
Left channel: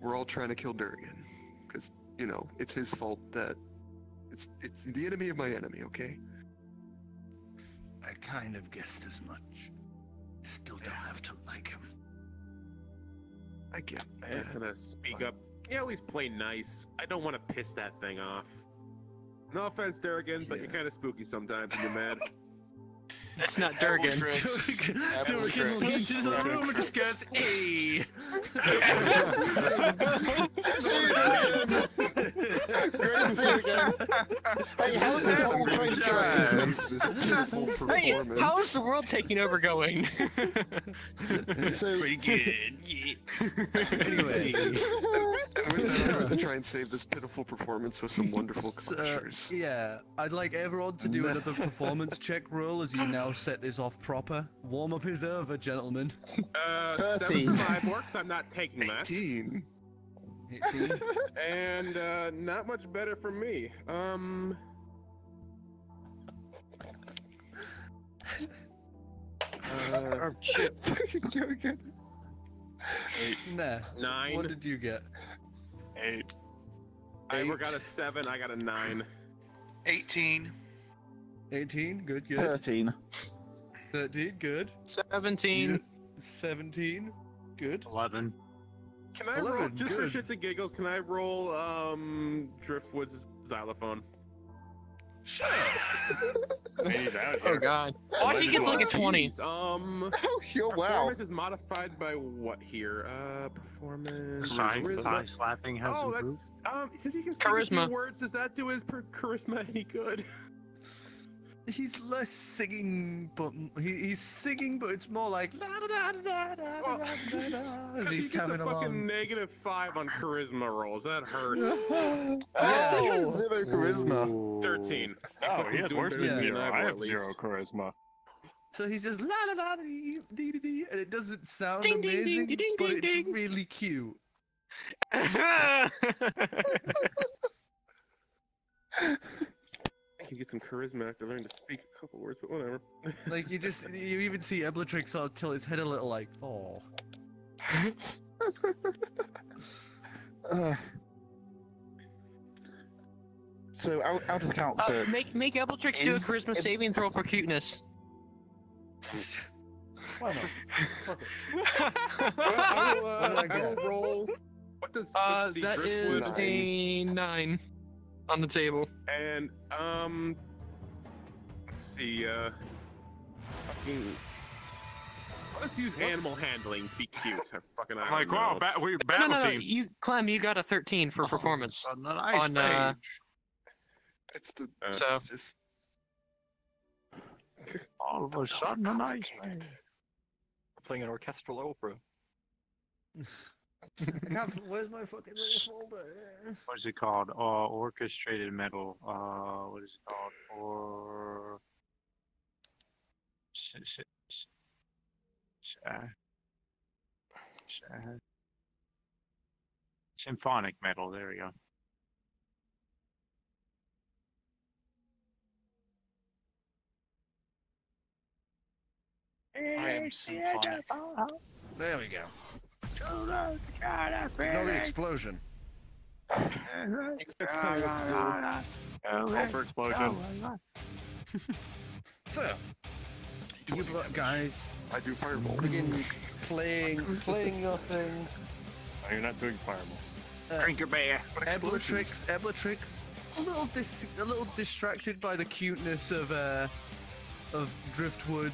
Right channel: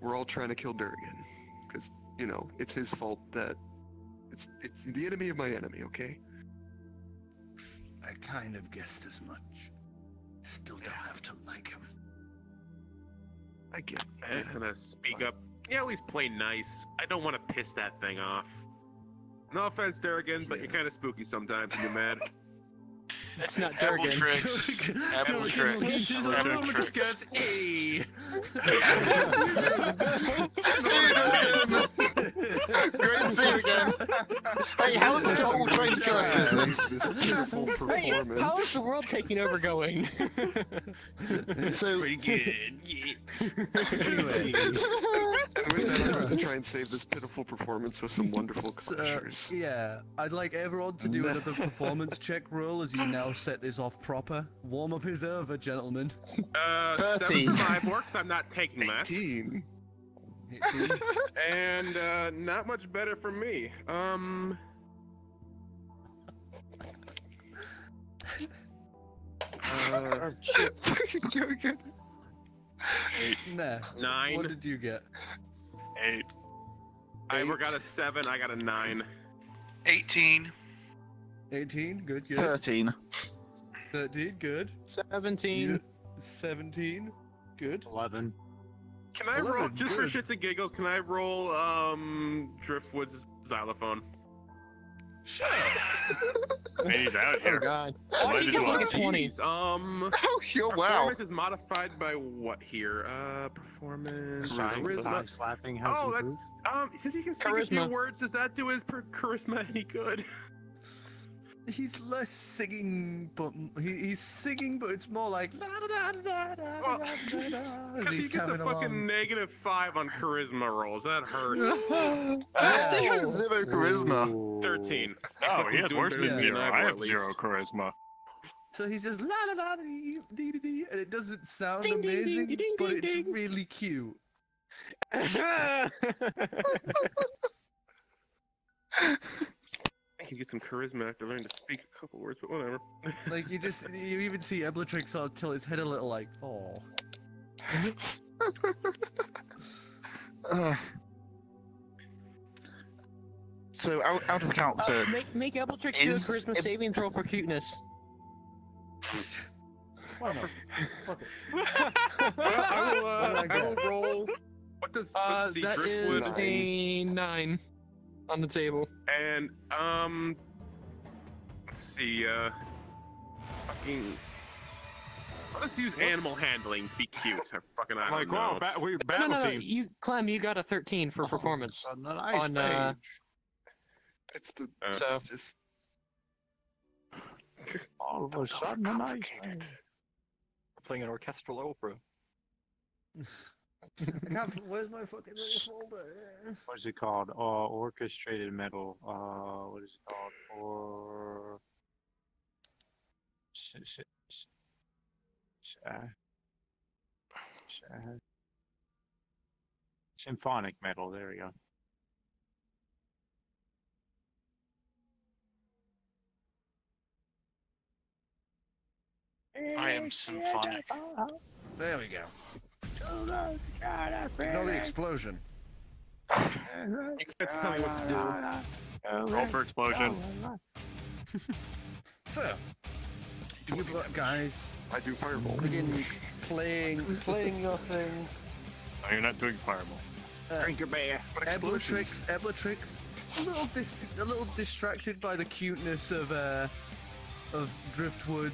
We're all trying to kill Durgan. Because, you know, it's his fault that... It's the enemy of my enemy, okay? I kind of guessed as much. Still don't have to like him. I get I'm just gonna speak up. Yeah, at least play nice. I don't want to piss that thing off. No offense, Durgan, but you're kind of spooky sometimes when you're mad. That's not Durgan. Just goes, hey. Great to see you again. Hey, how's the whole trying to try this? Hey, how's the world taking over going? So pretty good. Anyway, And with that, I'm going to try and save this pitiful performance with some wonderful closures. yeah, I'd like everyone to do another performance check roll as you now set this off proper. Warm up is over, gentlemen. 7 for my works, I'm not taking that. 18. 18. And not much better for me. Oh shit. Nah. 9. What did you get? 8. Ivor got a 7, I got a 9. 18. 18, good, good. 13. 13, good. 17. 17, good. 11. Can I roll, 11, just good. for shits and giggles, can I roll Driftwood's xylophone? He's out Oh here. god. Oh, he gets like a 20. Oh, yo, wow. Performance is modified by what here? Performance. Thigh slapping has Oh, improved. that's since he can speak a Charisma. few words, does that do his charisma any good? he's less singing, but he's singing, but it's more like la da da da da da da da as he's He gets a tapping fucking along. -5 on charisma rolls. That hurts. He has 0 charisma. 13. Oh, he has worse than Yeah. 0. I At have least. 0 charisma. So he's just la da da dee dee dee dee, and it doesn't sound Ding, ding, amazing, ding, ding, but ding, it's ding. really cute. I can get some charisma after learning to speak a couple words, but whatever. Like you even see Eblatrix sort of tilt his head a little, like, oh. So out of character. Make Appletrix do a Is- charisma saving throw for cuteness. Why not? Fuck it. Well, I What did I will get? roll. What does That Driftwood is a 9 on the table. and let's see, fucking. Let's use animal handling to be cute. I fucking I Like, don't know. wow, we No, battle no, no. scene. You, Clem, you got a 13 for performance. On a nice on, stage. It's the So- it's just All of a sudden, a nice stage. We're playing an orchestral opera. I can't, where's my fucking little folder? What's it called? Orchestrated metal. What is it called? Or symphonic metal. There we go. I am symphonic. There we go. Ignore the explosion. You can't tell me what to do. Roll for explosion. So, you guys I do fireball. begin playing your thing. No, you're not doing fireball. Drink your beer. Eblatrix, a little distracted by the cuteness of Driftwood.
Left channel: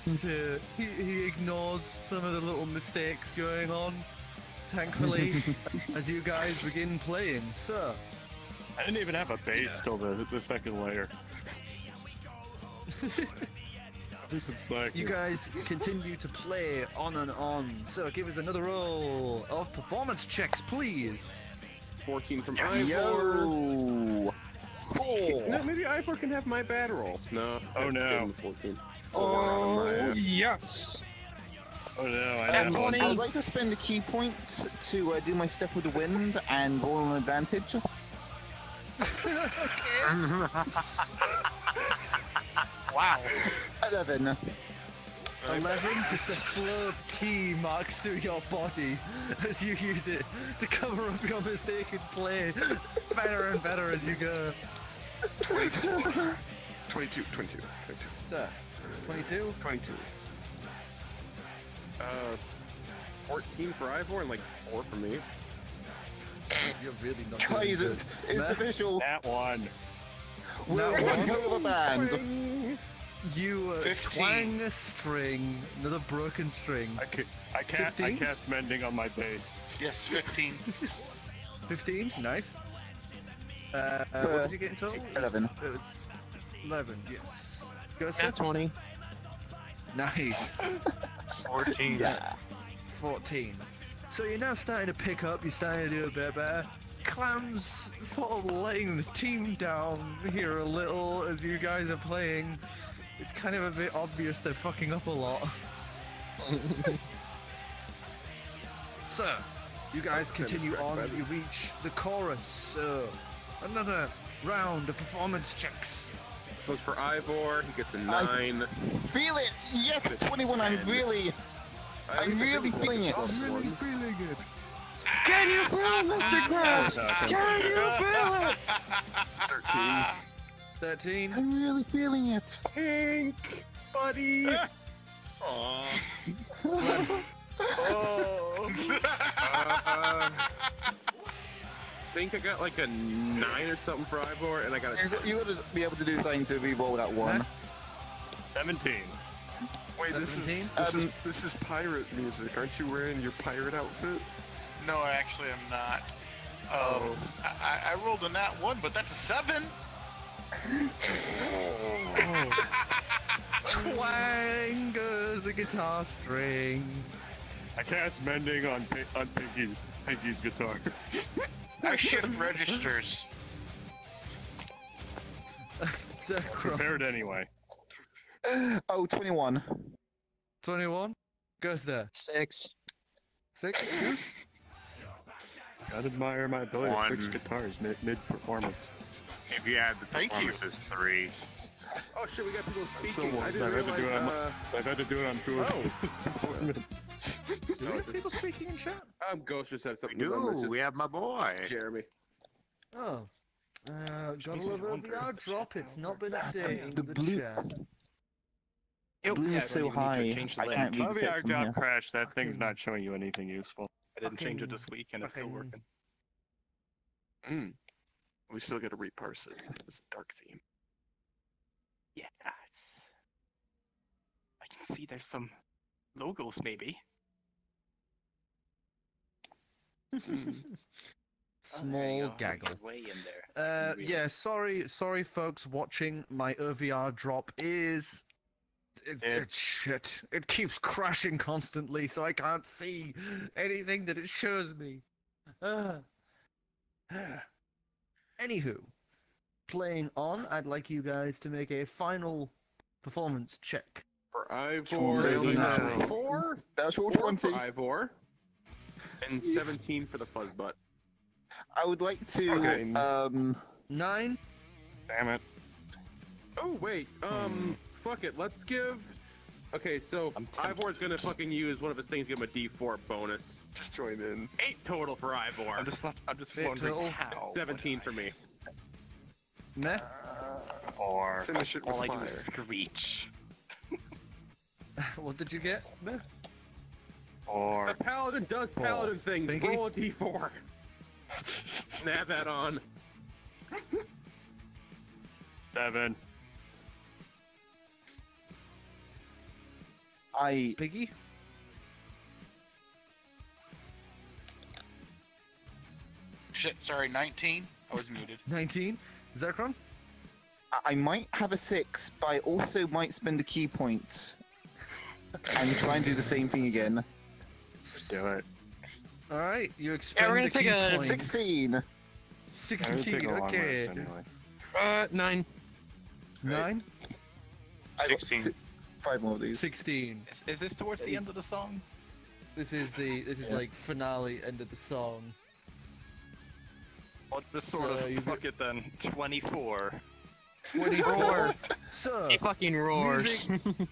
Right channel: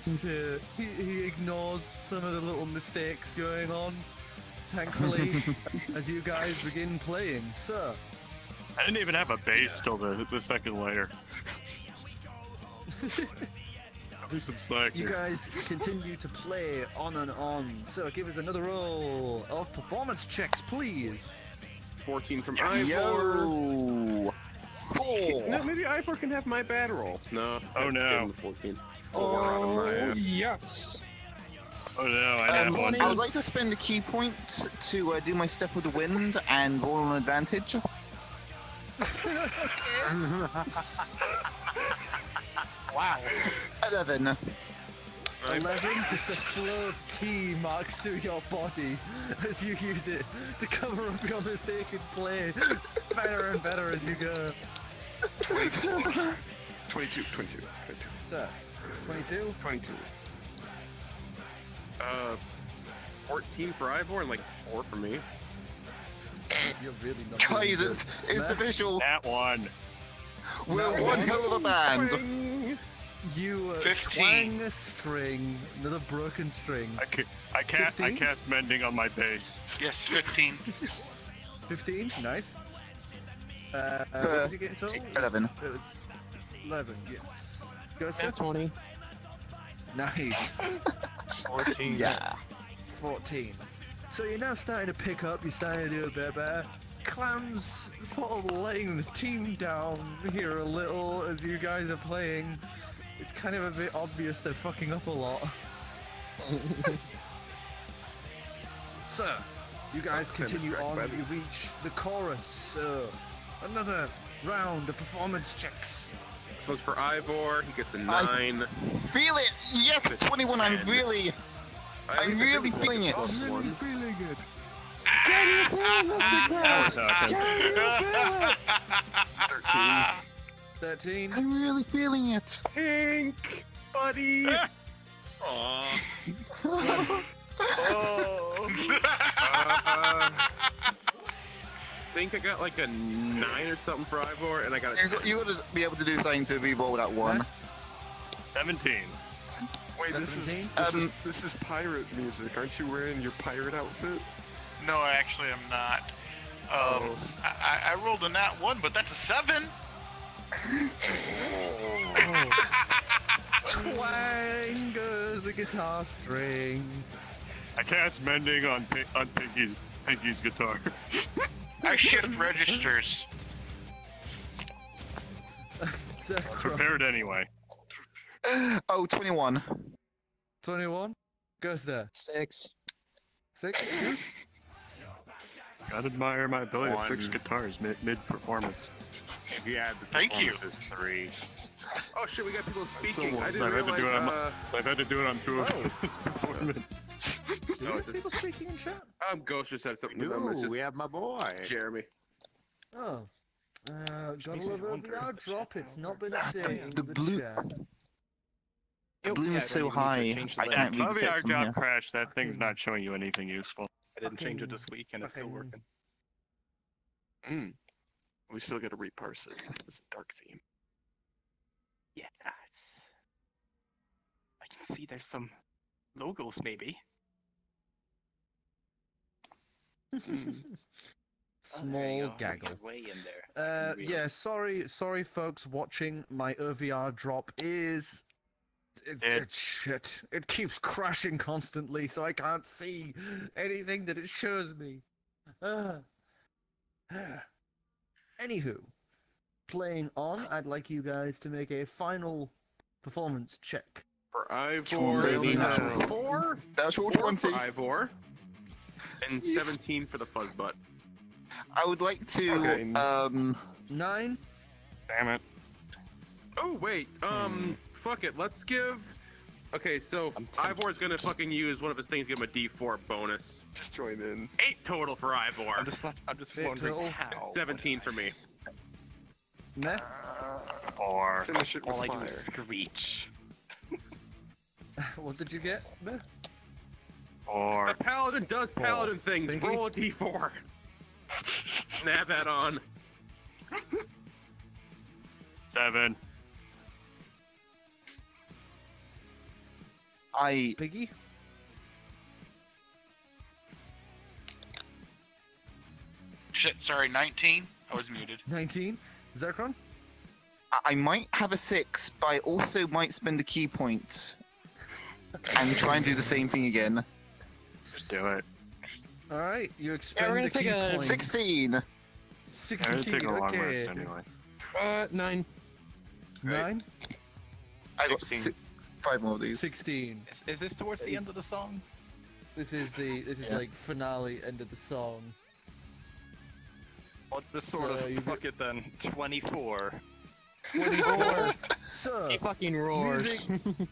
He ignores some of the little mistakes going on. Thankfully, as you guys begin playing, so I didn't even have a base till the second later. Do some slack. you guys continue to play on and on. So give us another roll of performance checks, please. 14 from Ivor. Yo! No, maybe Ivor can have my bad roll. No. Oh, no. 14. Oh, yes. Oh no, I have one. I would like to spend a key point to do my step with the wind and roll an advantage. Wow. 11. 11, just a flow of key marks through your body as you use it to cover up your mistaken play. Better and better as you go. 24. 22. So, 22? 22. 14 for Ivor and like 4 for me. You're really not Guys, doing it's Matt? official. That one. We're one hell of a band. Twang. You 15. twang a string, another broken string. I 15? cast mending on my base. Yes, 15. 15, nice. What did you get in total? 11. It was 11, yeah. Go, sir. Yeah, 20. Nice. 14. Yeah. 14. So you're now starting to pick up, you're starting to do a bit better. Clam's sort of letting the team down here a little as you guys are playing. It's kind of a bit obvious they're fucking up a lot. So, you guys continue on, you reach the chorus. So, another round of performance checks. This one's for Ivor. He gets a 9. Feel it! Yes, 21. I'm really feeling it. I'm really feeling it. Can you feel it, Mr. Clem? Can you feel it? 13. 13. I'm really feeling it. Pink, buddy. Aww. Oh. I think I got like a 9 or something for Ivor, and I got a. You gotta be able to do something to re-roll that one. 17. Wait, this is pirate music. Aren't you wearing your pirate outfit? No, actually, I'm not. I rolled a nat 1, but that's a 7. Twang goes the guitar string. I cast mending on Pinkie's guitar. I shift registers. Prepared anyway. Oh, 21. 21? Goes there. 6. 6? I'd admire my ability to fix guitars mid-performance. If you add the Thank you. performances, 3. Oh shit, we got people So speaking. once I've had to do it on 2 performance. Do we have people speaking in chat? Ghost just said something. Ooh, we have my boy. Jeremy. Oh. Got a little bit of VR drop. It's not been updated. The blue- chat. The blue is so high, I can't read the text from here. job crash, that thing's not showing you anything useful. I didn't change it this week, and it's still working. We still gotta reparse it. It's a dark theme. Yeah, it's... I can see there's some logos, maybe. Small gaggle. Way in there. Yeah, sorry folks watching. My OVR drop is... It's shit. It keeps crashing constantly, so I can't see anything that it shows me. Anywho, playing on, I'd like you guys to make a final performance check. For Ivor. 4? That's all 4 20. for Ivor. And 17 for the Fuzzbutt. I would like to, 9? Damn it. Oh, wait. Fuck it. Let's give... Okay, so Ivor's gonna fucking use one of his things, give him a D4 bonus. Just join in. 8 total for Ivor. I'm just wondering how. 17 for me. Meh? Or Finish it with All I do fire. is screech. What did you get, Meh? or The paladin does paladin things. Pinkie? Roll a D4. Snap that on. 7. Piggy? Shit, sorry, 19? I was muted. 19? Zircron? I might have a 6, but I also might spend a key point and try and do the same thing again. just do it. Alright, you we're expend gonna a take key a point. 16. I didn't 16, take a long rest okay. anyway. 9. 9? I got 16. 5 more of these. 16. Is this towards the end of the song? This is like finale end of the song. I'll just sort you of fuck it then. 24. 24. So, He fucking roars. music-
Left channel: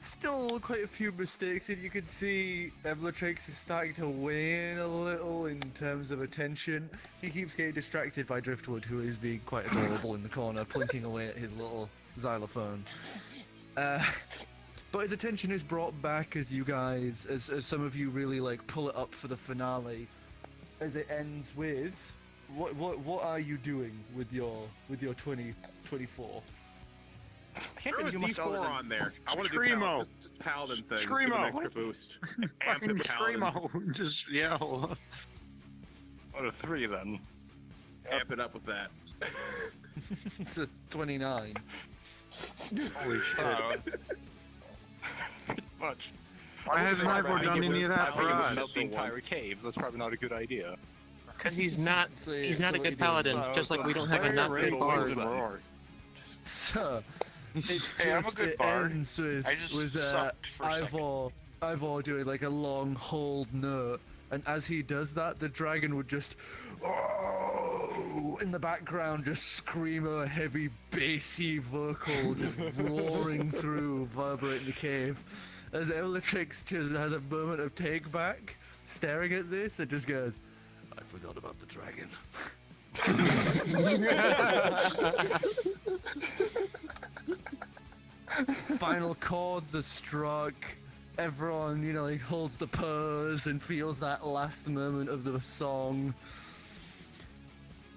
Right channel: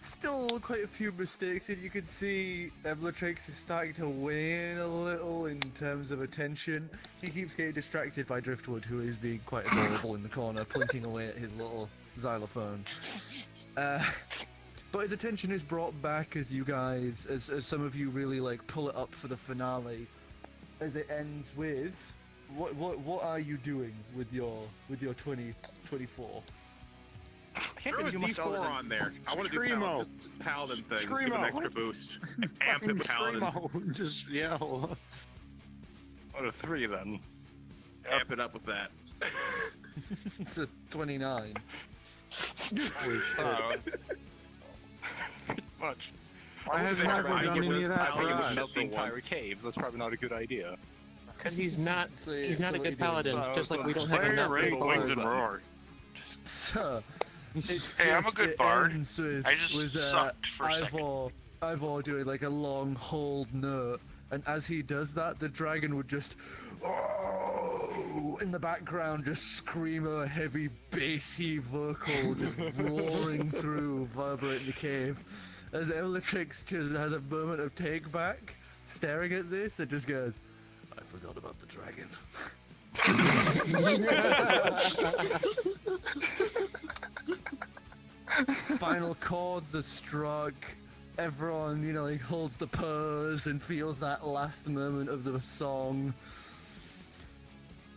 still quite a few mistakes, and you can see Eblatrix is starting to wane a little in terms of attention. He keeps getting distracted by Driftwood, who is being quite adorable in the corner, pointing away at his little xylophone. But his attention is brought back as you guys, as some of you really like pull it up for the finale, as it ends with, what are you doing with your 2024? I can't Throw really a do much other D4 than on there. I want to do Screamo. just paladin things. Screamo. Give an extra boost. Amp Fucking it paladin. screamo. Just yell. What a 3 then. Amp it up with that. It's a 29. Oh, it's pretty much. I have I never think done it would, any of that I think it for would us. melt the entire cave. That's probably not a good idea. Because he's not So, he's not a what are you good doing? paladin, So- just like so- we don't have so- enough so- people. so- Wings then. and roar. So, it's Hey, I'm a just, good it bard. ends with, I just with sucked for a second. Ivor doing like a long hold note, and as he does that, the dragon would just, oh, in the background, just scream a heavy bassy vocal, just roaring through, vibrating the cave. As Bellatrix just has a moment of take back, staring at this, and just goes, I forgot about the dragon. Final chords are struck. Everyone, he holds the pose and feels that last moment of the song.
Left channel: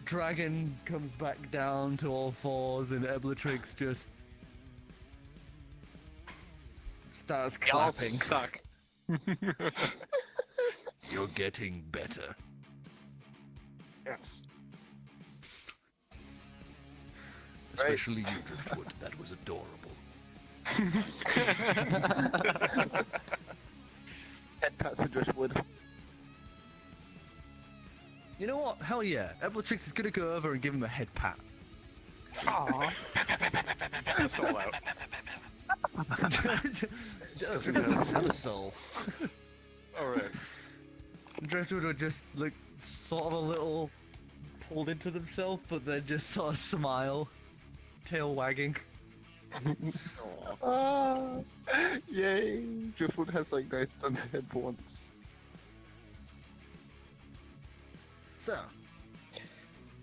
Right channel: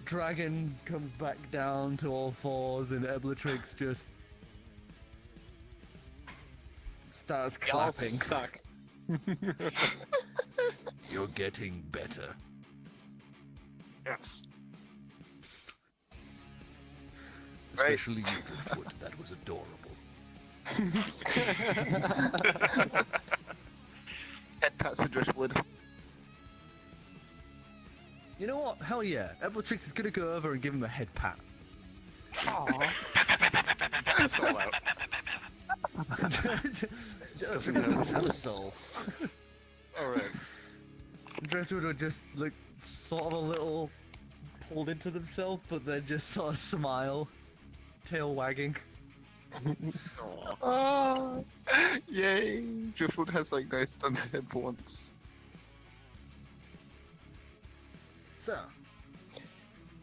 Dragon comes back down to all fours, and Bellatrix just starts Y'all clapping. suck. You're getting better. Yes. Right. Especially you, Driftwood. That was adorable. Head pats for Driftwood. You know what? Hell yeah. Eblatrix is gonna go over and give him a head pat. Aww. It's all out. Doesn't have a soul. Alright. Driftwood would just look sort of a little pulled into themselves, but then just sort of smile, tail wagging. Oh, yay! Driftwood has like nice stunned head for once. So,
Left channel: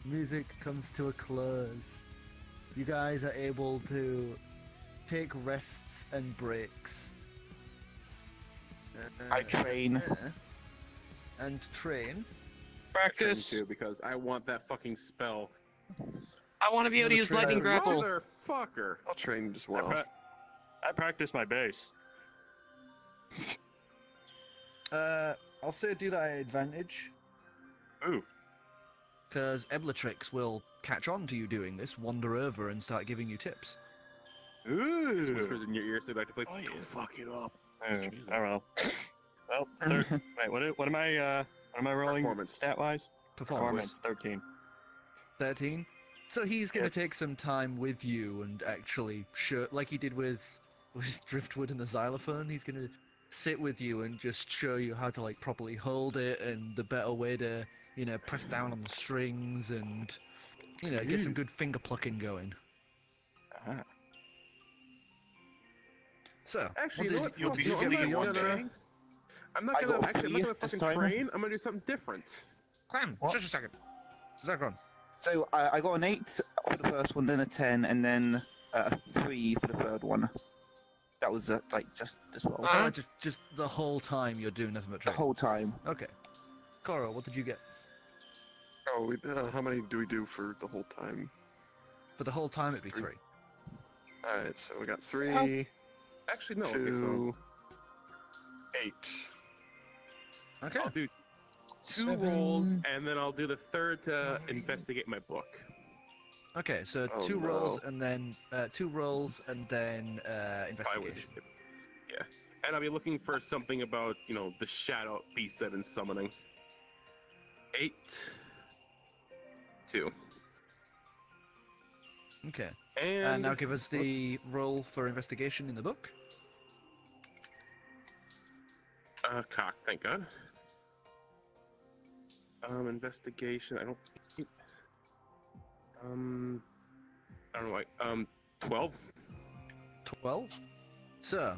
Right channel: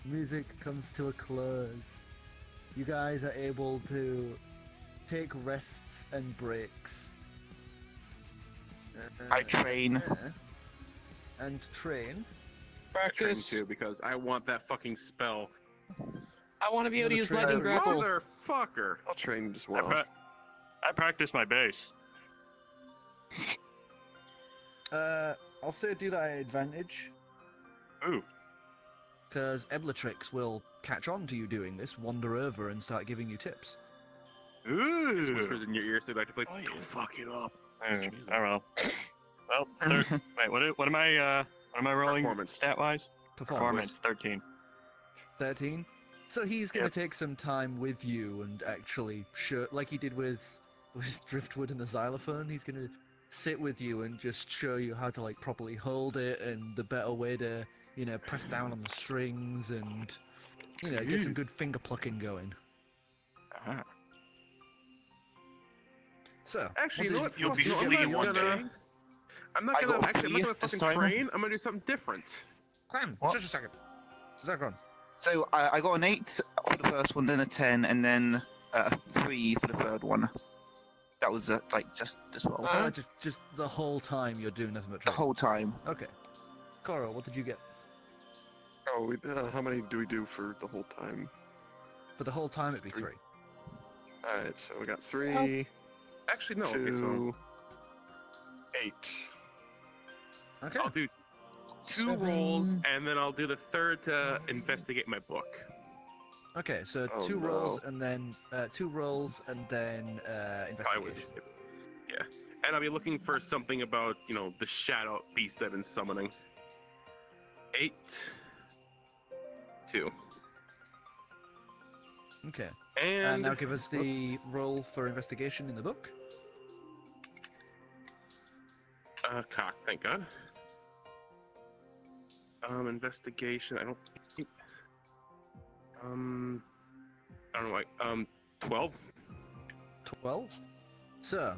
music comes to a close. You guys are able to take rests and breaks. I train. And train. Practice. Too, because I want that fucking spell. I want to be able to use Train. lightning grapple. Motherfucker! I'll train as well. I practice my bass. I'll say do that at advantage. Ooh. Because Eblatrix will catch on to you doing this, wander over, and start giving you tips. Ooh. Whispers in your ear so like, Oh, yeah. don't fuck it up. I don't know. Well, wait, what am I rolling Performance. stat-wise? Performance 13. 13. So he's going to take some time with you and actually show, like he did with Driftwood and the xylophone, he's going to sit with you and just show you how to like properly hold it and the better way to, you know, press down on the strings and, you know, get some good finger plucking going. Uh-huh. So, Actually, what you know did what? you get for your I'm turn? not I gonna got actually, I'm not gonna this fucking time. train. I'm gonna do something different. Clam, What? just a second. Zircron. So I got an 8 for the first one, then a 10, and then a 3 for the third one. That was like just this roll. Just the whole time you're doing nothing but The training. whole time. Okay. Korro, what did you get? Oh, how many do we do for the whole time? For the whole time, it'd be 3. Alright, so we got 3, Actually, no. 2, 8. Okay. I'll do 2 rolls, and then I'll do the third to investigate my book. Okay, so Oh, 2 rolls no. and then 2 rolls and then I would. investigation. Yeah. And I'll be looking for something about, you know, the shadow beast I've been summoning. 8, 2. Okay. And now give us the roll for investigation in the book. Cock, thank God. Investigation, I don't think... I don't know, like, 12? 12. So,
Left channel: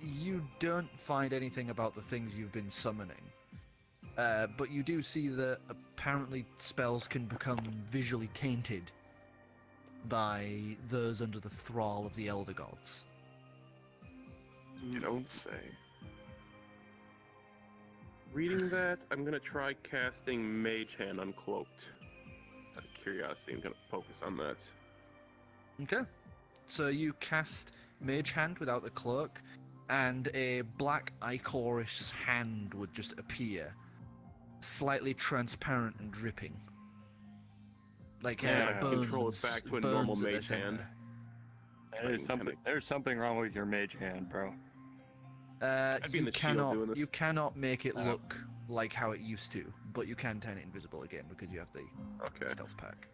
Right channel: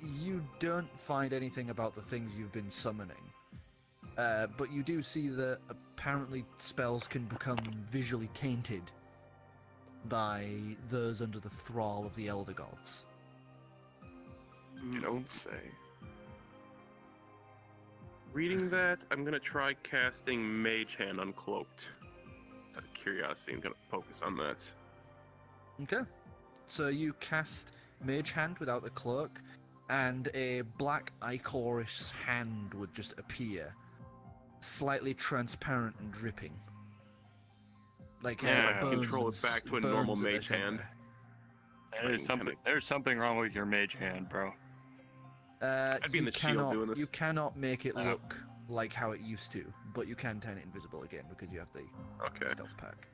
you don't find anything about the things you've been summoning. But you do see that apparently spells can become visually tainted by those under the thrall of the Elder Gods. You don't say. Reading that, I'm gonna try casting Mage Hand Uncloaked. Out of curiosity, I'm gonna focus on that. Okay. So you cast Mage Hand without the cloak, and a black ichorous hand would just appear, slightly transparent and dripping. Like Yeah, I bones, control it back to a normal bones at the mage hand. center. There's something wrong with your mage hand, bro. I'd be in You the shield doing this. you cannot make it Oh. look like how it used to, but you can turn it invisible again because you have the Okay. stealth pack.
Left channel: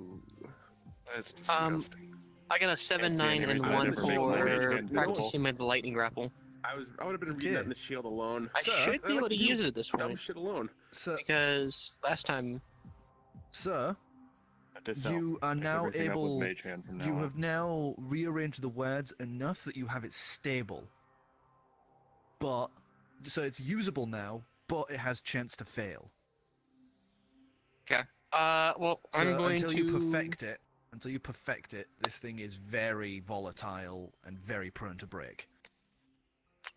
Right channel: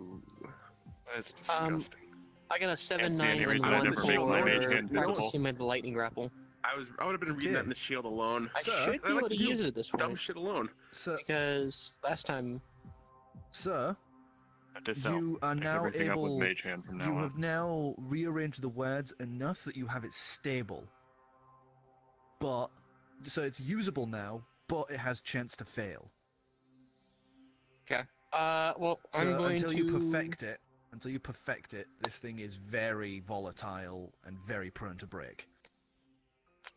Ooh. That's disgusting. I got a 7, Can't see 9, any and reason I'd 1 ever make my mage for hand visible. practicing with the lightning grapple. I would have been reading that in the shield alone. I So, should be able to use it at this Dumb point, shit alone. So, because last time... you are now everything up with able. mage hand from now You on. have now rearranged the words enough that you have it stable. But so it's usable now, but it has chance to fail. Okay. Well, So I'm going until to... you perfect it, this thing is very volatile and very prone to break.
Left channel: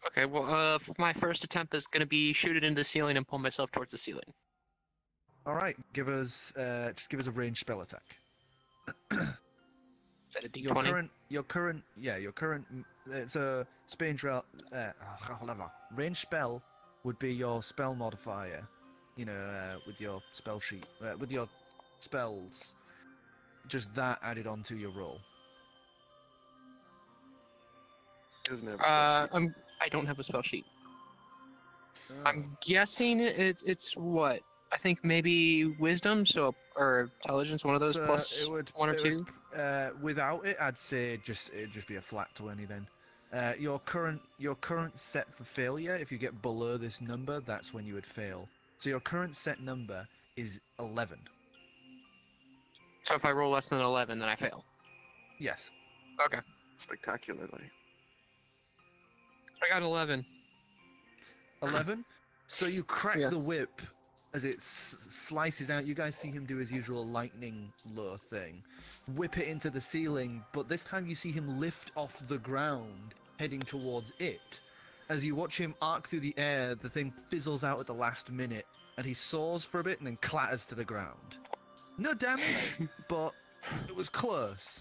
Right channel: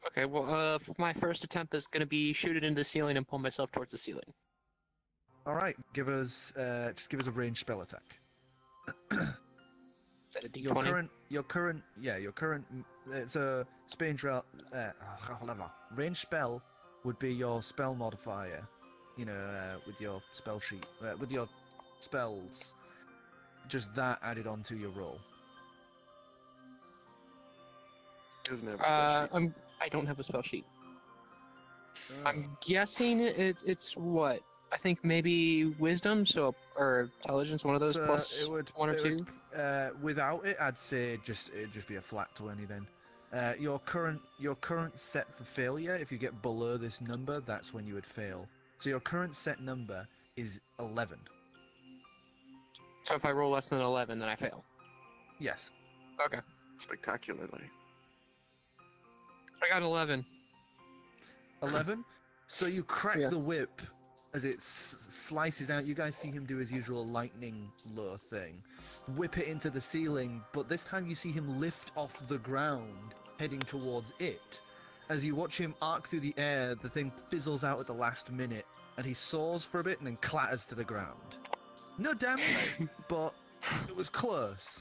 Okay, well, my first attempt is going to be shoot it into the ceiling and pull myself towards the ceiling. All right, just give us a ranged spell attack. Is that a D20? Your current, it's a ranged spell would be your spell modifier, with your spell sheet, with your spells, just that added onto your roll. Doesn't have a spell sheet. I don't have a spell sheet. I'm guessing it's what? I think maybe wisdom, or intelligence, one of those, plus one or two. Without it, I'd say it'd just be a flat 20 then. Your current set for failure, if you get below this number, that's when you would fail. So your current set number is 11. So if I roll less than 11, then I fail. Yes. Okay. Spectacularly. I got 11. 11? So you crack the whip as it slices out. You guys see him do his usual lightning lure thing. Whip it into the ceiling, but this time you see him lift off the ground, heading towards it. As you watch him arc through the air, the thing fizzles out at the last minute, and he soars for a bit and then clatters to the ground. No damage, but it was close.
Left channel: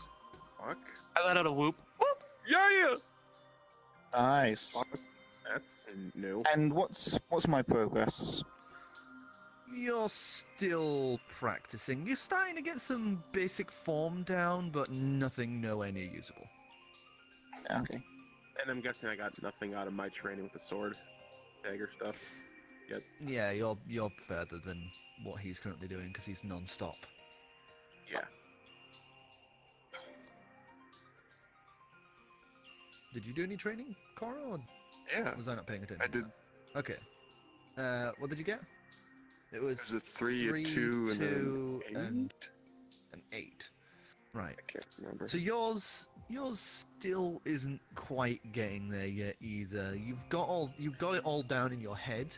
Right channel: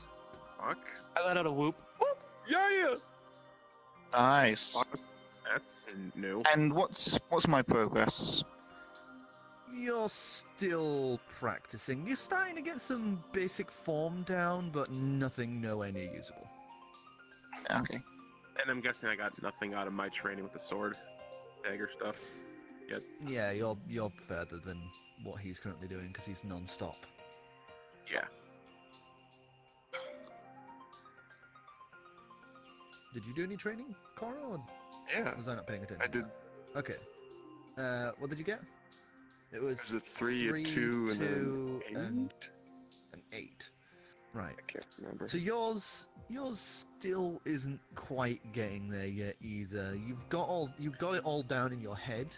Fuck. I let out a whoop. Whoop! Yeah! Nice. That's new. And what's my progress? You're still practicing. You're starting to get some basic form down, but nothing nowhere near usable. Okay. And I'm guessing I got nothing out of my training with the sword, dagger stuff. Yet. Yeah, you're further than what he's currently doing because he's non-stop. Yeah. Did you do any training, Korro? Or Yeah. was I not paying attention? I did. Okay. What did you get? It was a 3, a 2, and an 8. Right. I can't remember. So yours still isn't quite getting there yet either. You've got it all down in your head,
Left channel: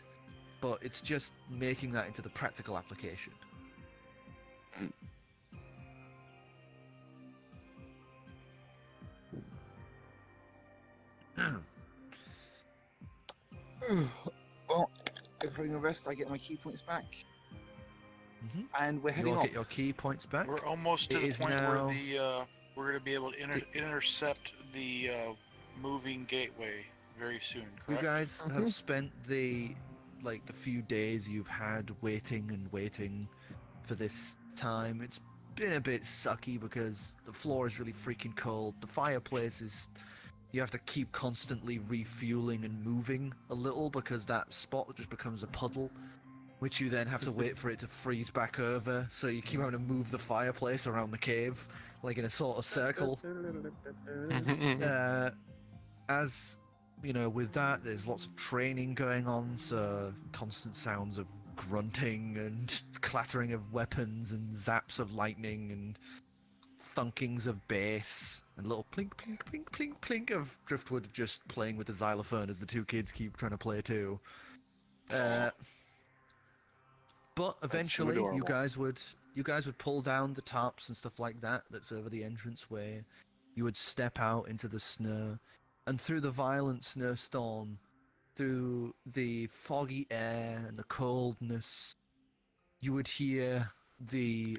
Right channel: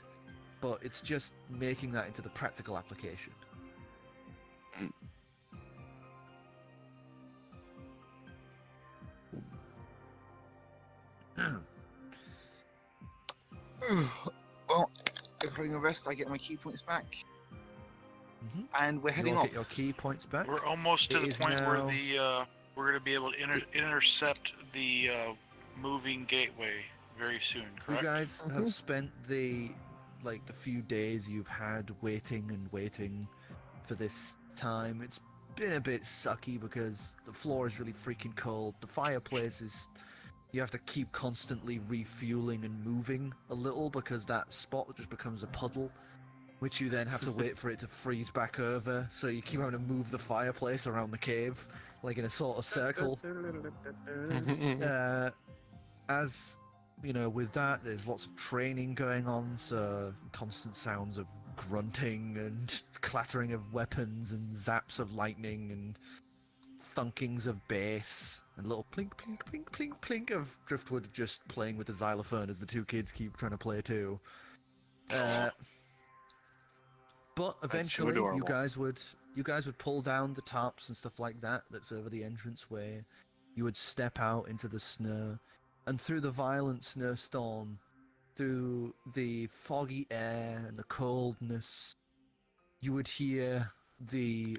but it's just making that into the practical application. Well, during a rest, I get my key points back. And we're heading off. Get your key points back. We're almost to the point where we're going to be able to intercept the moving gateway very soon. Correct? You guys have spent the few days you've had waiting for this time. It's been a bit sucky because the floor is really freaking cold. The fireplace is... You have to keep constantly refueling and moving a little because that spot just becomes a puddle, which you then have to wait for it to freeze back over, so you keep having to move the fireplace around the cave, like in a sort of circle. As, you know, with that, there's lots of training going on, so constant sounds of grunting and clattering of weapons and zaps of lightning and thunkings of bass and little plink, plink, plink, plink, plink of Driftwood just playing with the xylophone as the two kids keep trying to play too. But eventually, you guys would pull down the tarps and stuff like that that's over the entranceway. You would step out into the snow, and through the violent snowstorm, through the foggy air and the coldness, you would hear the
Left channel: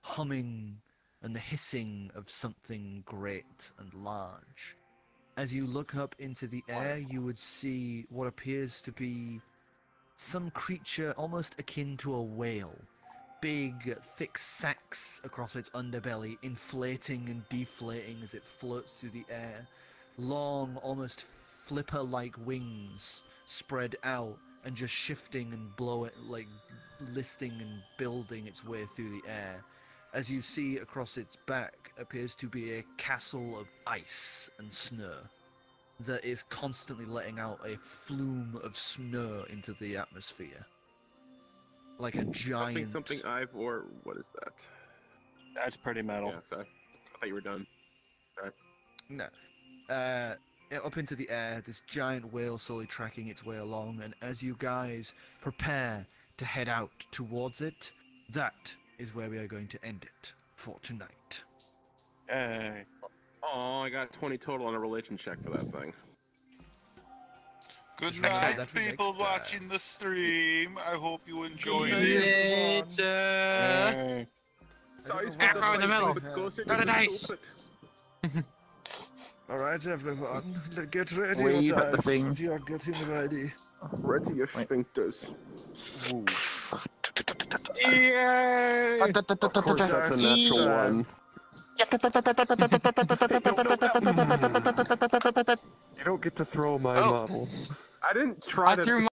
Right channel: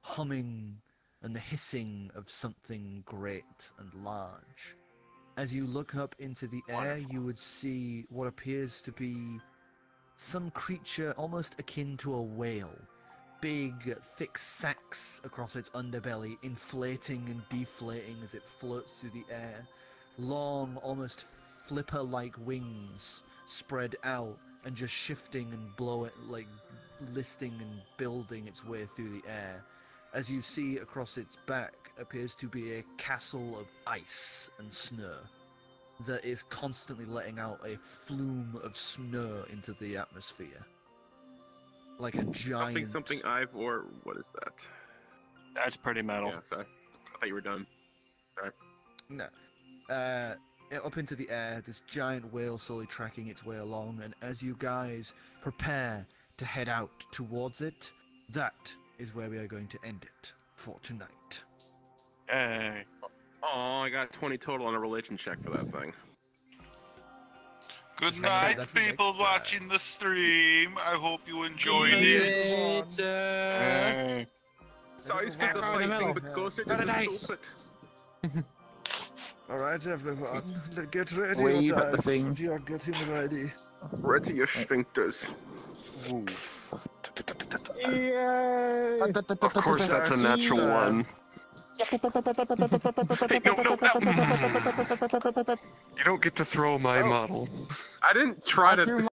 humming and the hissing of something great and large. As you look up into the air, you would see what appears to be some creature almost akin to a whale. Big, thick sacs across its underbelly, inflating and deflating as it floats through the air. Long, almost flipper-like wings spread out and just shifting and listing and building its way through the air. As you see across its back appears to be a castle of ice and snow that is constantly letting out a flume of snow into the atmosphere. Like a giant... Something Ivor, what is that? That's pretty metal. Yeah, sorry. I thought you were done. Sorry. No. Up into the air, this giant whale slowly tracking its way along, and as you guys prepare to head out towards it, that is where we are going to end it for tonight. Hey. Oh, I got 20 total on a religion check for that thing. Good night, people watching the stream. I hope you enjoyed it. Sorry, stupid lightning, but go straight to the stupid. Alright, everyone, get ready. Wave at the thing. You're getting ready. Ready your sphincters. Of course, that's a natural one. You don't get to throw my model. I didn't try to.